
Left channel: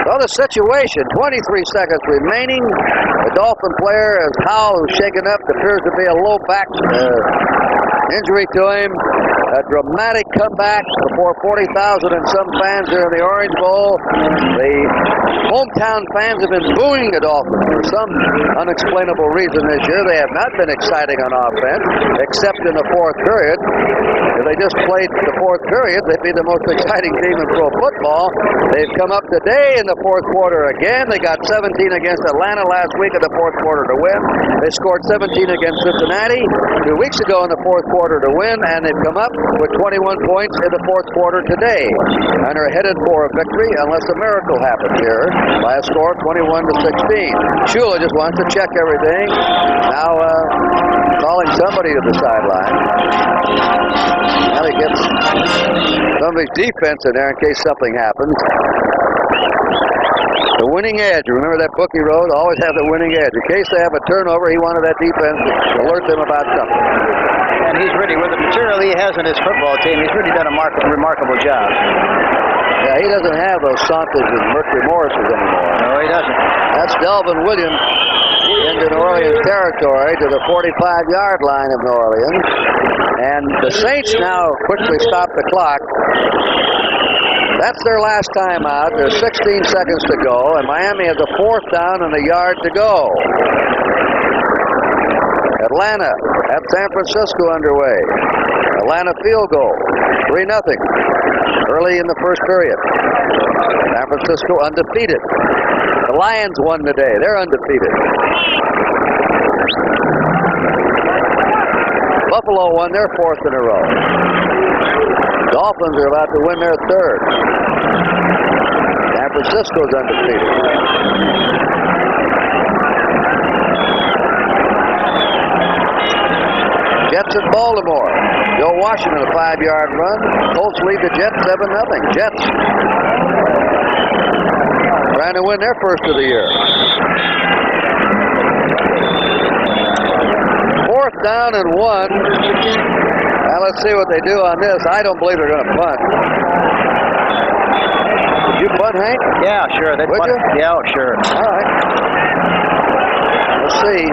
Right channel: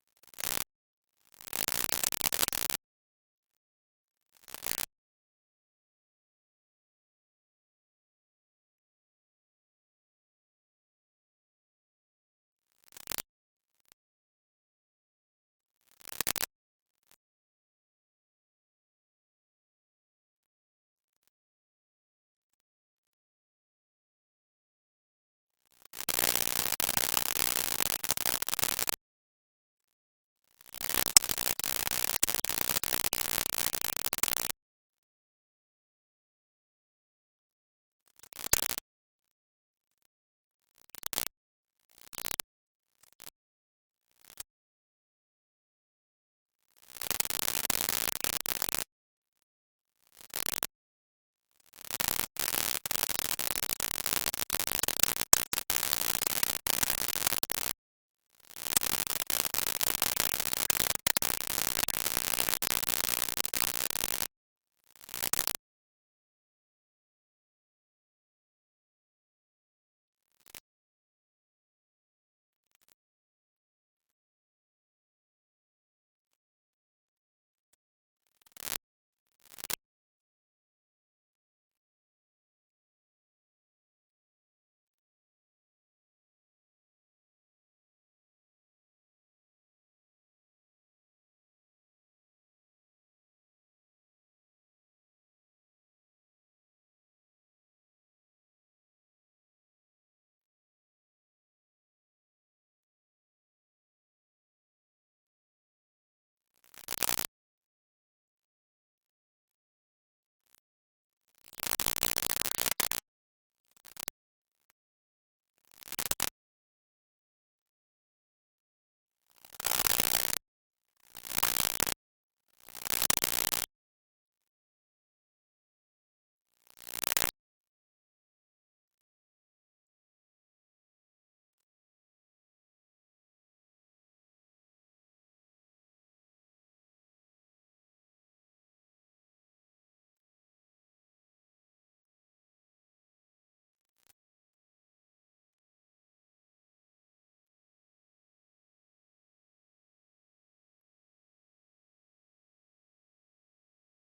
Well, the situation, 23 seconds remaining. The Dolphin player is Howell, who's shaken up. Appears to be a low back injury to him. A dramatic comeback before 40,000 and some fans here in the Orange Bowl. The hometown fans have been booing the Dolphins for some unexplainable reason this year. They have not been exciting on offense, except in the fourth period. If they just played the fourth period, they'd be the most exciting team in pro football. They've come up today in the fourth quarter again. They got 17 against Atlanta last week in the fourth quarter to win. They scored 17 against Cincinnati 2 weeks ago in the fourth quarter to win, and they've come up with 21 points in the fourth quarter today, and are headed for a victory unless a miracle happens here by a score of 21-16. Shula just wants to check everything. Now calling somebody to the sideline. Well, of his defense in there in case something happens. The winning edge. Remember that book he wrote? Always have the winning edge. In case they have a turnover, he wanted that defense to alert them about something. And he's really, with the material he has in his football team, he's really done a remarkable job. Yeah, he doesn't have those Santas and Mercury Morrises anymore. No, he doesn't. That's Delvin Williams into New Orleans territory to the 45-yard line of New Orleans. And the Saints now quickly stop the clock. That's their last timeout. There's 16 seconds to go, and Miami has a 4th down and a yard to go. Atlanta at San Francisco underway. Atlanta field goal, 3-0. Early in the first period. San Francisco undefeated. The Lions won today. They're undefeated. Buffalo won their 4th in a row. Dolphins are about to win their 3rd. San Francisco's undefeated. Jets at Baltimore. Joe Washington, a 5-yard run. Colts lead the Jets 7-0. Jets trying to win their 1st of the year. 4th down and 1. Now let's see what they do on this. I don't believe they're going to punt. Did you punt, Hank? Yeah, sure. Would you? Yeah, sure. All right. Let's see.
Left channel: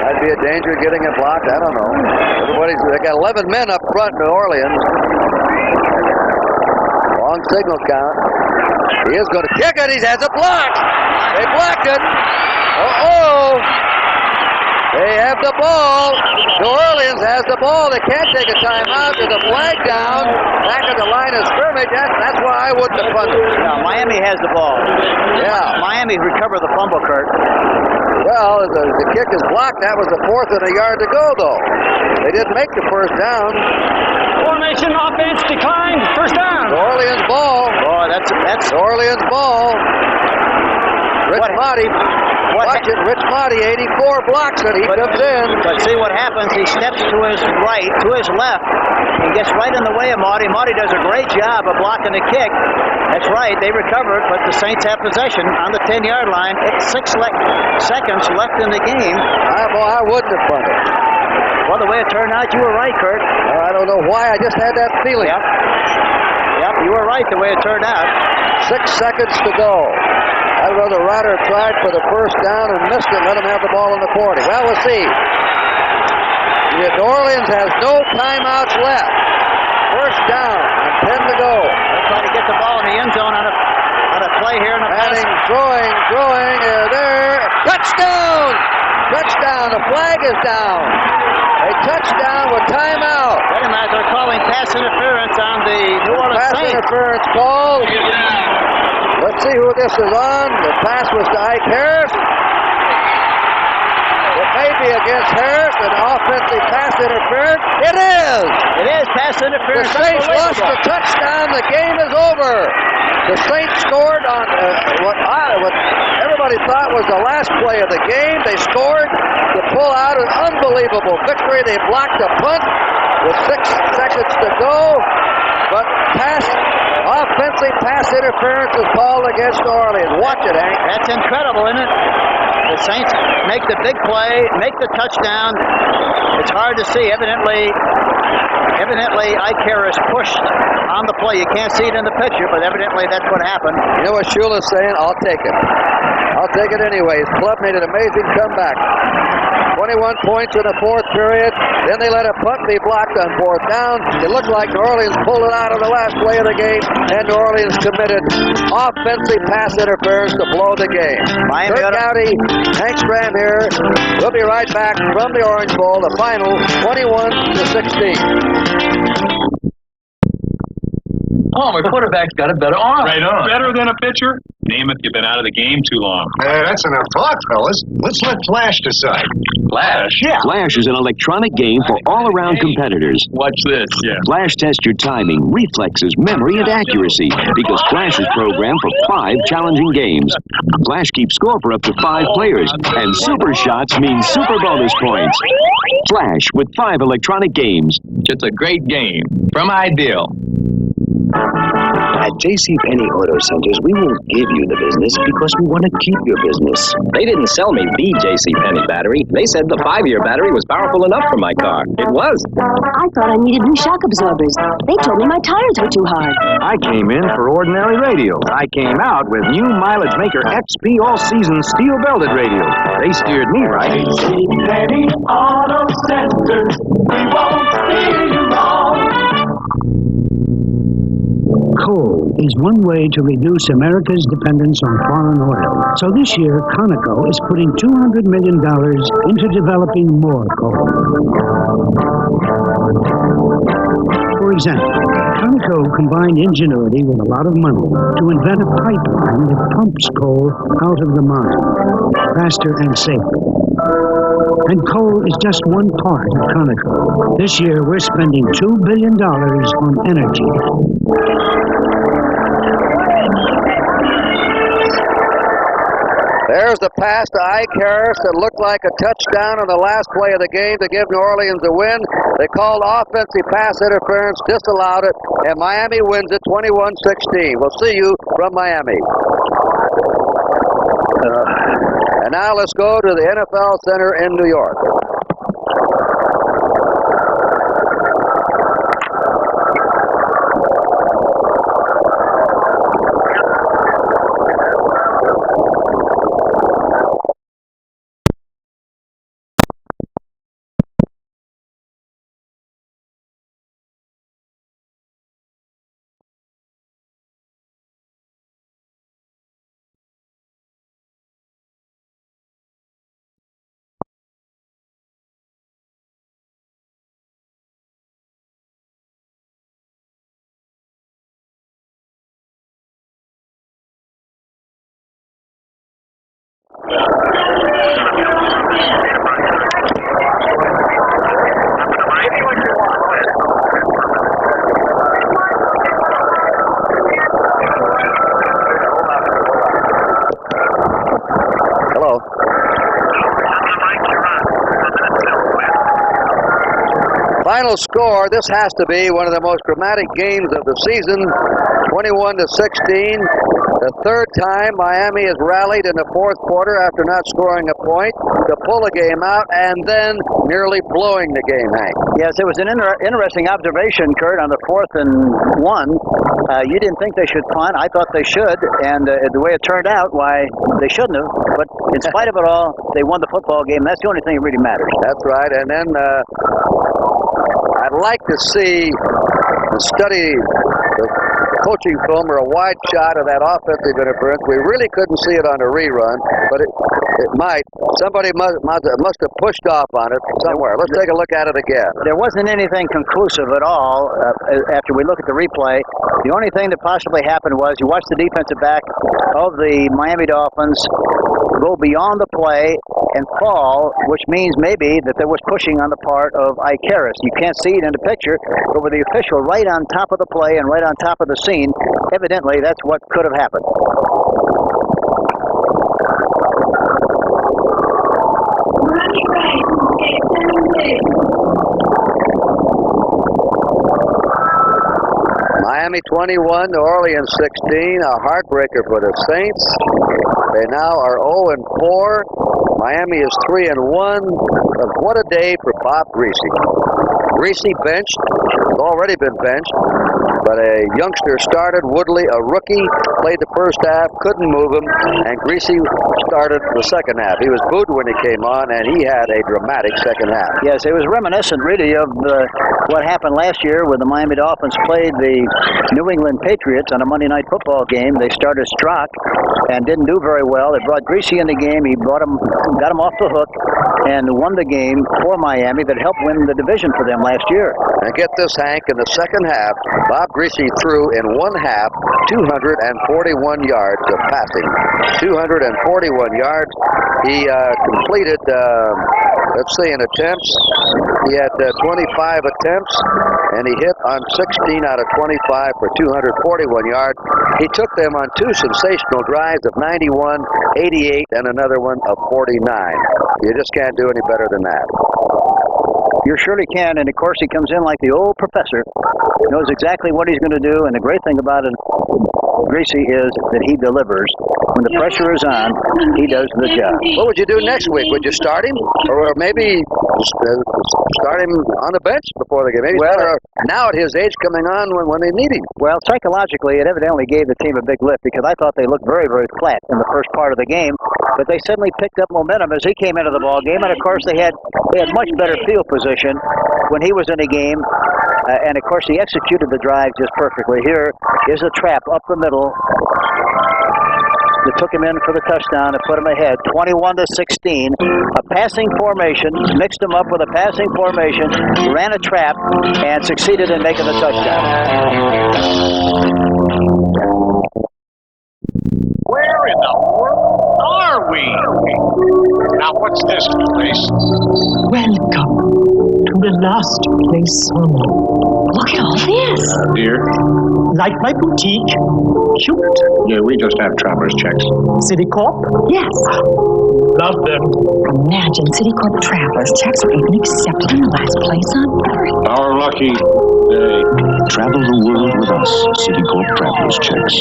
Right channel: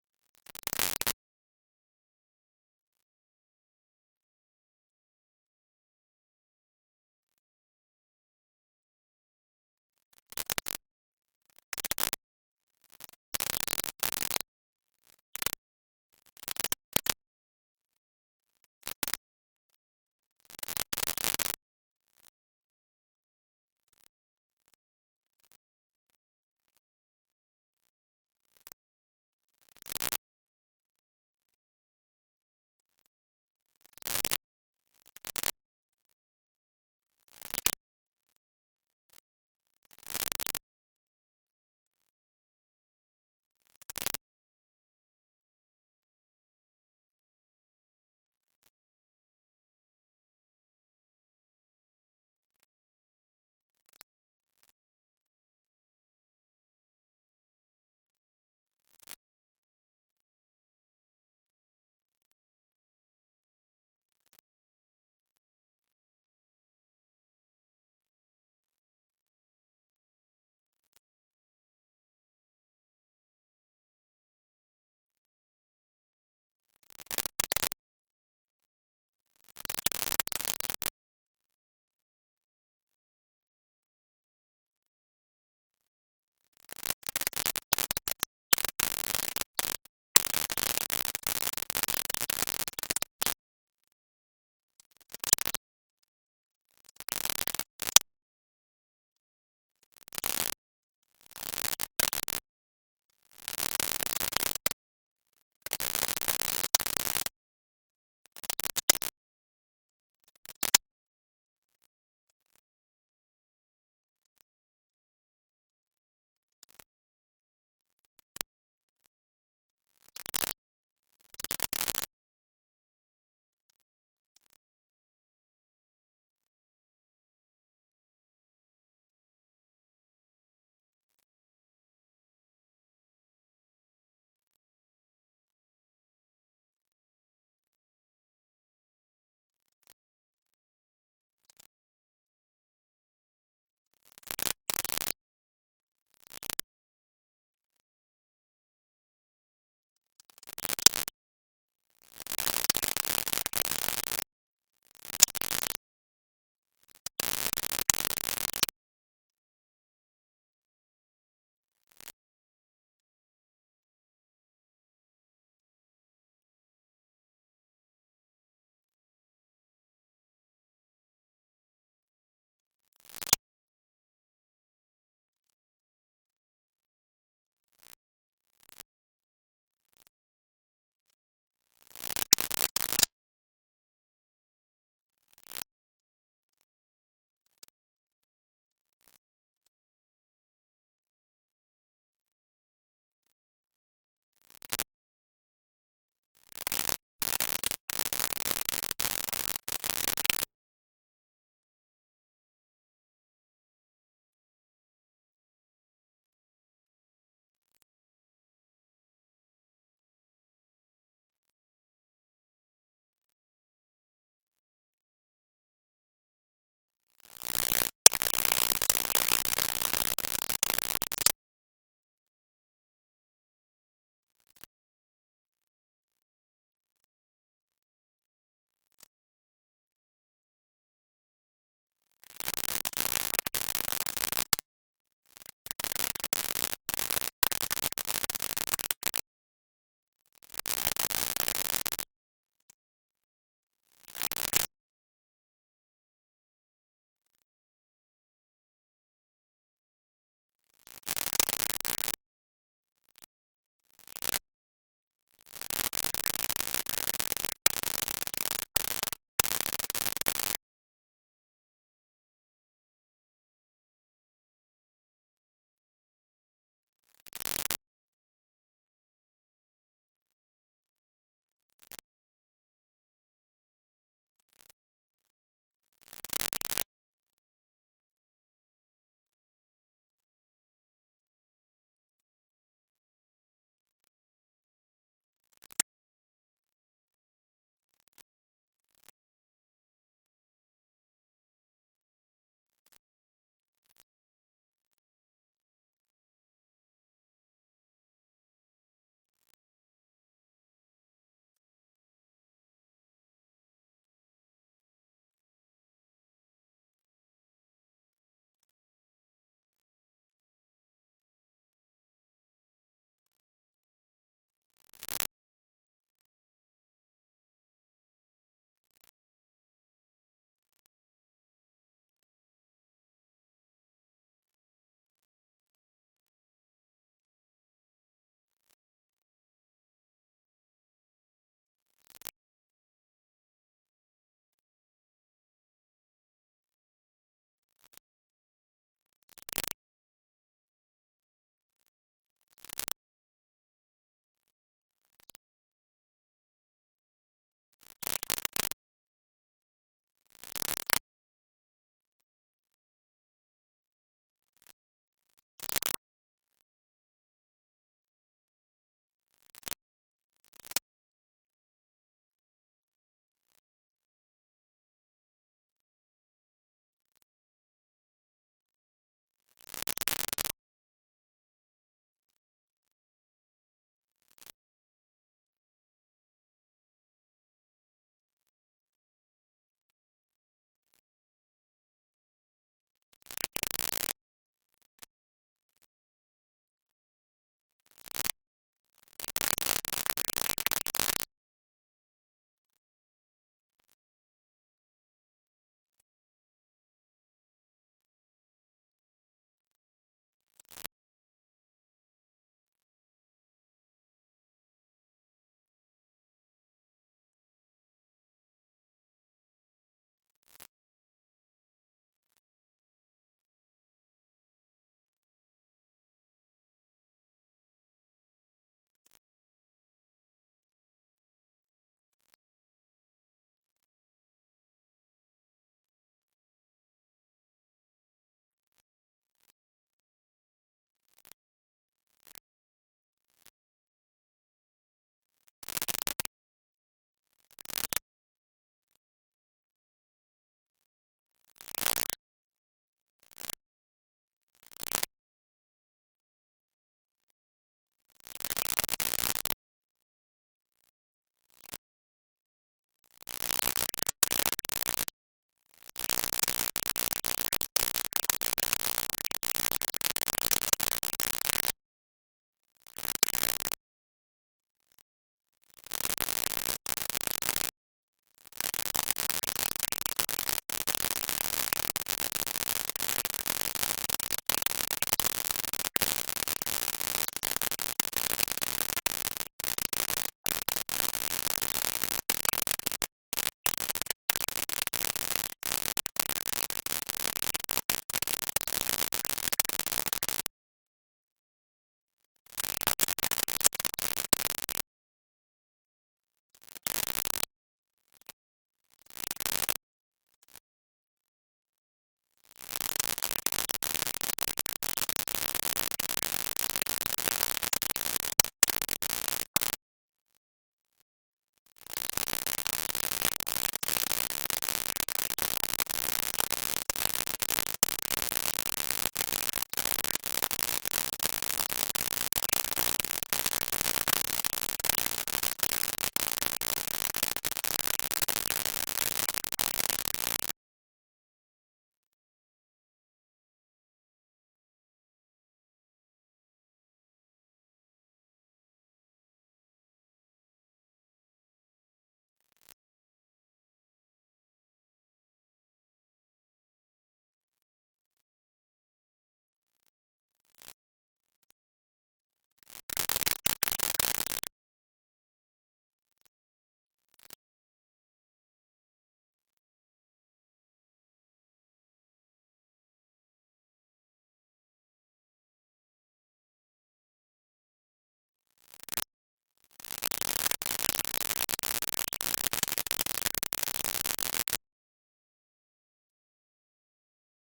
Might be a danger of getting it blocked. I don't know. They got 11 men up front in New Orleans. Long signal count. He is going to kick it. He has it blocked. They blocked it. Uh-oh. They have the ball. New Orleans has the ball. They can't take a timeout. There's a flag down back at the line of scrimmage. That's why I wouldn't have punted. No, Miami has the ball. Yeah. Miami recovered the fumble, Kurt. Well, the kick is blocked. That was the 4th and a yard to go, though. They didn't make the 1st down. Formation offense declined. 1st down. New Orleans ball. Boy, that's New Orleans ball. Rich Motti. Watch it. Rich Motti, 84, blocks it. He comes in. But see what happens. He steps to his right, to his left. He gets right in the way of Motti. Motti does a great job of blocking the kick. That's right. They recover it, but the Saints have possession on the 10-yard line. It's 6 seconds left in the game. I wouldn't have punted. Well, the way it turned out, you were right, Kurt. I don't know why. I just had that feeling. Yep, you were right the way it turned out. 6 seconds to go. I'd rather Ryder tried for the 1st down and missed it. Let him have the ball in the 40. Well, we'll see. New Orleans has no timeouts left. 1st down and 10 to go. They're trying to get the ball in the end zone on a play here in the pass. Throwing, there. Touchdown! Touchdown. The flag is down. A touchdown with timeout. Wait a minute. They're calling pass interference on the New Orleans Saints. Pass interference call. Let's see who this is on. The pass was to Ike Harris. It may be against Harris, an offensive pass interference. It is! It is pass interference. The Saints lost the touchdown. The game is over. The Saints scored on what everybody thought was the last play of the game. They scored to pull out an unbelievable victory. They blocked a punt with 6 seconds to go. But offensive pass interference is called against New Orleans. Watch it, Hank. That's incredible, isn't it? The Saints make the big play, make the touchdown. It's hard to see. Evidently, Ike Harris pushed on the play. You can't see it in the picture, but evidently that's what happened. You know what Shula's saying? I'll take it. I'll take it anyway. His club made an amazing comeback. 21 points in the 4th period. Then they let a punt be blocked on 4th down. It looked like New Orleans pulled it out on the last play of the game, and New Orleans committed offensive pass interference to blow the game. Kurt Gowdy, Hank Stram here. We'll be right back from the Orange Bowl, the final 21-16. Oh, my quarterback's got a better arm. Right on. Better than a pitcher? Namath, you've been out of the game too long. That's enough talk, fellas. Let's let Flash decide. Flash? Yeah. Flash is an electronic game for all-around competitors. Watch this. Yeah. Flash tests your timing, reflexes, memory, and accuracy because Flash is programmed for 5 challenging games. Flash keeps score for up to 5 players, and super shots mean super bonus points. Flash with 5 electronic games. Just a great game from Ideal. At JCPenney Auto Centers, we won't give you the business because we want to keep your business. They didn't sell me the JCPenney battery. They said the 5-year battery was powerful enough for my car. It was. I thought I needed new shock absorbers. They told me my tires were too hard. I came in for ordinary radio. I came out with new Mileage Maker XP all-season steel-belted radio. They steered me right. JCPenney Auto Centers, we won't steer you wrong. Coal is one way to reduce America's dependence on foreign oil. So this year, Conoco is putting $200 million into developing more coal. For example, Conoco combined ingenuity with a lot of money to invent a pipeline that pumps coal out of the mine faster and safer. And coal is just one part of Conoco. This year, we're spending $2 billion on energy. There's the pass to Ike Harris that looked like a touchdown on the last play of the game to give New Orleans a win. They called offensive pass interference, disallowed it, and Miami wins it 21-16. We'll see you from Miami. And now let's go to the NFL Center in New York. Final score, this has to be one of the most dramatic games of the season, 21-16. The third time Miami has rallied in the fourth quarter after not scoring a point to pull the game out and then nearly blowing the game, Hank. Yes, it was an interesting observation, Kurt, on the 4th and 1. You didn't think they should punt. I thought they should, and the way it turned out, why, they shouldn't have. But in spite of it all, they won the football game. That's the only thing that really matters. That's right, and then I'd like to see and study the coaching film or a wide shot of that offensive interference. We really couldn't see it on a rerun, but it might. Somebody must have pushed off on it somewhere. Let's take a look at it again. There wasn't anything conclusive at all after we look at the replay. The only thing that possibly happened was you watch the defensive back of the Miami Dolphins go beyond the play and fall, which means maybe that there was pushing on the part of Ike Harris. You can't see it in the picture, but with the official right on top of the play and right on top of the scene, evidently that's what could have happened. Miami 21, New Orleans 16, a heartbreaker for the Saints. They now are 0-4. Miami is 3-1. What a day for Bob Greasy. Greasy benched, has already been benched, but a youngster started, Woodley, a rookie, played the first half, couldn't move him, and Greasy started the second half. He was booed when he came on, and he had a dramatic second half. Yes, it was reminiscent, really, of what happened last year when the Miami Dolphins played the New England Patriots on a Monday Night Football game. They started Strock and didn't do very well. They brought Greasy in the game. He got him off the hook and won the game for Miami that helped win the division for them last year. And get this, Hank, in the second half, Bob Greasy threw in one half 241 yards of passing. 241 yards. He completed, let's see, in attempts. He had 25 attempts, and he hit on 16 out of 25 for 241 yards. He took them on two sensational drives of 91, 88, and another one of 49. You just can't do any better than that. You surely can, and of course he comes in like the old professor. Knows exactly what he's going to do, and the great thing about it, Greasy, is that he delivers. When the pressure is on, he does the job. What would you do next week? Would you start him? Or maybe start him on the bench before the game? Maybe now at his age coming on when they need him. Well, psychologically, it evidently gave the team a big lift because I thought they looked very, very flat in the first part of the game. But they suddenly picked up momentum as he came into the ball game. And, of course, they had much better field position when he was in the game. And, of course, he executed the drive just perfectly. Here is a trap up the middle that took him in for the touchdown and put him ahead, 21-16. A passing formation, mixed him up with a passing formation, ran a trap, and succeeded in making the touchdown. Where in the world are we? Now, what's this place? Welcome to the last place on earth. Look at all this. Dear? Like my boutique? Cute. Yeah, we just have traveler's checks. Citicorp? Yes. Love them. Imagine Citicorp traveler's checks are even accepted in the last place on earth. Our lucky day. Travel the world with us. Citicorp Traveler's Checks.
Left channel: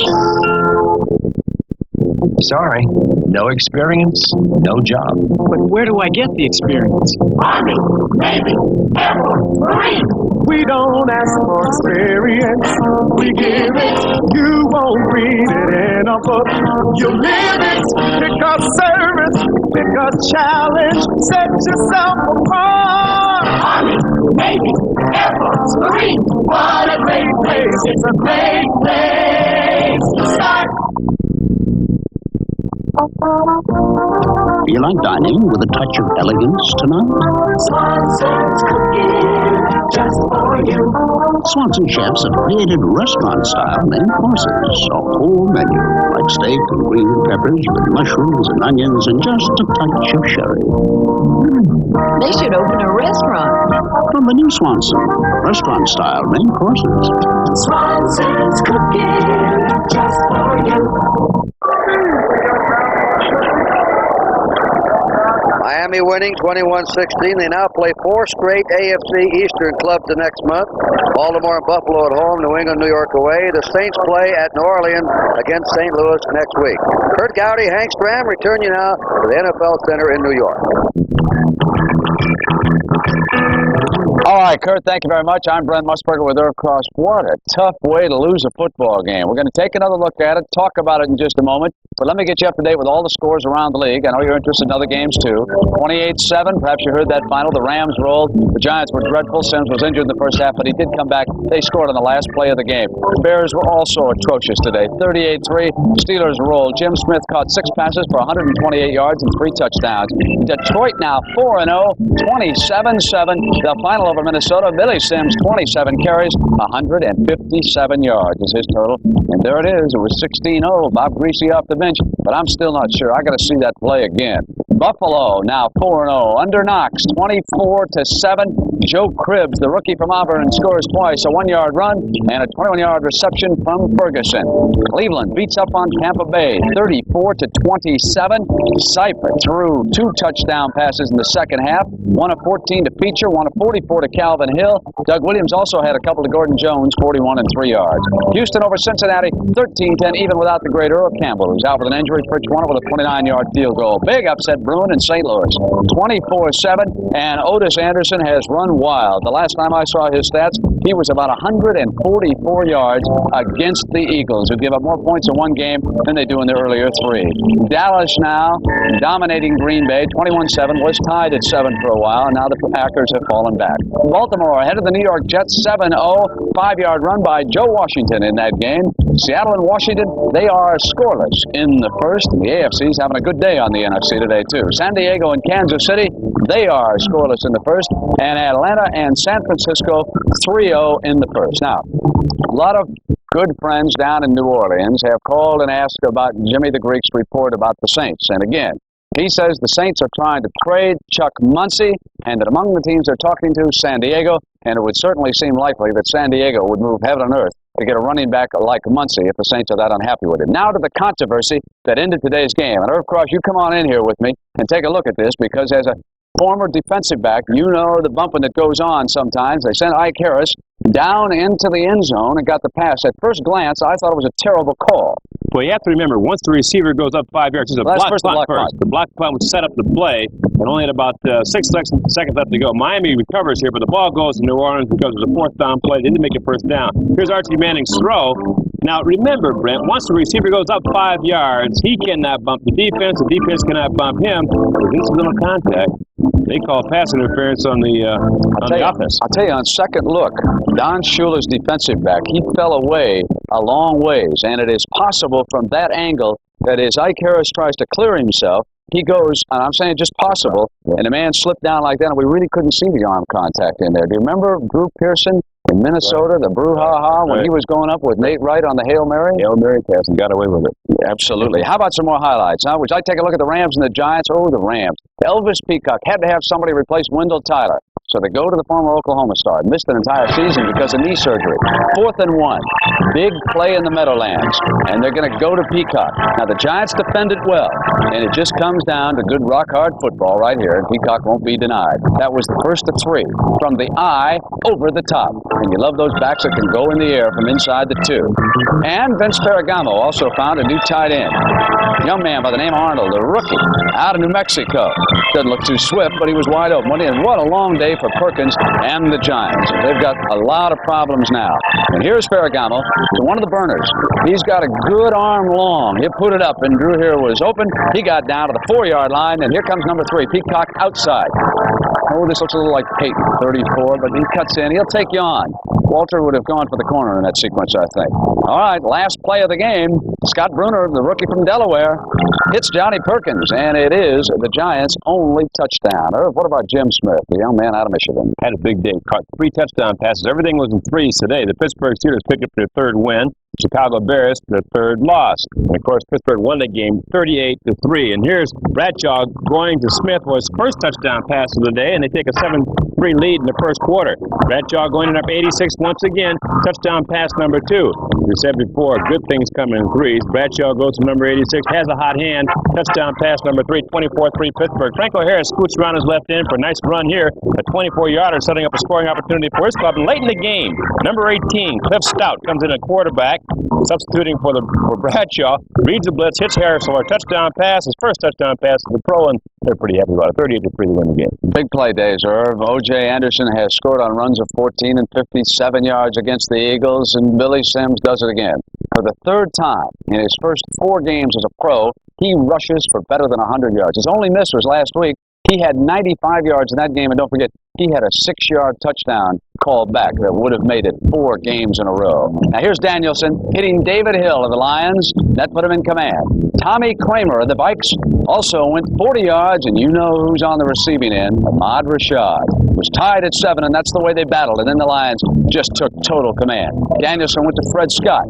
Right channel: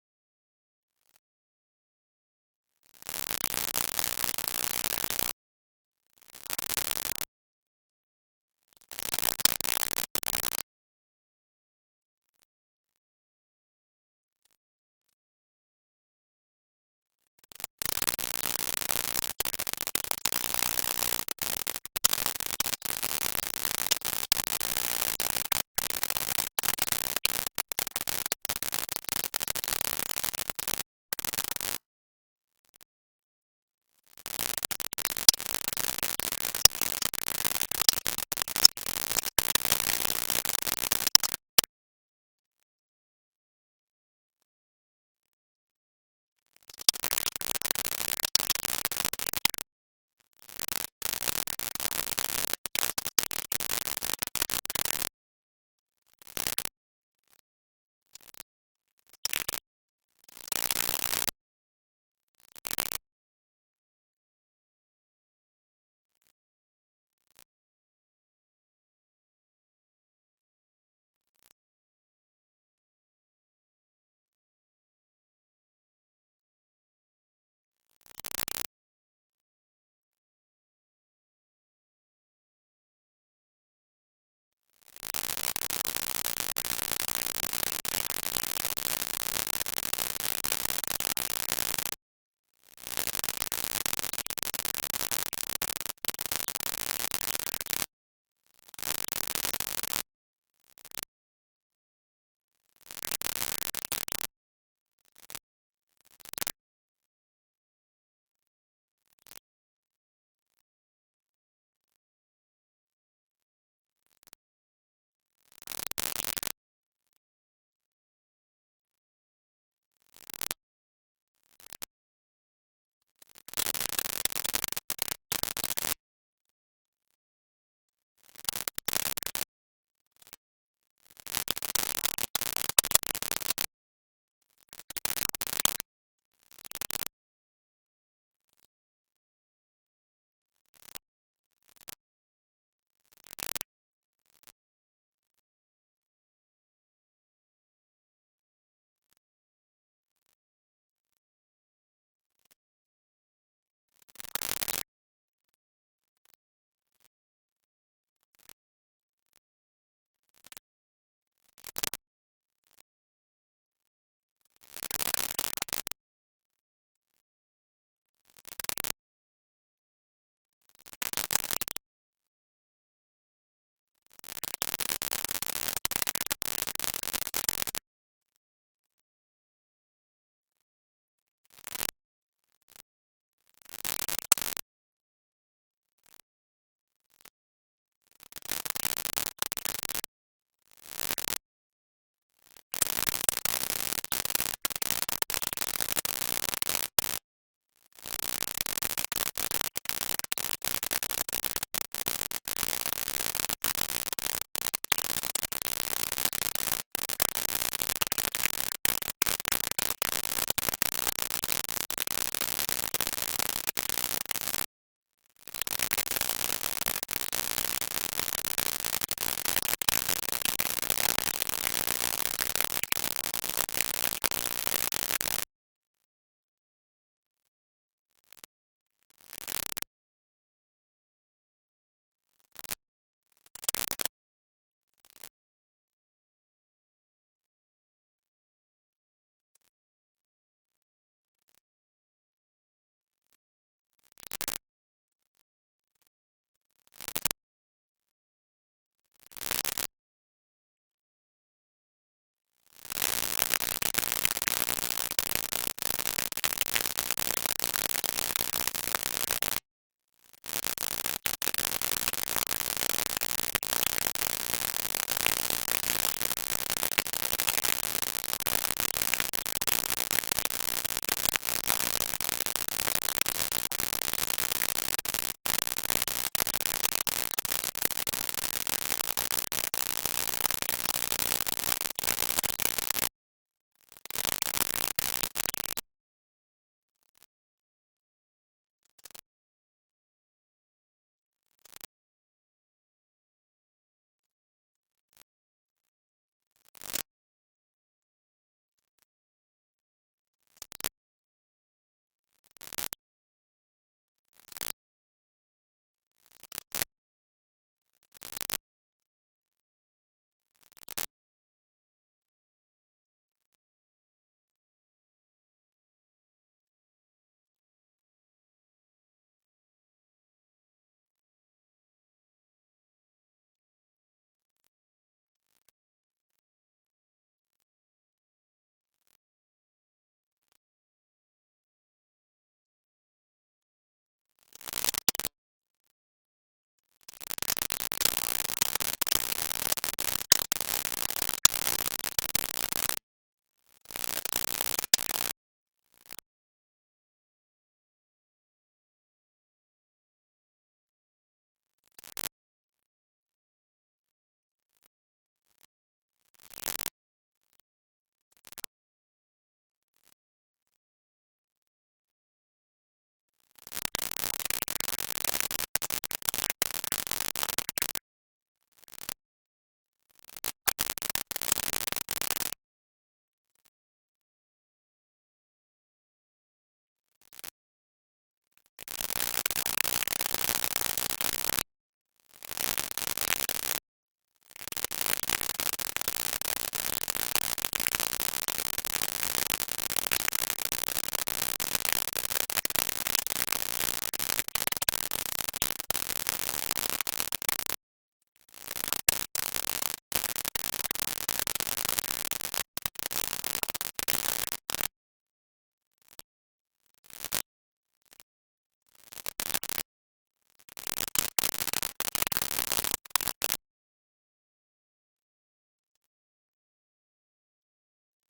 Sorry, no experience, no job. But where do I get the experience? Army, Navy, Air Force, Marine. We don't ask for experience, we give it. You won't read it in a book. You live it. Pick up service, pick up challenge, set yourself apart. Army, Navy, Air Force, Marine. What a great place, it's a great place to start. Feel like dining with a touch of elegance tonight? Swanson's cooking just for you. Swanson chefs have created restaurant-style main courses, a whole menu, like steak and green peppers with mushrooms and onions and just a touch of sherry. They should open a restaurant. From the new Swanson, restaurant-style main courses. Swanson's cooking just for you. Miami winning 21-16. They now play 4 straight AFC Eastern clubs the next month. Baltimore and Buffalo at home, New England, New York away. The Saints play at New Orleans against St. Louis next week. Kurt Gowdy, Hank Stram, return you now to the NFL Center in New York. All right, Kurt, thank you very much. I'm Brent Musburger with Irv Cross. What a tough way to lose a football game. We're going to take another look at it, talk about it in just a moment. But let me get you up to date with all the scores around the league. I know you're interested in other games, too. 28-7, perhaps you heard that final. The Rams rolled. The Giants were dreadful. Sims was injured in the first half, but he did come back. They scored on the last play of the game. The Bears were also atrocious today. 38-3, Steelers rolled. Jim Smith caught 6 passes for 128 yards and 3 touchdowns. Detroit now 4-0, 27-7. The final over Minnesota. Billy Sims, 27 carries, 157 yards is his total. And there it is. It was 16-0. Bob Greasy off the bench, but I'm still not sure. I got to see that play again. Buffalo now 4-0. Under Knox, 24-7. Joe Cribbs, the rookie from Auburn, scores twice. A 1-yard run and a 21-yard reception from Ferguson. Cleveland beats up on Tampa Bay, 34-27. Seifert threw 2 touchdown passes in the second half. One of 14 to Peacher, one of 44 to Calvin Hill. Doug Williams also had a couple to Gordon Jones, 41 and 3 yards. Houston over Cincinnati, 13-10, even without the great Earl Campbell, who's out with an injury. Fritz won with a 29-yard field goal. Big upset Bruin in St. Louis, 24-7, and Otis Anderson has run wild. The last time I saw his stats, he was about 144 yards against the Eagles, who give up more points in one game than they do in the earlier 3. Dallas now dominating Green Bay, 21-7, was tied at 7 for a while, and now the Packers have fallen back. Baltimore ahead of the New York Jets, 7-0, 5-yard run by Joe Washington in that game. Seattle and Washington, they are scoreless in the first, and the AFC's having a good day on the NFC today, too. San Diego and Kansas City, they are scoreless in the first, and Atlanta and San Francisco, 3-0 in the first. Now, a lot of good friends down in New Orleans have called and asked about Jimmy the Greek's report about the Saints. And again, he says the Saints are trying to trade Chuck Muncie, and that among the teams they're talking to, San Diego, and it would certainly seem likely that San Diego would move heaven and earth to get a running back like Muncie if the Saints are that unhappy with him. Now to the controversy that ended today's game. And Irv Cross, you come on in here with me and take a look at this, because as a former defensive back. You know the bumping that goes on sometimes. They sent Ike Harris down into the end zone and got the pass. At first glance, I thought it was a terrible call. Well, you have to remember, once the receiver goes up 5 yards, it's a block punt first. The block punt was set up to play, and only at about 6 seconds left to go. Miami recovers here, but the ball goes to New Orleans because it was a fourth down play. They didn't make it first down. Here's Archie Manning's throw. Now, remember, Brent, once the receiver goes up 5 yards, he cannot bump the defense cannot bump him. With incidental contact, they call pass interference on the offense. I'll tell you, on second look, Don Shula's defensive back, he fell away a long ways, and it is possible from that angle that as Ike Harris tries to clear himself, he goes, and I'm saying just possible, and the man slipped down like that, and we really couldn't see the arm contact in there. Do you remember Drew Pearson in Minnesota, the brouhaha, when he was going up with Nate Wright on the Hail Mary? Hail Mary pass and got away with it. Yeah, absolutely. How about some more highlights? Huh? Would you like to take a look at the Rams and the Giants? Oh, the Rams. Elvis Peacock had to have somebody replace Wendell Tyler. So they go to the former Oklahoma star. Missed an entire season because of knee surgery. 4th and 1. Big play in the Meadowlands. And they're going to go to Peacock. Now, the Giants defend it well. And it just comes down to good rock-hard football right here. And Peacock won't be denied. That was the first of 3. From the eye over the top. And you love those backs that can go in the air from inside the 2. And Vince Ferragamo also found a new tight end. Young man by the name of Arnold, a rookie, out of New Mexico. Doesn't look too swift, but he was wide open. And what a long day for Perkins and the Giants. They've got a lot of problems now. And here's Ferragamo to one of the burners. He's got a good arm long. He put it up, and Drew here was open. He got down to the 4-yard line, and here comes number 3, Peacock outside. Oh, this looks a little like Peyton, 34, but he cuts in. He'll take you on. Walter would have gone for the corner in that sequence, I think. All right, last play of the game. Scott Bruner, the rookie from Delaware, hits Johnny Perkins, and it is the Giants' only touchdown. What about Jim Smith, the young man out of Michigan? Had a big day. Caught 3 touchdown passes. Everything was in threes today. The Pittsburgh Steelers picked up their 3rd win. Chicago Bears, their 3rd loss. And, of course, Pittsburgh won the game 38-3. And here's Bradshaw going to Smith for his first touchdown pass of the day, and they take a 7-3 lead in the first quarter. Bradshaw going up 86 once again. Touchdown pass number 2. We said before, good things come in threes. Bradshaw goes to number 86, has a hot hand. Touchdown pass number 3, 24-3 Pittsburgh. Franco Harris scoots around his left end for a nice run here. A 24-yarder setting up a scoring opportunity for his club. And late in the game, number 18, Cliff Stout, comes in at quarterback. Substituting for Bradshaw, reads the blitz, hits Harris for a touchdown pass, his first touchdown pass to the pro, and they're pretty happy about it. 38-3 to win the game. Big play days, Irv. O.J. Anderson has scored on runs of 14 and 57 yards against the Eagles, and Billy Sims does it again. For the 3rd time in his first 4 games as a pro, he rushes for better than 100 yards. His only miss was last week. He had 95 yards in that game, and don't forget, he had a 6-yard touchdown called back that would have made it 4 games in a row. Now here's Danielson hitting David Hill of the Lions. That put him in command. Tommy Kramer of the Vikes also went 40 yards, and you know who's on the receiving end. Ahmad Rashad was tied at 7, and that's the way they battled, and then the Lions just took total command. Danielson went to Fred Scott.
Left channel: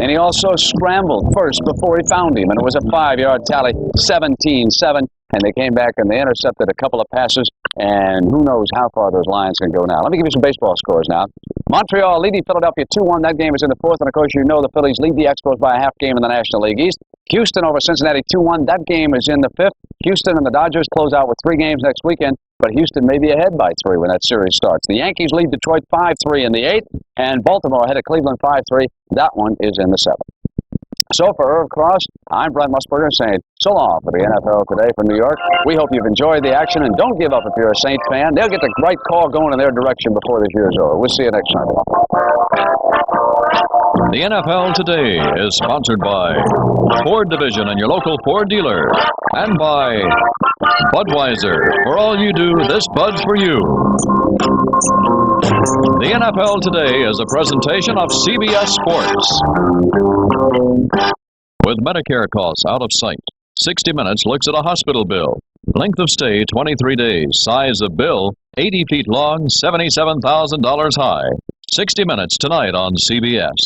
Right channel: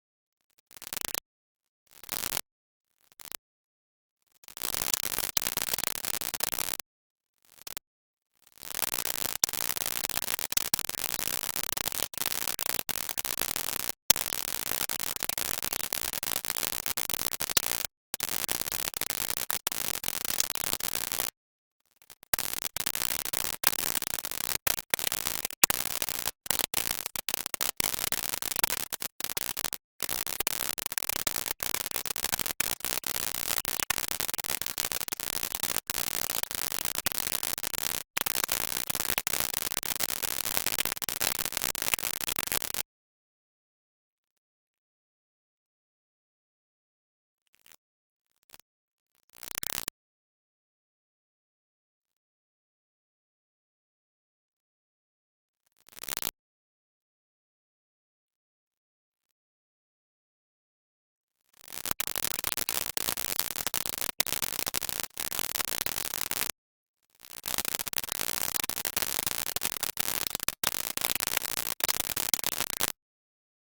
And he also scrambled first before he found him, and it was a 5-yard tally, 17-7, and they came back and they intercepted a couple of passes, and who knows how far those Lions can go now. Let me give you some baseball scores now. Montreal leading Philadelphia 2-1. That game is in the 4th, and of course you know the Phillies lead the Expos by a half game in the National League East. Houston over Cincinnati 2-1. That game is in the 5th. Houston and the Dodgers close out with 3 games next weekend, but Houston may be ahead by 3 when that series starts. The Yankees lead Detroit 5-3 in the 8th, and Baltimore ahead of Cleveland 5-3. That one is in the 7th. So for Irv Cross, I'm Brent Musburger saying so long for the NFL Today from New York. We hope you've enjoyed the action, and don't give up if you're a Saints fan. They'll get the right call going in their direction before this year's over. We'll see you next Sunday. The NFL Today is sponsored by Ford Division and your local Ford dealer, and by Budweiser. For all you do, this Bud's for you. The NFL Today is a presentation of CBS Sports. With Medicare costs out of sight, 60 Minutes looks at a hospital bill. Length of stay, 23 days. Size of bill, 80 feet long, $77,000 high. 60 Minutes tonight on CBS.